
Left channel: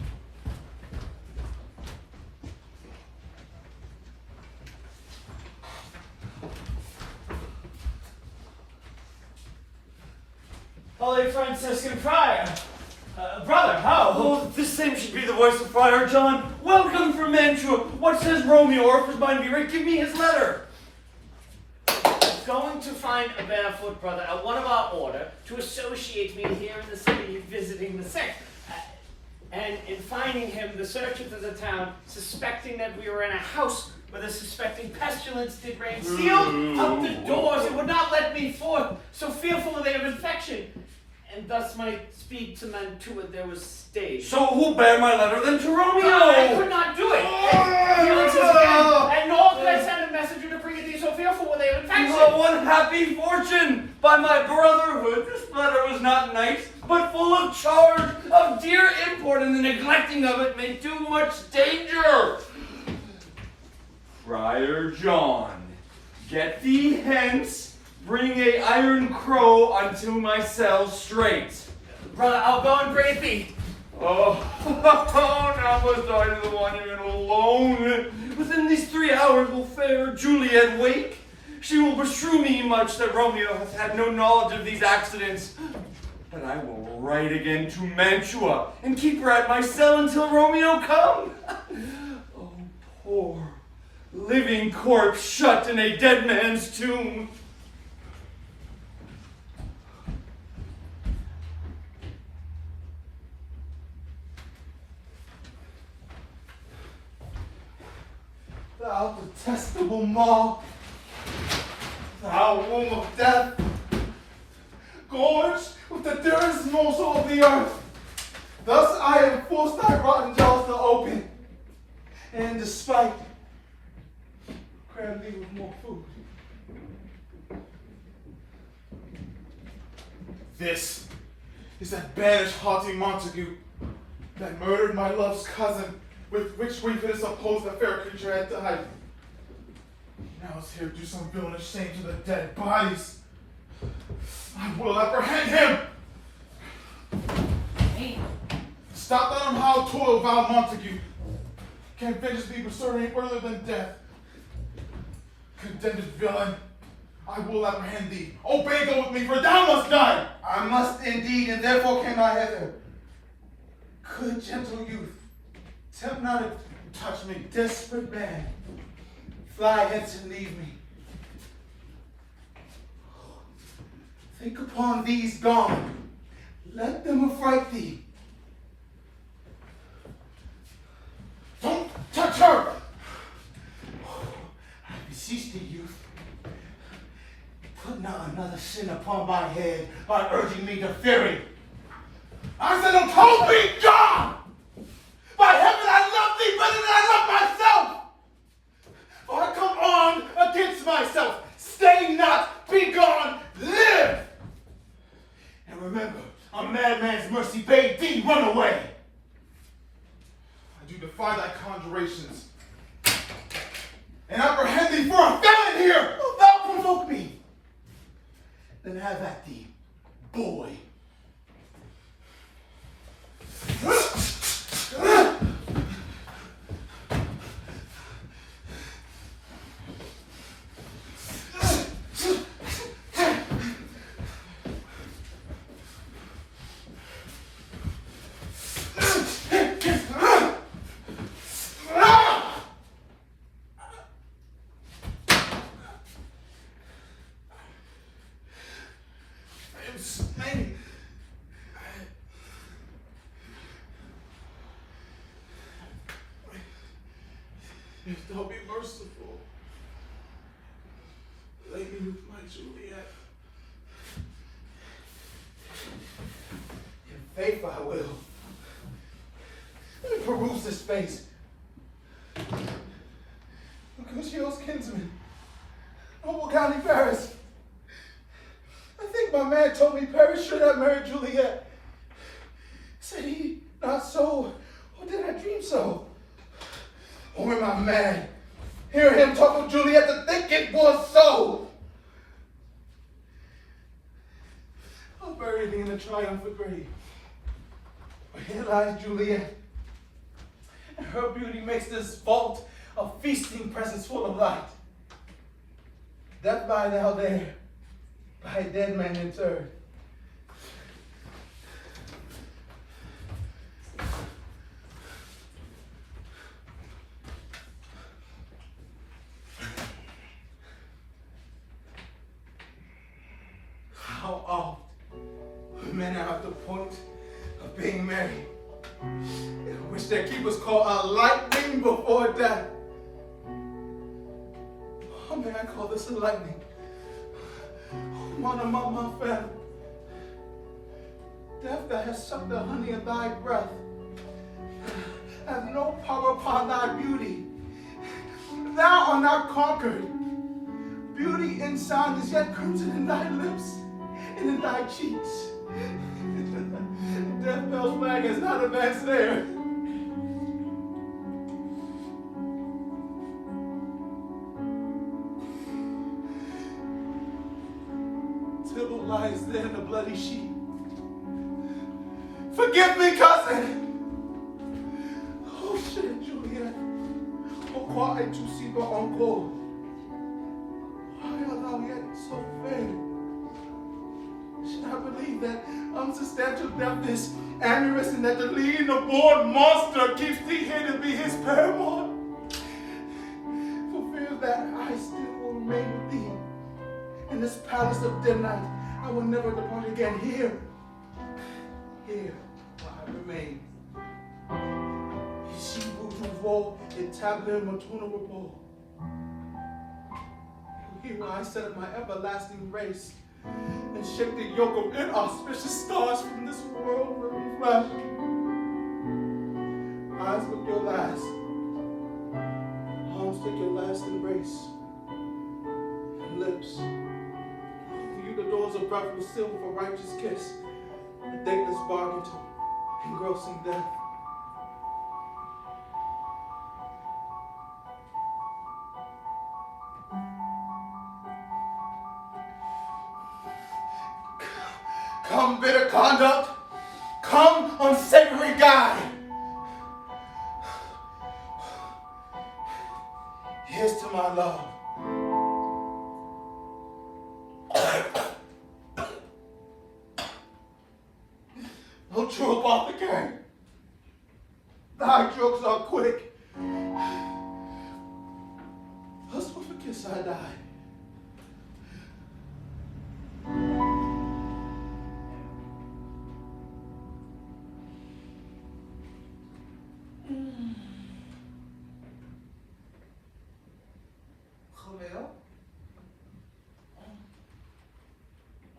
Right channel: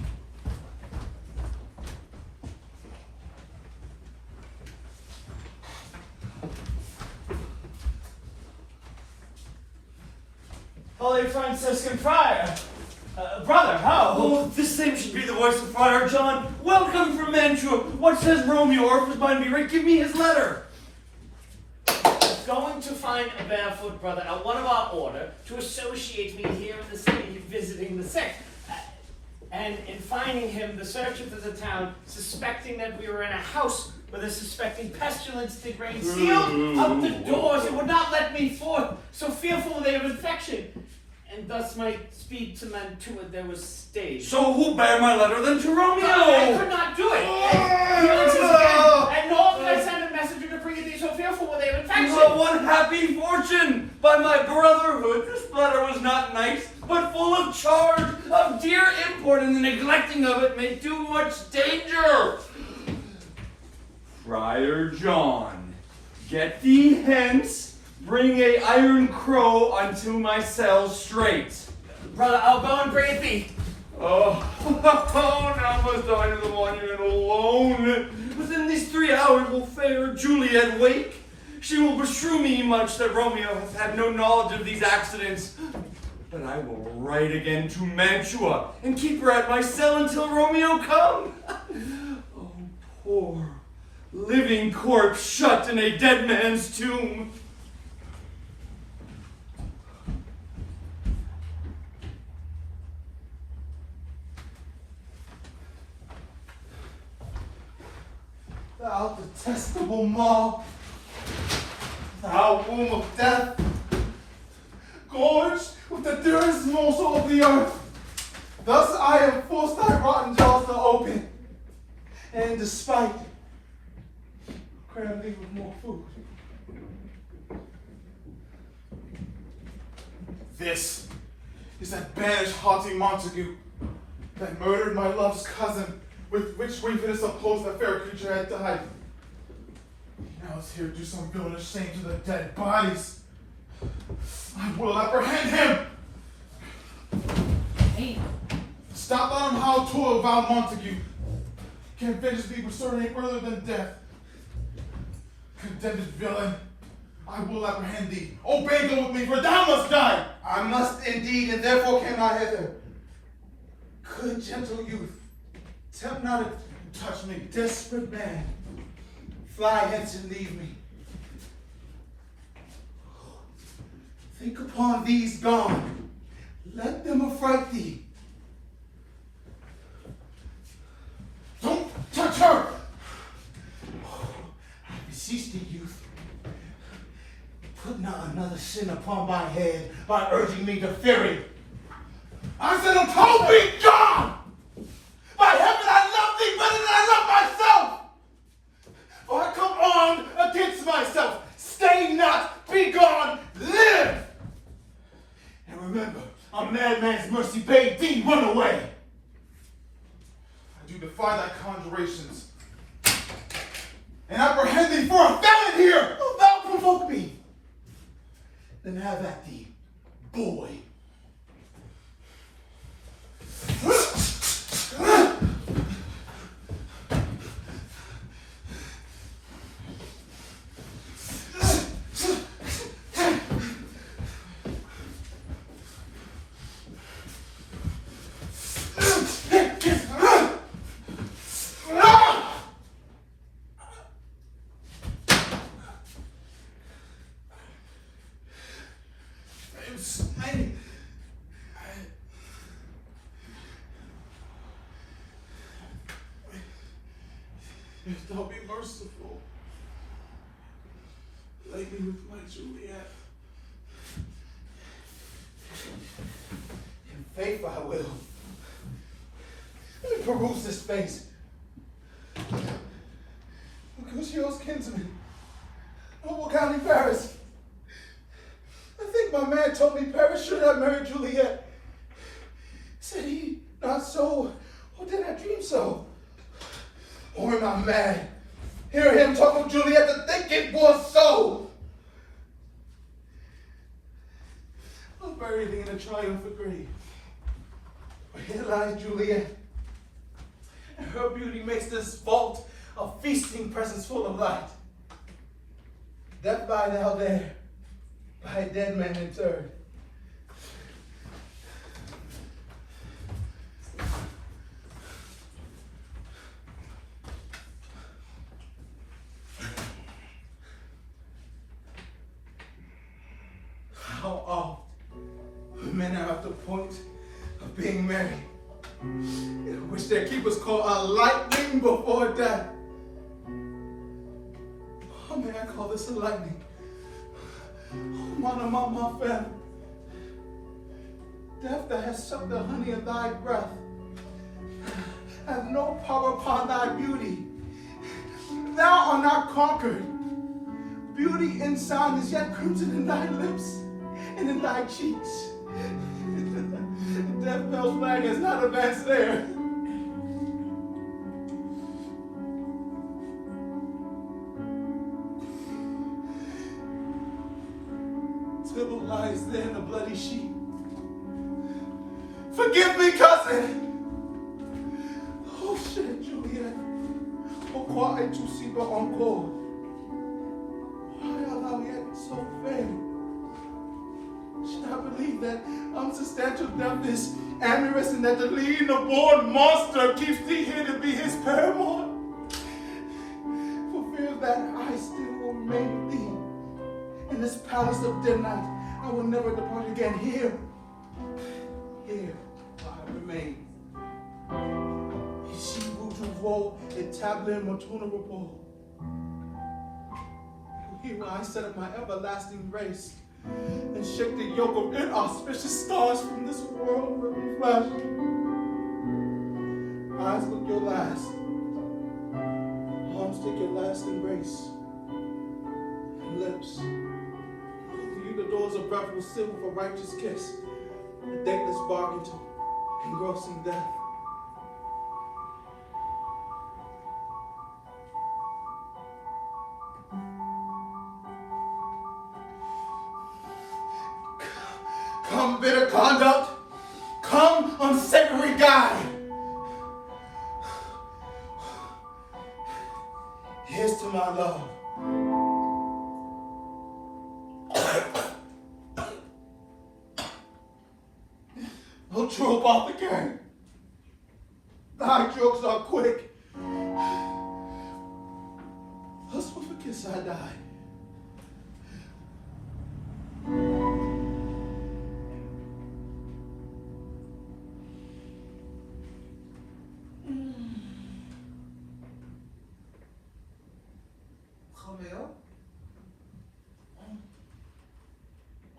Holy Franciscan Friar. Brother, how? Oh, this same should be the voice of Friar John. Welcome from Mantua. What says Romeo, or if his mind be right, give me his letter. Going to find a barefoot brother at one of our order to associate me here in the city visiting the sick. And in finding him, the searchers of the town, suspecting that we were in a house where the suspecting pestilence did reign, sealed up the doors and would not let me forth, so fearful were they of infection. And thus might speed to Mantua there was stayed. So who bare my letter then to Romeo? I could not do it. And feelings is again, and nor could I send a messenger to bring it to you, so fearful were they of infection. Oh, unhappy fortune! By my brotherhood, this letter was not nice, but full of charge, of dear import, and the neglecting of it may do much danger. Friar John, get thee hence, bring a iron crow unto my cell straight. Brother, I'll go and bring it thee. Oh, now must I to the monument alone. Within these 3 hours will fair Juliette wake. She will beshrew me much that Romeo has had no knowledge of these accidents. But I will write again to Mantua and keep her at my cell until Romeo come. Oh, poor living corpse shut in a dead man's tomb. Thou detestable maw, thou womb of death, gorged with the dearest morsel of the earth. Thus I have forced thy rotten jaws to open, and despite, cram thee with more food. This is that banished haughty Montague that murdered my love's cousin, with which weakness supposed the fair creature had died. Now it's here to do some villainous shame to the dead bodies. I will apprehend him. Stop letting him howl toil Val Montague. Can't vengeance be pursued any further than death. Condemned villain, I will apprehend thee. Obey them with me, for thou must die. I must indeed, and therefore came I hither. Good, gentle youth, tempt not to touch me. Desperate man, fly hence and leave me. Think upon these gone. Let them affright thee. Don't touch her! I beseech thee, youth. Put not another sin upon my head by urging me to fury. I said, don't be gone! By heaven, I love thee better than I love myself! For I come on against myself. Stay not, be gone, live! And remember, a madman's mercy bade thee run away. I do defy thy conjurations, and apprehend thee for a felon here. Wilt thou provoke me? Then have at thee, boy. If thou be merciful, lay me with my Juliette. In faith I will. Let me peruse this face. Mercutio's kinsman, Noble County Paris. I think my man told me Paris should have married Juliette. Said he not so, or did I dream so? Or am I mad? Hear him talk of Juliette to think it was so. I'll bury thee in a triumphant grave. But here lies Juliette, and her beauty makes this vault a feasting presence full of light. Death lie thou there, by a dead man interred. How oft men are at the point of being married, which their keepers call a lightning before death. Oh, may I call this a lightning? One among my family. Death that has sucked the honey of thy breath has no power upon thy beauty. Thou art not conquered. Beauty and sound is yet crimson in thy lips and in thy cheeks. Death bell's flag has not advanced there. Tybalt lies there in a bloody sheet. Forgive me, cousin. Oh shit, Juliette. Pourquoi es-tu si bas encore? Why art thou yet so fair? Should I believe that unsubstantial death is amorous and that the lean, abhorred monster keeps thee here to be his paramour? For fear that I still will remain with thee in this palace of dead night, I will never depart again. Here will I remain. Ici vous trouverez établir mon tour de repos. Here will I set up my everlasting race and shake the yoke of inauspicious stars from this world where we flash. Eyes look your last, arms take your last embrace, and lips, you the doors of breath will seal with a righteous kiss, a dateless bargain to engrossing death. Come, bitter conduct. Come, unsavory guide. Here's to my love. No true apothecary. Thy jokes are quick. Thus with a kiss I died. Roméo?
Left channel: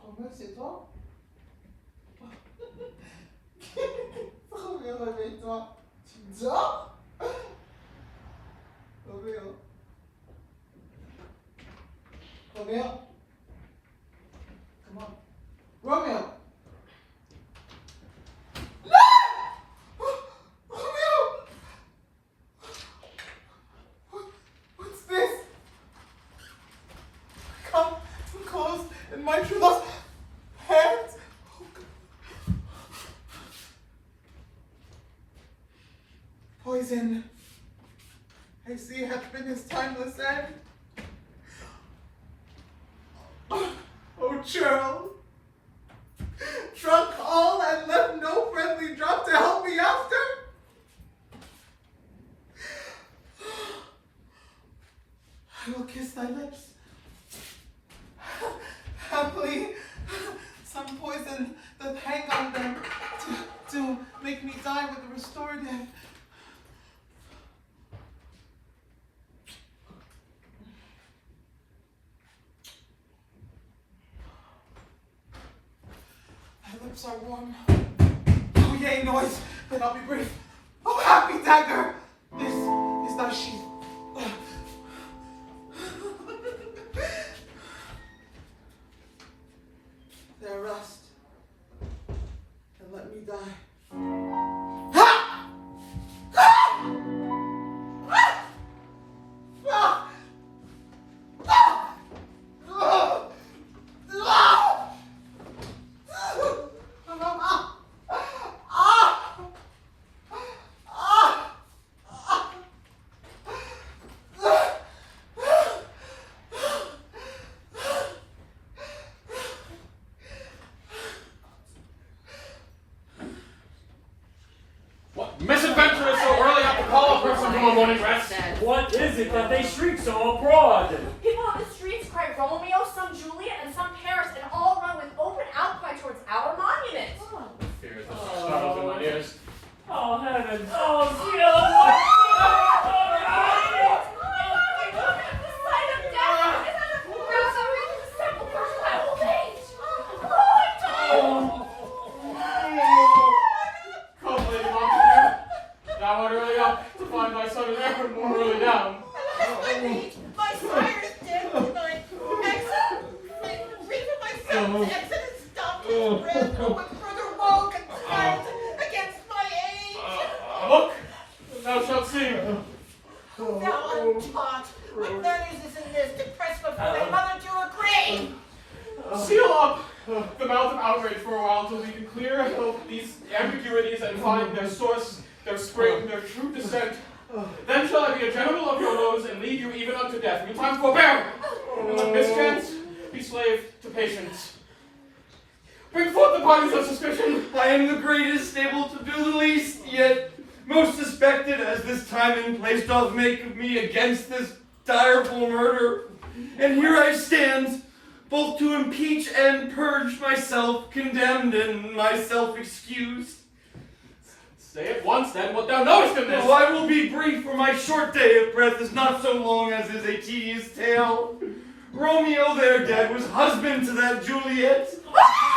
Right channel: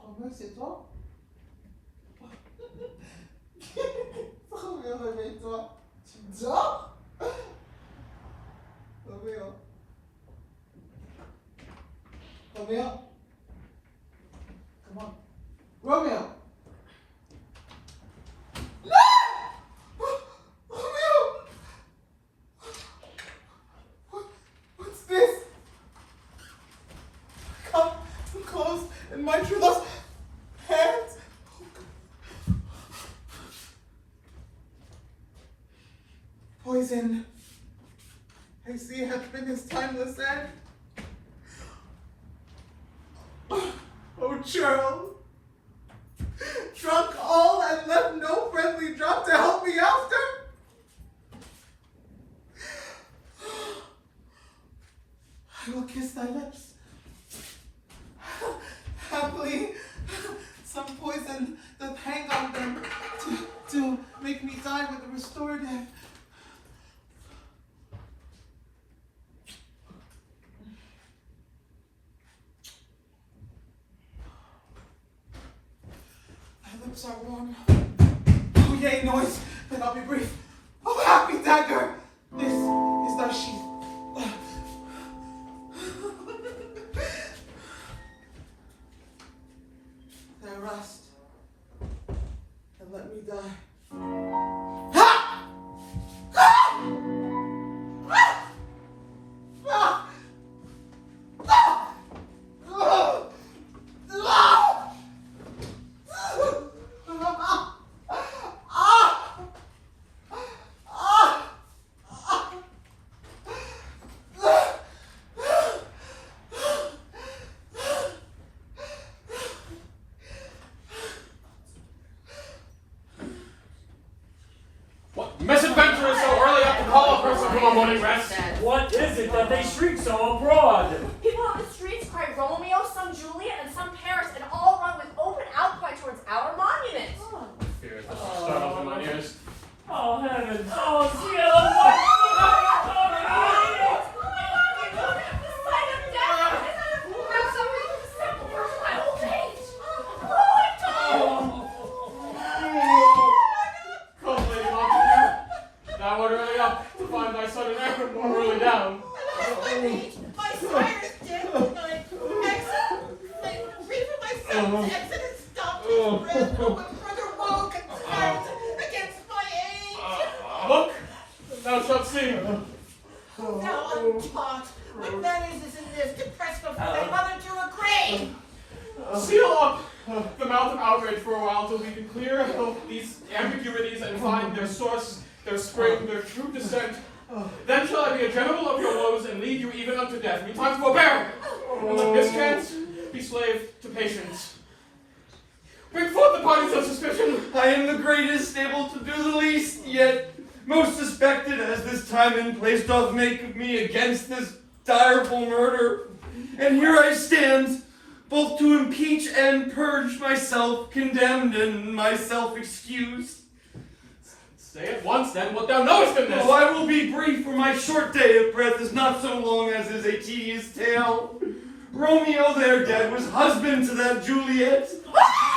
Roméo, c'est toi? Roméo, réveille-toi. Tu dors? Roméo. Roméo. Come on. Roméo. No! Roméo! What's this? Come too close and my true love's hands. Oh, God. Poison. I see happiness timeless end. Oh, churl. Drunk all and left no friendly drop to help me after. I will kiss thy lips. Happily, some poison doth hang on them to make me die with a restorative. Thy lips are warm. Oh, yea, noise, then I'll be brief. Oh, happy dagger, this is thy sheath. There rest, and let me die. Ha! Ha! Ah! Ah! Ah! What misadventure is so early up to call a person from a morning rest? What is it that they shriek so abroad? People on the streets cry Romeo, some Juliet, and some Paris, and all run with open outcry towards our monument. Fear the startles in my ears. Oh, heavens! Oh, cielo! What? Come, Lady Montague. Thou art early up to find thy son and heir more early down. My sire's dead tonight. Reason my son's exit has stopped his breath. No one further woke and cried against my age. Look, thou shalt see. Thou untaught. What none is in this to press before thy mother to agree. Seal up the mouth of outrage for a while till we can clear these ambiguities and find their source, their spring, their true descent. Then shall I be a general of your woes and lead you even unto death. In time forbear! On the mischance, be slave to patience. Bring forth the parties of suspicion. I am the greatest, able to do the least, yet most suspected, as this time and place doth make of me against this direful murder. And here I stand, both to impeach and purge myself condemned and myself excused. Say at once then what thou knowest in this. Oh, I will be brief, for my short day of breath is not so long as is a tedious tale. Romeo there dead was husband to that Juliette,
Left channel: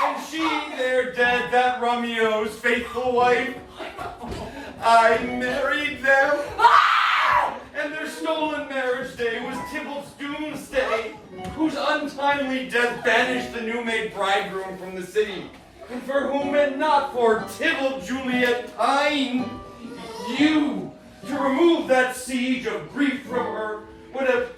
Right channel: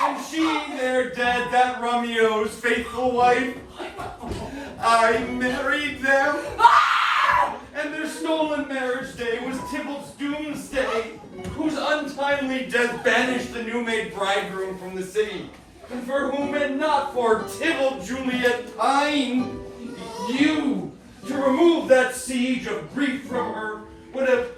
and she there dead, that Romeo's faithful wife. I married them, and their stolen marriage day was Tybalt's doomsday, whose untimely death banished the new-made bridegroom from the city, and for whom and not for Tybalt Juliette pine, you, to remove that siege of grief from her, would have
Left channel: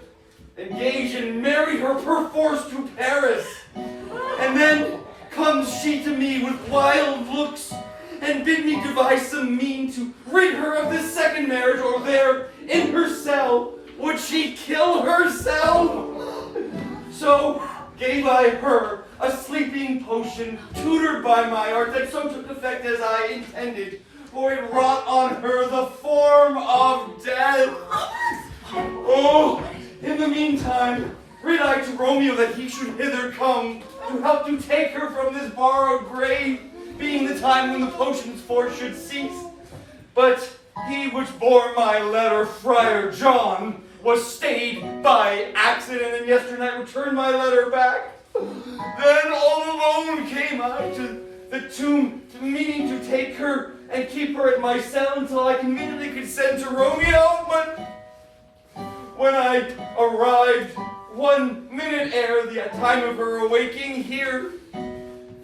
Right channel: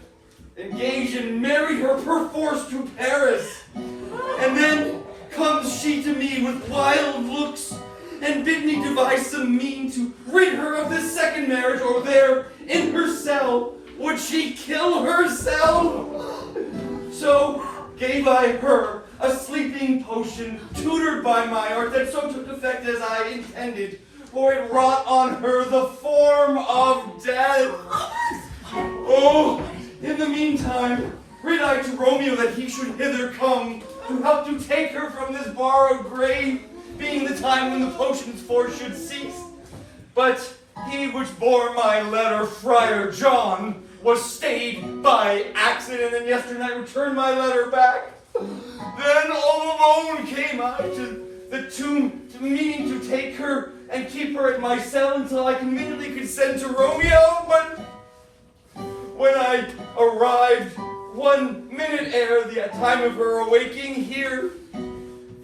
engaged and married her perforce to Paris, and then comes she to me with wild looks, and bid me devise some mean to rid her of this second marriage, or there, in her cell, would she kill herself? So gave I her a sleeping potion, tutored by my art, that so took effect as I intended, for it wrought on her the form of death. Oh, in the meantime, rid I to Romeo that he should hither come, to help to take her from this borrowed grave, being the time when the potion's force should cease. But he which bore my letter, Friar John, was stayed by accident, and yesternight returned my letter back. Then all alone came I to the tomb, meaning to take her and keep her at my cell until I conveniently could send to Romeo. But when I arrived 1 minute ere the time of her awaking here,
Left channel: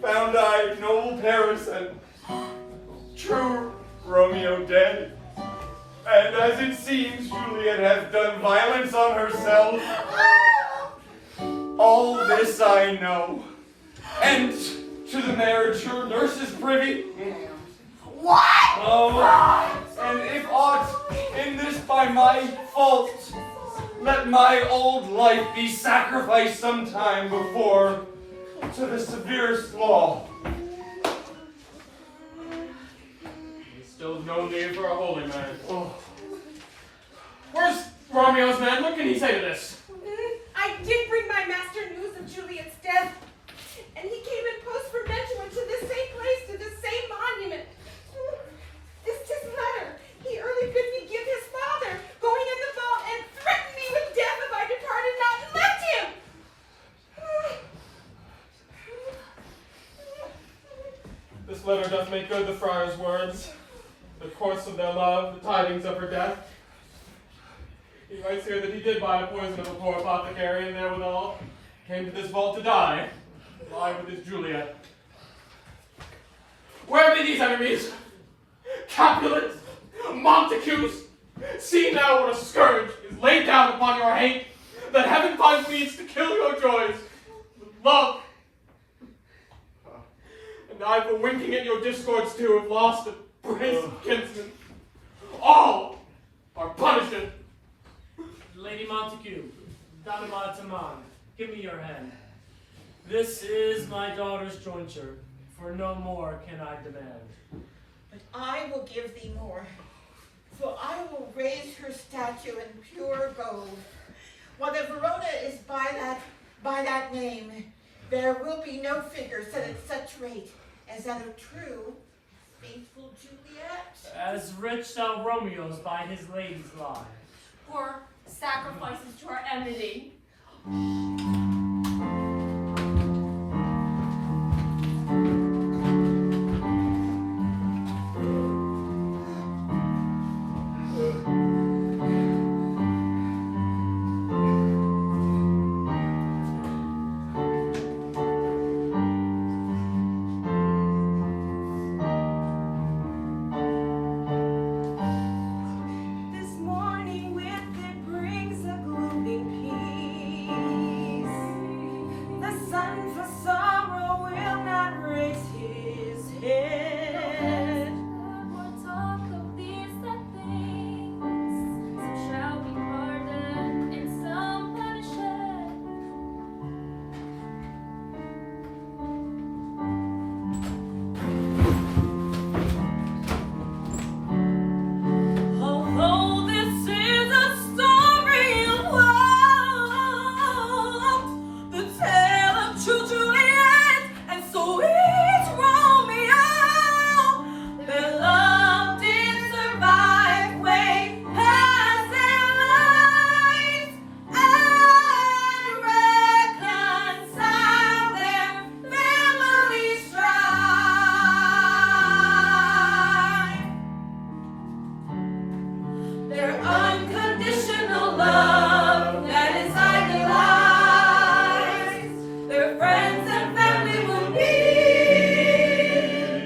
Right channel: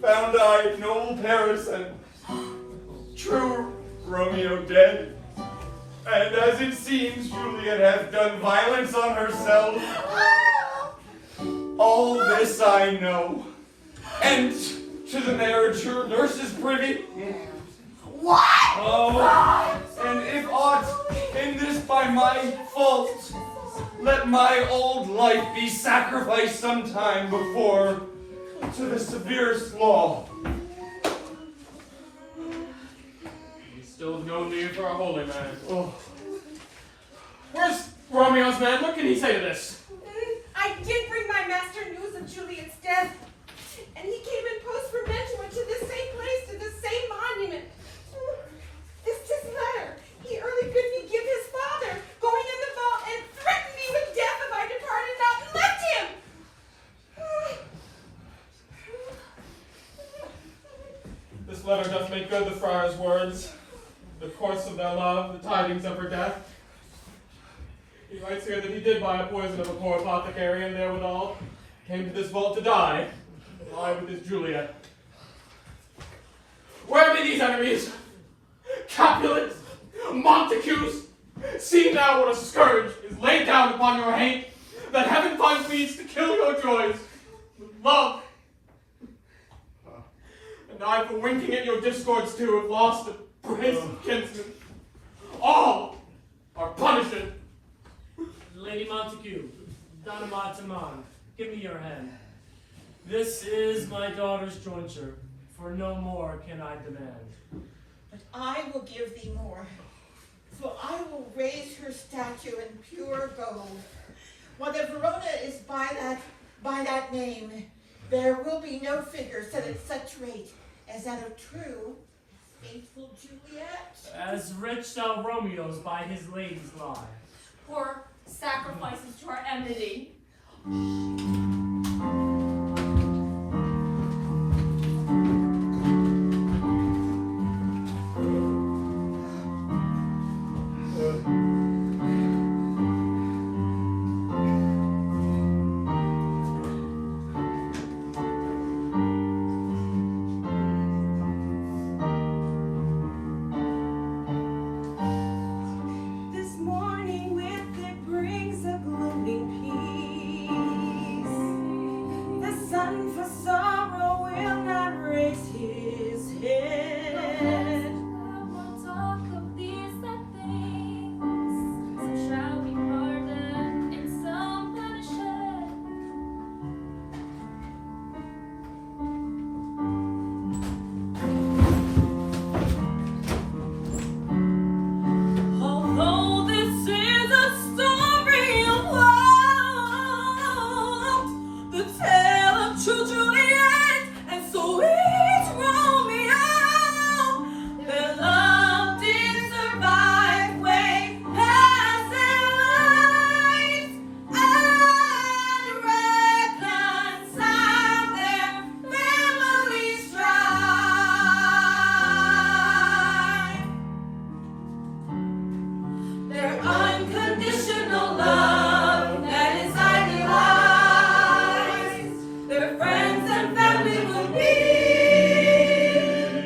found I noble Paris and true Romeo dead. And as it seems, Juliet has done violence on herself. All this I know. And to the marriage your nurse is privy. What? Oh, and if aught in this by my fault, let my old life be sacrificed sometime before to the severest law. There's still no need for a holy man. Oh. Where's Romeo's man? What can he say to this? I did bring my master news of Juliette's death, and he came in post for mention to this same place, to this same monument. This letter. He early bid me give his father, going in the vault, and threatened me with death if I departed not and left him. This letter doth make good the friar's words, the course of their love, the tidings of her death. He writes here that he did buy a poison of a poor apothecary, and therewithal came to this vault to die with his Juliet. Where be these enemies? Capulets, Montagues, see now what a scourge is laid down upon your hate, that heaven finds means to kill your joys with love. And I, for winking at your discords too, have lost a brace of kinsmen. All are punished. Lady Montague, Donna Montemon, give me your hand. This is my daughter's jointure, for no more can I demand. But I will give thee more, for I will raise her statue in pure gold. While the Verona is by that name, there will be no figure set at such rate as that of true, faithful Juliet. As rich thou Romeo's by his lady's lie. Poor sacrifices to our enmity. This morning with it brings a gloomy peace. The sun for sorrow will not raise his head. More talk of these sad things. Some shall be pardoned and some punished. Although this is a story of woe, the tale of true Juliet and sweet Romeo, their love did survive way past their lives and reconcile their family strife. Their unconditional love that is idolized, their friends and family will be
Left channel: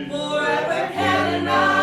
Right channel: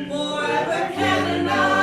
forever canonized.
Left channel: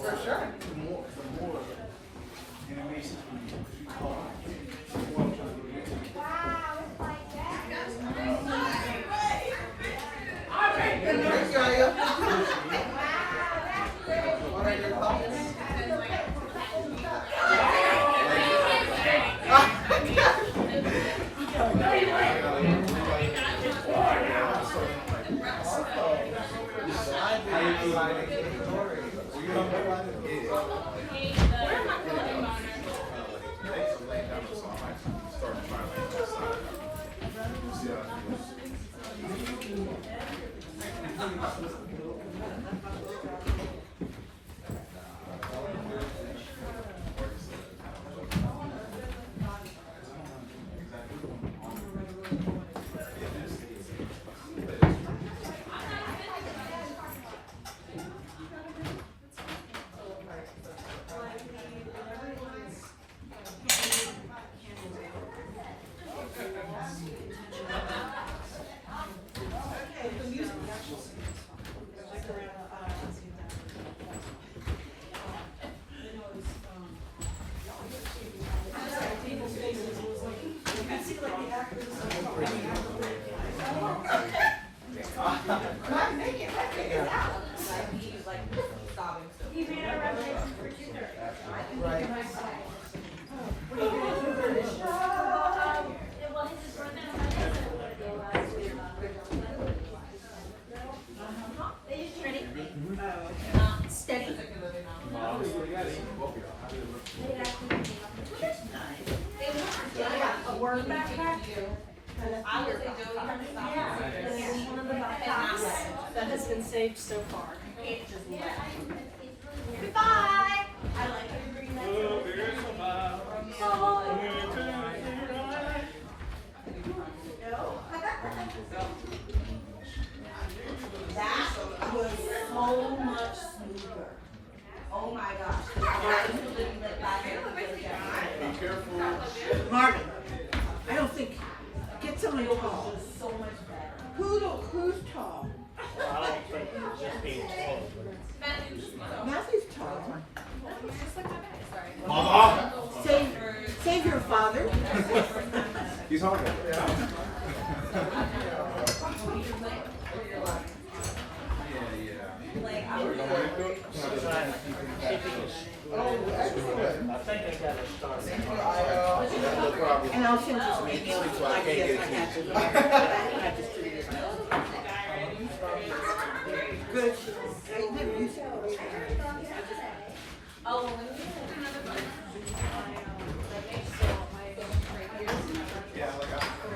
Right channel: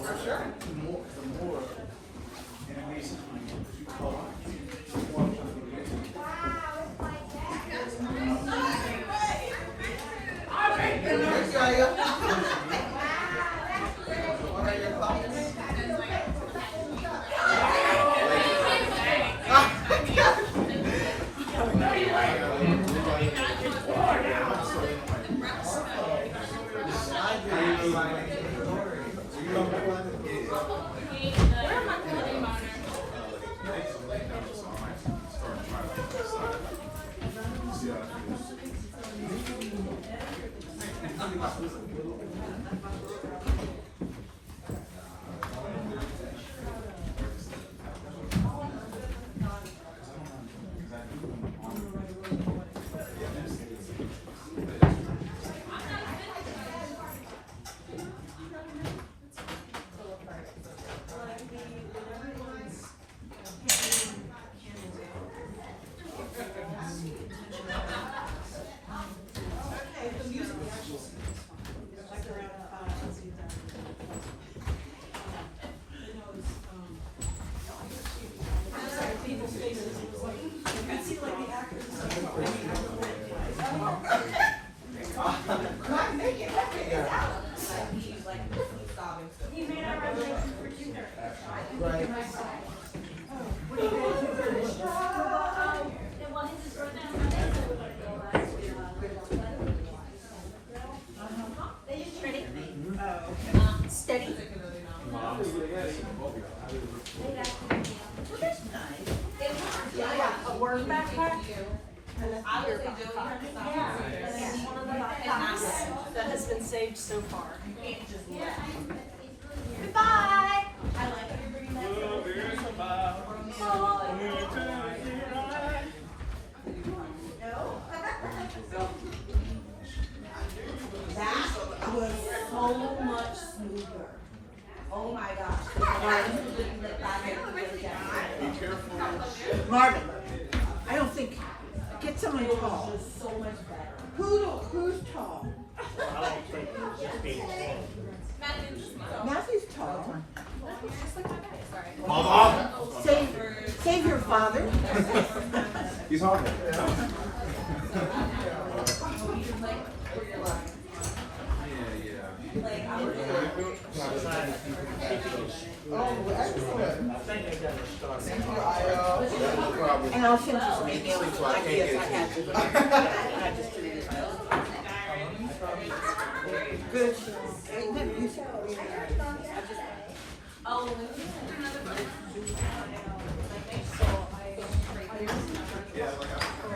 For sure. Thank you, Aria. What are your thoughts? Steady. A word backpack? I would say that has been saved so far. Goodbye. I like you bring That was so much smoother. Oh my gosh. Be careful. Marvin, I don't think, get someone tall. So much better. Who's tall? I don't think it's just being told. Matthew's tall. Mama! Save your father. He's hard. Oh, excellent. I think I got to start. Thank you, Io. And I'll send you some emails with ideas I had to. I had to stream it. Good. You said Yeah, like I